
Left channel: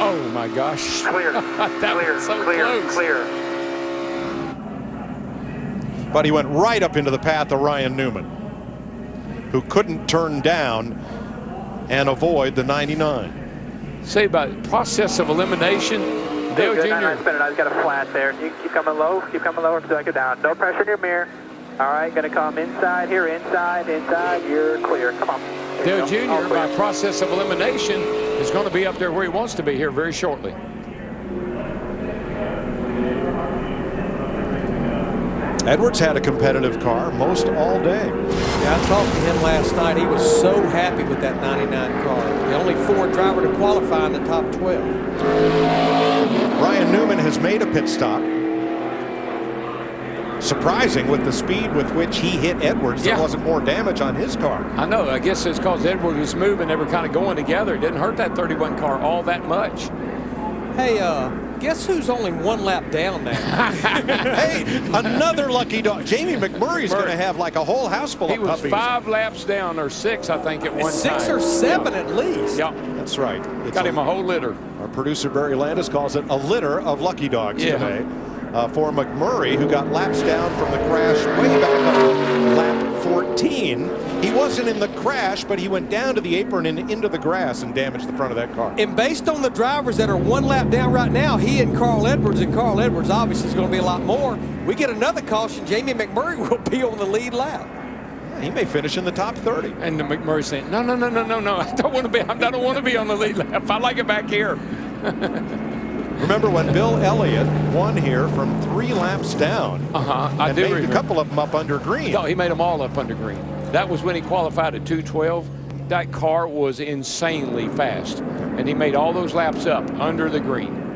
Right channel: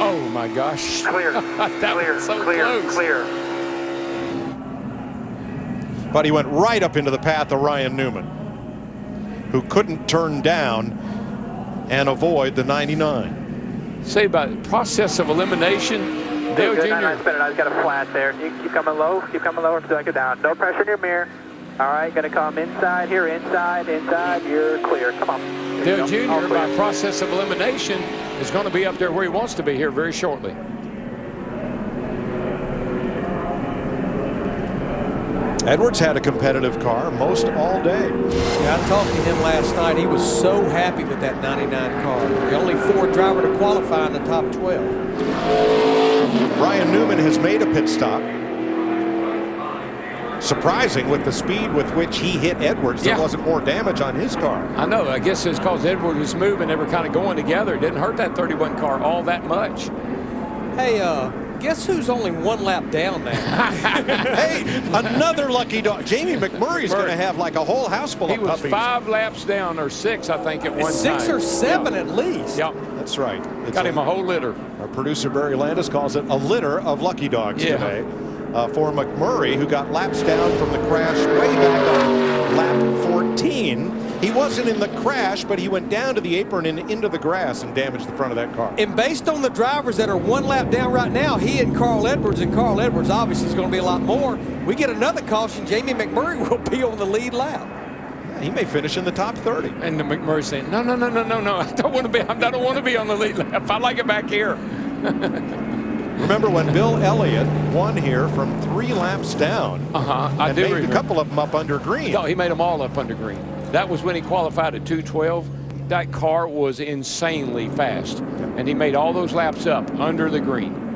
Oh my gosh. Clear. That clear. was so clear. close. Clear. But he went right up into the path of Ryan Newman, who couldn't turn down and avoid the 99. Say about process of elimination. Dale Jr. Nice spinning. I've got a flat there. You keep coming low. Keep coming lower until I get down. No pressure in your mirror. All right, going to come inside here. Inside. You're clear. Come on. Dale Jr. by process of elimination is going to be up there where he wants to be here very shortly. Edwards had a competitive car most all day. Yeah, I talked to him last night. He was so happy with that 99 car. The only Ford driver to qualify in the top 12. Ryan Newman has made a pit stop. Surprising with the speed with which he hit Edwards, there wasn't more damage on his car. I know. I guess it's because Edwards was moving. They were kind of going together. It didn't hurt that 31 car all that much. Hey, guess who's only 1 lap down now? Hey, another lucky dog. Jamie McMurray's going to have like a whole house full of puppies. He was 5 laps down, or 6, I think, at one time. 6 or 7 at least. Yeah, that's right. It's got him a whole litter. Our producer Barry Landis calls it a litter of lucky dogs today. For McMurray, who got laps down from the crash way back on lap 14. He wasn't in the crash, but he went down to the apron and into the grass and damaged the front of that car. And based on the drivers that are 1 lap down right now, he and Carl Edwards obviously is going to be a lot more. We get another caution, Jamie McMurray will be on the lead lap. Yeah, he may finish in the top 30. And McMurray saying, no, I don't want to be. I don't want to be on the lead lap. I like it back here. Remember when Bill Elliott won here from 3 laps down? I and do made remember. a couple of them up under green. No, he made them all up under green. That was when he qualified at 2:12. That car was insanely fast, and he made all those laps up under the green.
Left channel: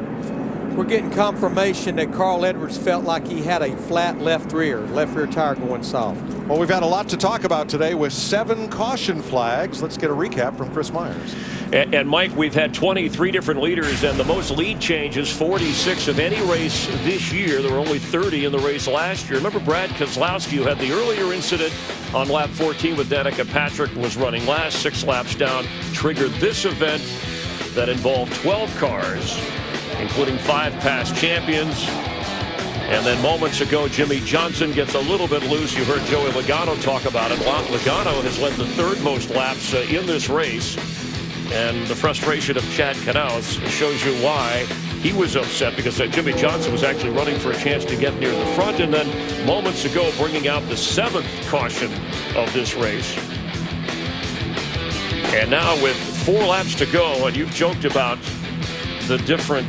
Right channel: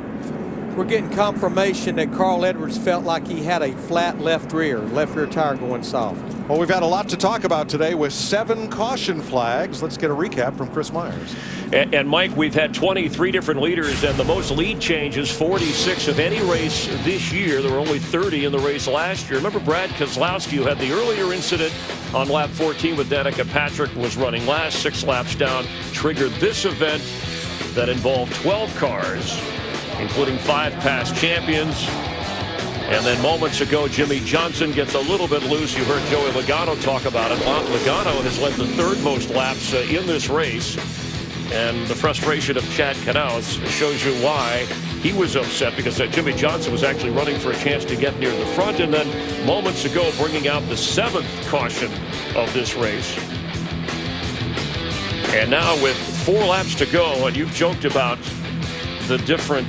We're getting confirmation that Carl Edwards felt like he had a flat left rear tire going soft. Well, we've had a lot to talk about today with 7 caution flags. Let's get a recap from Chris Myers. And Mike, we've had 23 different leaders and the most lead changes, 46 of any race this year. There were only 30 in the race last year. Remember Brad Keselowski, who had the earlier incident on lap 14 with Danica Patrick, was running last, 6 laps down, triggered this event that involved 12 cars, including 5 past champions. And then moments ago, Jimmy Johnson gets a little bit loose. You heard Joey Logano talk about it. Logano has led the third most laps in this race. And the frustration of Chad Knaus shows you why he was upset, because Jimmy Johnson was actually running for a chance to get near the front. And then moments ago, bringing out the 7th caution of this race. And now with 4 laps to go, and you've joked about the different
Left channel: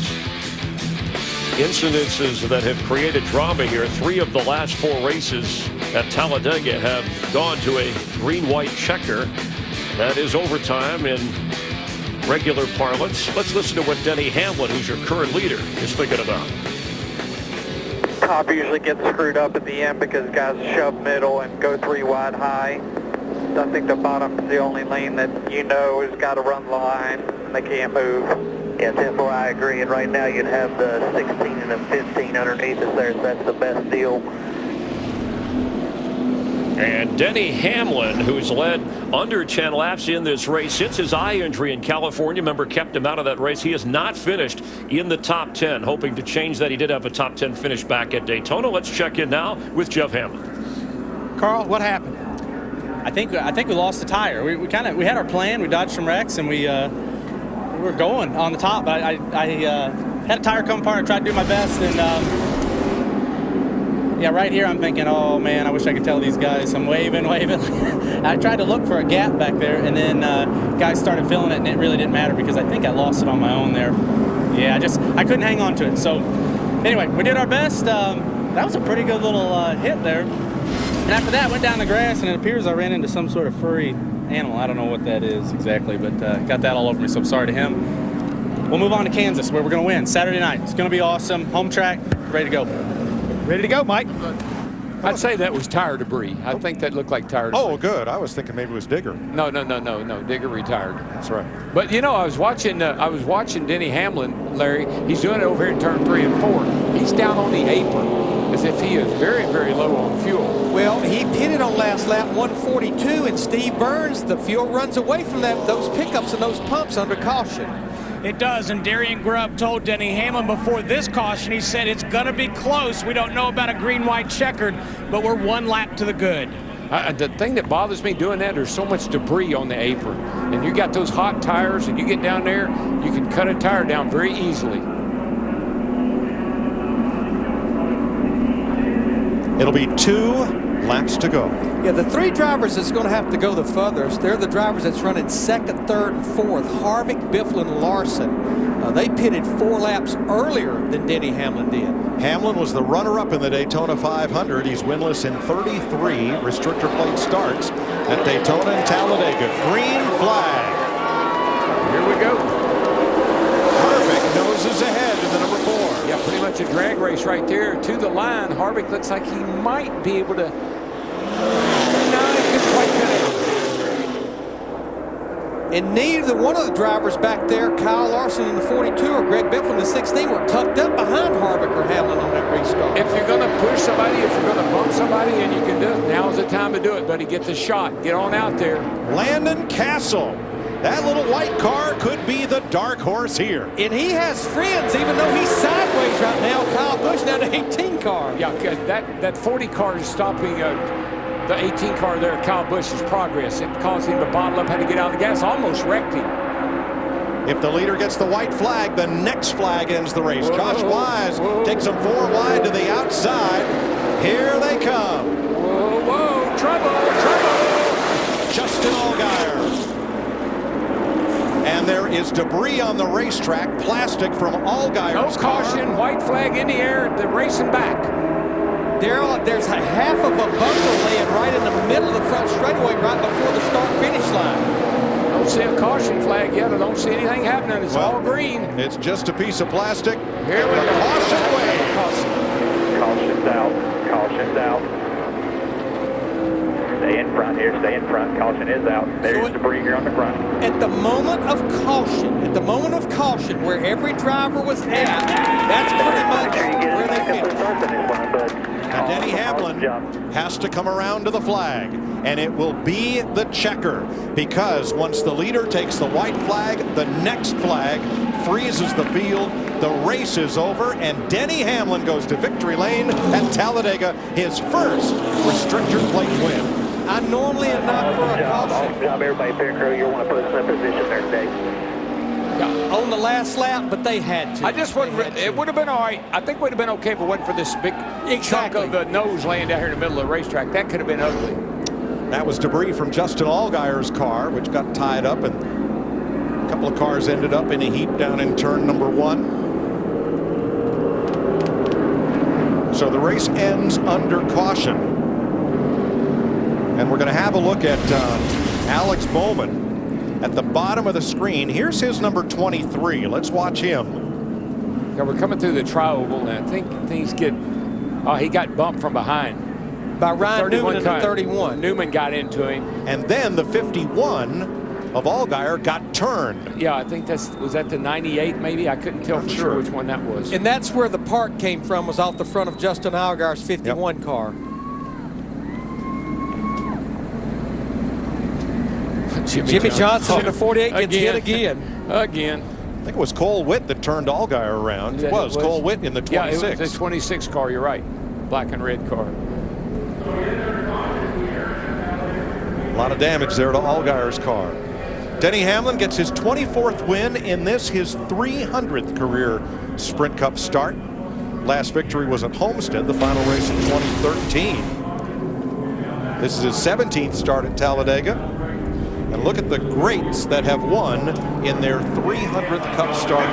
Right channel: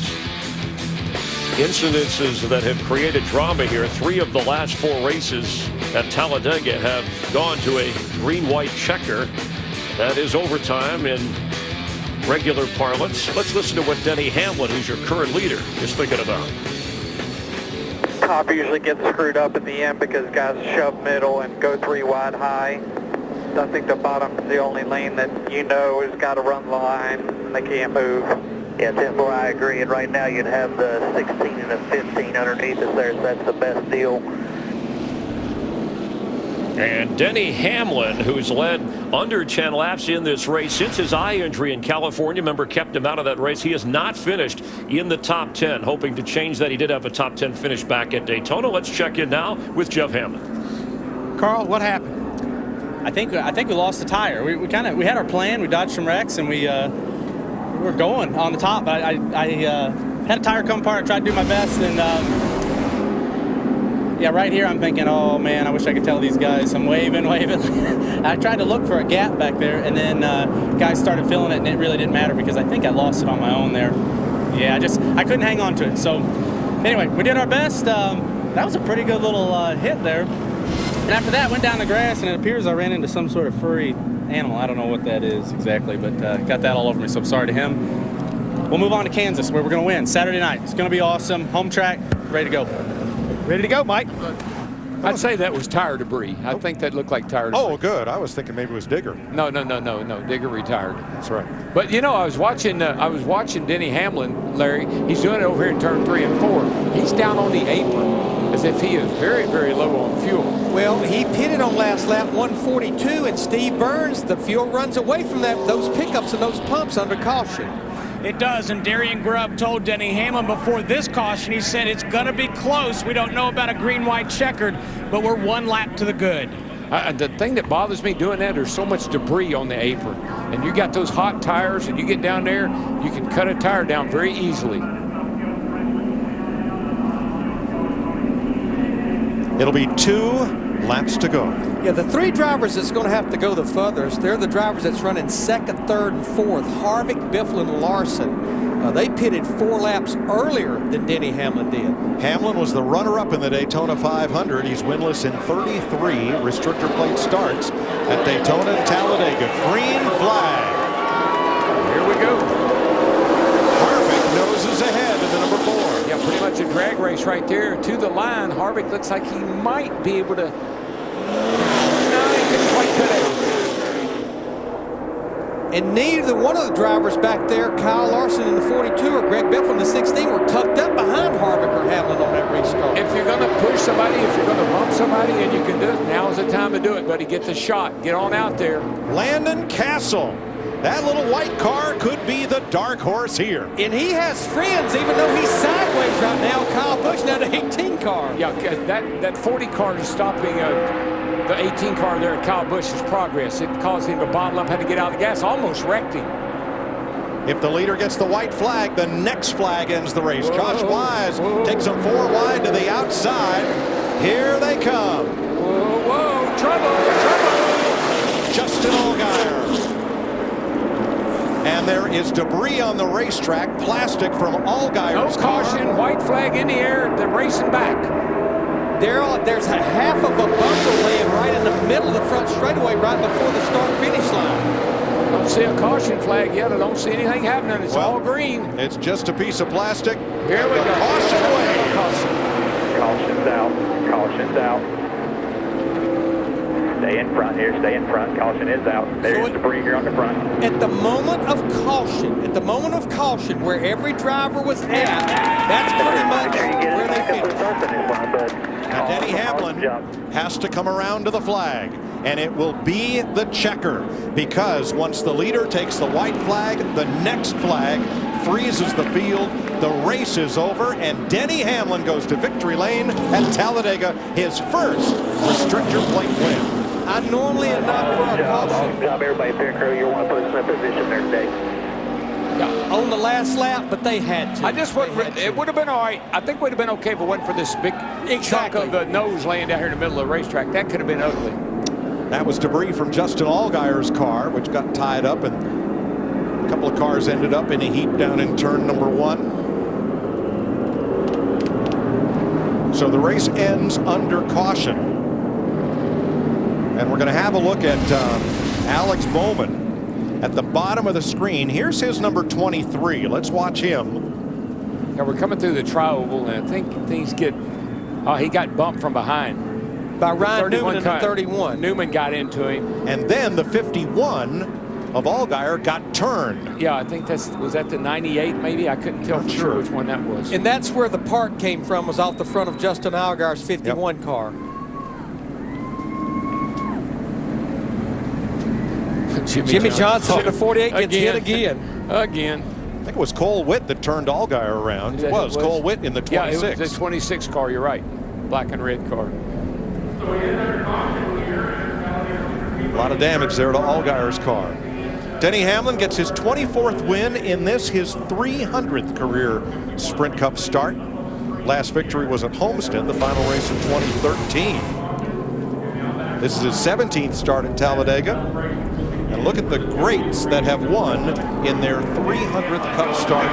incidences that have created drama here. 3 of the last 4 races at Talladega have gone to a green-white checker. That is overtime in regular parlance. Let's listen to what Denny Hamlin, who's your current leader, is thinking about. Top usually gets screwed up at the end because guys shove middle and go 3 wide high. I think the bottom's the only lane that has got to run the line and they can't move. Yeah, 10-4, I agree. And right now you'd have the 16 and the 15 underneath us there, so that's the best deal. And Denny Hamlin, who's led under 10 laps in this race since his eye injury in California, remember, kept him out of that race. He has not finished in the top 10, hoping to change that. He did have a top 10 finish back at Daytona. Let's check in now with Jeff Hammond. Carl, what happened? I think we lost the tire. We had our plan. We dodged some wrecks and we were going on the top. I had a tire come apart. I tried to do my best, and yeah, right here I'm thinking, oh man, I wish I could tell these guys. I'm waving. I tried to look for a gap back there, and then guys started filling it, and it really didn't matter because I think I lost it on my own there. Yeah, I couldn't hang on to it. So anyway, we did our best. That was a pretty good little hit there. And after that, went down the grass, and it appears I ran into some sort of furry animal. I don't know what that is exactly, but got that all over me, so I'm sorry to him. We'll move on to Kansas, where we're going to win Saturday night. It's going to be awesome. Home track, ready to go. Ready to go, Mike. I'd say that was tire debris. I think that looked like tire debris. Oh, good. I was thinking maybe it was Digger. No. Digger retired. That's right. But I was watching Denny Hamlin, Larry. He's doing it over here in turn 3 and 4. He's down on the apron, as if he is very, very low on fuel. Well, he pitted on last lap 142, and Steve Burns, the fuel runs away from those pickups and those pumps under caution. It does, and Darian Grubb told Denny Hamlin before this caution, he said it's going to be close. We don't know about a green-white checkered, but we're 1 lap to the good. The thing that bothers me doing that, there's so much debris on the apron. And you got those hot tires, and you get down there, you can cut a tire down very easily. It'll be 2 laps to go. Yeah, the 3 drivers that's going to have to go the furthest, they're the drivers that's running 2nd, 3rd, and 4th. Harvick, Biffle, and Larson. They pitted 4 laps earlier than Denny Hamlin did. Hamlin was the runner-up in the Daytona 500. He's winless in 33 restrictor plate starts at Daytona and Talladega. Green flag. Here we go. Harvick noses ahead in the number 4. Yeah, pretty much a drag race right there to the line. Harvick looks like he might be able to. No, he couldn't quite cut out. And neither one of the drivers back there, Kyle Larson in the 42 or Greg Biffle in the 16, were tucked up behind Harvick or Hamlin on that restart. If you're going to push somebody, if you're going to bump somebody, and you can do it, now's the time to do it, buddy. Get the shot. Get on out there. Landon Castle. That little white car could be the dark horse here. And he has friends, even though he's sideways right now. Kyle Busch now the 18 car. Yeah, that 40 car is stopping the 18 car there at Kyle Busch's progress. It caused him to bottle up, had to get out of the gas, almost wrecked him. If the leader gets the white flag, the next flag ends the race. Whoa, Josh Wise takes them 4 wide to the outside. Here they come. Whoa, trouble. Justin Allgaier. And there is debris on the racetrack, plastic from Allgaier's car. No caution, white flag in the air, they're racing back. Daryl, there's a half of a bumper laying right in the middle of the front straightaway right before the start-finish line. Don't see a caution flag yet. I don't see anything happening. It's all green. It's just a piece of plastic. Here we go. Caution wave. Caution's out. Caution's out. Stay in front here. Stay in front. Caution is out. There's debris here on the front. At the moment of caution, where every driver was at, that's pretty much where they finished. Now Denny Hamlin has to come around to the flag, and it will be the checker, because once the leader takes the white flag, the next flag freezes the field. the race is over, and Denny Hamlin goes to victory lane at Talladega, his first restrictor plate win. I normally am not for a caution. Awesome job, everybody. Pit crew, you want to put us in a position there today. On the last lap, but they had to. I just wouldn't. It would have been all right. I think we'd have been okay if it wasn't for this big chunk of the nose laying down here in the middle of the racetrack. That could have been ugly. That was debris from Justin Allgaier's car, which got tied up, and a couple of cars ended up in a heap down in turn number 1. So the race ends under caution. And we're going to have a look at Alex Bowman at the bottom of the screen. Here's his number 23. Let's watch him. Yeah, we're coming through the tri-oval, and I think things get. Oh, he got bumped from behind by Ryan Newman in the 31. Newman got into him, and then the 51 of Allgaier got turned. Yeah, I think was that the 98 maybe? I couldn't tell for sure which one that was. And that's where the park came from, was off the front of Justin Allgaier's 51 car. Jimmy Johnson in the 48 gets hit again. Again. I think it was Cole Witt that turned Allgaier around. It was Cole Witt in the 26. Yeah, it was the 26 car, you're right. Black and red car. A lot of damage there to Allgaier's car. Denny Hamlin gets his 24th win in this, his 300th career Sprint Cup start. Last victory was at Homestead, the final race in 2013. This is his 17th start at Talladega. And look at the greats that have won in their 300th Cup start,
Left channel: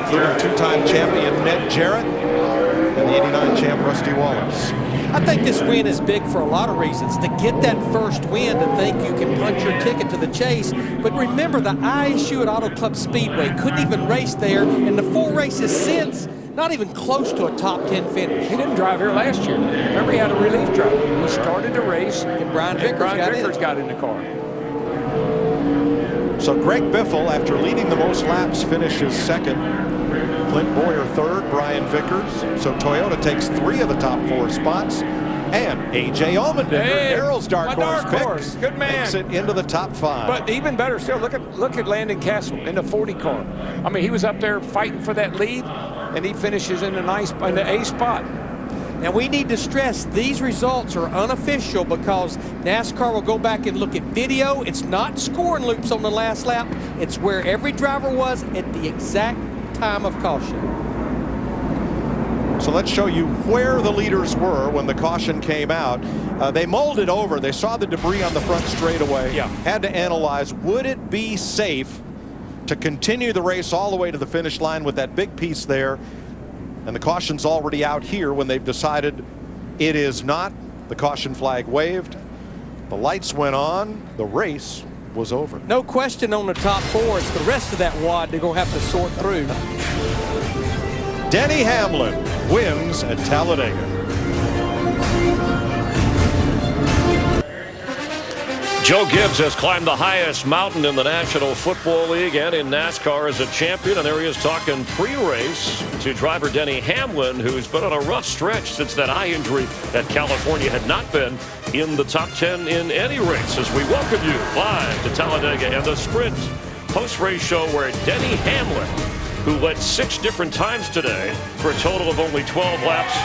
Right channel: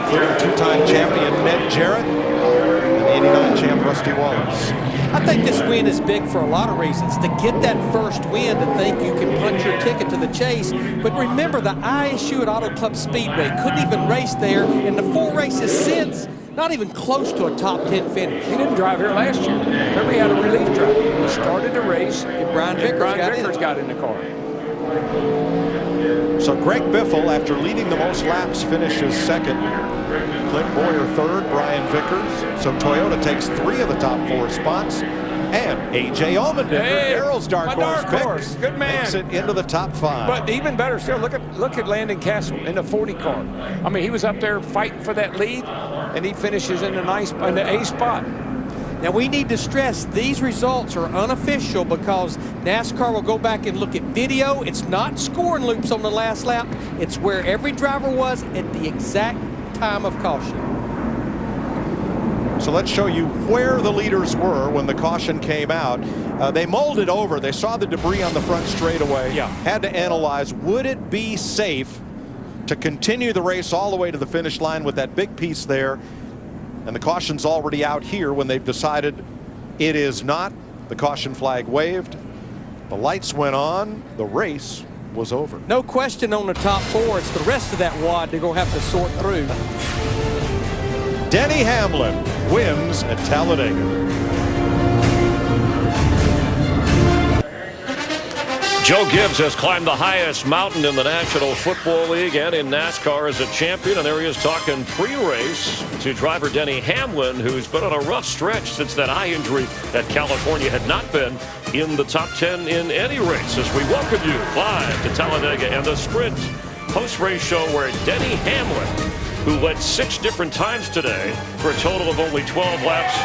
including two-time champion Ned Jarrett and the 89 champ Rusty Wallace. I think this win is big for a lot of reasons. To get that first win, to think you can punch your ticket to the chase. But remember, the ISU at Auto Club Speedway couldn't even race there, and the 4 races since, not even close to a top 10 finish. He didn't drive here last year. Remember, he had a relief driver. He started the race, and Brian Vickers got in the car. So Greg Biffle, after leading the most laps, finishes second. Clint Boyer third, Brian Vickers. So Toyota takes 3 of the top 4 spots. And A.J. Allmendinger, Darrell's dark horse pick, good man, makes it into the top 5. But even better still, look at Landon Castle in the 40 car. I mean, he was up there fighting for that lead, and he finishes in the A spot. Now, we need to stress these results are unofficial because NASCAR will go back and look at video. It's not scoring loops on the last lap. It's where every driver was at the exact time of caution. So let's show you where the leaders were when the caution came out. They mulled it over. They saw the debris on the front straightaway. Yeah. Had to analyze, would it be safe to continue the race all the way to the finish line with that big piece there? And the caution's already out here when they've decided it is not. The caution flag waved. The lights went on. The race was over. No question on the top 4. It's the rest of that wad they're going to have to sort through. Denny Hamlin wins at Talladega. Joe Gibbs has climbed the highest mountain in the National Football League and in NASCAR as a champion. And there he is talking pre-race to driver Denny Hamlin, who's been on a rough stretch since that eye injury that California had not been in the top 10 in any race. As we welcome you live to Talladega and the Sprint post-race show where Denny Hamlin, who led 6 different times today for a total of only 12 laps,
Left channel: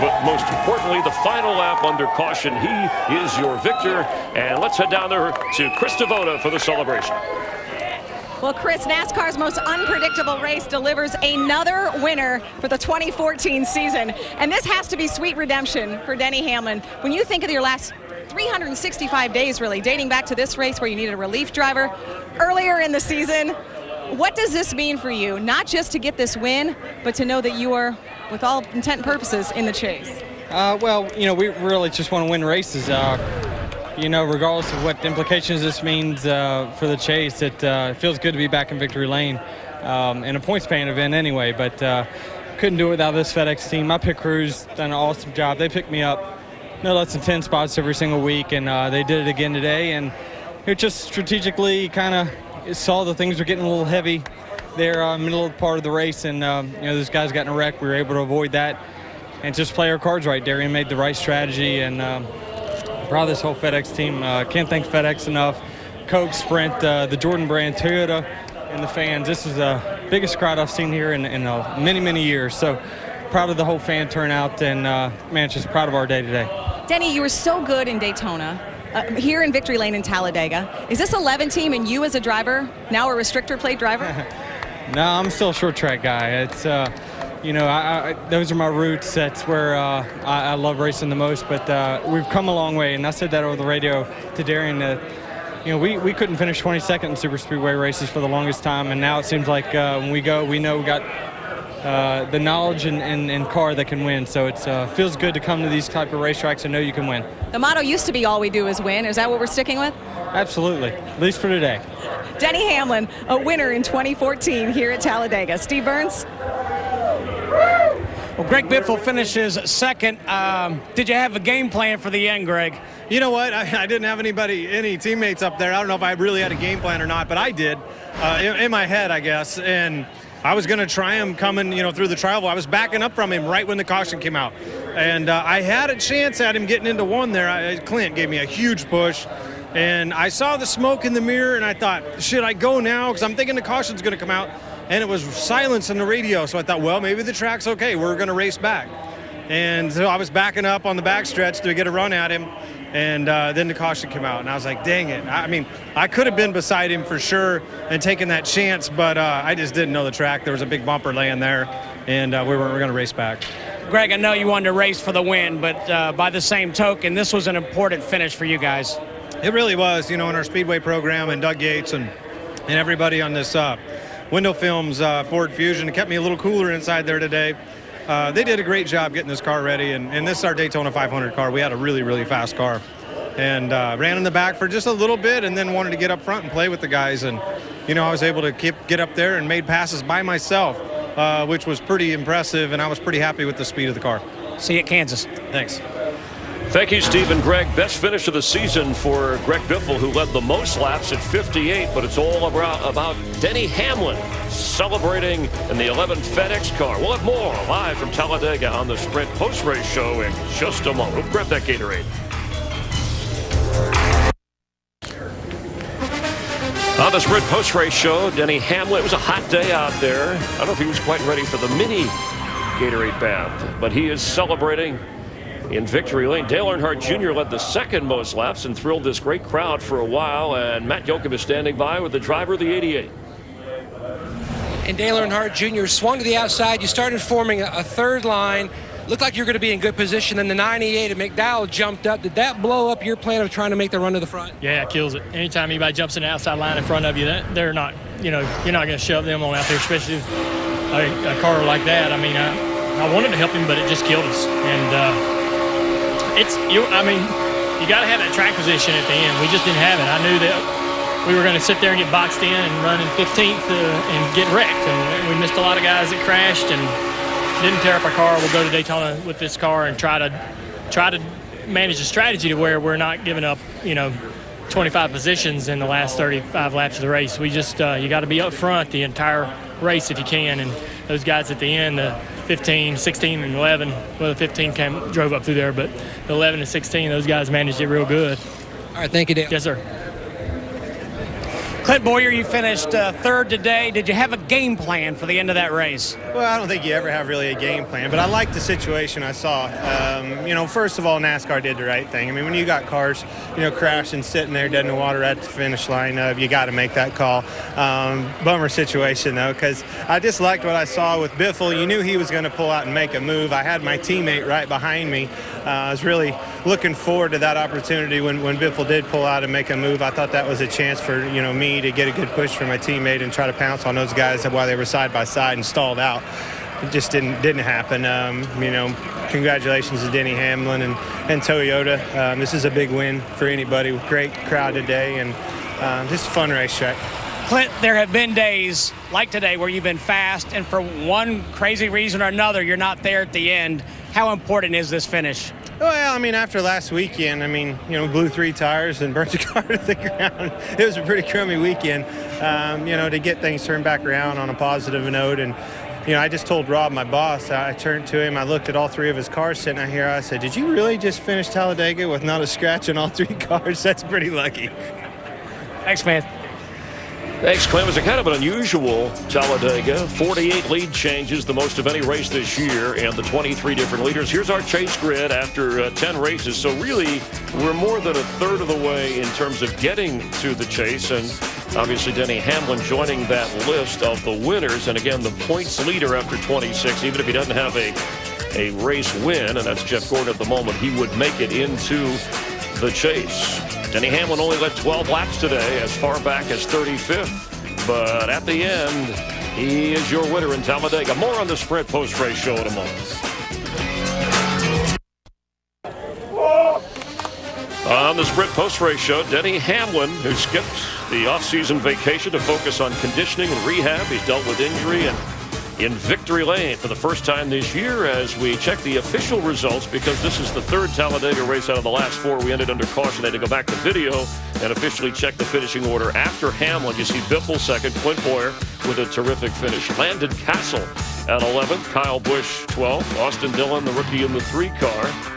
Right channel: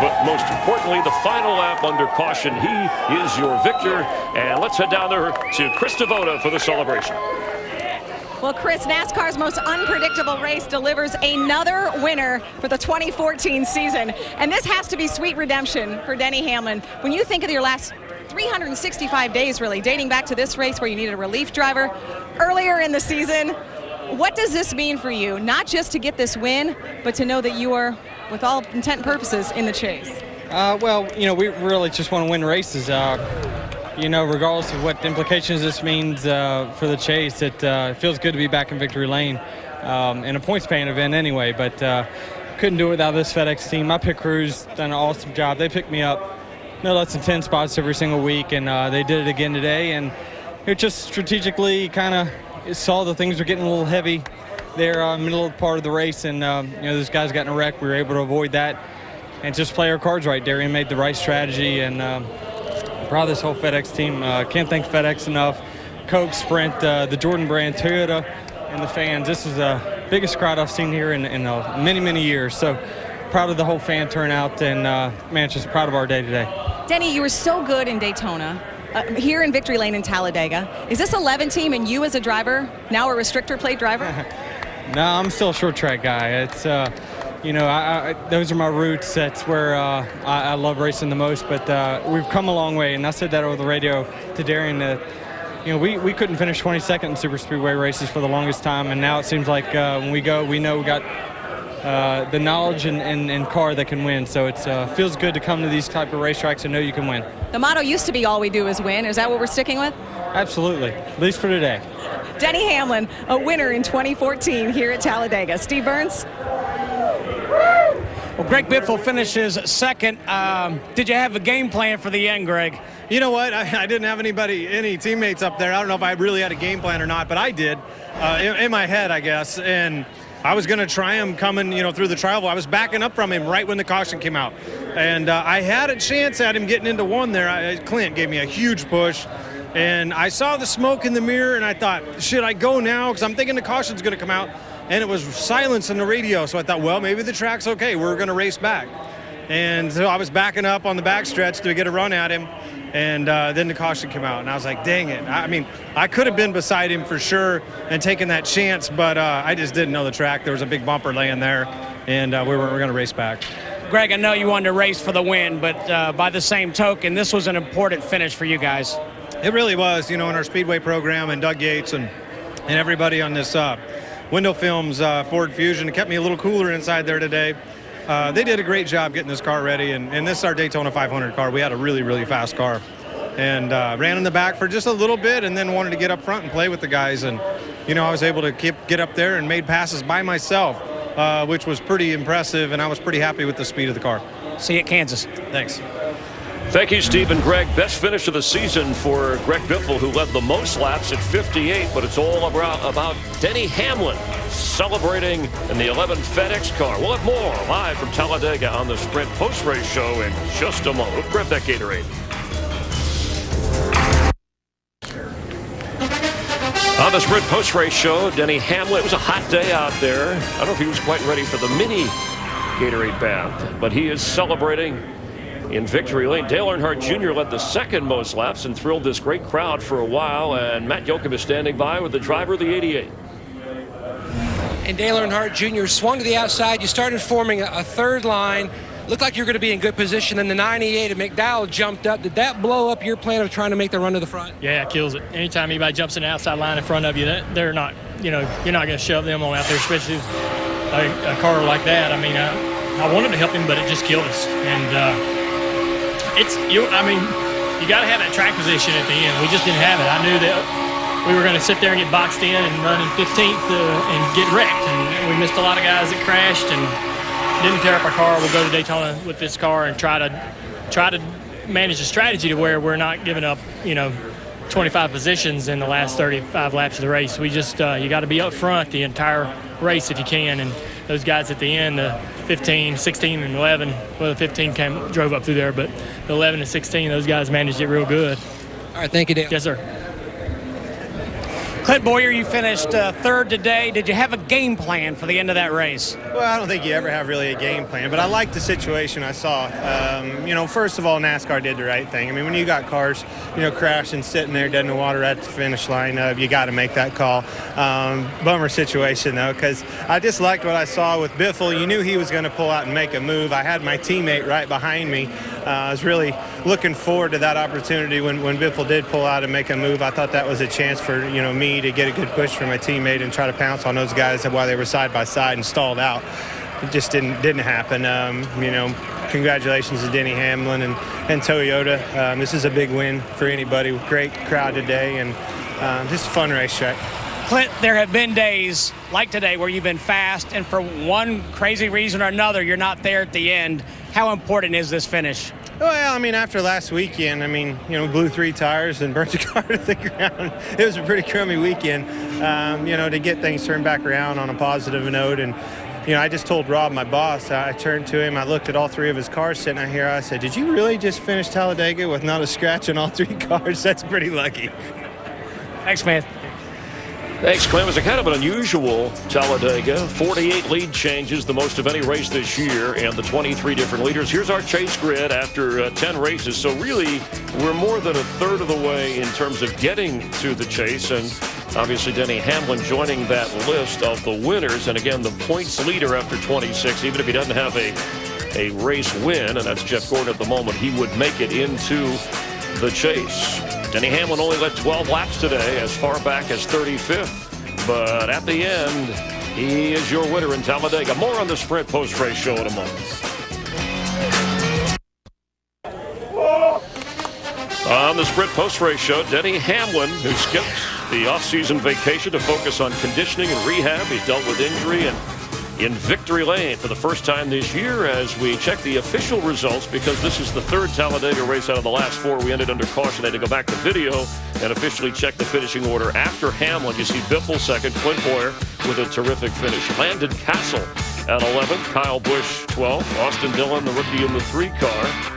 but most importantly, the final lap under caution. He is your victor. And let's head down there to Chris Devoto for the celebration. Well, Chris, NASCAR's most unpredictable race delivers another winner for the 2014 season. And this has to be sweet redemption for Denny Hamlin. When you think of your last 365 days, really, dating back to this race where you needed a relief driver earlier in the season, what does this mean for you? Not just to get this win, but to know that you are, with all intent and purposes, in the chase. Well, you know, we really just want to win races. You know, regardless of what implications this means for the chase, it feels good to be back in victory lane in a points-paying event anyway. But couldn't do it without this FedEx team. My pit crew's done an awesome job. They picked me up no less than 10 spots every single week, and they did it again today. And it just strategically kind of saw the things were getting a little heavy there middle of the part of the race, and you know, those guys got in a wreck. We were able to avoid that and just play our cards right. Darian made the right strategy, and proud of this whole FedEx team. Can't thank FedEx enough. Coke, Sprint, the Jordan brand, Toyota, and the fans. This is the biggest crowd I've seen here in many, many years. So proud of the whole fan turnout, and man, just proud of our day today. Denny, you were so good in Daytona. Here in Victory Lane in Talladega. Is this 11 team and you as a driver, now a restrictor plate driver? No, I'm still a short track guy. It's, you know, those are my roots. That's where I love racing the most. But we've come a long way, and I said that over the radio to Darian that, you know, we couldn't finish 22nd in super speedway races for the longest time, and now it seems like when we go, we know we got the knowledge and car that can win. So it feels good to come to these type of racetracks and know you can win. The motto used to be all we do is win. Is that what we're sticking with? Absolutely, at least for today. Denny Hamlin, a winner in 2014 here at Talladega. Steve Burns? Well, Greg Biffle finishes second. Did you have a game plan for the end, Greg? You know what? I didn't have any teammates up there. I don't know if I really had a game plan or not, but I did in my head, I guess. And I was going to try him coming, you know, through the trial. I was backing up from him right when the caution came out. And I had a chance at him getting into one there. Clint gave me a huge push. And I saw the smoke in the mirror, and I thought, should I go now? Because I'm thinking the caution's going to come out. And it was silence on the radio. So I thought, well, maybe the track's okay. We're going to race back. And so I was backing up on the backstretch to get a run at him. And then the caution came out, and I was like, dang it. I mean, I could have been beside him for sure and taken that chance, but I just didn't know the track. There was a big bumper laying there, and we were going to race back. Greg, I know you wanted to race for the win, but by the same token, this was an important finish for you guys. It really was, you know, in our Speedway program, and Doug Yates and everybody on this Window Films Ford Fusion. It kept me a little cooler inside there today. They did a great job getting this car ready, and this is our Daytona 500 car. We had a really, really fast car, and ran in the back for just a little bit, and then wanted to get up front and play with the guys. And you know, I was able to get up there and made passes by myself, which was pretty impressive, and I was pretty happy with the speed of the car. See you at Kansas. Thanks. Thank you, Steve and Greg. Best finish of the season for Greg Biffle, who led the most laps at 58, but it's all about Denny Hamlin celebrating in the 11 FedEx car. We'll have more live from Talladega on the Sprint post-race show in just a moment. We'll grab that Gatorade. On the Sprint post-race show, Denny Hamlin. It was a hot day out there. I don't know if he was quite ready for the mini Gatorade bath, but he is celebrating in Victory Lane. Dale Earnhardt Jr. led the second most laps and thrilled this great crowd for a while, and Matt Yoakum is standing by with the driver of the 88. And Dale Earnhardt Jr. swung to the outside. You started forming a third line. Looked like you were going to be in good position. Then the 98 of McDowell jumped up. Did that blow up your plan of trying to make the run to the front? Yeah, it kills it. Anytime anybody jumps in the outside line in front of you, they're not, you know, you're not going to shove them on out there, especially a car like that. I mean, I wanted to help him, but it just killed us. And I mean, you got to have that track position at the end. We just didn't have it. I knew that we were going to sit there and get boxed in and run in 15th and get wrecked. And we missed a lot of guys that crashed and didn't tear up our car. We'll go to Daytona with this car and try to manage a strategy to where we're not giving up, you know, 25 positions in the last 35 laps of the race. We just you got to be up front the entire race if you can. And those guys at the end, the 15, 16, and 11. Well, the 15 drove up through there, but the 11 and 16, those guys managed it real good. All right, thank you, Dale. Yes, sir. Clint Boyer, you finished third today. Did you have a game plan for the end of that race? Well, I don't think you ever have really a game plan, but I liked the situation I saw. You know, first of all, NASCAR did the right thing. I mean, when you got cars, you know, crashing, sitting there dead in the water at the finish line, you got to make that call. Bummer situation, though, because I just liked what I saw with Biffle. You knew he was going to pull out and make a move. I had my teammate right behind me. I was really looking forward to that opportunity when Biffle did pull out and make a move. I thought that was a chance for, you know, me to get a good push from my teammate and try to pounce on those guys while they were side by side and stalled out. It just didn't happen. You know, congratulations to Denny Hamlin and Toyota. This is a big win for anybody. Great crowd today, and just a fun racetrack. Clint, there have been days like today where you've been fast, and for one crazy reason or another, you're not there at the end. How important is this finish? Well, I mean, after last weekend, I mean, you know, blew 3 tires and burnt the car to the ground. It was a pretty crummy weekend, you know, to get things turned back around on a positive note. And, you know, I just told Rob, my boss, I turned to him, I looked at all 3 of his cars sitting out here. I said, did you really just finish Talladega with not a scratch on all 3 cars? That's pretty lucky. Thanks, man. Thanks, Clem. It was a kind of an unusual Talladega. 48 lead changes, the most of any race this year, and the 23 different leaders. Here's our chase grid after 10 races. So really, we're more than a third of the way in terms of getting to the chase. And obviously, Denny Hamlin joining that list of the winners. And again, the points leader after 26, even if he doesn't have a race win, and that's Jeff Gordon at the moment, he would make it into the chase. Denny Hamlin only led 12 laps today, as far back as 35th. But at the end, he is your winner in Talladega. More on the Sprint post-race show in a moment. On the Sprint post-race show, Denny Hamlin, who skipped the off-season vacation to focus on conditioning and rehab. He's dealt with injury and in victory lane for the first time this year as we check the official results, because this is the third Talladega race out of the last four. We ended under caution. They had to go back to video and officially check the finishing order. After Hamlin, you see Biffle second, Clint Boyer with a terrific finish. Landon Castle at 11th, Kyle Busch 12th, Austin Dillon, the rookie in the 3 car.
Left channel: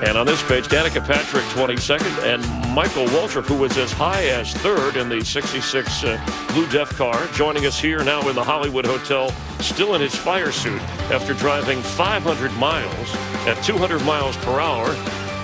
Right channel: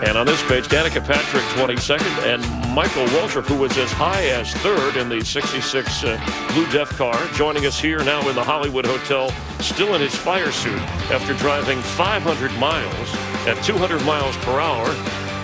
And on this page, Danica Patrick 22nd, and Michael Waltrip, who was as high as 3rd in the 66 Blue Def car, joining us here now in the Hollywood Hotel, still in his fire suit after driving 500 miles at 200 miles per hour.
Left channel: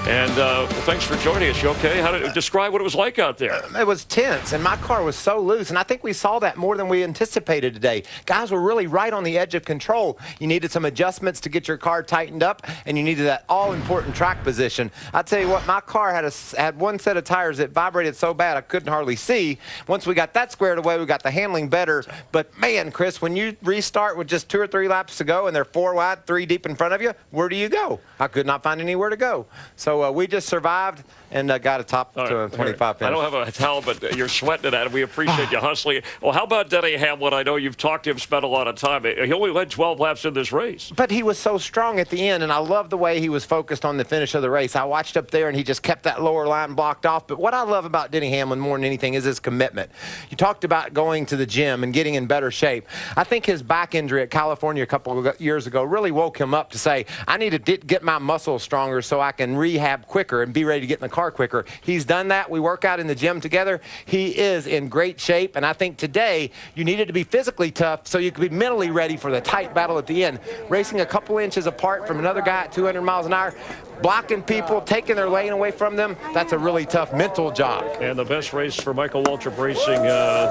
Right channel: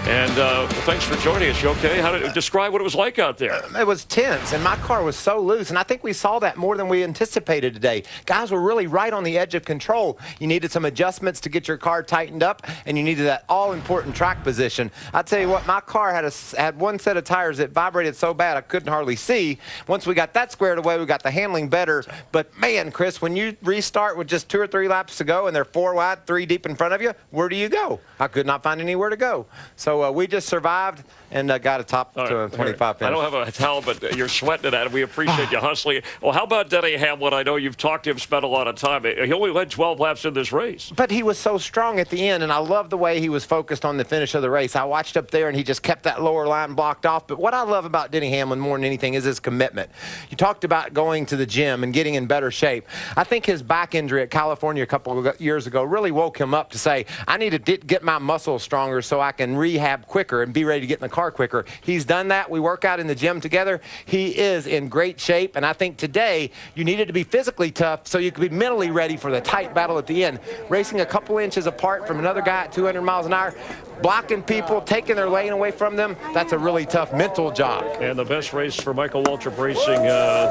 And well, thanks for joining us. You okay? How did describe what it was like out there? It was tense, and my car was so loose, and I think we saw that more than we anticipated today. Guys were really right on the edge of control. You needed some adjustments to get your car tightened up, and you needed that all-important track position. I tell you what, my car had one set of tires that vibrated so bad I couldn't hardly see. Once we got that squared away, we got the handling better. But man, Chris, when you restart with just 2 or 3 laps to go, and they're 4 wide, 3 deep in front of you, where do you go? I could not find anywhere to go. So we just survived and got a top 25 finish. I don't have a towel, but you're sweating it out. We appreciate you hustling. Well, how about Denny Hamlin? I know you've talked to him, spent a lot of time. He only led 12 laps in this race. But he was so strong at the end, and I love the way he was focused on the finish of the race. I watched up there, and he just kept that lower line blocked off. But what I love about Denny Hamlin more than anything is his commitment. You talked about going to the gym and getting in better shape. I think his back injury at California a couple of years ago really woke him up to say, I need to get my muscles stronger so I can rehab quicker and be ready to get in the car quicker. He's done that. We work out in the gym together. He is in great shape, and I think today you needed to be physically tough so you could be mentally ready for the tight battle at the end. Racing a couple inches apart from another guy at 200 miles an hour, blocking people, taking their lane away from them, that's a really tough mental job. And the best race for Michael Waltrip Racing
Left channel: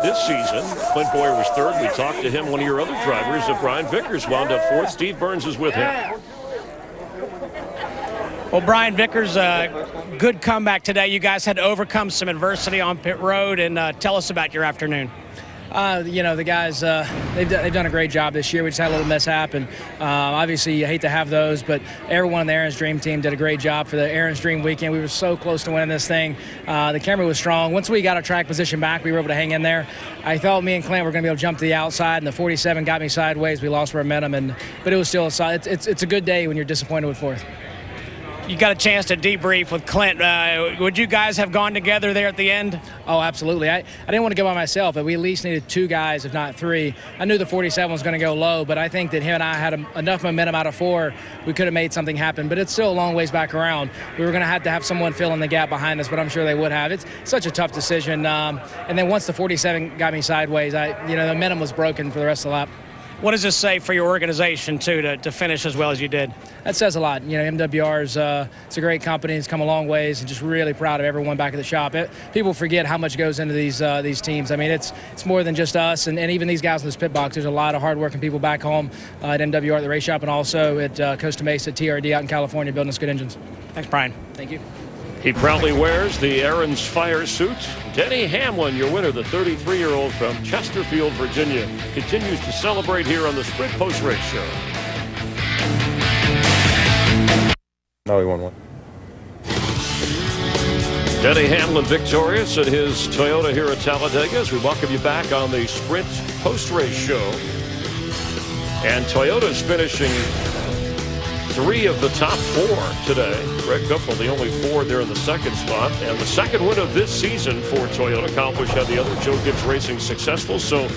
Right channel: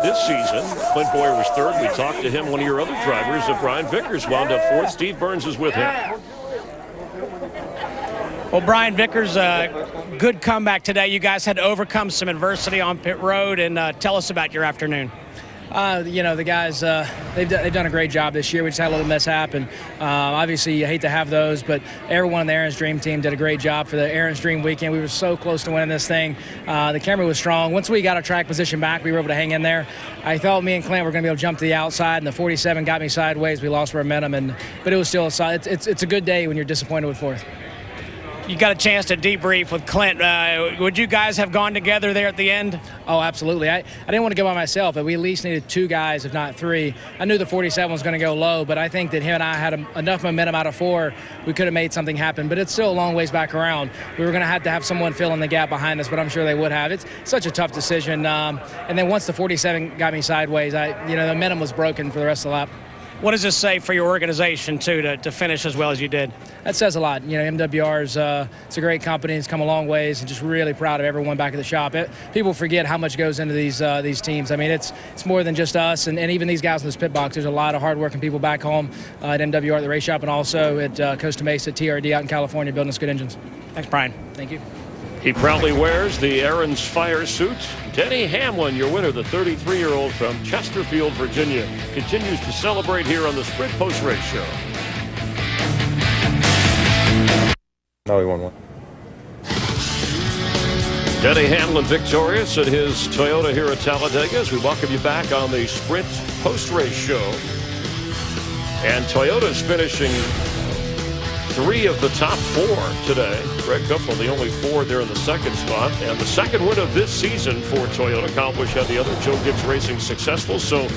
this season, Clint Boyer was 3rd. We talked to him. One of your other drivers, Brian Vickers, wound up 4th. Steve Burns is with him. Well, Brian Vickers, good comeback today. You guys had to overcome some adversity on pit road, and tell us about your afternoon. You know, the guys, they've done a great job this year. We just had a little mishap, and obviously you hate to have those, but everyone on the Aaron's Dream team did a great job for the Aaron's Dream weekend. We were so close to winning this thing. The camera was strong. Once we got our track position back, we were able to hang in there. I thought me and Clint were going to be able to jump to the outside, and the 47 got me sideways. We lost momentum, but it was still it's a good day when you're disappointed with 4th. You got a chance to debrief with Clint. Would you guys have gone together there at the end? Oh, absolutely. I didn't want to go by myself, but we at least needed 2 guys, if not 3. I knew the 47 was going to go low, but I think that him and I had enough momentum out of 4. We could have made something happen, but it's still a long ways back around. We were going to have someone fill in the gap behind us, but I'm sure they would have. It's such a tough decision. And then once the 47 got me sideways, the momentum was broken for the rest of the lap. What does this say for your organization, too, to finish as well as you did? That says a lot. You know, MWR's it's a great company. It's come a long ways, and just really proud of everyone back at the shop. People forget how much goes into these teams. I mean, it's more than just us, and even these guys in this pit box. There's a lot of hardworking people back home at MWR at the race shop, and also at Costa Mesa TRD out in California building us good engines. Thanks, Brian. Thank you. He proudly wears the Aaron's fire suit. Denny Hamlin, your winner, the 33-year-old from Chesterfield, Virginia, continues to celebrate here on the Sprint Post-Race Show. No, he won one. Denny Hamlin victorious at his Toyota here at Talladega as we welcome you back on the Sprint Post-Race Show. And Toyota's finishing 3 of the top 4 today. Greg Biffle, the only 4 there in the 2nd spot. And the 2nd win of this season for Toyota. Kyle Busch had the other. Joe Gibbs Racing successful. So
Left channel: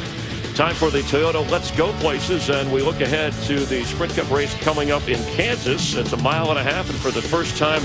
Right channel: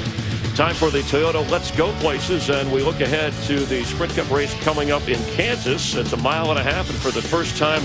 Time for the Toyota Let's Go Places, and we look ahead to the Sprint Cup race coming up in Kansas. It's a mile and a half, and for the first time,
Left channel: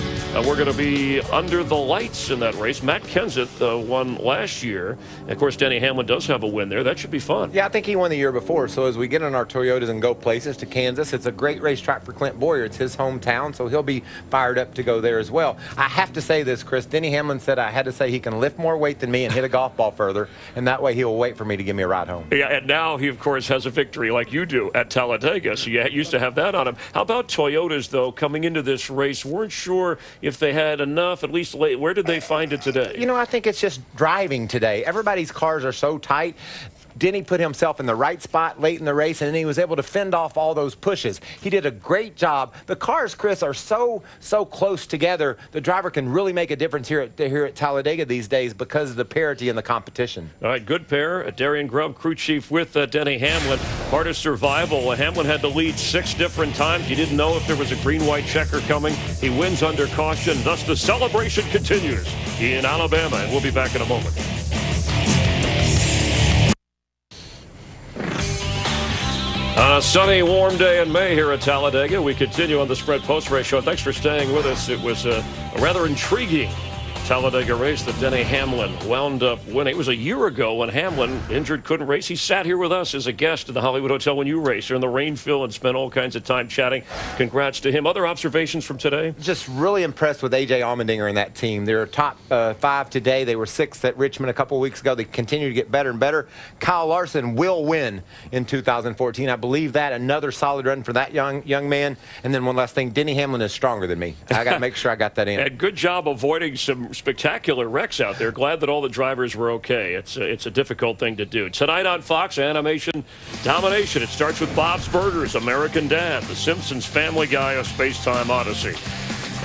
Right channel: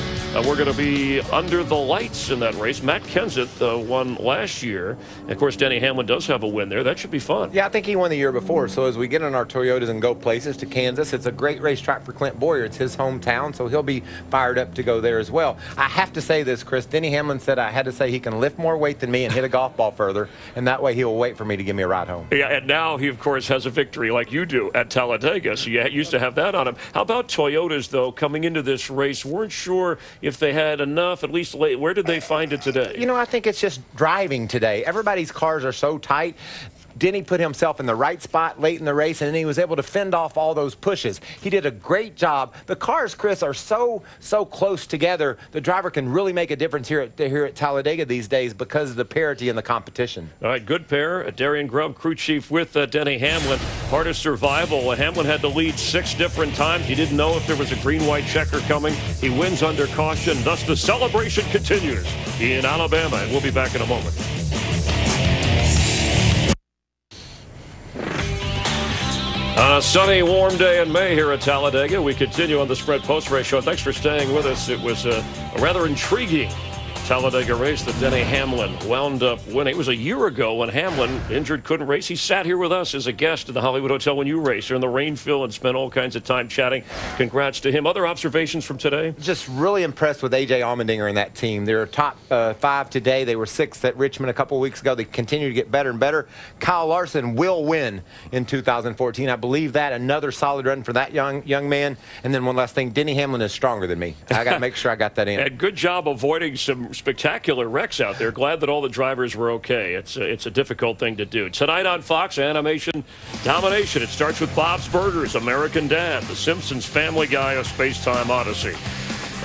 we're going to be under the lights in that race. Matt Kenseth won last year. And of course, Denny Hamlin does have a win there. That should be fun. Yeah, I think he won the year before. So as we get in our Toyotas and go places to Kansas, it's a great racetrack for Clint Boyer. It's his hometown, so he'll be fired up to go there as well. I have to say this, Chris. Denny Hamlin said I had to say he can lift more weight than me and hit a golf ball further, and that way he will wait for me to give me a ride home. Yeah, and now he, of course, has a victory like you do at Talladega, so you used to have that on him. How about Toyotas, though, coming into this race? Weren't sure if they had enough, at least late. Where did they find it today? You know, I think it's just driving today. Everybody's cars are so tight. Denny put himself in the right spot late in the race, and then he was able to fend off all those pushes. He did a great job. The cars, Chris, are so close together. The driver can really make a difference here at Talladega these days because of the parity in the competition. All right, good pair. Darian Grubb, crew chief with Denny Hamlin. Part of survival. Hamlin had to lead 6 different times. You didn't know if there was a green-white checker coming. He wins under caution. Thus, the celebration continues in Alabama, and we'll be back in a moment. On a sunny, warm day in May here at Talladega, we continue on the Spread Post Race Show. Thanks for staying with us. It was a rather intriguing Talladega race that Denny Hamlin wound up winning. It was a year ago when Hamlin, injured, couldn't race. He sat here with us as a guest at the Hollywood Hotel when you raced here in the rain fill and spent all kinds of time chatting. Congrats to him. Other observations from today? Just really impressed with A.J. Allmendinger and that team. They're top 5 today. They were 6th at Richmond a couple of weeks ago. They continue to get better and better. Kyle Larson will win in 2014. I believe that. Another solid run for that young man. And then one last thing, Denny Hamlin is stronger than me. I got to make sure I got that in. And good job avoiding some spectacular wrecks out there. Glad that all the drivers were okay. It's a difficult thing to do. Tonight on Fox, Animation Domination. It starts with Bob's Burgers, American Dad, The Simpsons, Family Guy, A Space-Time Odyssey.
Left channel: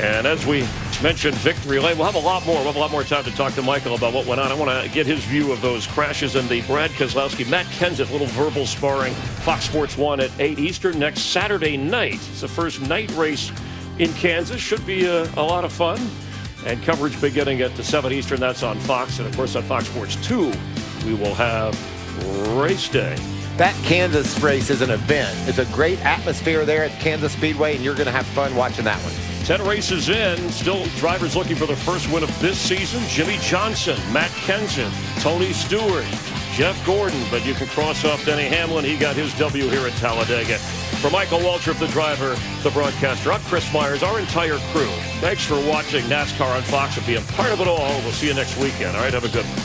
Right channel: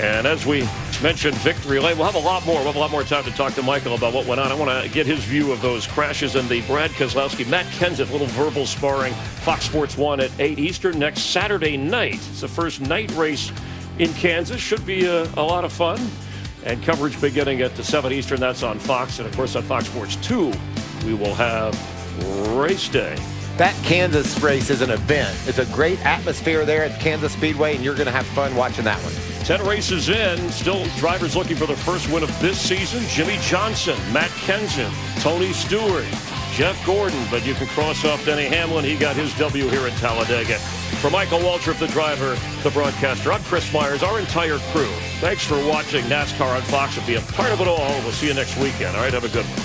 And as we mentioned, Victory Lane, we'll have a lot more. We'll have a lot more time to talk to Michael about what went on. I want to get his view of those crashes and the Brad Keselowski, Matt Kenseth, little verbal sparring. Fox Sports 1 at 8 Eastern next Saturday night. It's the first night race in Kansas. Should be a lot of fun. And coverage beginning at 7 Eastern. That's on Fox. And, of course, on Fox Sports 2, we will have race day. That Kansas race is an event. It's a great atmosphere there at Kansas Speedway, and you're going to have fun watching that one. 10 races in, still drivers looking for their first win of this season. Jimmy Johnson, Matt Kenseth, Tony Stewart, Jeff Gordon, but you can cross off Denny Hamlin. He got his W here at Talladega. For Michael Waltrip, the driver, the broadcaster, I'm Chris Myers, our entire crew. Thanks for watching NASCAR on Fox and being part of it all. We'll see you next weekend. All right, have a good one.